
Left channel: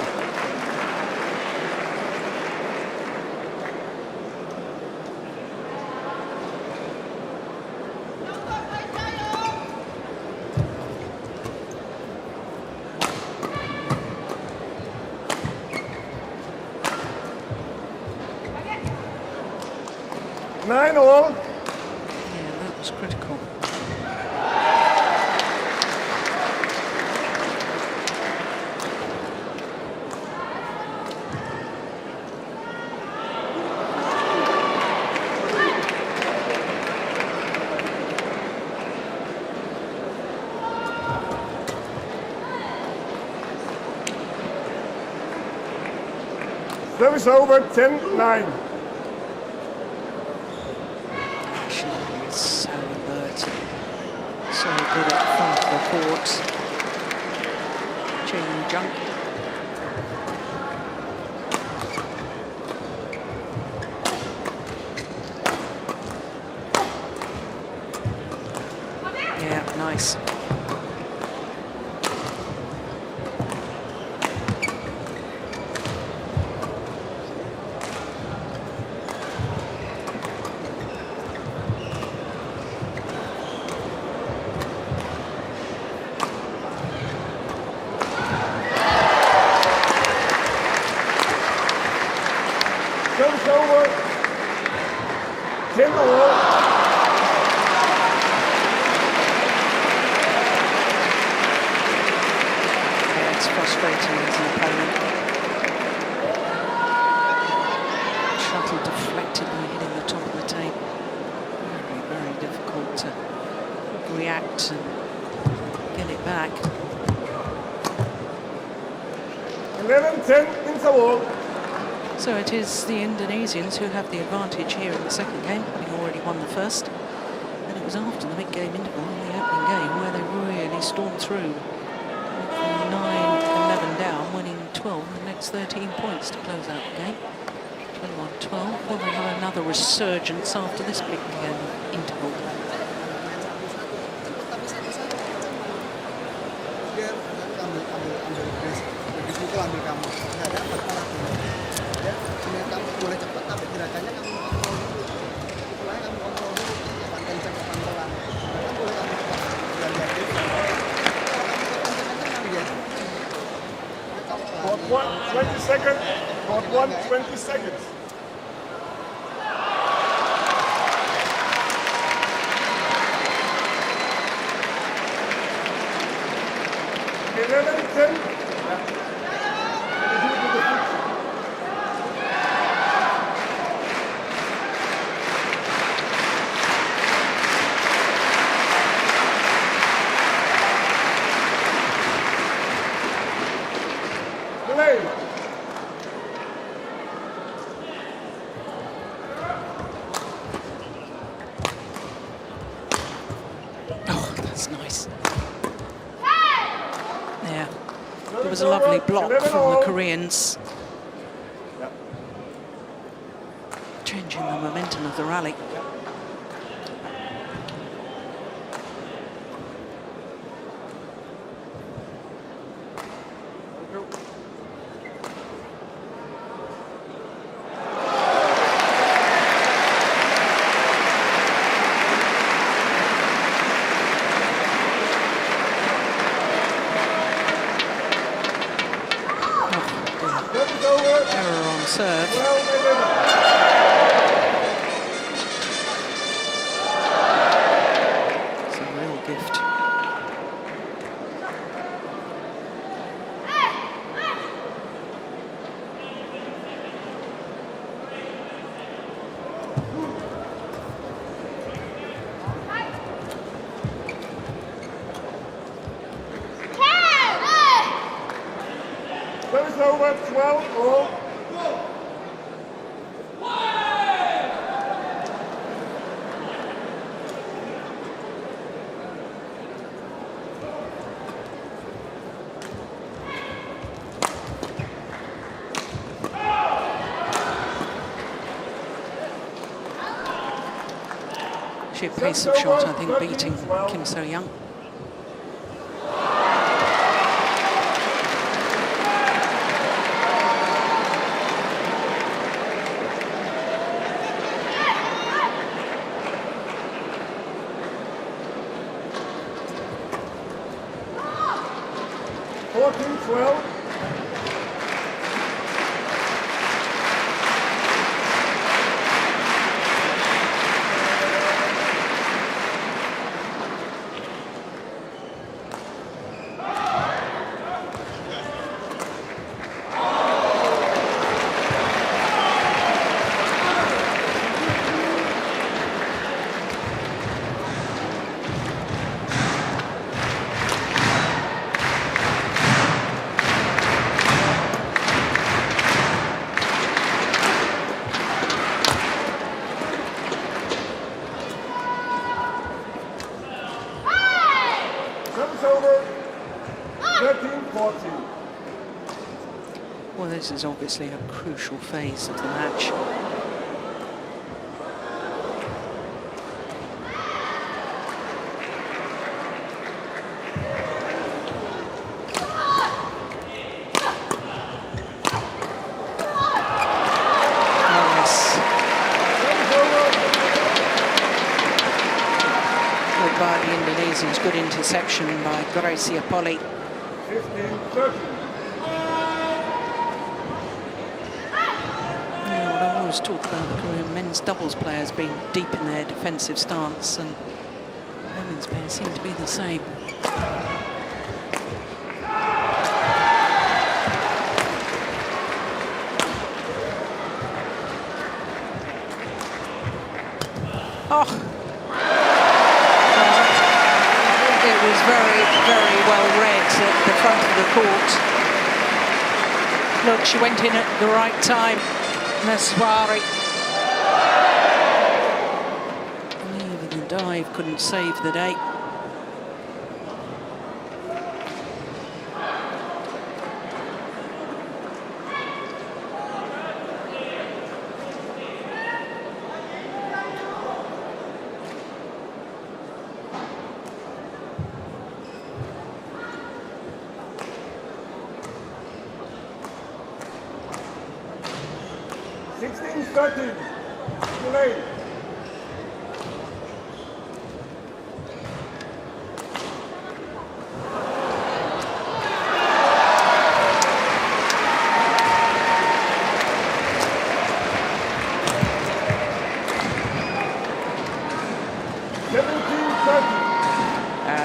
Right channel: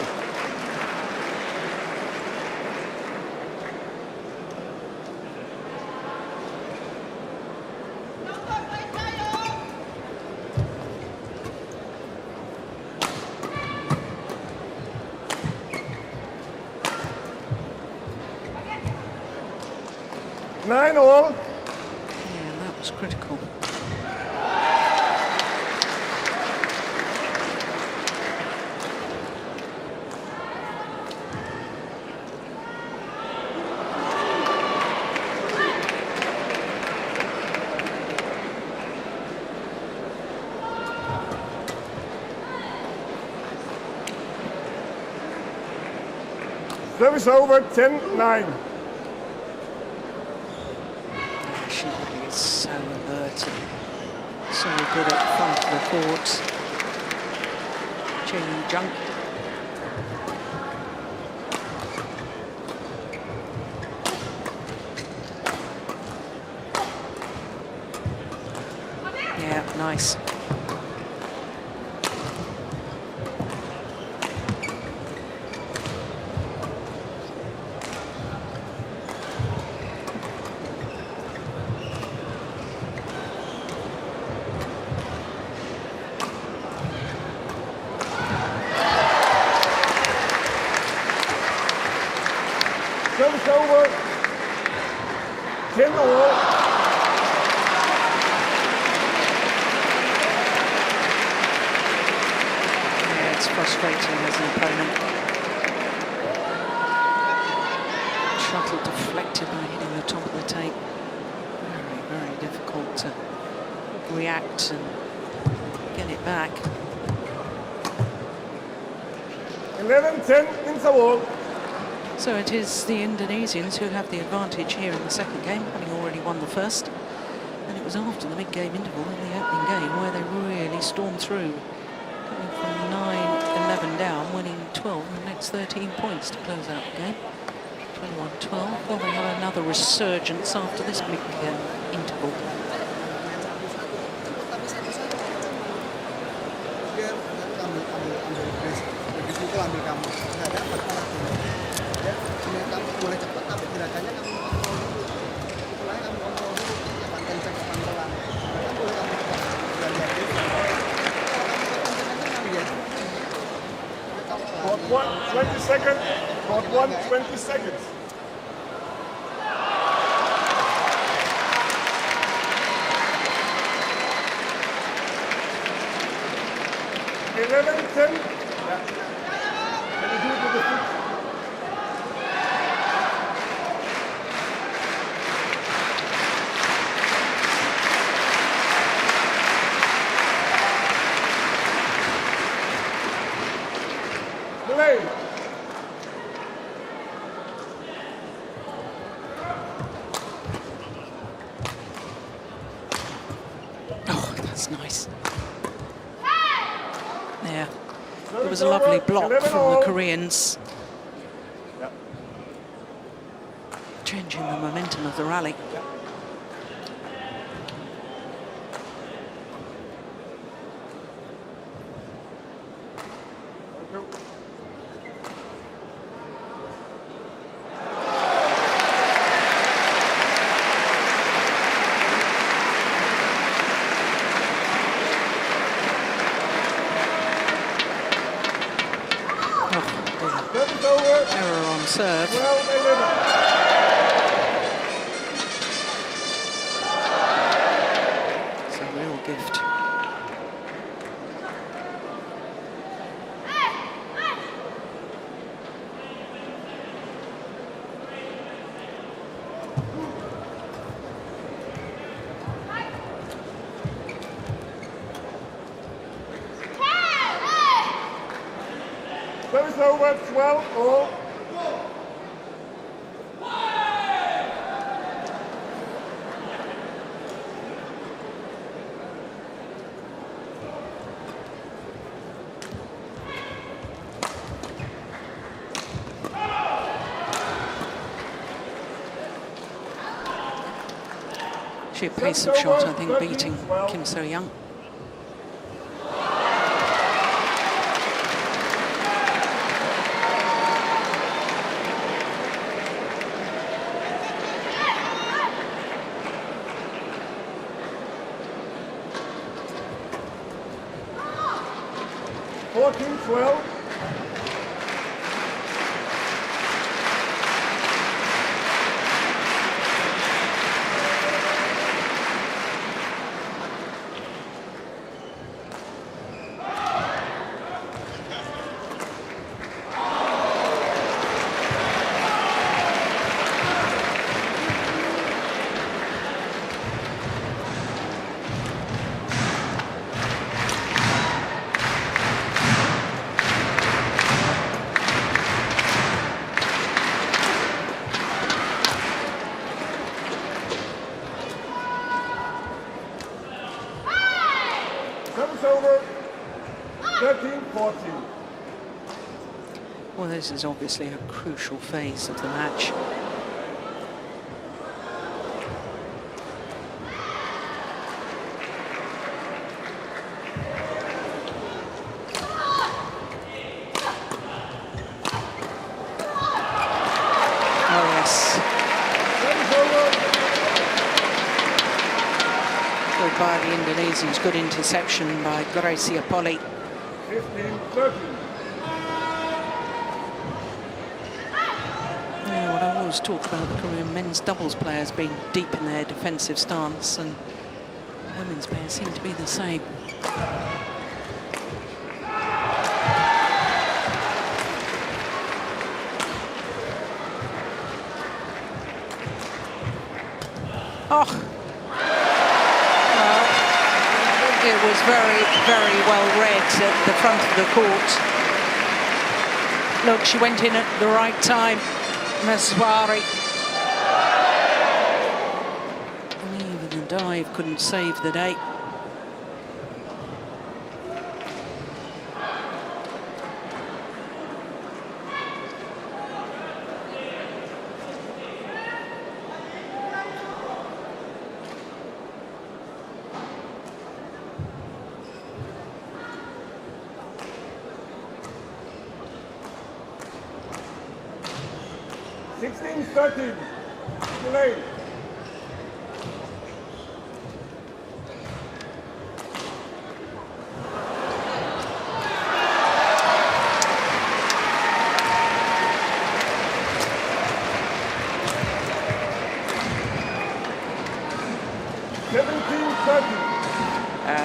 Nine all. Yeah, that was critical. Service over, 10-9. She really is so alert and so good at the front of the court. Chae, Jung. Yeah, nice. Frustrating as an opponent. Shuttle deflected by hitting the top of the tape. Very, very difficult to react and get it back. 11-10 interval. So it is the Indonesians who have the advantage here in the second game, having already won the first. And it was after the mid-game interval in the opening game where they really stormed through. Coming from 9-11 down, winning 12 and the next 13 points to close out the game. 21-12. Will they have another resurgence after this big interval? That's nice. There. It was a lovely block from the Koreans. Changing the momentum of the rally. Error on serve. It's a real gift. Over 12 all. Sheer pace of shot, I think, beating Kim So-young. Well, this is obviously a crucial phase of the match. Oh, yes. Good by the Indonesians. Good interception by Greysia Polii. Yeah, what I always talk about the Korean men's doubles players being deep in their defensive stance, and the women's pairs seem to be the same. Oh, well, it was very, very well read at the front of the court. Look, she went in at the right time, Maheswari. And even the dive couldn't save the day.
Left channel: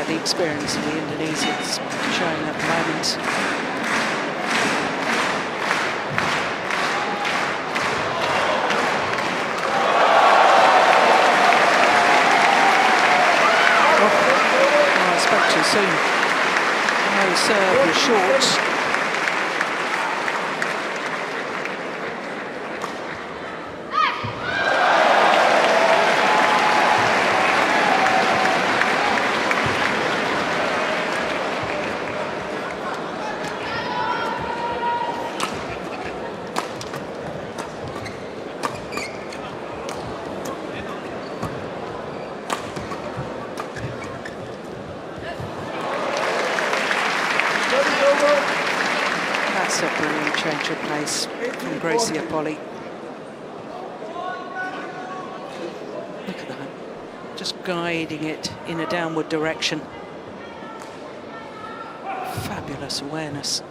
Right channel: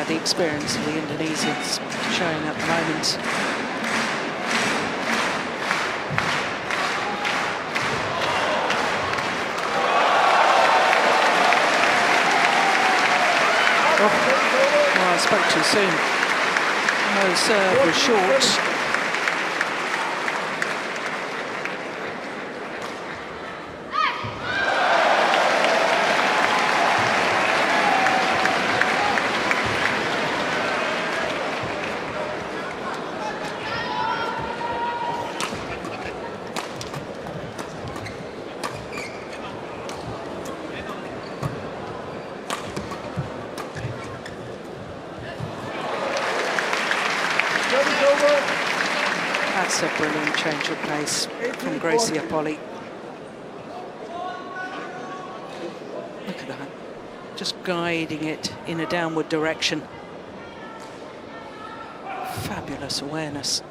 The experience of the Indonesians showing at the moment. Oh, I spoke too soon. Oh, serve was short. That's a brilliant change of pace from Greysia Polii. Look at that. Just guiding it in a downward direction. Fabulous awareness.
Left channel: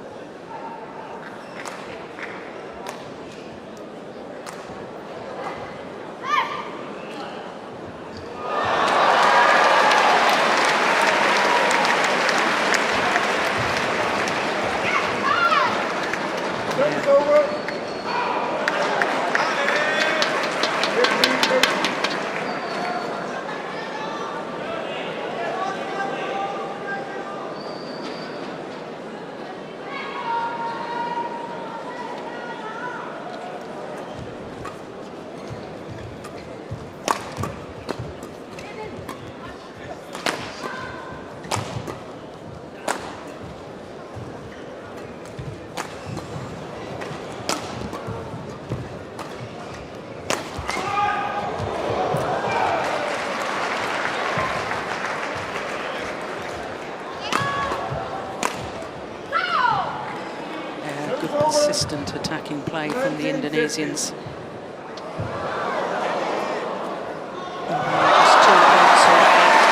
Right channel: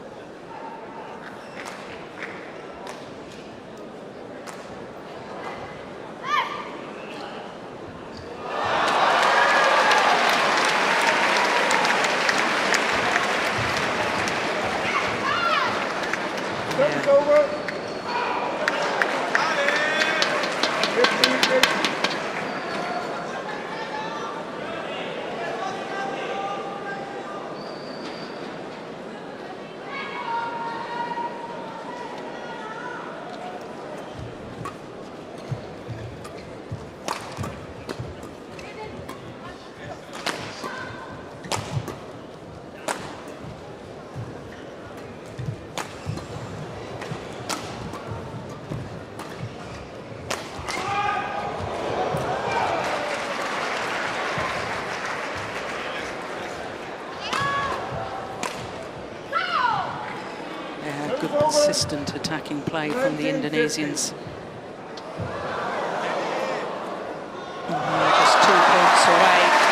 Good persistent attacking play from the Indonesians. Just 2 points away.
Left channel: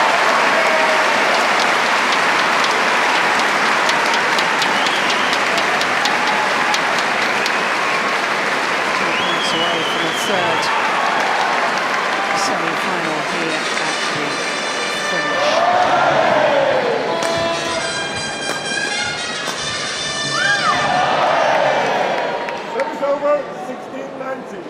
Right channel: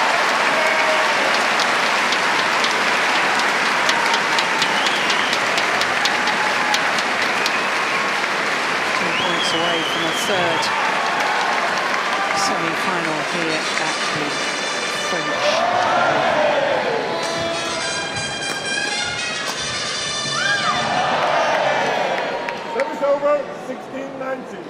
Away from a third semi-final here at the French Open. Service over, 16-19.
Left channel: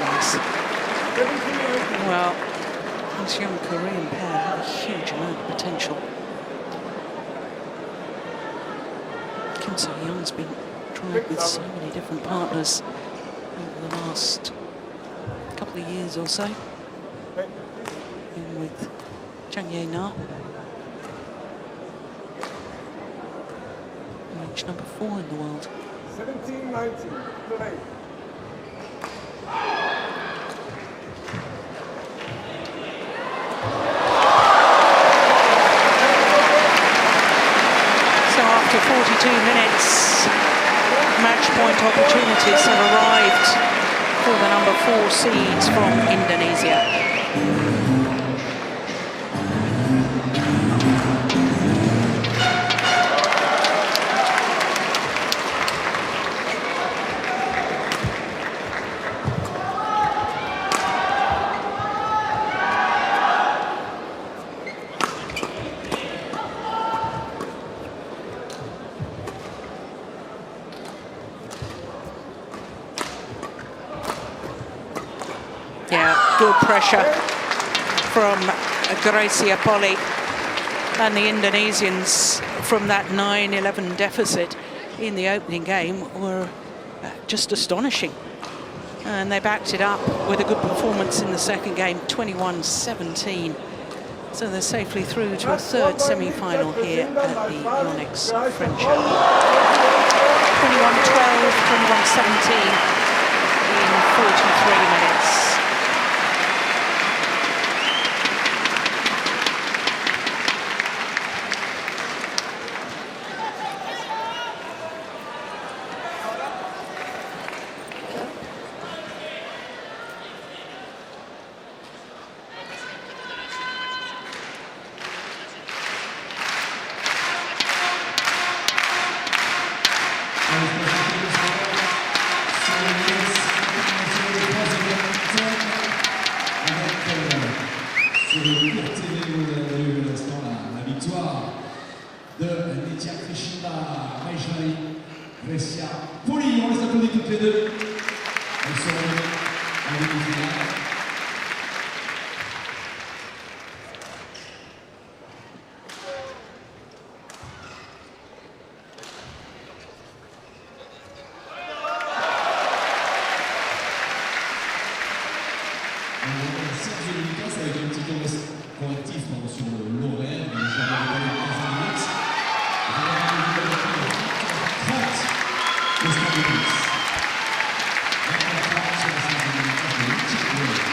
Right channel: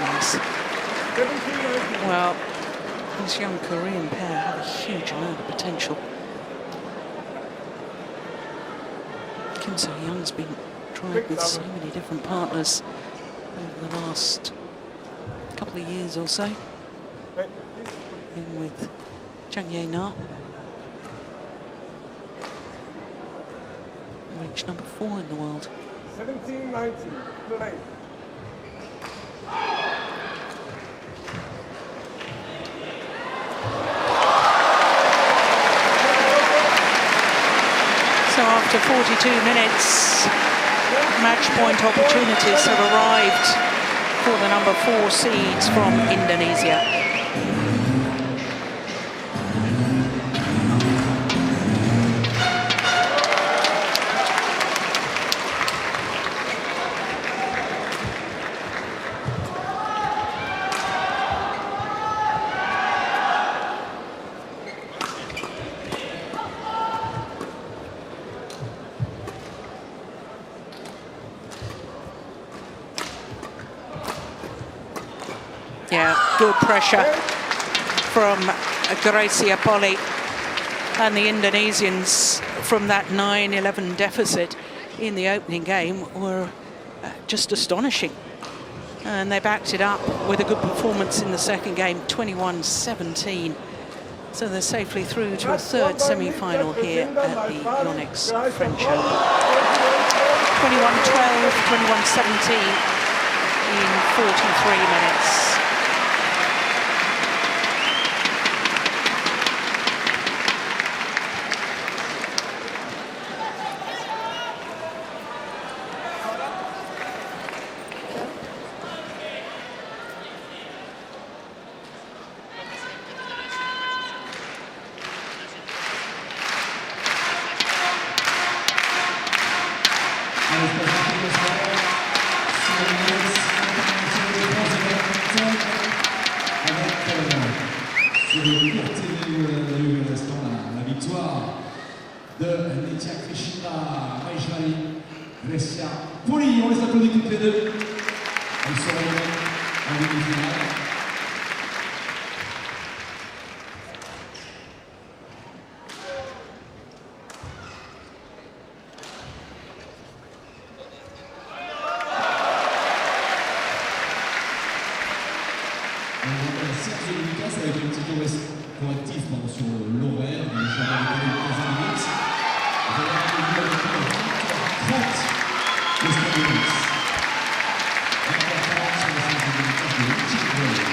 Nice. Well, this young Korean pair have a huge amount of potential. Kim So-young's been tried with so many different partners over the last couple of years or so. In with Chang Ye-na. Reached number 4 in the world. 17-19. So after 42 minutes, match point opportunities have arrived for the number 4 seeds from Indonesia. Yeah, good pressure from Greysia Polii, and the Indonesians from that 9-11 deficit in the opening game were just astonishing. And they backed it up with a good performance in the second game, 21-17. So they're safely through to a third semi-final here at the Yonex French Open. 21-12, 21-17 in 43 minutes. La victoire de Nitya, Krishinda, Maheswari, Greysia, Polii. On les applaudit toutes les deux. Elles seront en demi-finale. Ça va être un petit tour correctif sur l'horaire, mais j'en ai donné 15 minutes. Vous avez rendez-vous avec 30 questions minutes. 24 sur les 5 minutes de Chi-Lin.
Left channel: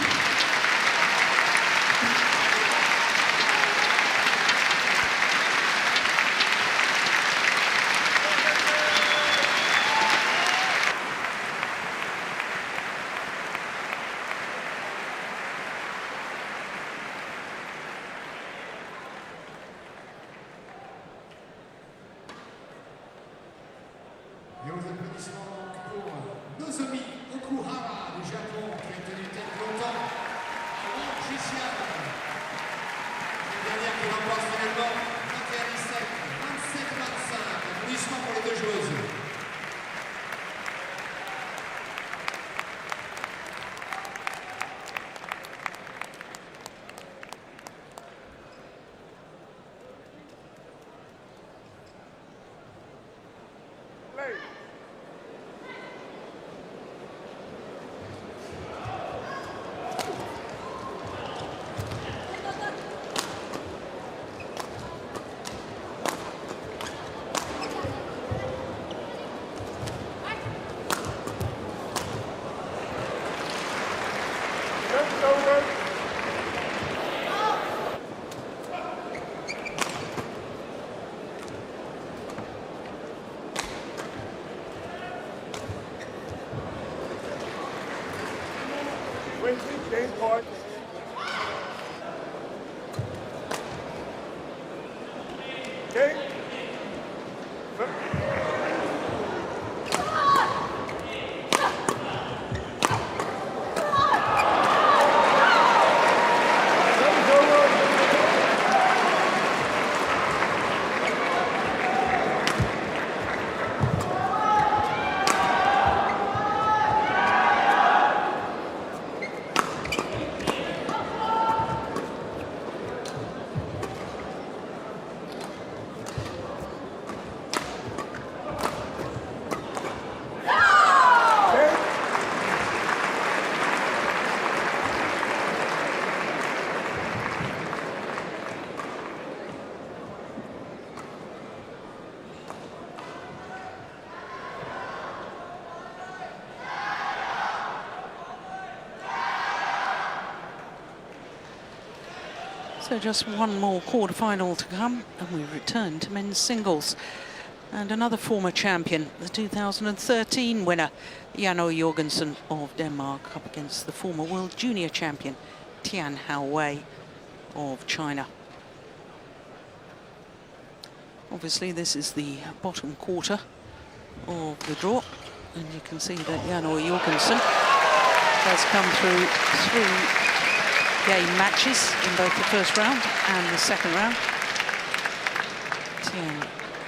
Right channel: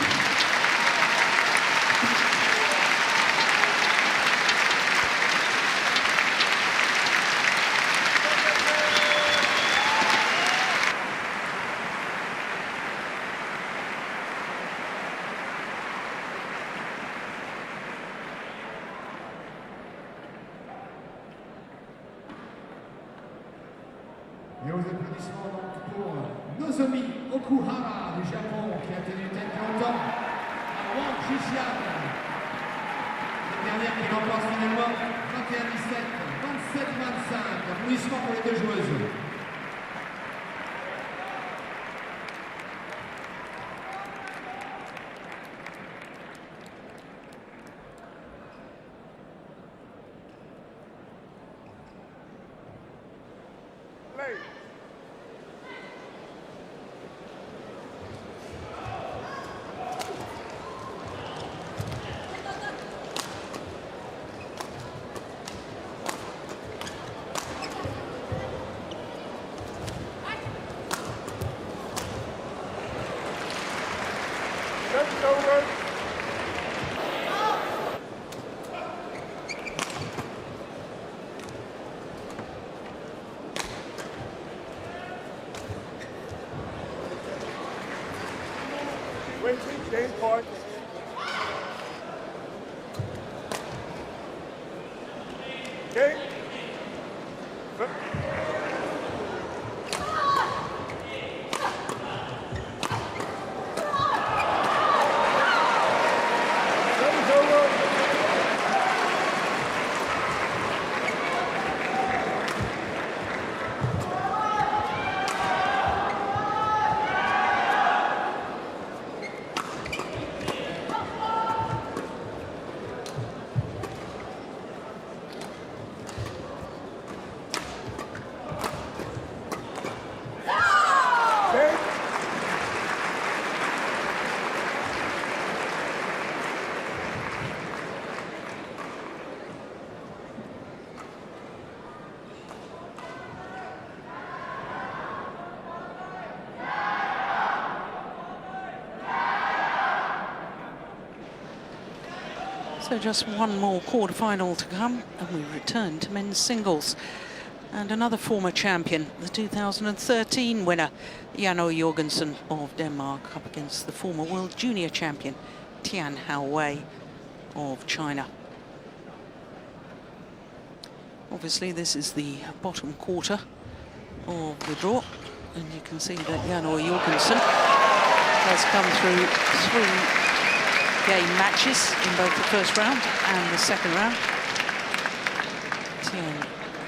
Et aux applaudissements donc pour Nozomi Okuhara du Japon qui a tenu tête longtemps à Wang Cette dernière qui l'emporte finalement 21-17, 27-25. Applaudissements pour les deux joueuses. So just one more quarter-final to come, and we return to men's singles. And another former champion, the 2013 winner, Jorgensen of Denmark, up against the former world junior champion, Tian Houwei of China. Obviously, this is the bottom quarter of the draw, and you can see that Jorgensen has come through 3 game matches in both the first round and the second round. Tian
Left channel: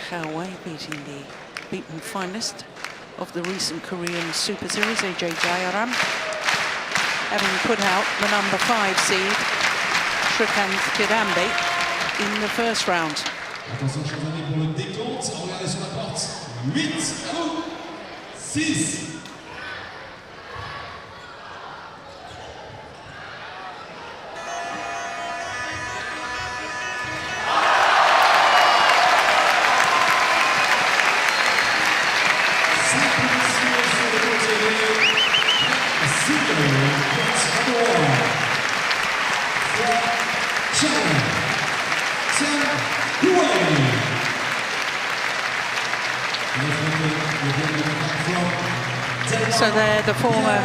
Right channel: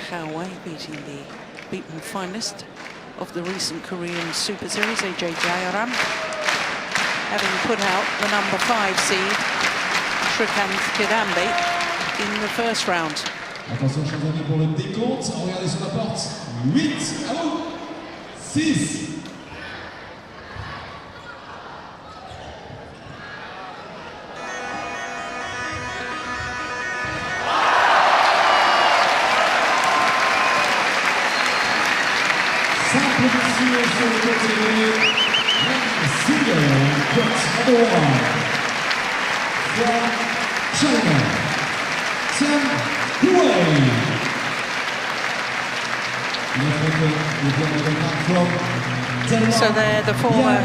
Houwei beating the beaten finalist of the recent Korean Super Series, AJ Jayaram, having put out the number 5 seed, Srikanth Kidambi, in the first round. Attention, chers amis, pour le décompte. Regardez sur la porte. 8 à 6. So they're the former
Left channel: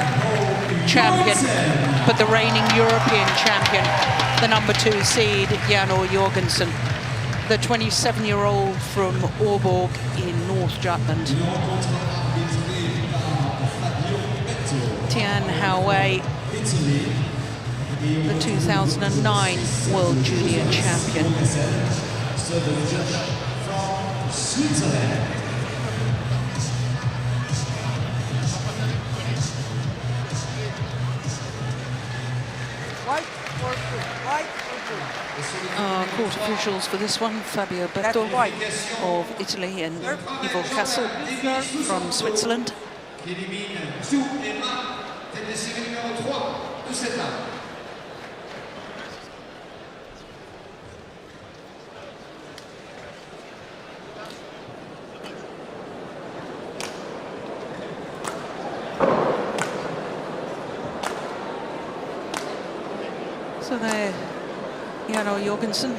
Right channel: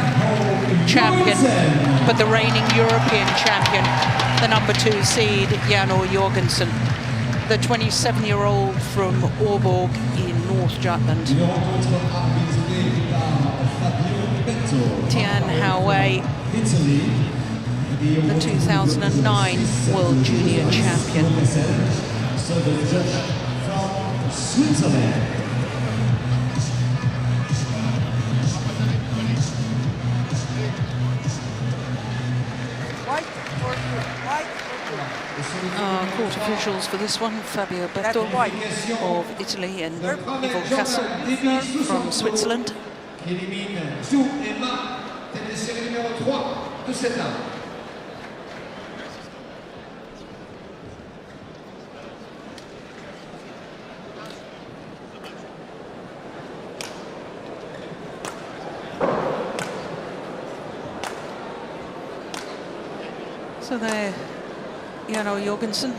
champion, but the reigning European champion, the number 2 seed, Jorgensen, the 27-year-old from Aalborg in North Jutland. Tian Houwei, the 2009 World Junior Champion. Our court officials for this one, Fabio Berto of Italy and Ivo Kassel from Switzerland. So there, Jorgensen,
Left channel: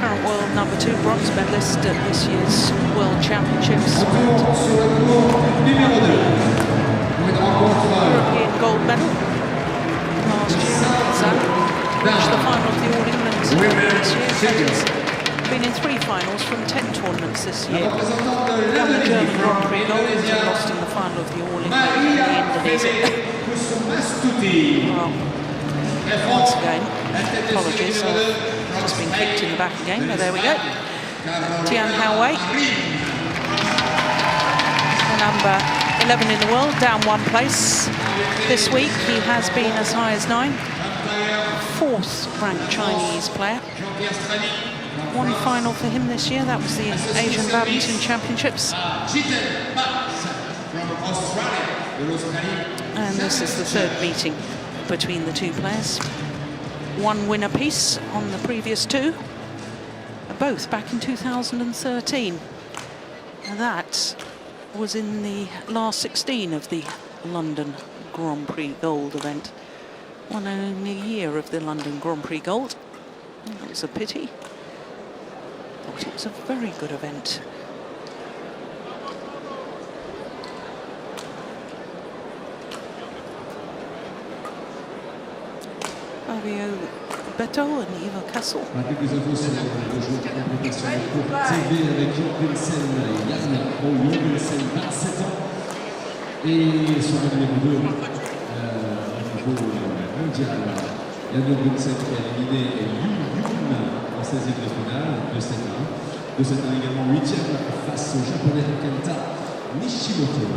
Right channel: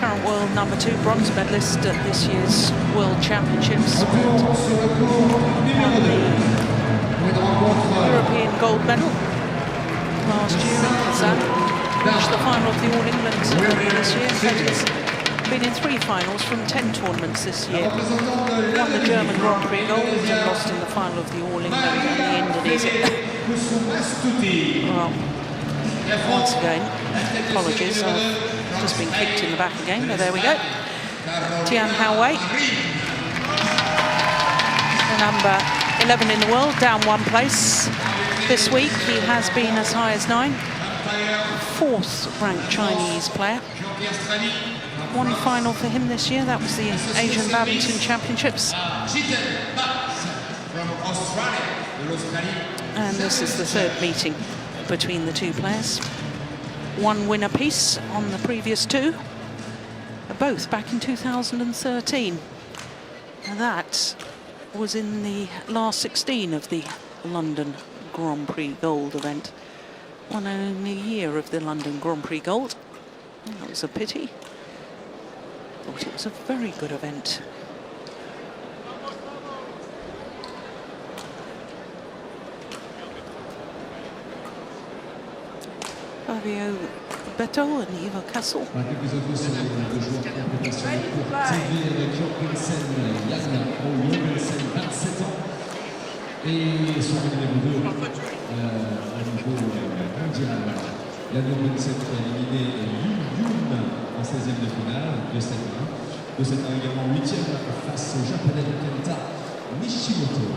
current world #2 bronze medalist at this year's World Championships, but won the European gold medal last year in Ahsan. Reached the final of the All England this year. In fact, he's been in 3 finals from 10 tournaments this year. Won the German Grand Prix gold and lost in the final of the All England in the Indonesia. Well, once again, apologies, I've just been kicked in the back again, but there we go. Tian Houwei, the number 11 in the world, down 1 place. This week he has been as high as 9. 4th ranked Chinese player. 1 final for him this year, that was the Asian Badminton Championships. And this is the 3rd meeting between the 2 players. 1 win apiece on the previous 2, both back in 2013. And that was in the last 16 of the London Grand Prix Gold event. Won only a year of the London Grand Prix Gold. That was a pity. Thought it was a very good event. Fabio Beto and Eva Castle. Quelques infos sur les 2 jours de compétition pour TV avec Jorgensen, Jorgensen, 27 ans. Et sur le numéro 2, au niveau mondial, Jorgensen qui a éliminé Jung en 16e de finale, 2-7-1. 2-7-1 également 8e face au japonais Kenta Nishimoto.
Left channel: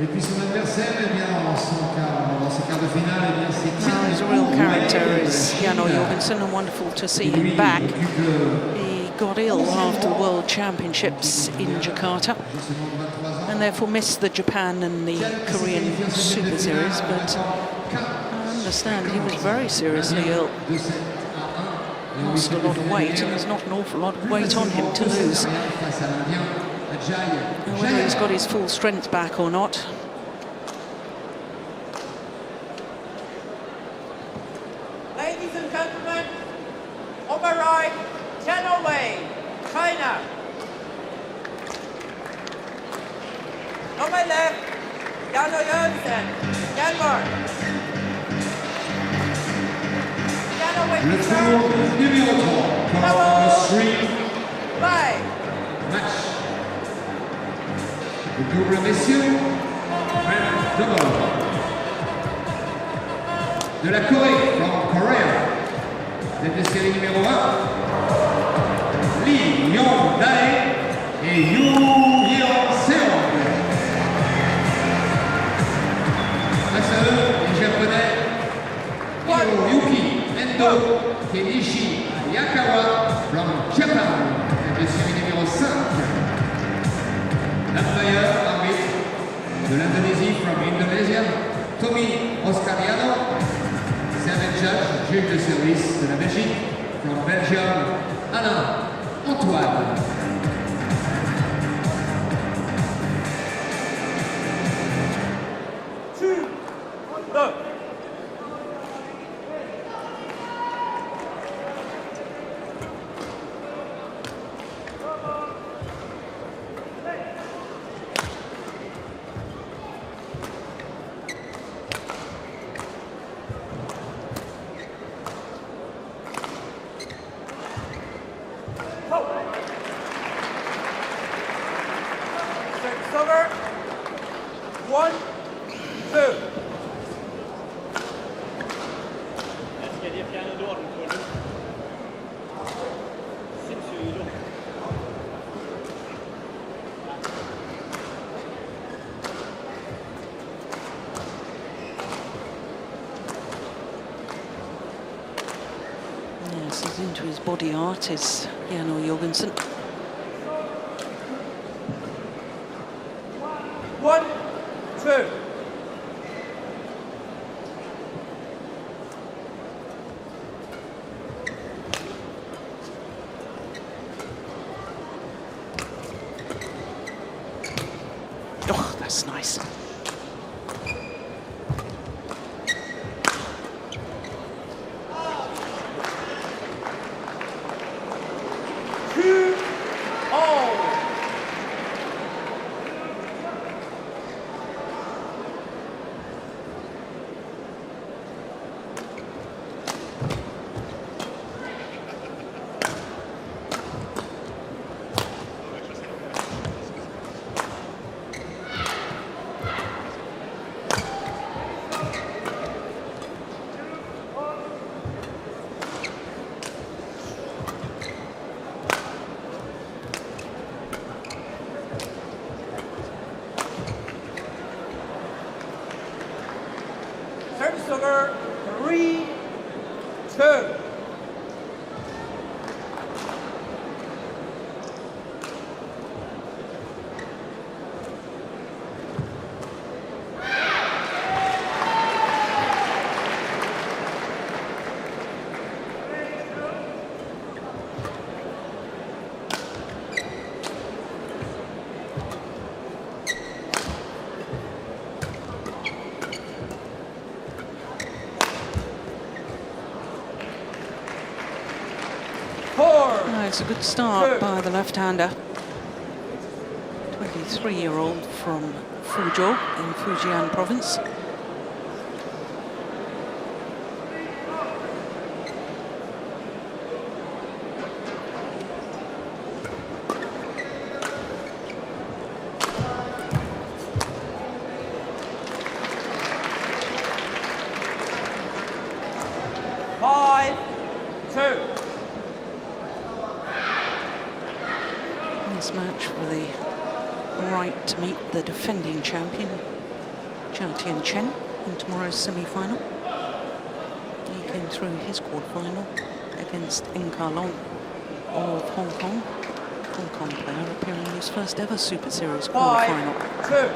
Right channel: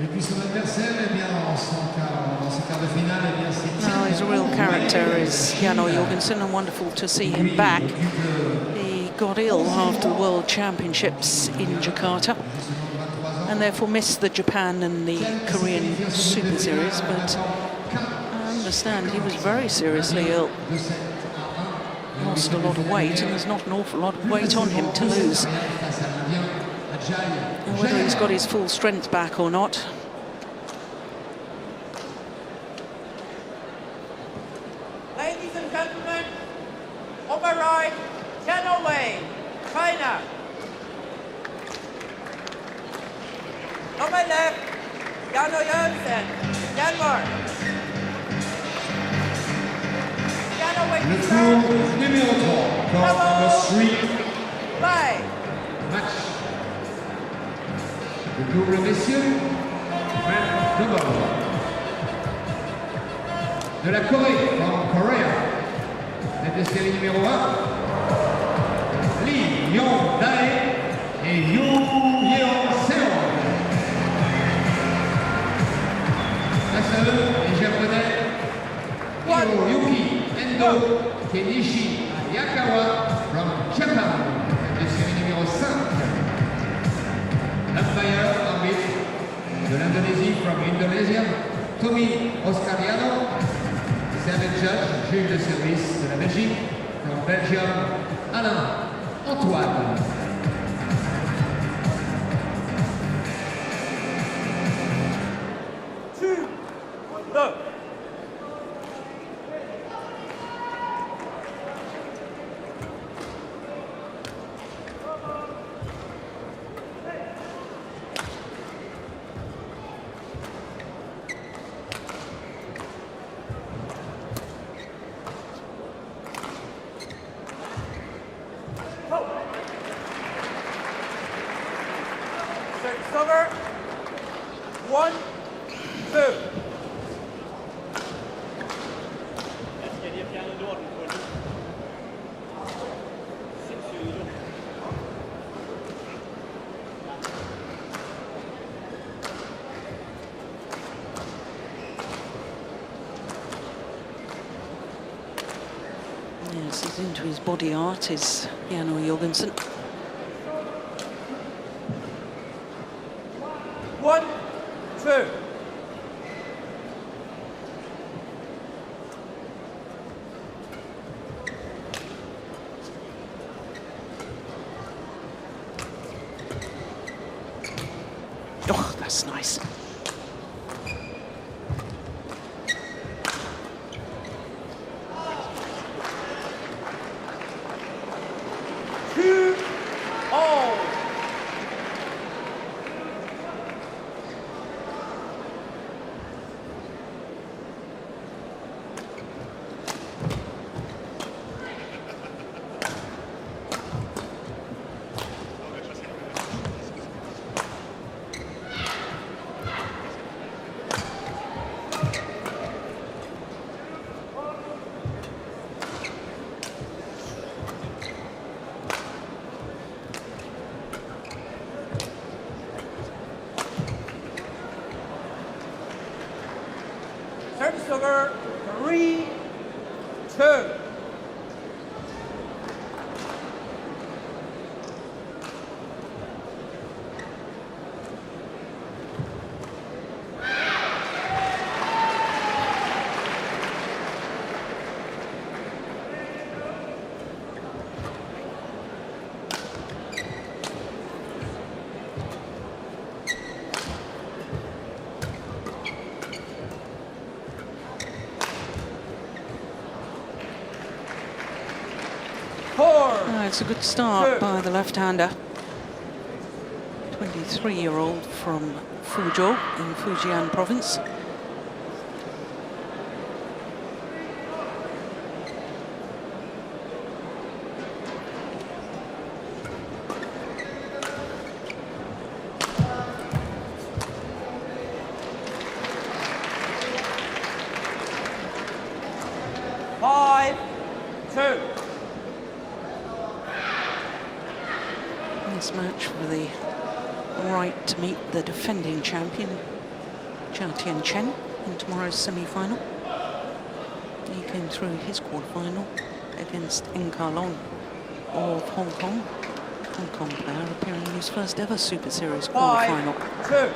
Et puis son adversaire, eh bien, dans ce quart de finale, eh bien, c'est No, he's a real character, is Jorgensen, and wonderful to see him back. He got ill after the World Championships in Jakarta and therefore missed the Japan and the Korean Super Series, but I understand he was very seriously ill. Lost a lot of weight, and there's not an awful lot of weight on him to lose. Now, whether he's got his full strength back or not. Ladies and gentlemen, on my right, Houwei, China. On my left, Jorgensen, Denmark. Le tour numéro 3 dans le street Bye. match. Le double messieurs, double. De la Corée, from Korea. Tête de série numéro 1. Ling, Yeong, et Yeong. Face à eux, les Japonais, Yuki, Endo, Kenichi, Yakawa, from Japan. Tête de série numéro 5. L'umpire arbitre de l'Indonésie from Indonesia, Tommy Oscariano. Servant judge, juge de service de la Belgique, from Belgium, Alain Antoine. Silver. 1, 2. Yes, he's into his body art, is Jorgensen. 1, 2. Oh, that's nice. 2-all. Service over 3-2. Oh, it's a good start by the left-hander. 23-year-old from Fuzhou in Fujian province. This match for the right to meet the defending champion, Tian Chen, in tomorrow's semi-final. He came through his quarterfinal against Intanon of Hong Kong. Hong Kong player appearing in his first ever Super Series quarterfinal. 5-2.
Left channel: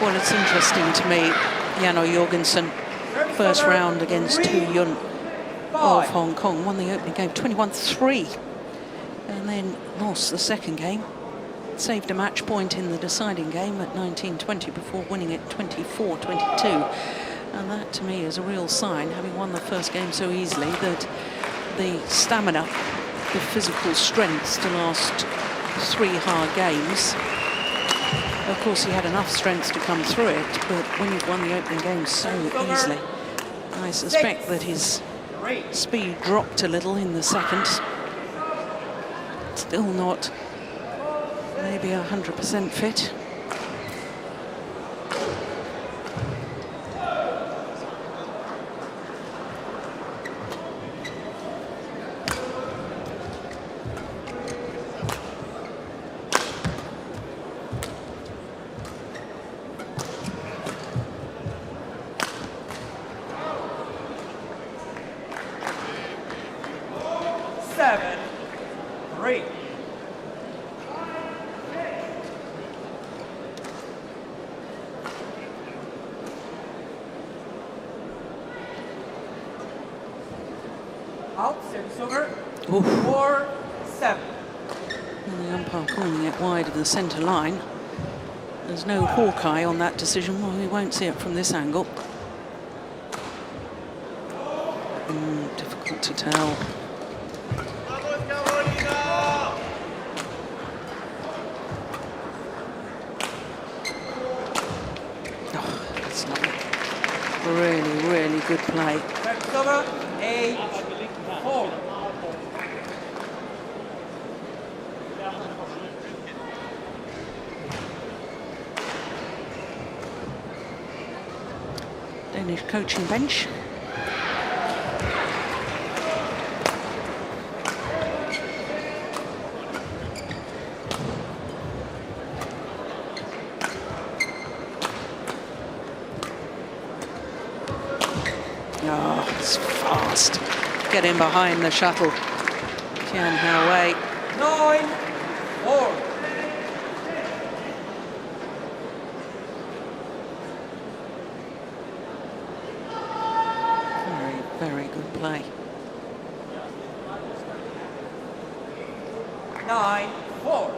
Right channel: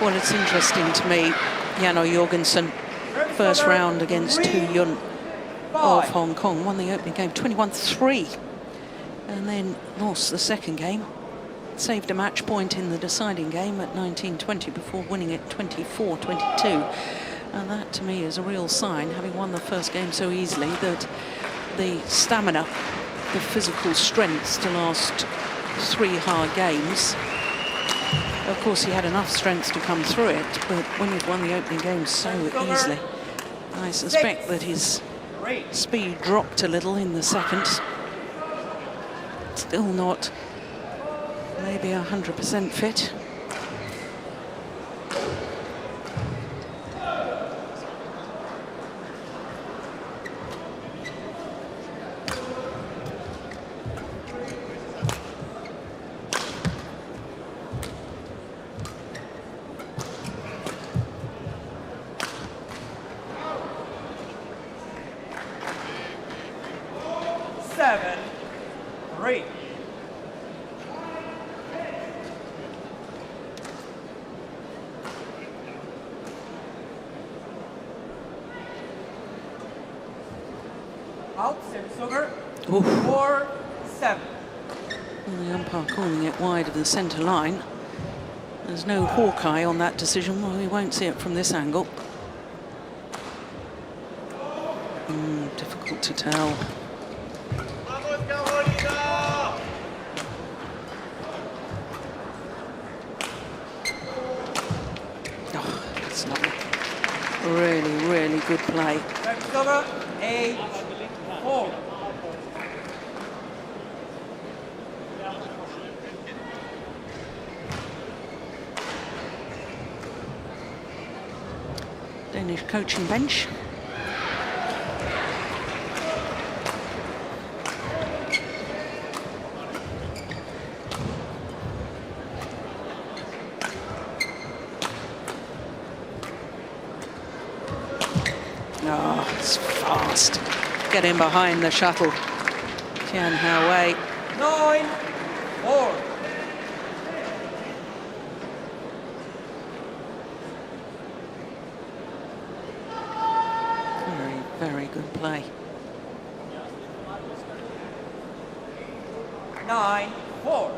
Well, it's interesting to me, Jorgensen, first round against Yun of Hong Kong, won the opening game 21-3, and then lost the second game. Saved a match point in the deciding game at 19-20 before winning it 24-22. And that, to me, is a real sign, having won the first game so easily, that the stamina, the physical strength to last 3 hard games. Of course, he had enough strength to come through it, but when you've won the opening game so easily, I suspect that his speed dropped a little in the second. Still not maybe 100% fit. Oof. 4-7. Well, the umpire calling it wide of the centre line. There's no Hawkeye on that decision. Well, we won't see it from this angle. Difficult to tell. Oh, that's lovely. Really, really good play. Danish coaching bench. Oh, it's fast. Getting behind the shuttle. Tian Houwei. 9-4. Very, very good play. 9-4.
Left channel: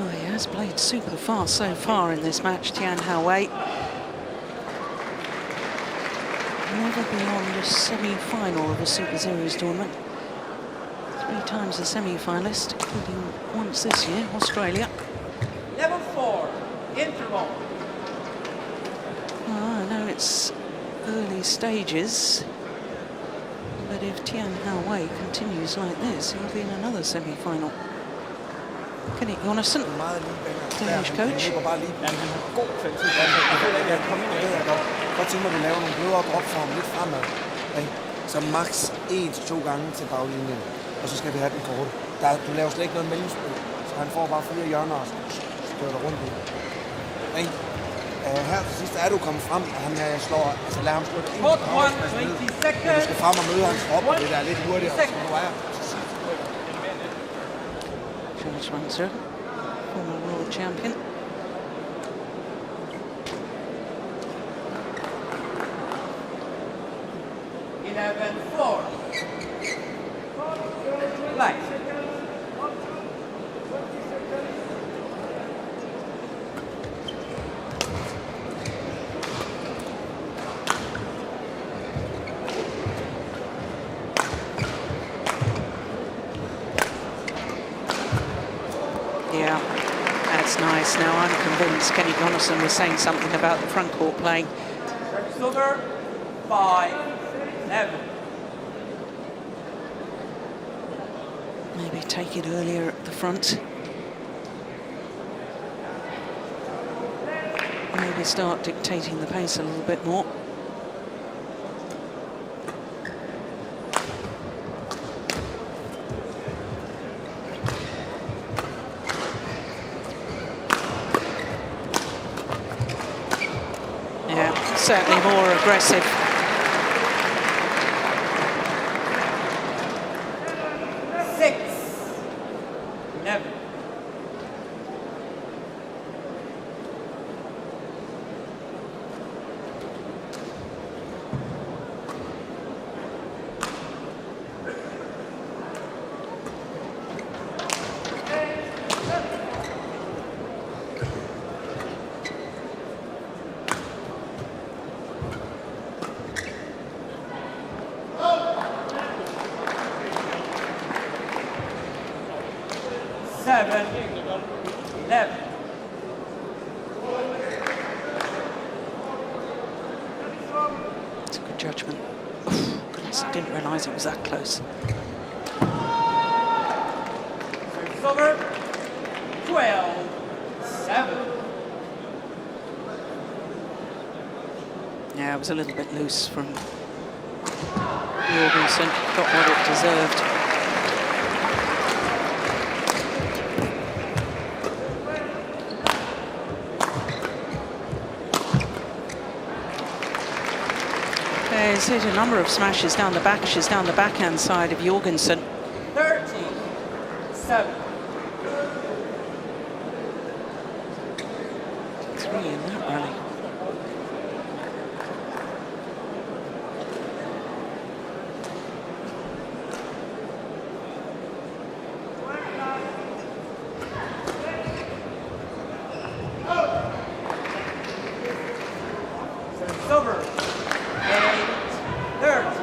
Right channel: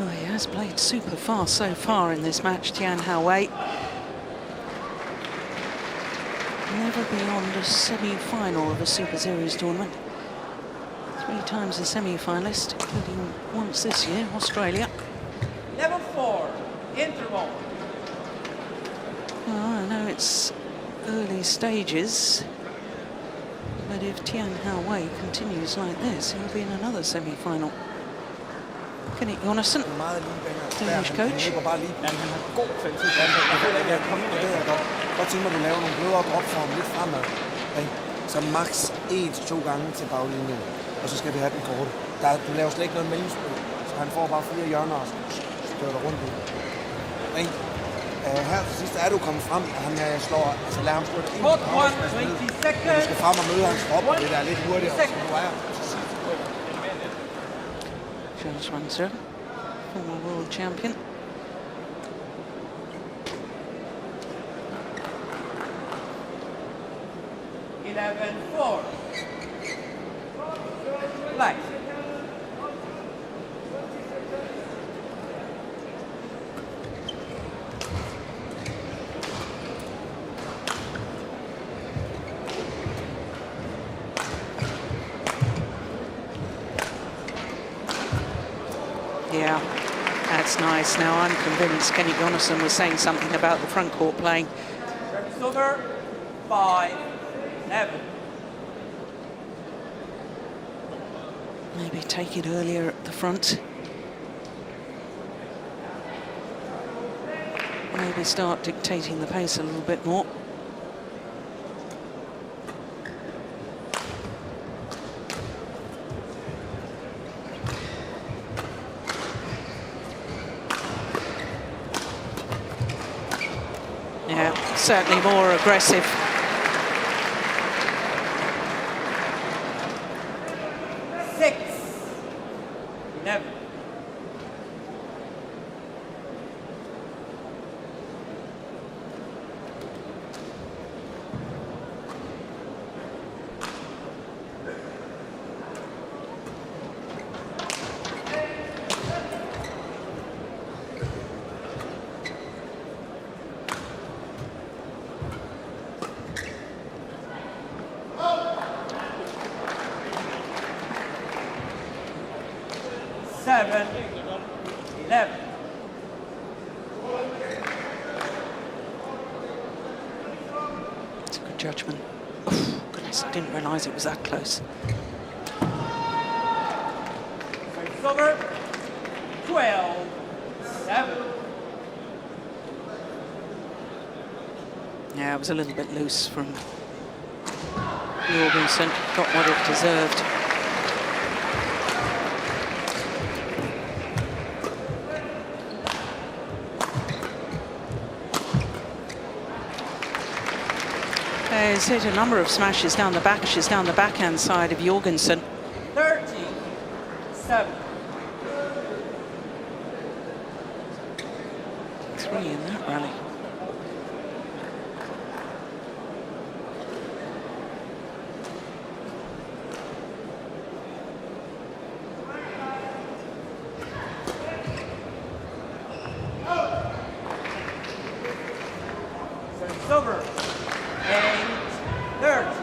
Oh, he has played super fast so far in this match, Tian Houwei. Never beyond a semi-final of a Super Series tournament. 3 times a semi-finalist, including once this year, Australia. Level 4, interval. Oh, I know it's early stages, but if Tian Houwei continues like this, he'll be in another semi-final. Kenneth Jonesen, Danish coach. Så max 1 til 2 gange til baglinjen, og så skal vi have den kort. Du laver slet ikke noget mellemspil, så han får bare 4 hjørner og støtter rundt i. Her til sidst er du kommet frem, og han slår, altså lader ham slå det ind. Du skal frem og møde hans krop, og det der er lidt hurtigt, og så du er. Jorgensen, former world champion. Yeah, that's nice. Now I'm convinced Kenneth Jonesen was saying something about the front court playing. Silver, 5-7. Maybe take it earlier at the front. Maybe start dictating the pace a little bit more. Yeah, certainly more aggressive. It's a good judgment. Oh, goodness, I didn't realise it was that close. Silver, 12-7. Yeah, it was a little bit loose from Jorgensen. Got what it deserved. He's hit a number of smashes down the backhand side of Jorgensen. 13-7. 3 in that rally. Silver, 8-30.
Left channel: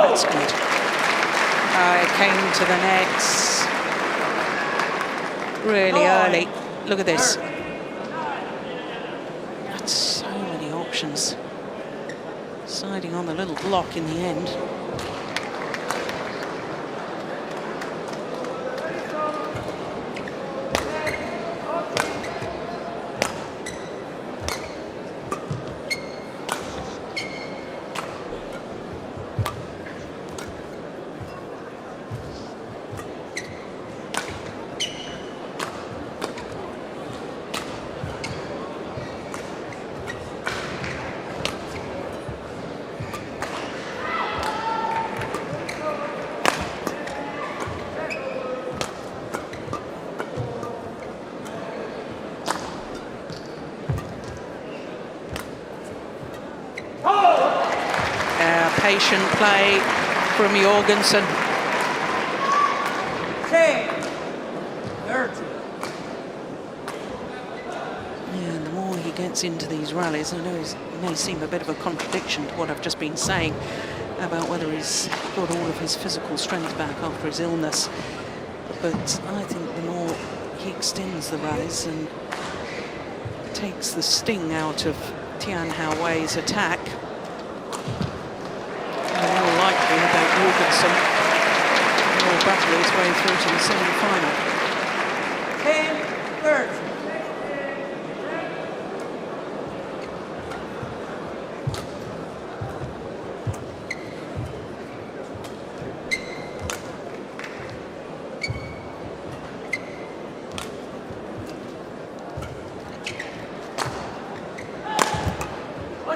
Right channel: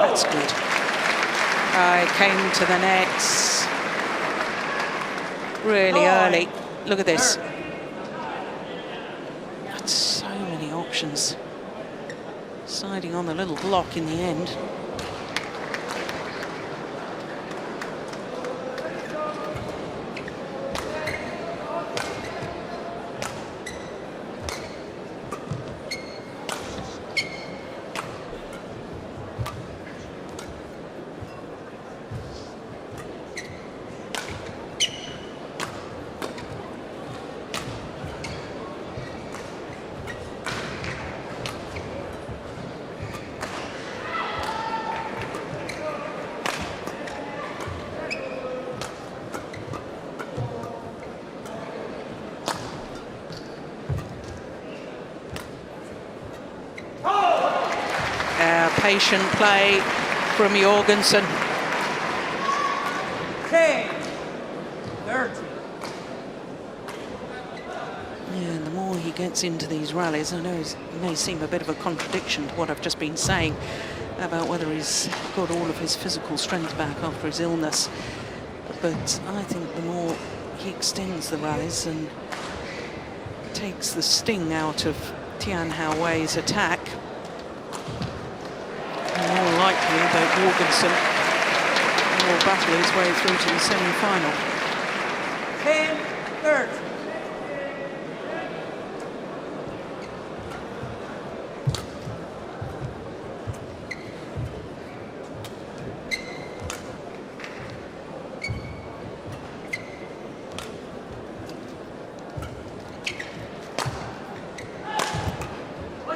that's good. It came to the nets really early. Look at this. That's so many options. Deciding on the little block in the end. Patient play from Jorgensen. 10, 30. Yeah, and the more he gets into these rallies, I know it may seem a bit of a contradiction to what I've just been saying about whether he's got all of his physical strength back after his illness. But I think the more he extends the rallies and takes the sting out of Tian Houwei's attack, the more likely that Jorgensen will battle his way through to the semi-final. 10, 30.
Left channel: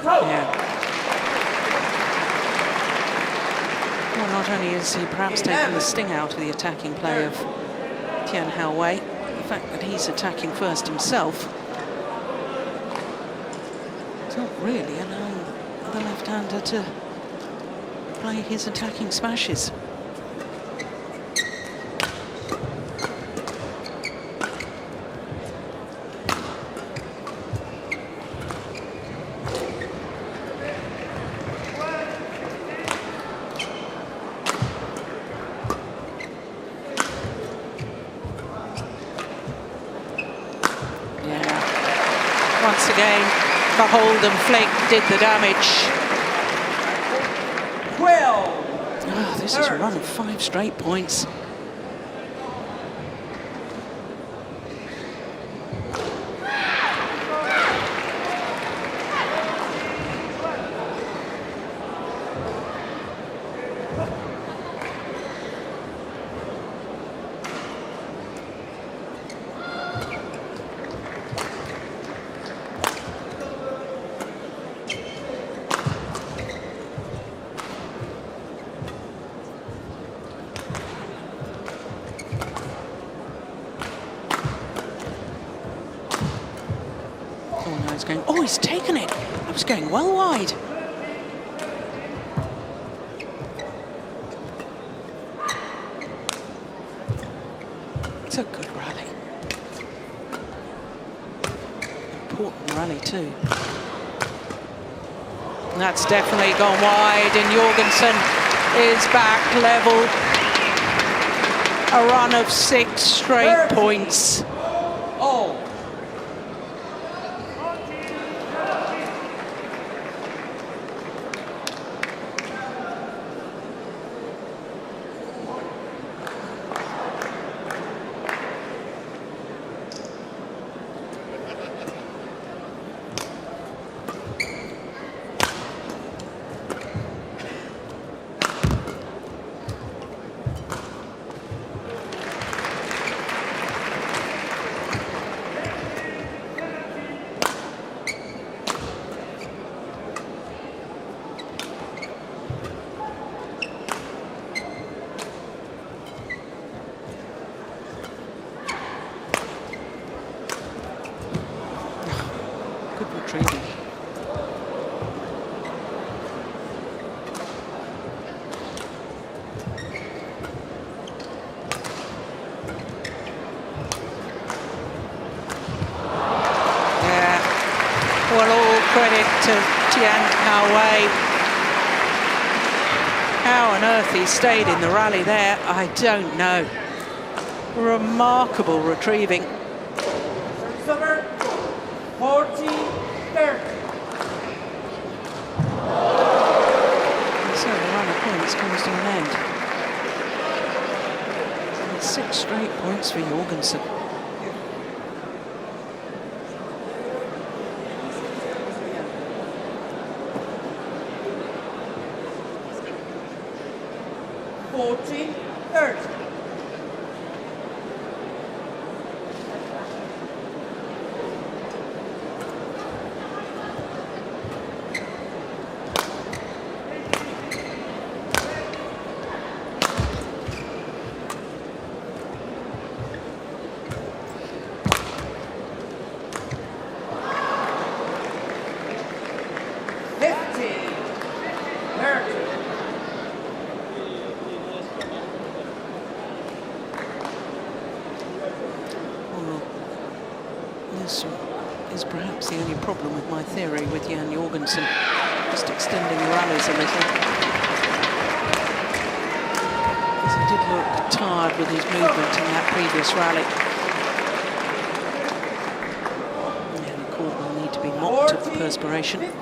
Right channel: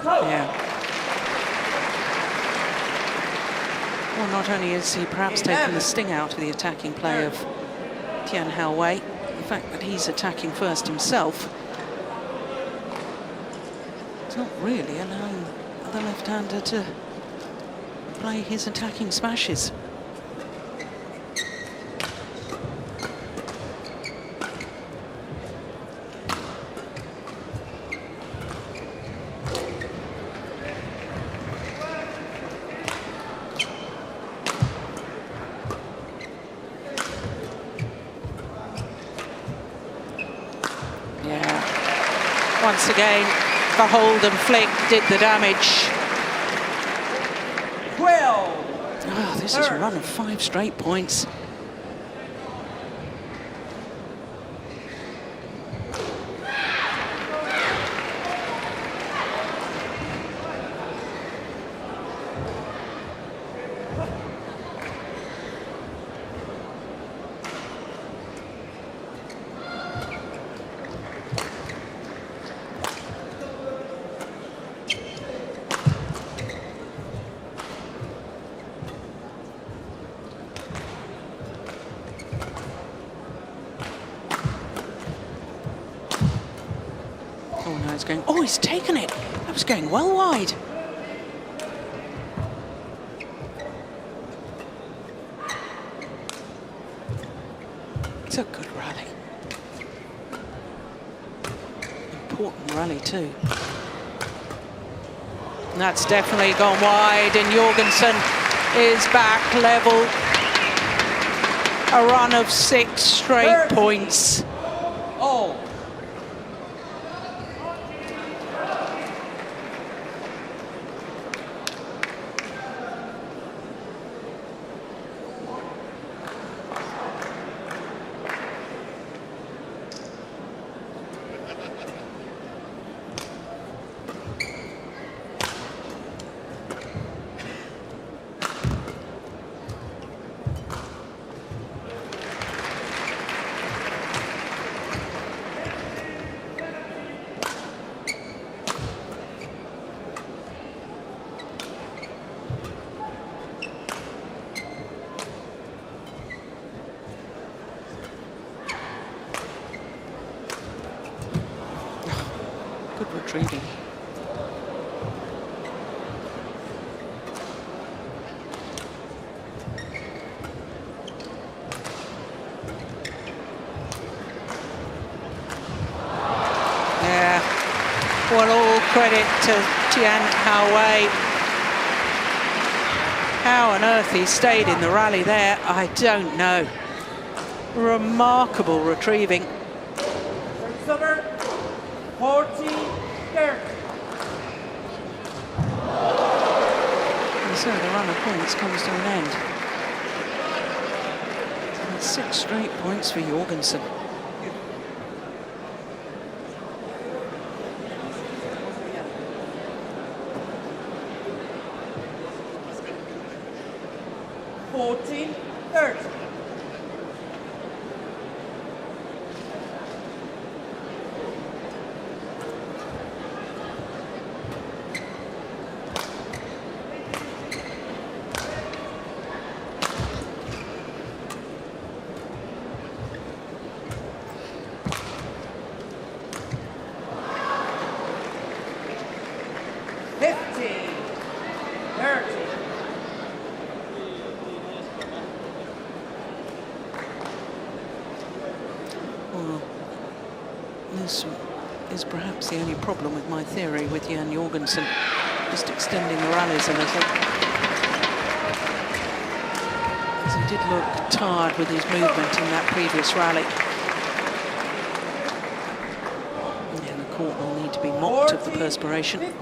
Yeah. Well, not only is he perhaps taken the sting out of the attacking play of Tian Houwei, the fact that he's attacking first himself, it's not really allowing the left-hander to play his attacking smashes. Once again, the hold and flick did the damage. 12. Oh, this is a run of 5 straight points. Oh, no, it's going... Oh, he's taken it. I was going well wide. It's a good rally. Important rally, too. And that's definitely gone wide, and Jorgensen is back level. A run of 6 straight points. Good retrieving. Yeah, well, all credit to Tian Houwei. How on earth he stayed in the rally there, I don't know. Remarkable retrieving. Server 40-30. And so the run of points comes to an end. And it's 6 straight points for Jorgensen. Well, this is perhaps the only problem with my theory with Jan Jorgensen, just extending the rallies a little. Because he did look tired with his movement in that previous rally. And the court will need to be mopped of the perspiration.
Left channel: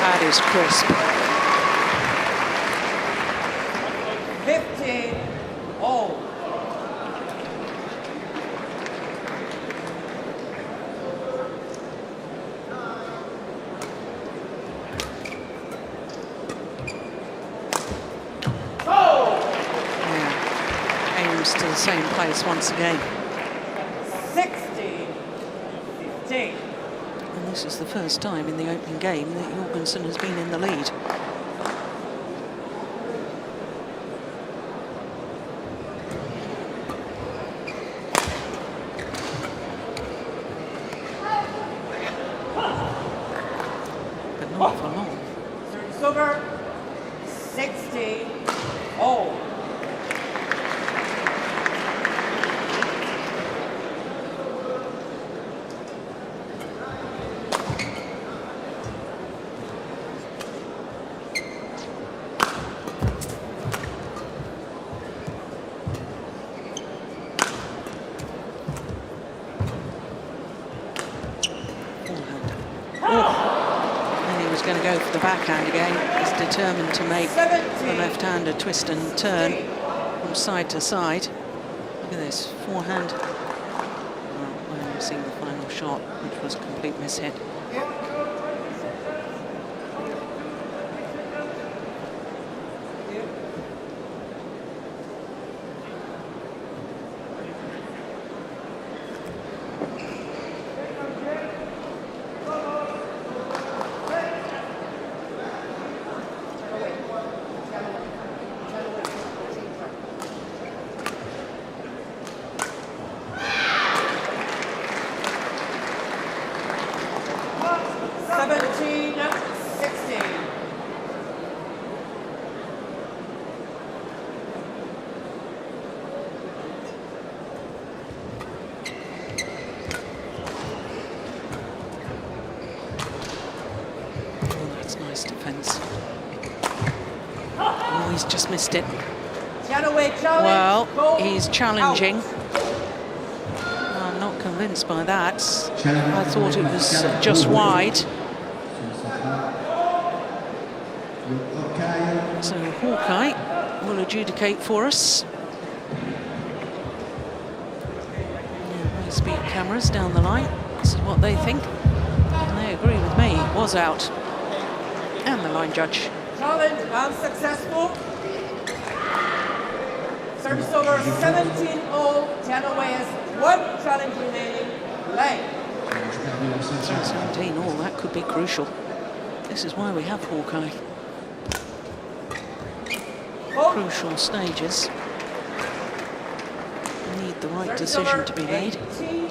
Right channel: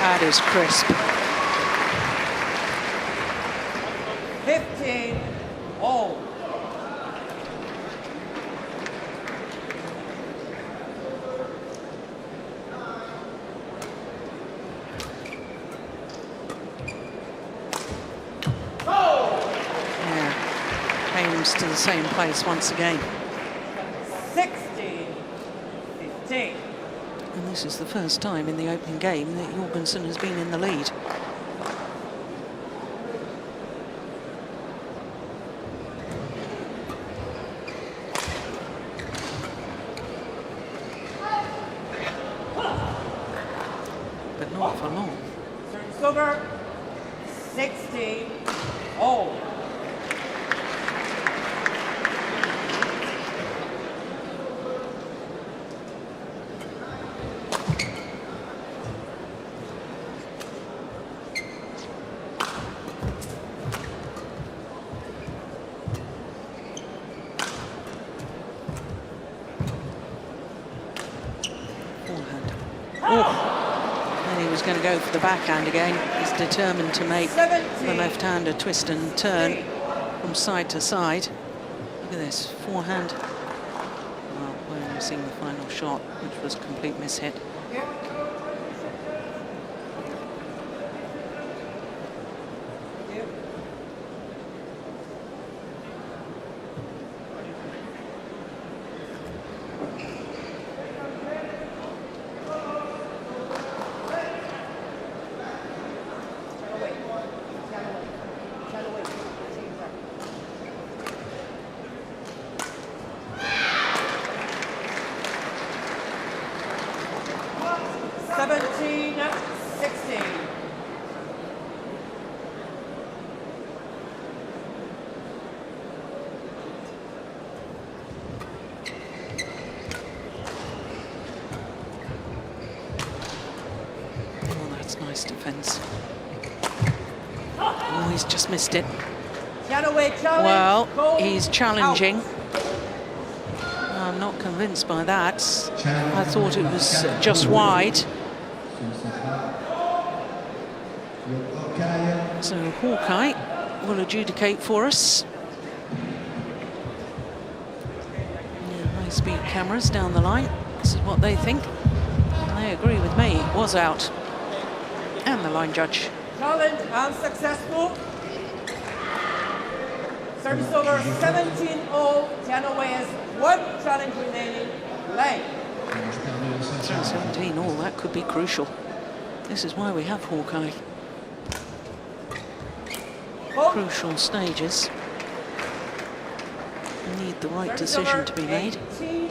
That is crisp. 15-0. Yeah, aims to the same place once again. 16-15. And this is the first time in the opening game that Jorgensen has been in the lead. But not for long. Server 16-0. Forehand. Oh! Then he was going to go for the backhand again. He's determined to make the left-hander twist and turn from side to side. Look at this, forehand. Well, we're only seeing the final shot, which was a complete mishit. Nice defense. Oh, he's just missed it. Well, he's challenging. I'm not convinced by that. I thought it was just wide. So Houwei will adjudicate for us. Yeah, high-speed cameras down the line. This is what they think. And they agree with me. It was out. And the line judge. Challenge unsuccessful. Service over 17-0. Genoese, 1 challenge remaining. Ling. 17 all, that could be crucial. This is why we have Hawkeye. Crucial stages. Need the right decision to be made. 18-17.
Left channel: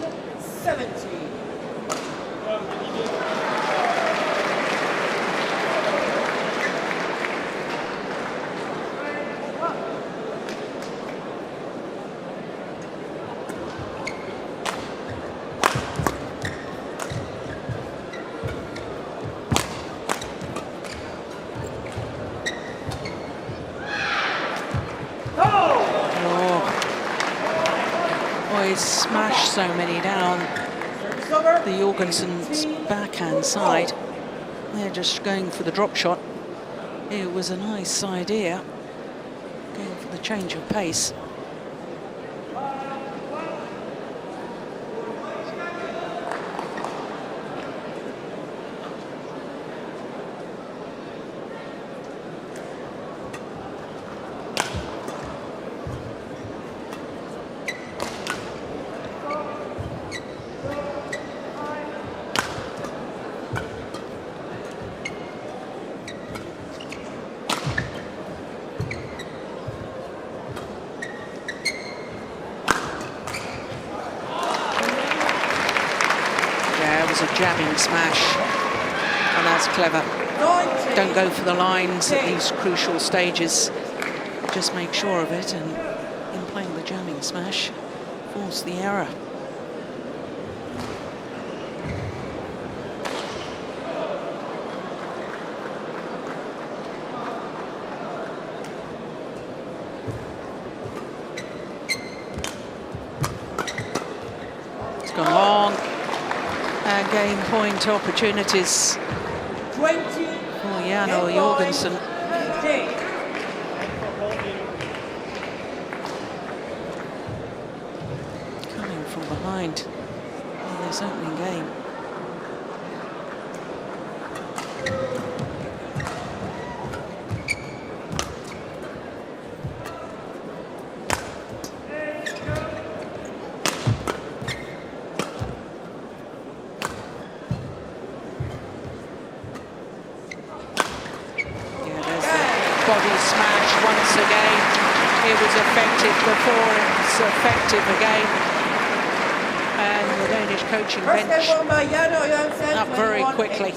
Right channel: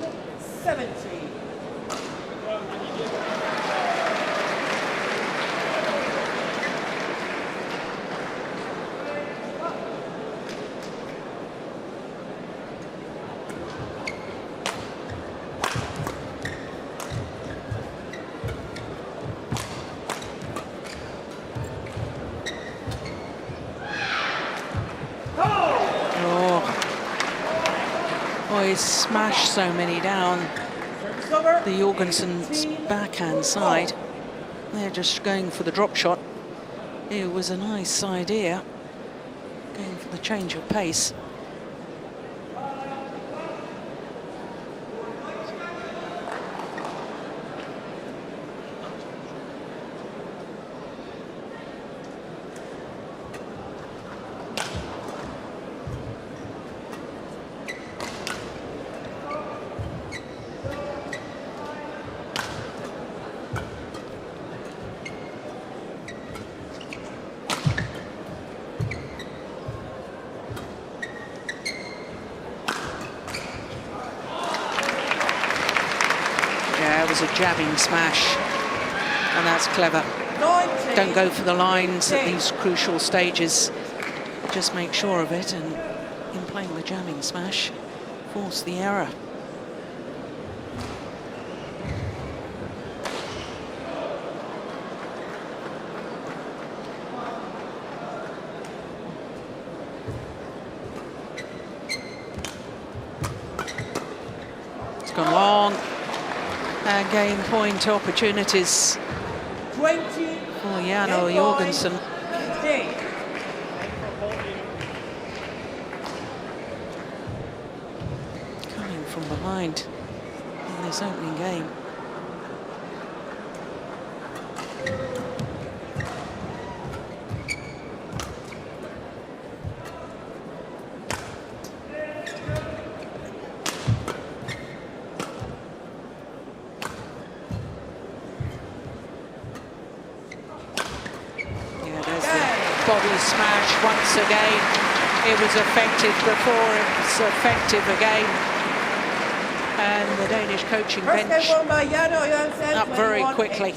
He's smashed so many down the Jorgensen's backhand side. They're just going for the drop shot. It was a nice idea, going for the change of pace. Yeah, it was a jabbing smash, and that's clever. Don't go for the lines at these crucial stages. Just make sure of it, and in playing the jamming smash, force the error. It's gone long. And game point opportunities for Jan Jorgensen. Coming from behind in this opening game. Body smash once again. It was effective before, it was effective again. And the Danish coaching bench up very quickly.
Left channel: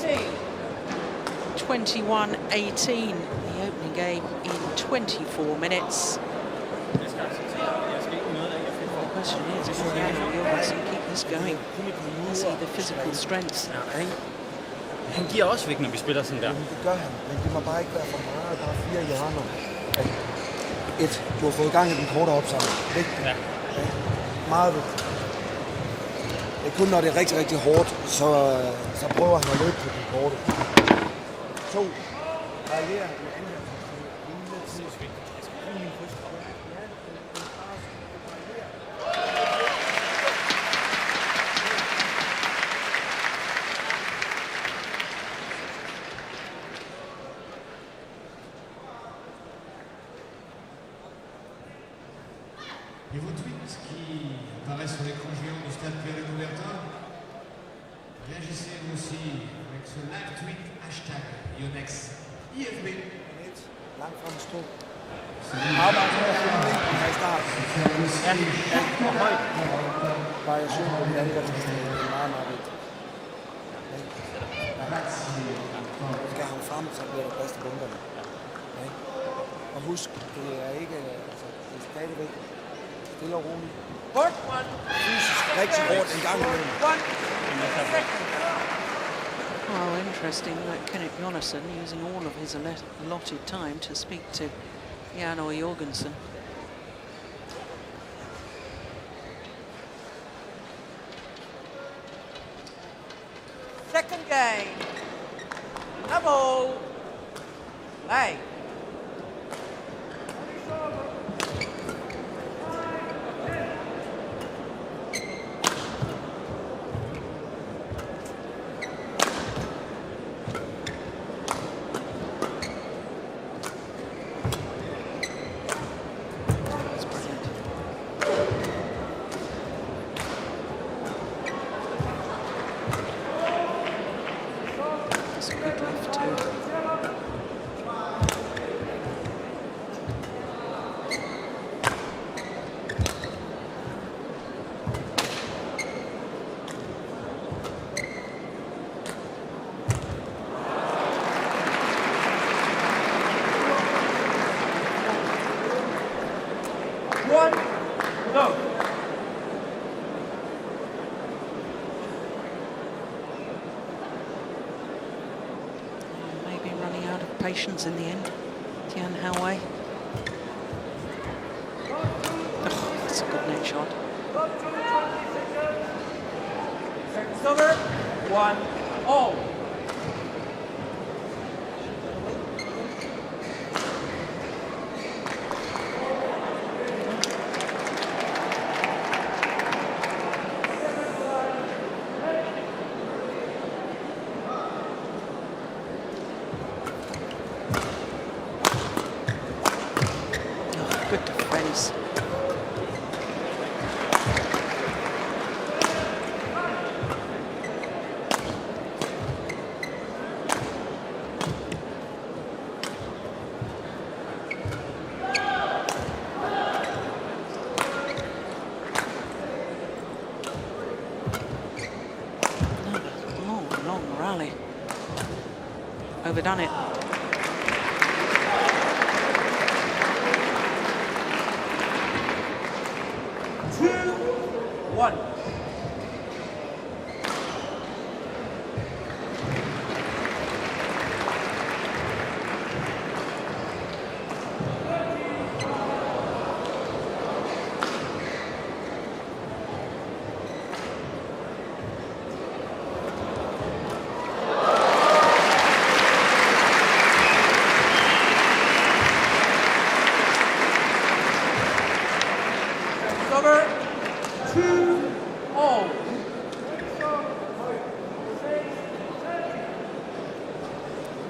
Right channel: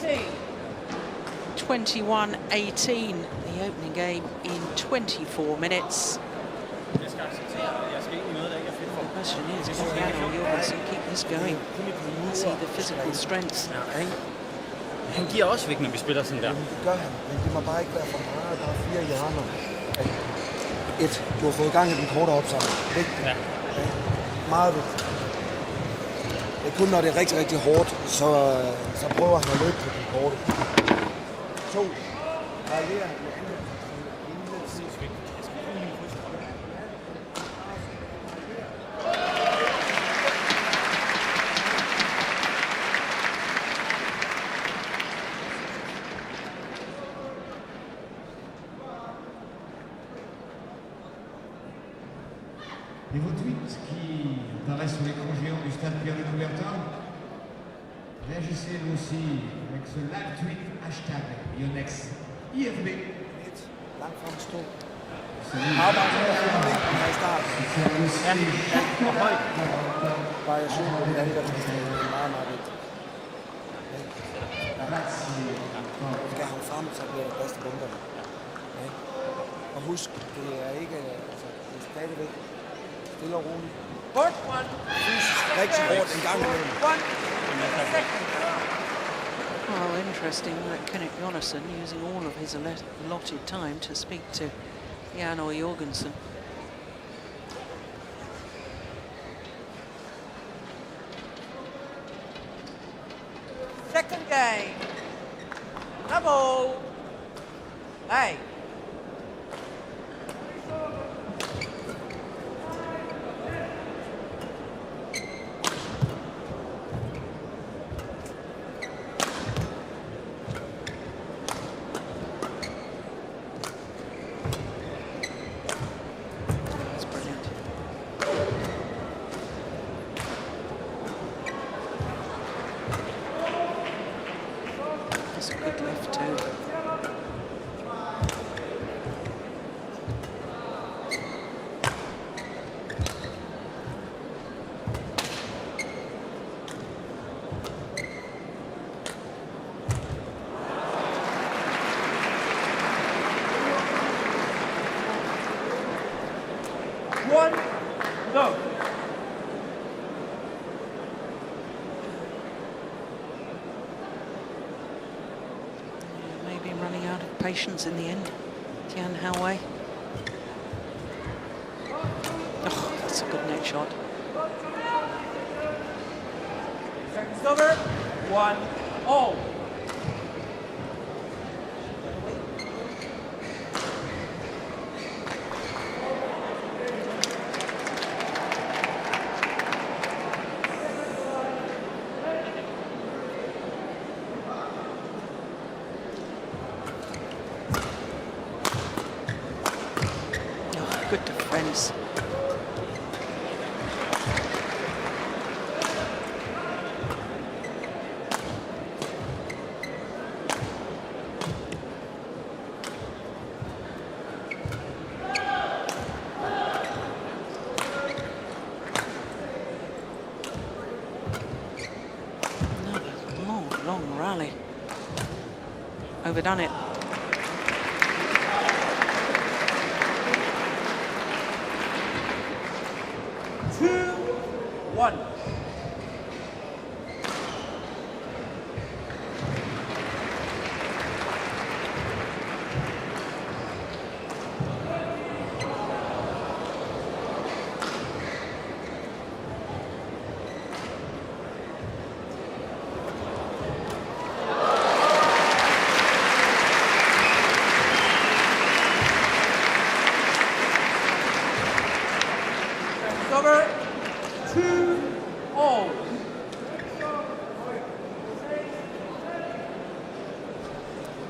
21-18, the opening game in 24 minutes. Well, the question is, can Jan Jorgensen keep this going? Has he the physical strength? Han giver også væk, når vi spiller sådan der. Det gør han, men det må bare ikke være for meget. Der er 4 i hånden. Du har fået gang i den korte opsamling. Ja. Meget vigtigt. Det er kun når det er rigtig, rigtig hårdt, så prøver han at løbe på den korte. 2. Varierer. Et vos tweets qui apparaissent sur l'écran géant du stade Pierre de Coubertin, réagissez vous aussi avec ce live tweet hashtag Yonex IFB. Og husk, det er ikke stadigvæk stille og roligt. Rigtig hårdt i gang imellem. Well, interesting that Kenneth Jonassen using all of his allotted time to speak to Jan Jorgensen. Second game. A ball. Hey. good lift too. No. Yeah, maybe running out of patience in the end. Tian Houwei. Oh, that's a good net shot. Number 1-0. Oh, good defense. Another long rally. Overdone it.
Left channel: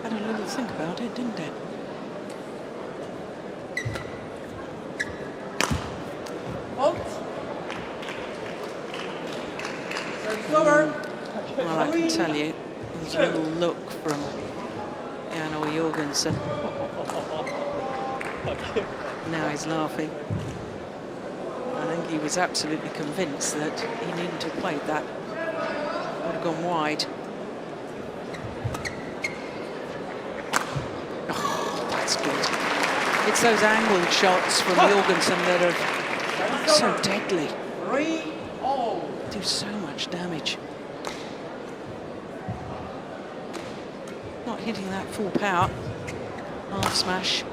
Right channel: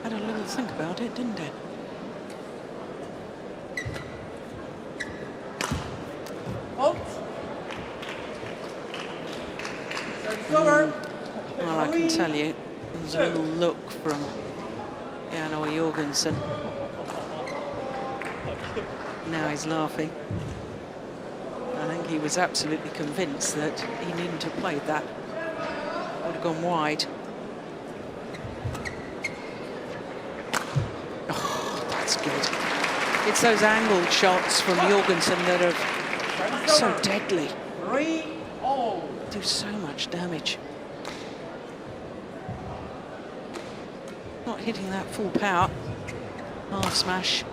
Had a little think about it, didn't it? Well, I can tell you, there was a little look from Jorgensen. Now he's laughing. I think he was absolutely convinced that he needn't have played that. Would have gone wide. Oh, that's good. It's those angled shots from Jorgensen that are so deadly. Do so much damage. Not hitting that full power. Half smash.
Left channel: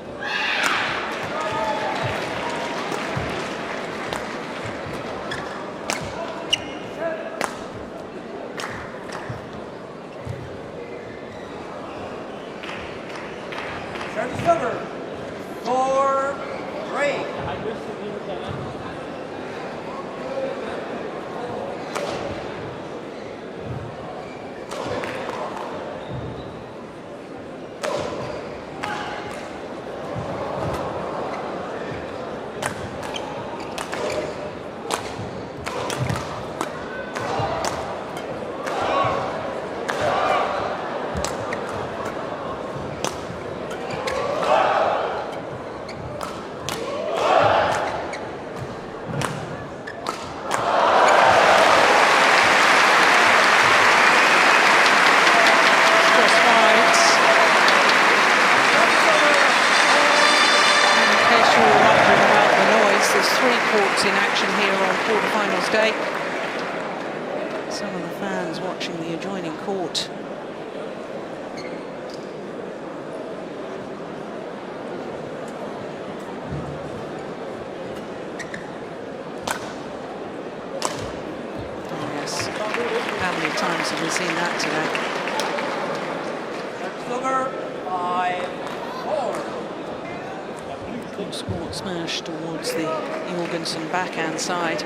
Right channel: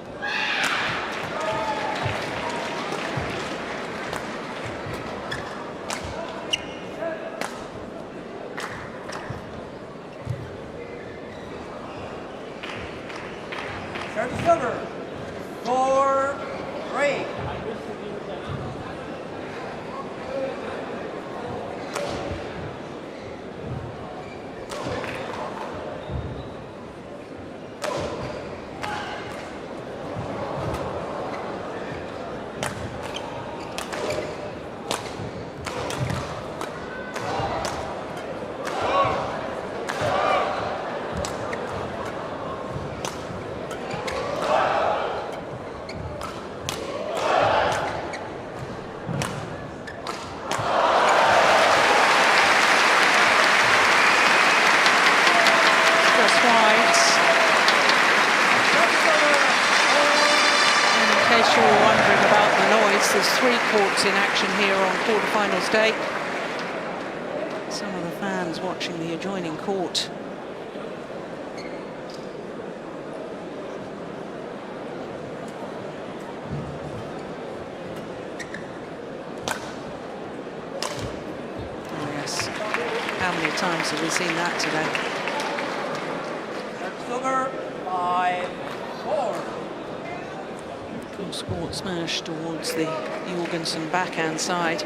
There's 3 courts in action here on quarterfinals day. Some of the fans watching the adjoining court. Oh yes, how many times have we seen that today? Sport smash towards the Jorgensen backhand side.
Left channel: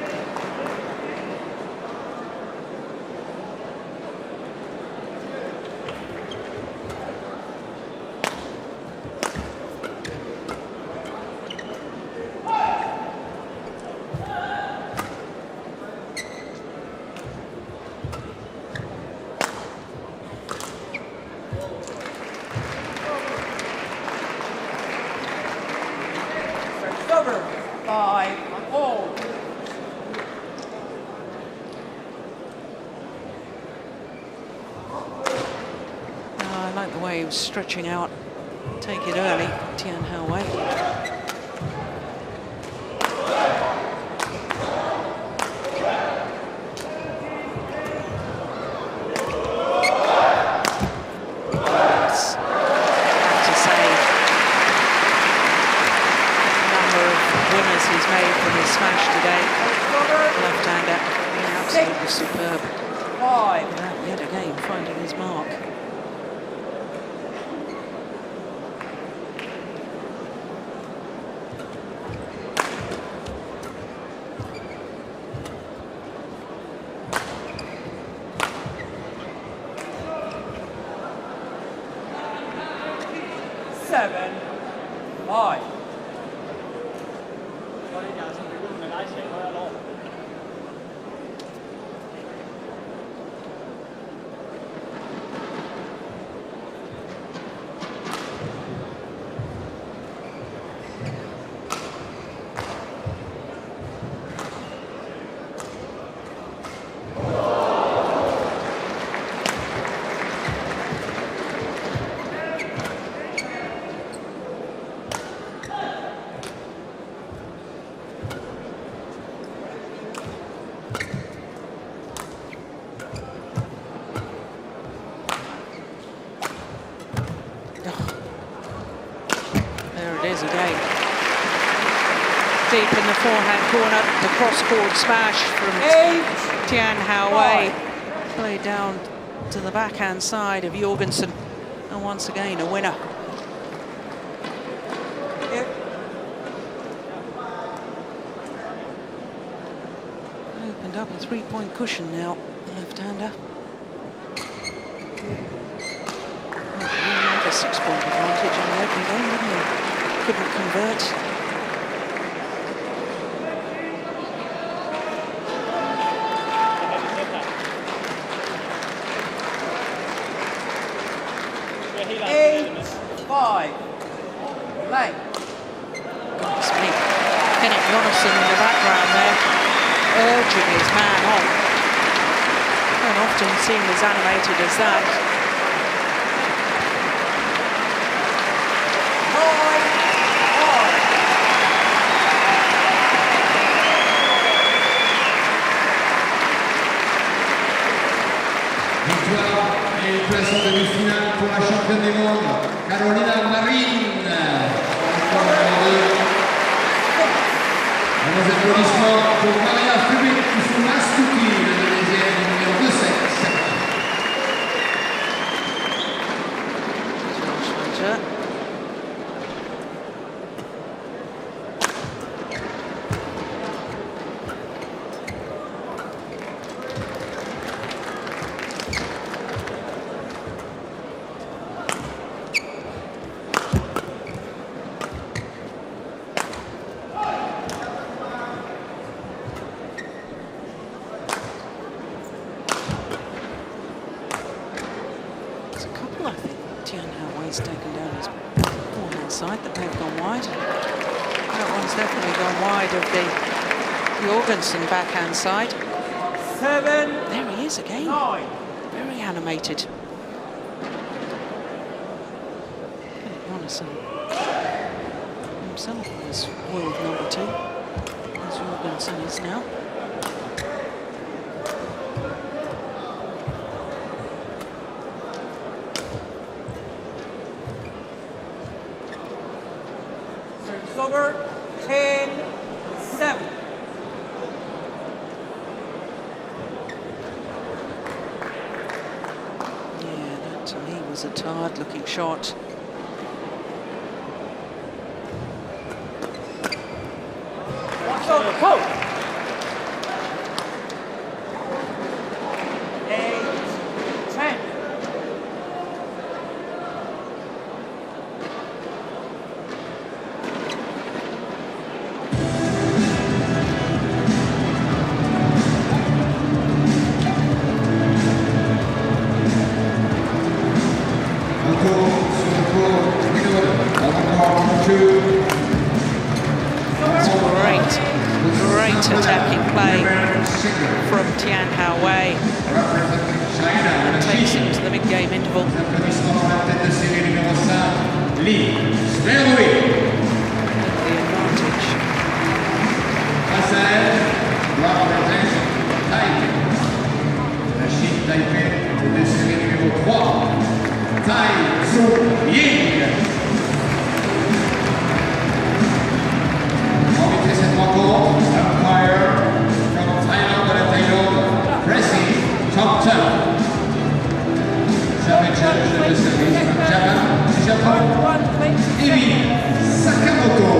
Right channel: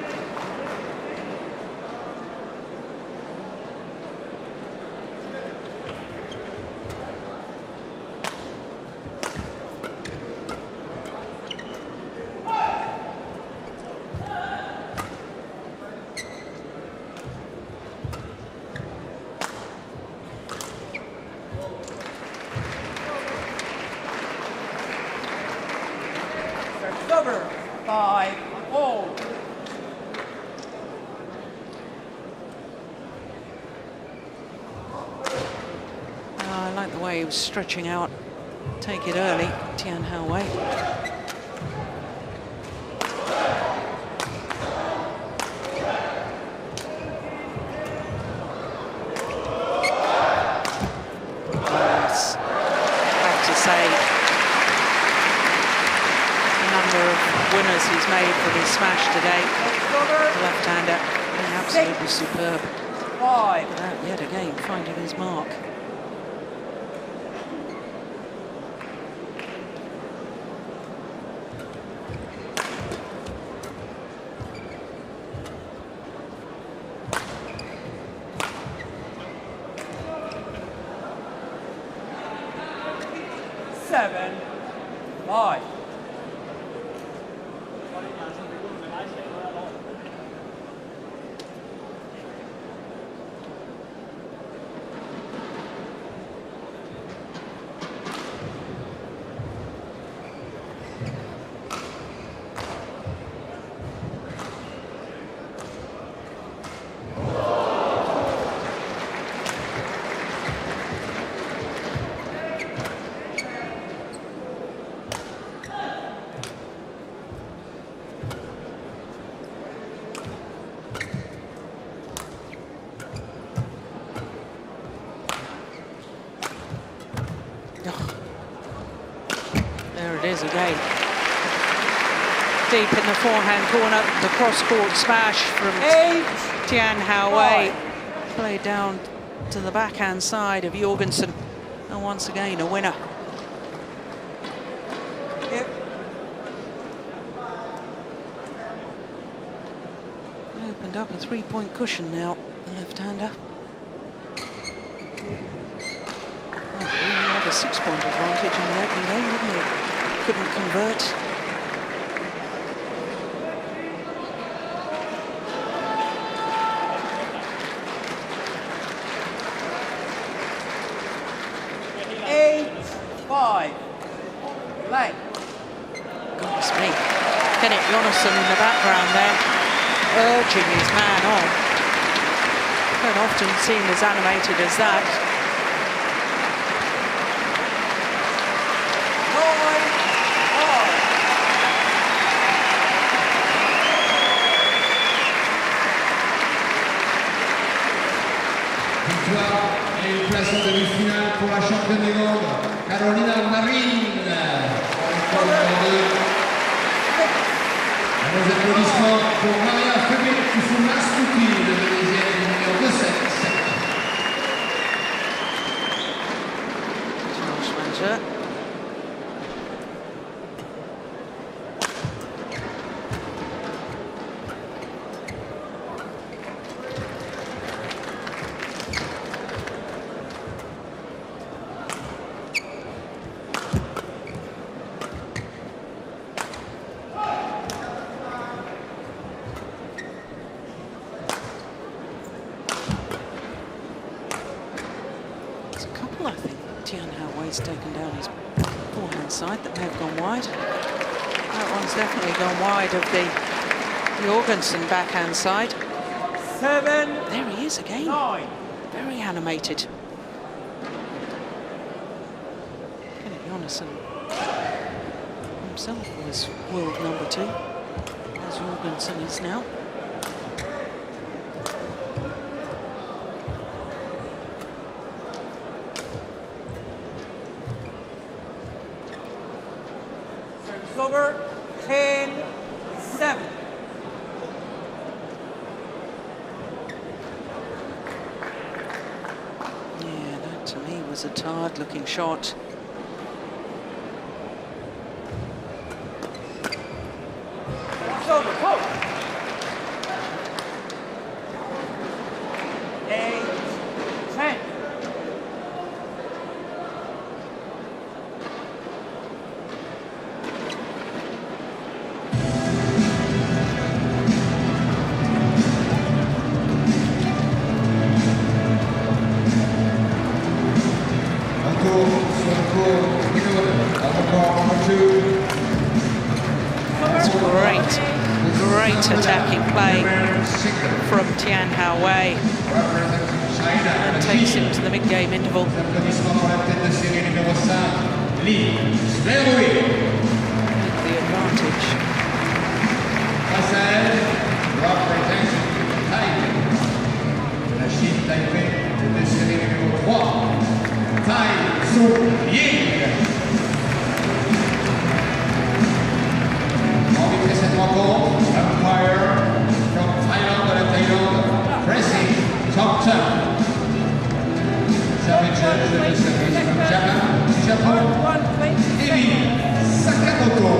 like the way he was stretching out. Take it early, Tian Houwei. Yes, have to say, the number of winners he's made from his smash today. The left-hander being absolutely superb. Look at that, yet again, finding his mark. There it is again. Deep in the forehand corner, the cross-court smash from Tian Houwei. Played down to the backhand side of Jorgensen. And once again, a winner. Opened up a 3-point cushion now, the left-hander. Oh, he had a 6-point advantage in the opening game, didn't he? Couldn't convert. Goodness me. Yonex in the background there, urging his man on. Don't often see him as animated as that. I think Tian Houwei's taken down his forehand side. That may have gone wide. That one's definitely gone wide of the Jorgensen backhand side. There he is again. Very animated. Yonex himself was world #2, as Jorgensen is now. Over 10-7. Yeah, that to me was a tired-looking shot. Watch over, coach. 8-10. Great attacking play from Tian Houwei. and takes him to the mid-game interval. With the advantage. La Chine Taipei de série numéro 3, Ying. Arbitré cette rencontre, umpire from Thailand, Greysia, Chong. Service judge de service from Japon, Sakamoto.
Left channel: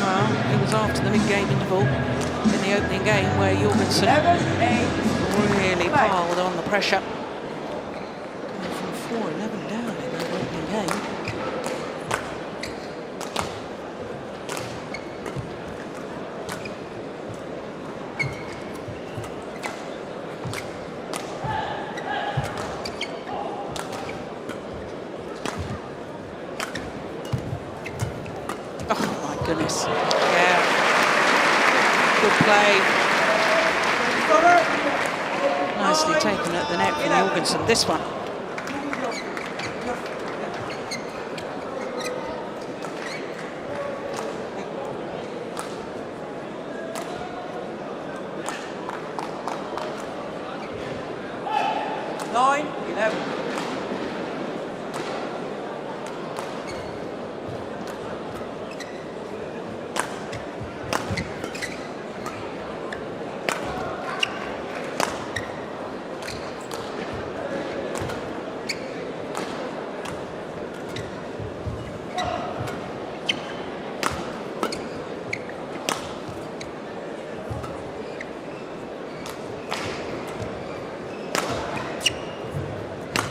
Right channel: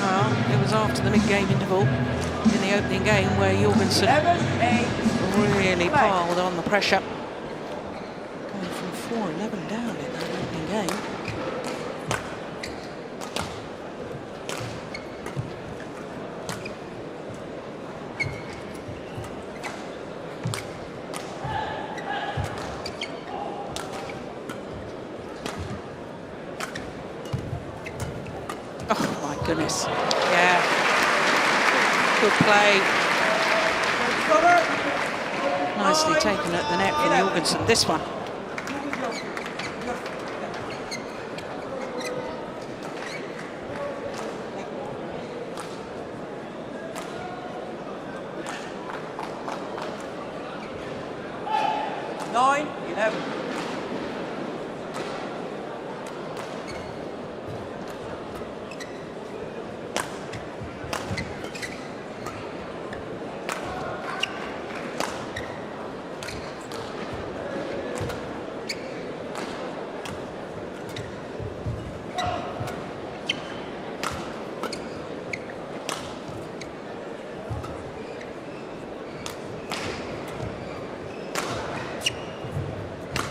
Well, it was after the mid-game interval in the opening game where Jorgensen really piled on the pressure. Going from 4-11 down in that opening game. Oh my goodness, yeah, good play. Nicely taken at the net from Jorgensen, this one.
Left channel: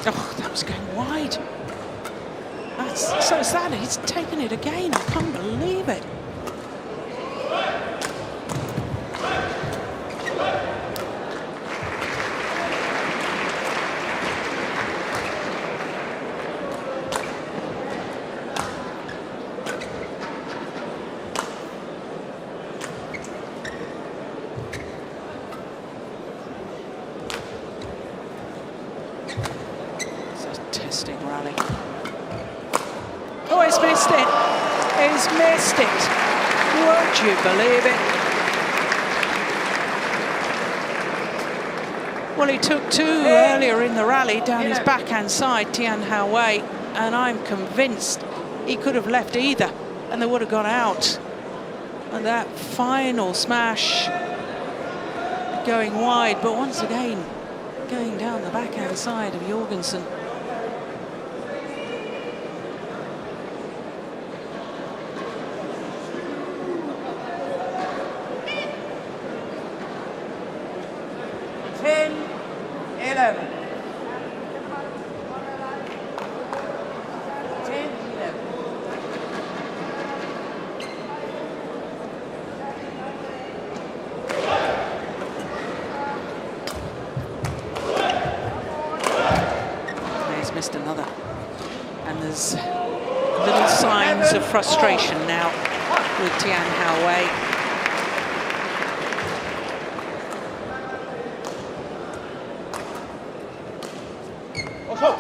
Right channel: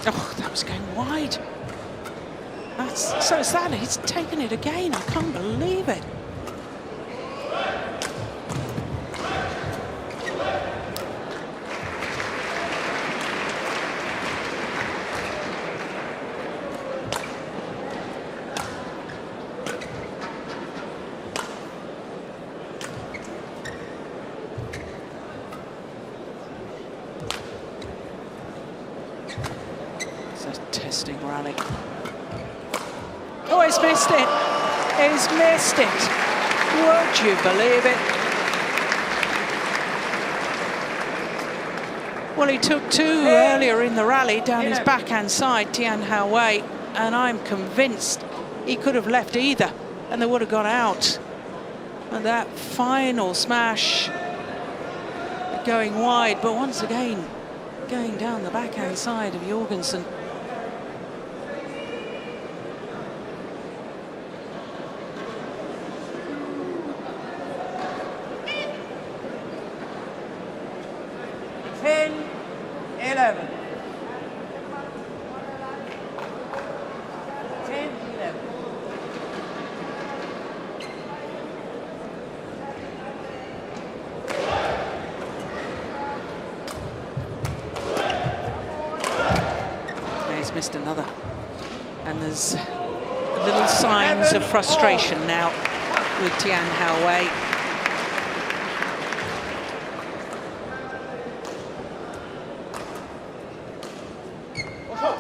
Oh, that was going wide. That's so sad. He's taken it again. I can't believe it. Testing rally. Oh, he's missed it. He's missed it. Would you believe it? Well, he took two earlier in the rally down his backhand side, Tian Houwei, and I'm convinced he could have left either and they would have gone out. And that final smash going wide, but once again, going down the backhand side of Jorgensen. Missed another, and there's little signs of frustration now with Tian Houwei.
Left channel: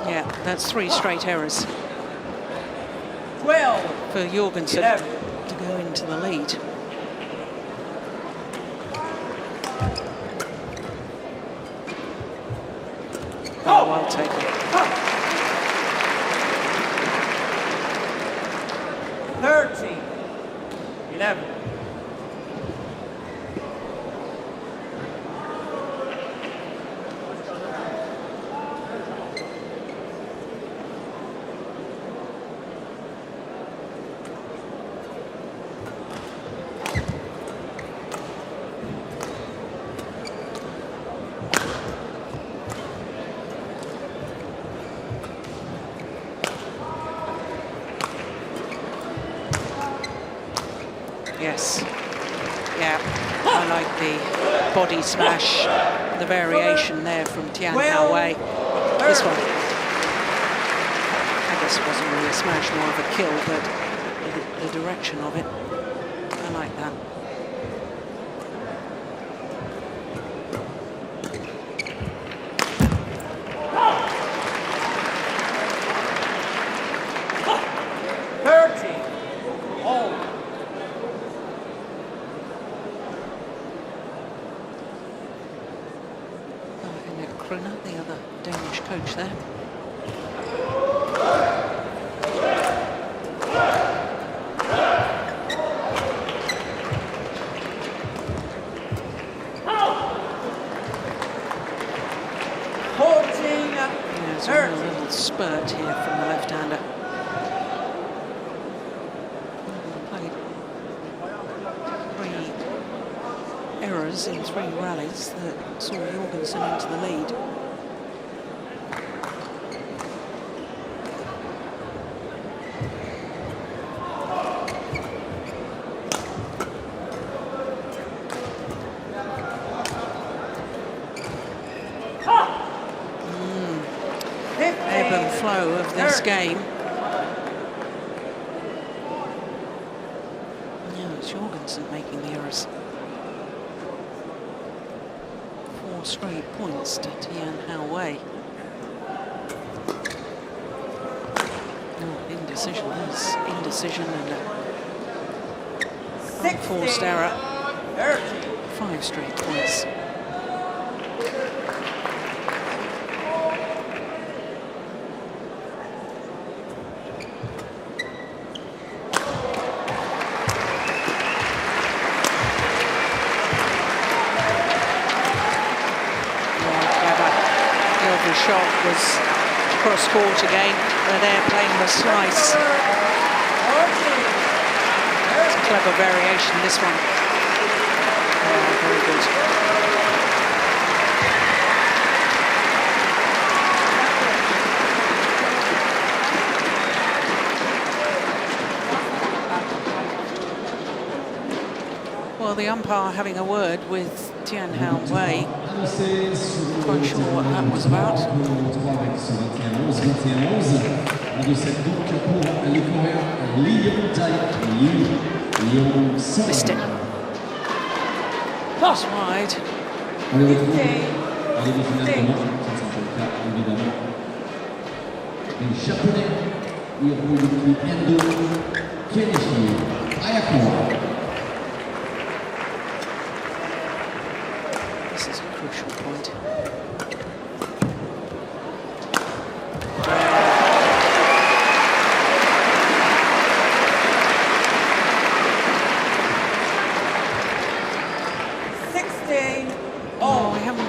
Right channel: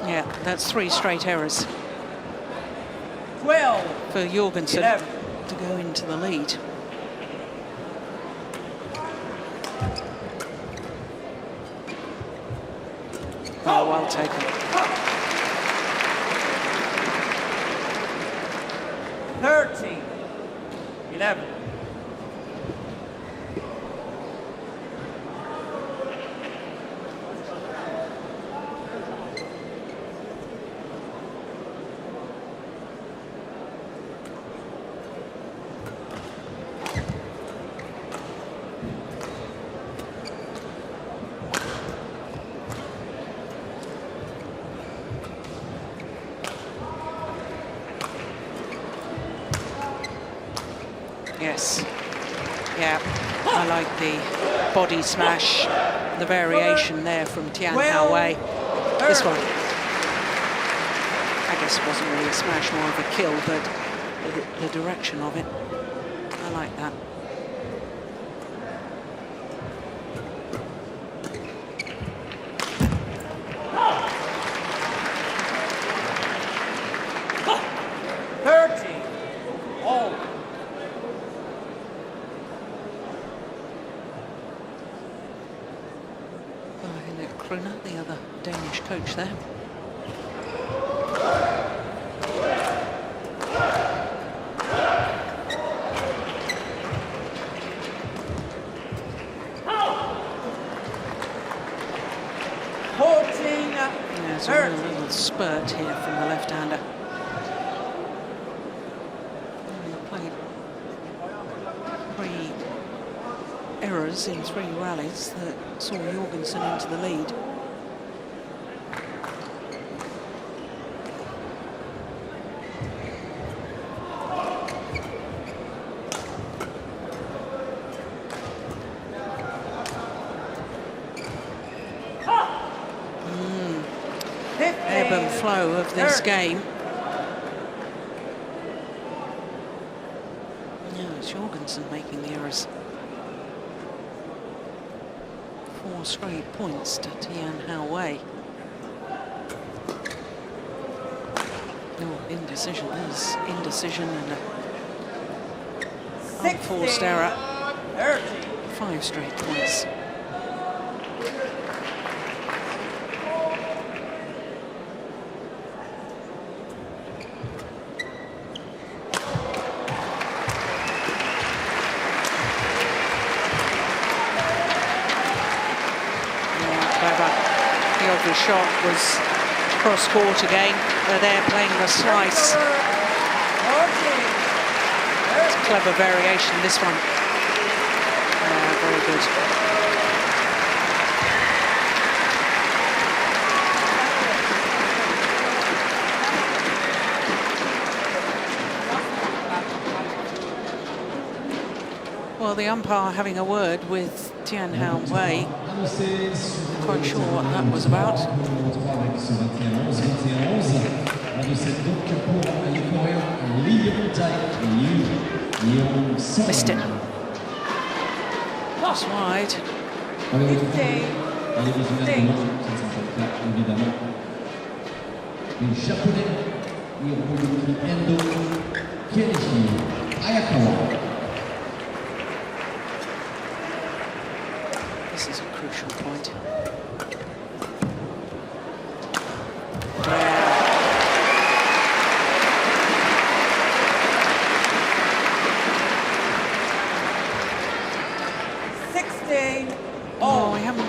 Yeah, that's 3 straight errors for Jorgensen to go into the lead. Oh, well taken. 13-11. Yes, yeah, I like the body smash, the variation there from Tian Houwei. This one, I guess it wasn't really a smash, more of a kill, but the direction of it. I like that. The other Danish coach there. There's a real little spurt here from the left-hander. Played 3 errors in 3 rallies that saw Jorgensen into the lead. Ebb and flow of this game. No, it's Jorgensen making the errors. 4 straight points to Tian Houwei. No, indecision. There's indecision and an unforced error. 5 straight points. The shot was cross court again. They're playing the slice. It's a clever variation, this one. Very good. Well, the umpire having a word with Tian Houwei. Quite sure what that was about. Missed it. Just wide. This is a crucial point.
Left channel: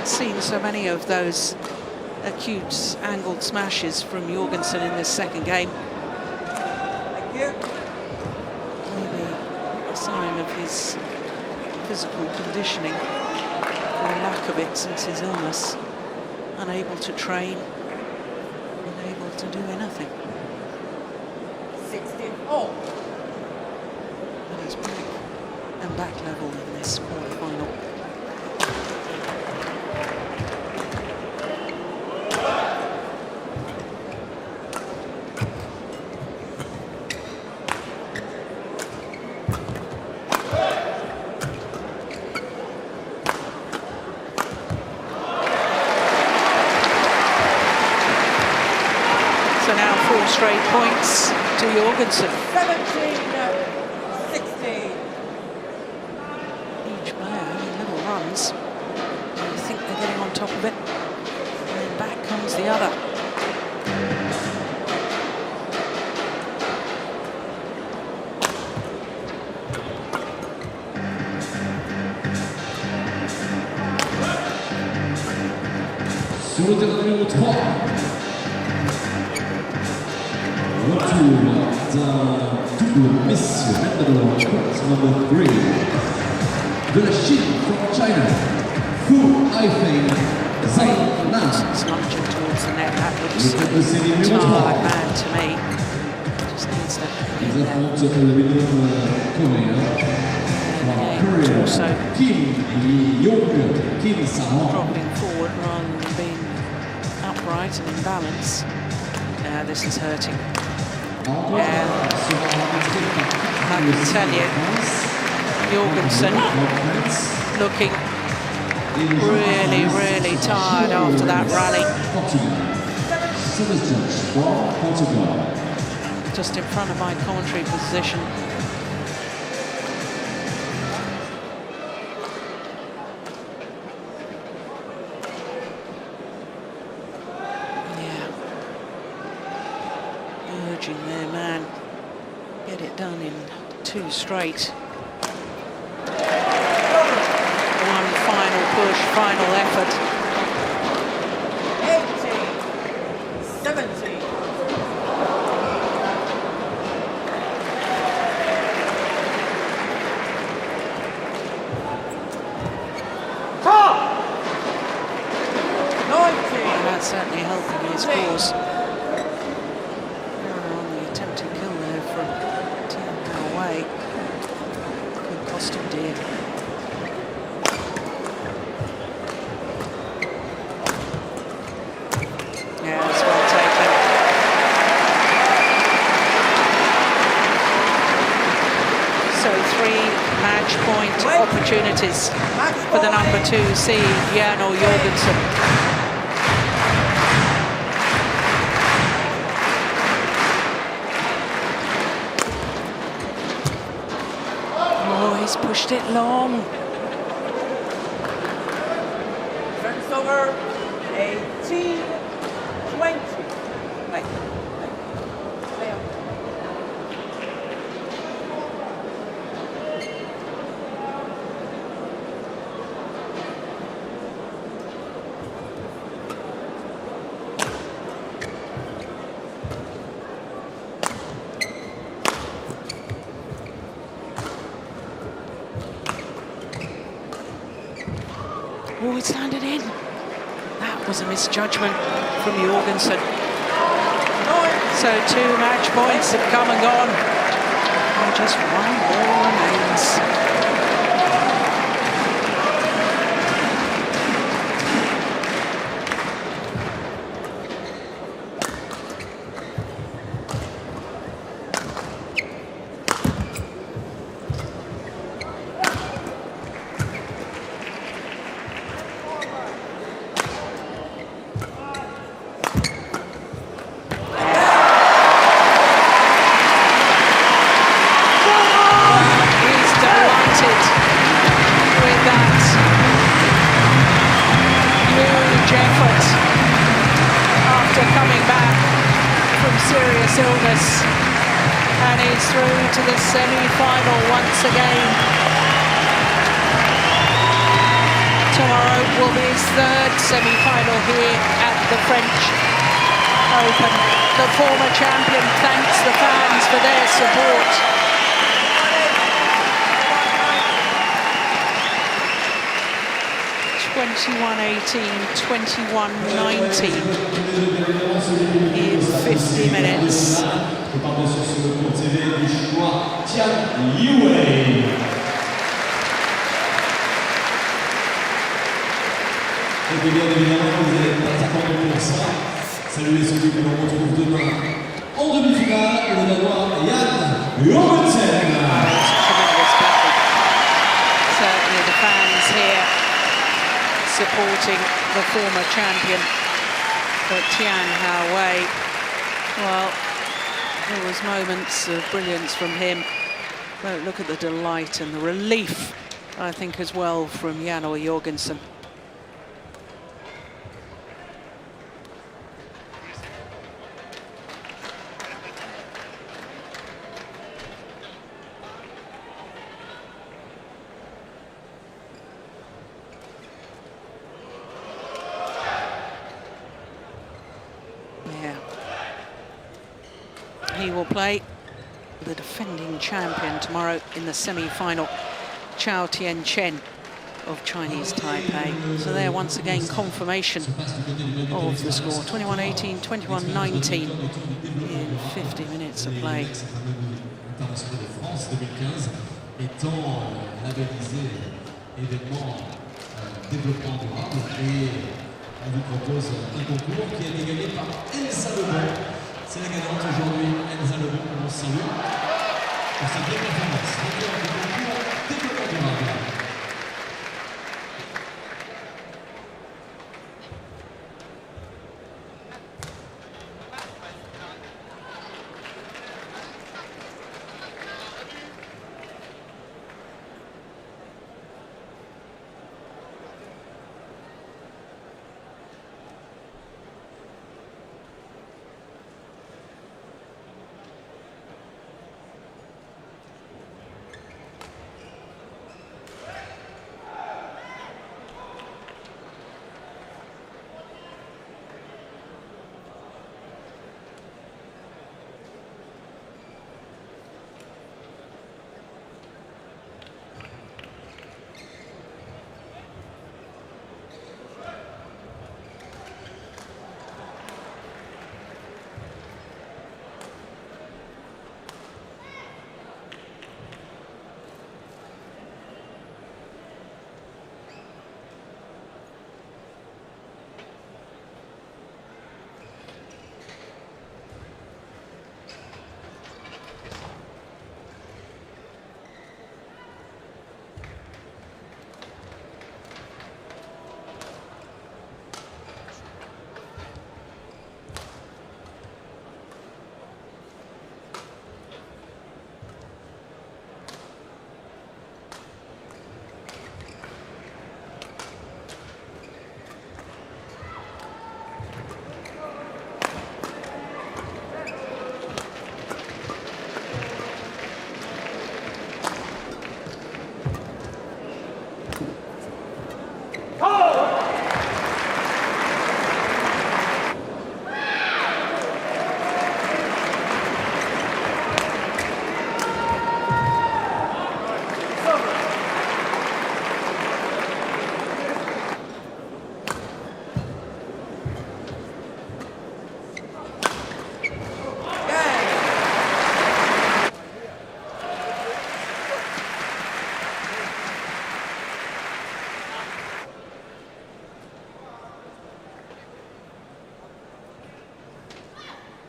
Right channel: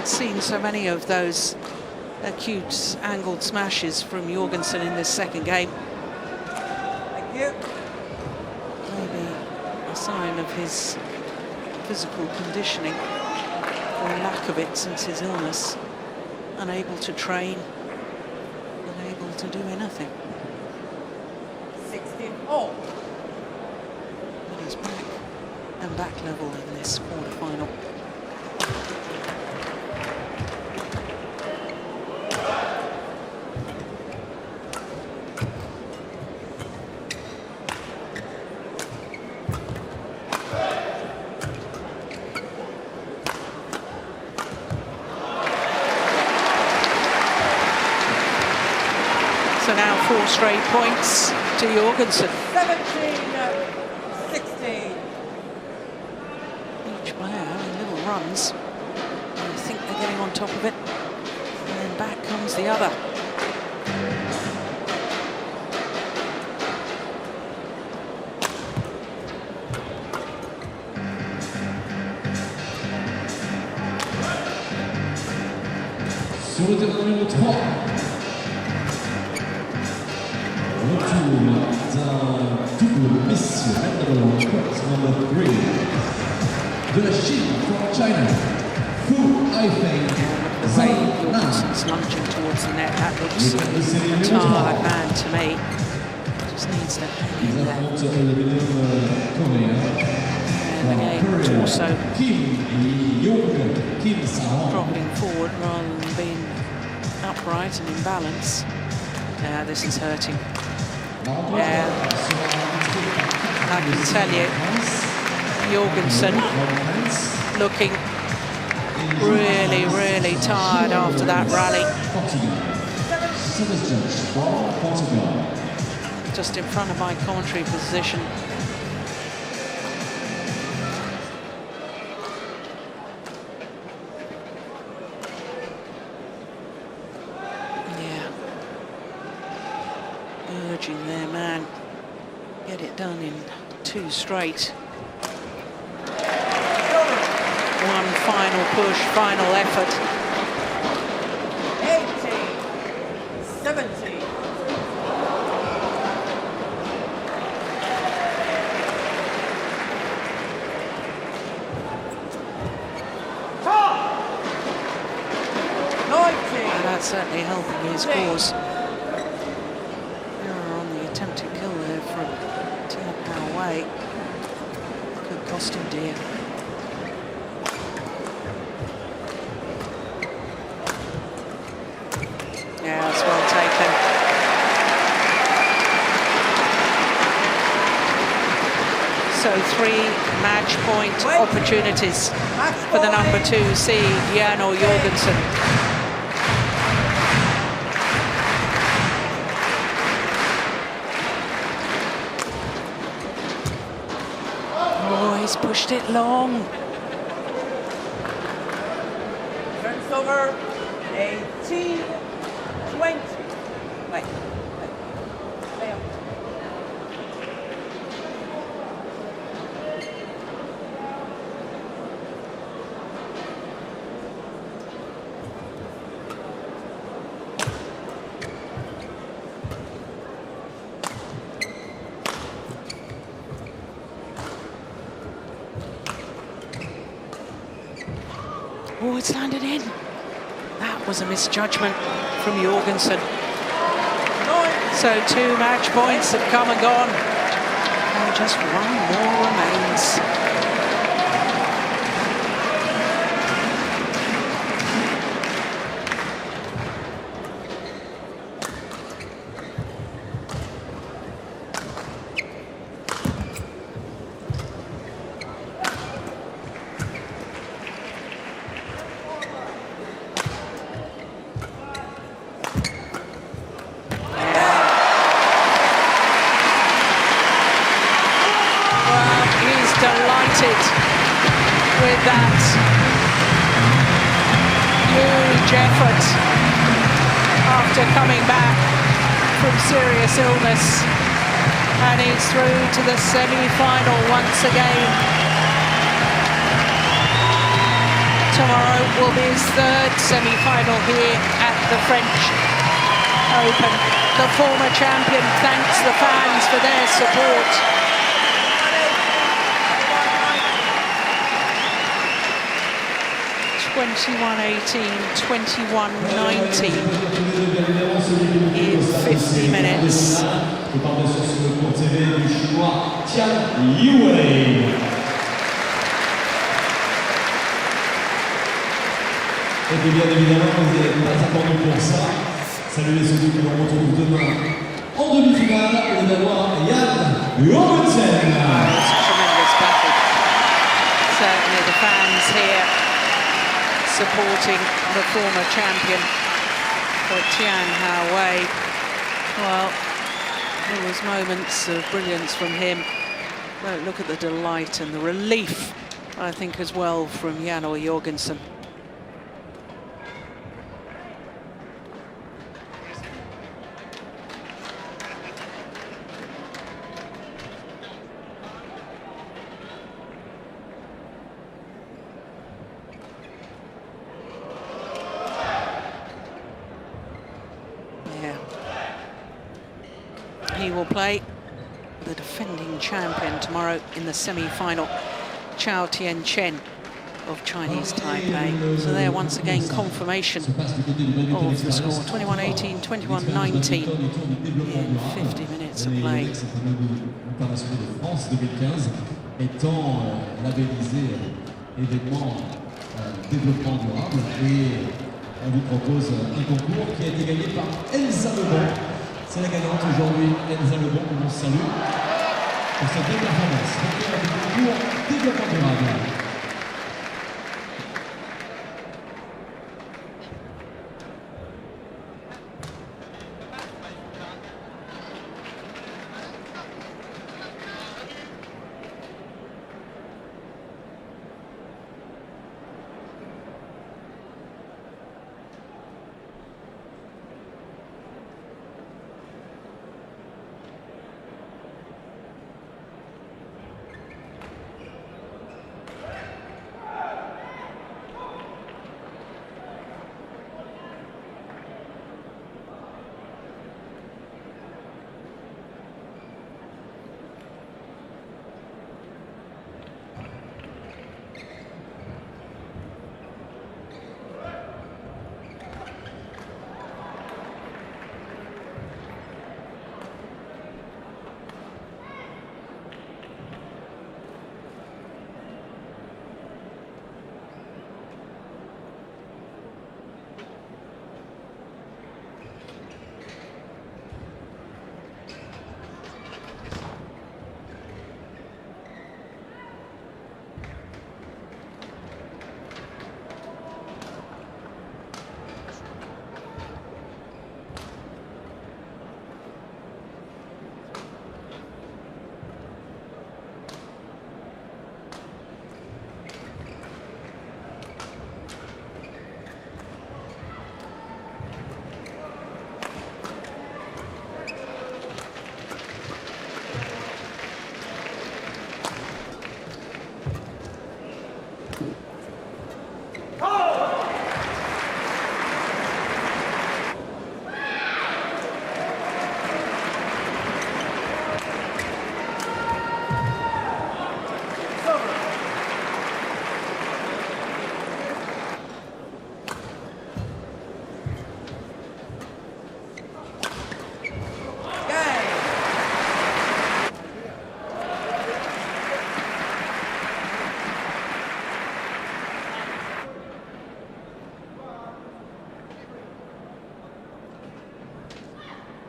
Seen so many of those acute angled smashes from Jorgensen in this second game. Maybe a sign of his physical conditioning, or lack of it since his illness. Unable to train, unable to do anything. But he's back and back level in this quarter-final. So now 4 straight points to Jorgensen. 17-16. Each player having little runs. And you think they're getting on top of it. And then back comes the other. Sur le terrain numéro 3. D'un double messieurs Hendra, number 3. De la Chine from China, Houwei. The way Jorgensen's lunging towards the net, that looks a tired man to me. Just needs to hang in there. And again, torso dropping forward rather than being upright and in balance. This is hurting. Yeah. I can tell you, Jorgensen looking really, really tired after that rally. Just in front of my commentary position. Yeah. Urging their man. Get it done in 2 straight. One final push, final effort. 17. And that's certainly helping his cause. Error on the attempted kill there from Tian Houwei. Could cost him dear. Yeah, that's well taken. So 3 match point opportunities for the number 2 seed, Jan or Jorgensen. Oh, he's pushed it long. Turns over. 18. 20. Oh, it's landed in. That was a misjudgment from Jorgensen. So 2 match points have come and gone. And just 1 more remains. With that huge effort after coming back from serious illness, and he's through to the semi-final once again. Tomorrow will be his 3rd semi-final here at the French Open. The former champion thanks the fans for their support. 21-18, 21-19 in 50 minutes. Et bien évidemment, vous n'êtes pas attendu pour ça. Saluez celui que l'on retrouve demain en demi-finale, le Danois Jorgensen. Oh, it's a tremendous battle. Certainly the fans here supporting the former champion, but Tian Houwei, well, there was moments of brilliance from him, but look at the delight and the relief, I think, as well from Jan or Jorgensen. He will play the defending champion tomorrow in the semi-final, Chen of Chinese Taipei. So there, once again, confirmation of the score. 21-18, 21-19 in 50 minutes of play. On vous propose un concours qui a été gagné par. C'est la gagnante aujourd'hui, Elsa Lebon, on salue. pour cette belle performance. Vainqueur du concours développement durable.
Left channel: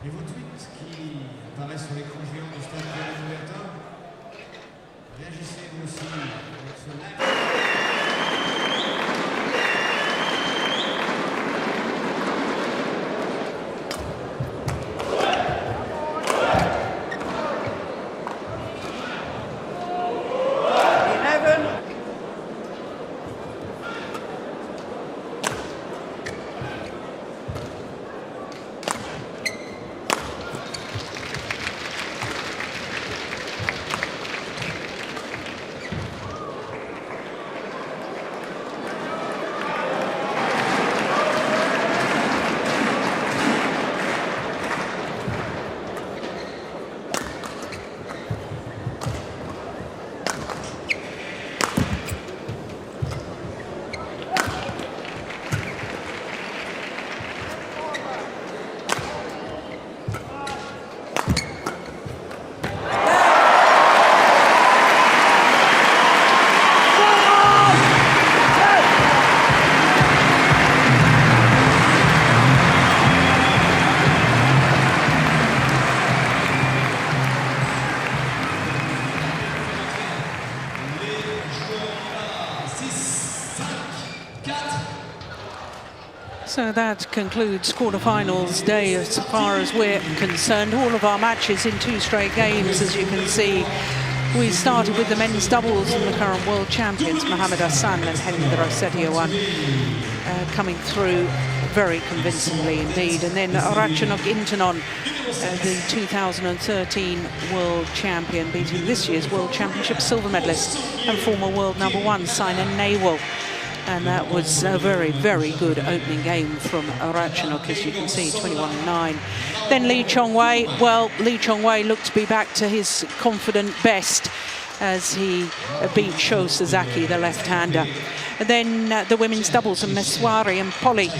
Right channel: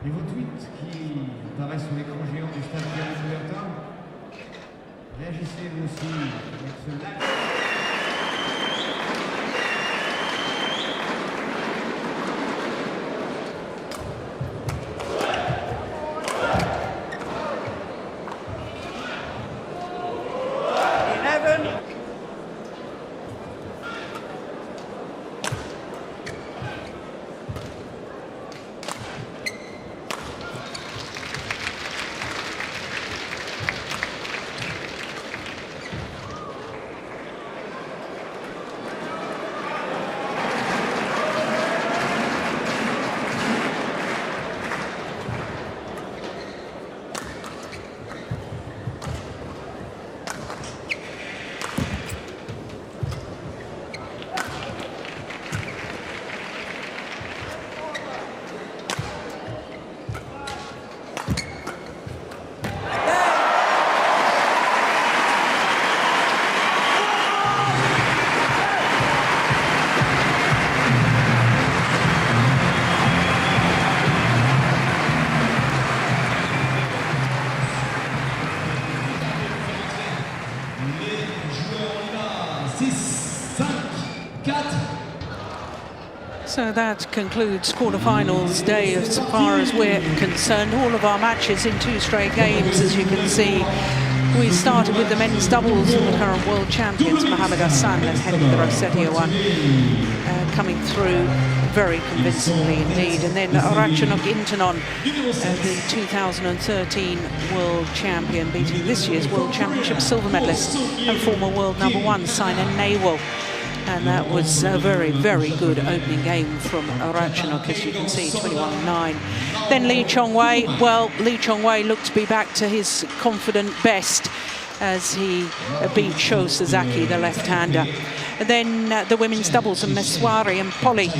Niveau tweet qui apparaît sur l'écran géant du stade Tian. Réagissez vous aussi avec ce live. So that concludes quarterfinals day as far as we're concerned. All of our matches in 2 straight games, as you can see. We started with the men's doubles and the current world champions, Mohammad Ahsan and Hendra Setiawan, coming through very convincingly indeed. And then Ratchanok Intanon, the 2013 world champion, beating this year's world championship silver medalist and former world #1 Saina Nehwal. And that was a very, very good opening game from Ratchanok, as you can see, 21-9. Then Lee Chong-wei, well, Lee Chong-wei looked to be back to his confident best as he beat Sasaki, the left-hander. And then the women's doubles, and Maheswari and Polii,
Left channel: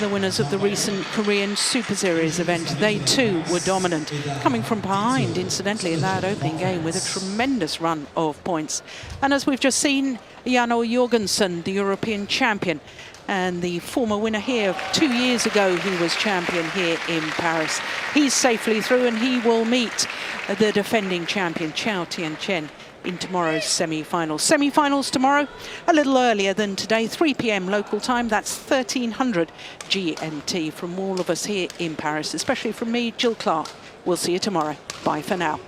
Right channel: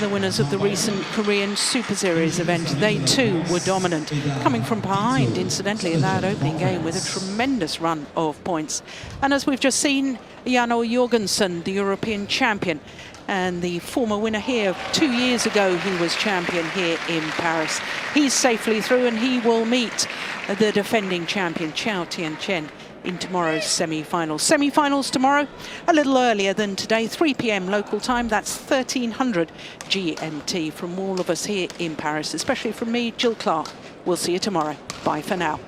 the winners of the recent Korean Super Series event. They too were dominant, coming from behind, incidentally, in that opening game with a tremendous run of points. And as we've just seen, Jorgensen, the European champion, and the former winner here 2 years ago, he was champion here in Paris. He's safely through, and he will meet the defending champion Tian Chen in tomorrow's semi-finals. Semi-finals tomorrow, a little earlier than today, 3 p.m. local time. That's 1300 GMT. From all of us here in Paris, especially from me, Jill Clark. We'll see you tomorrow. Bye for now.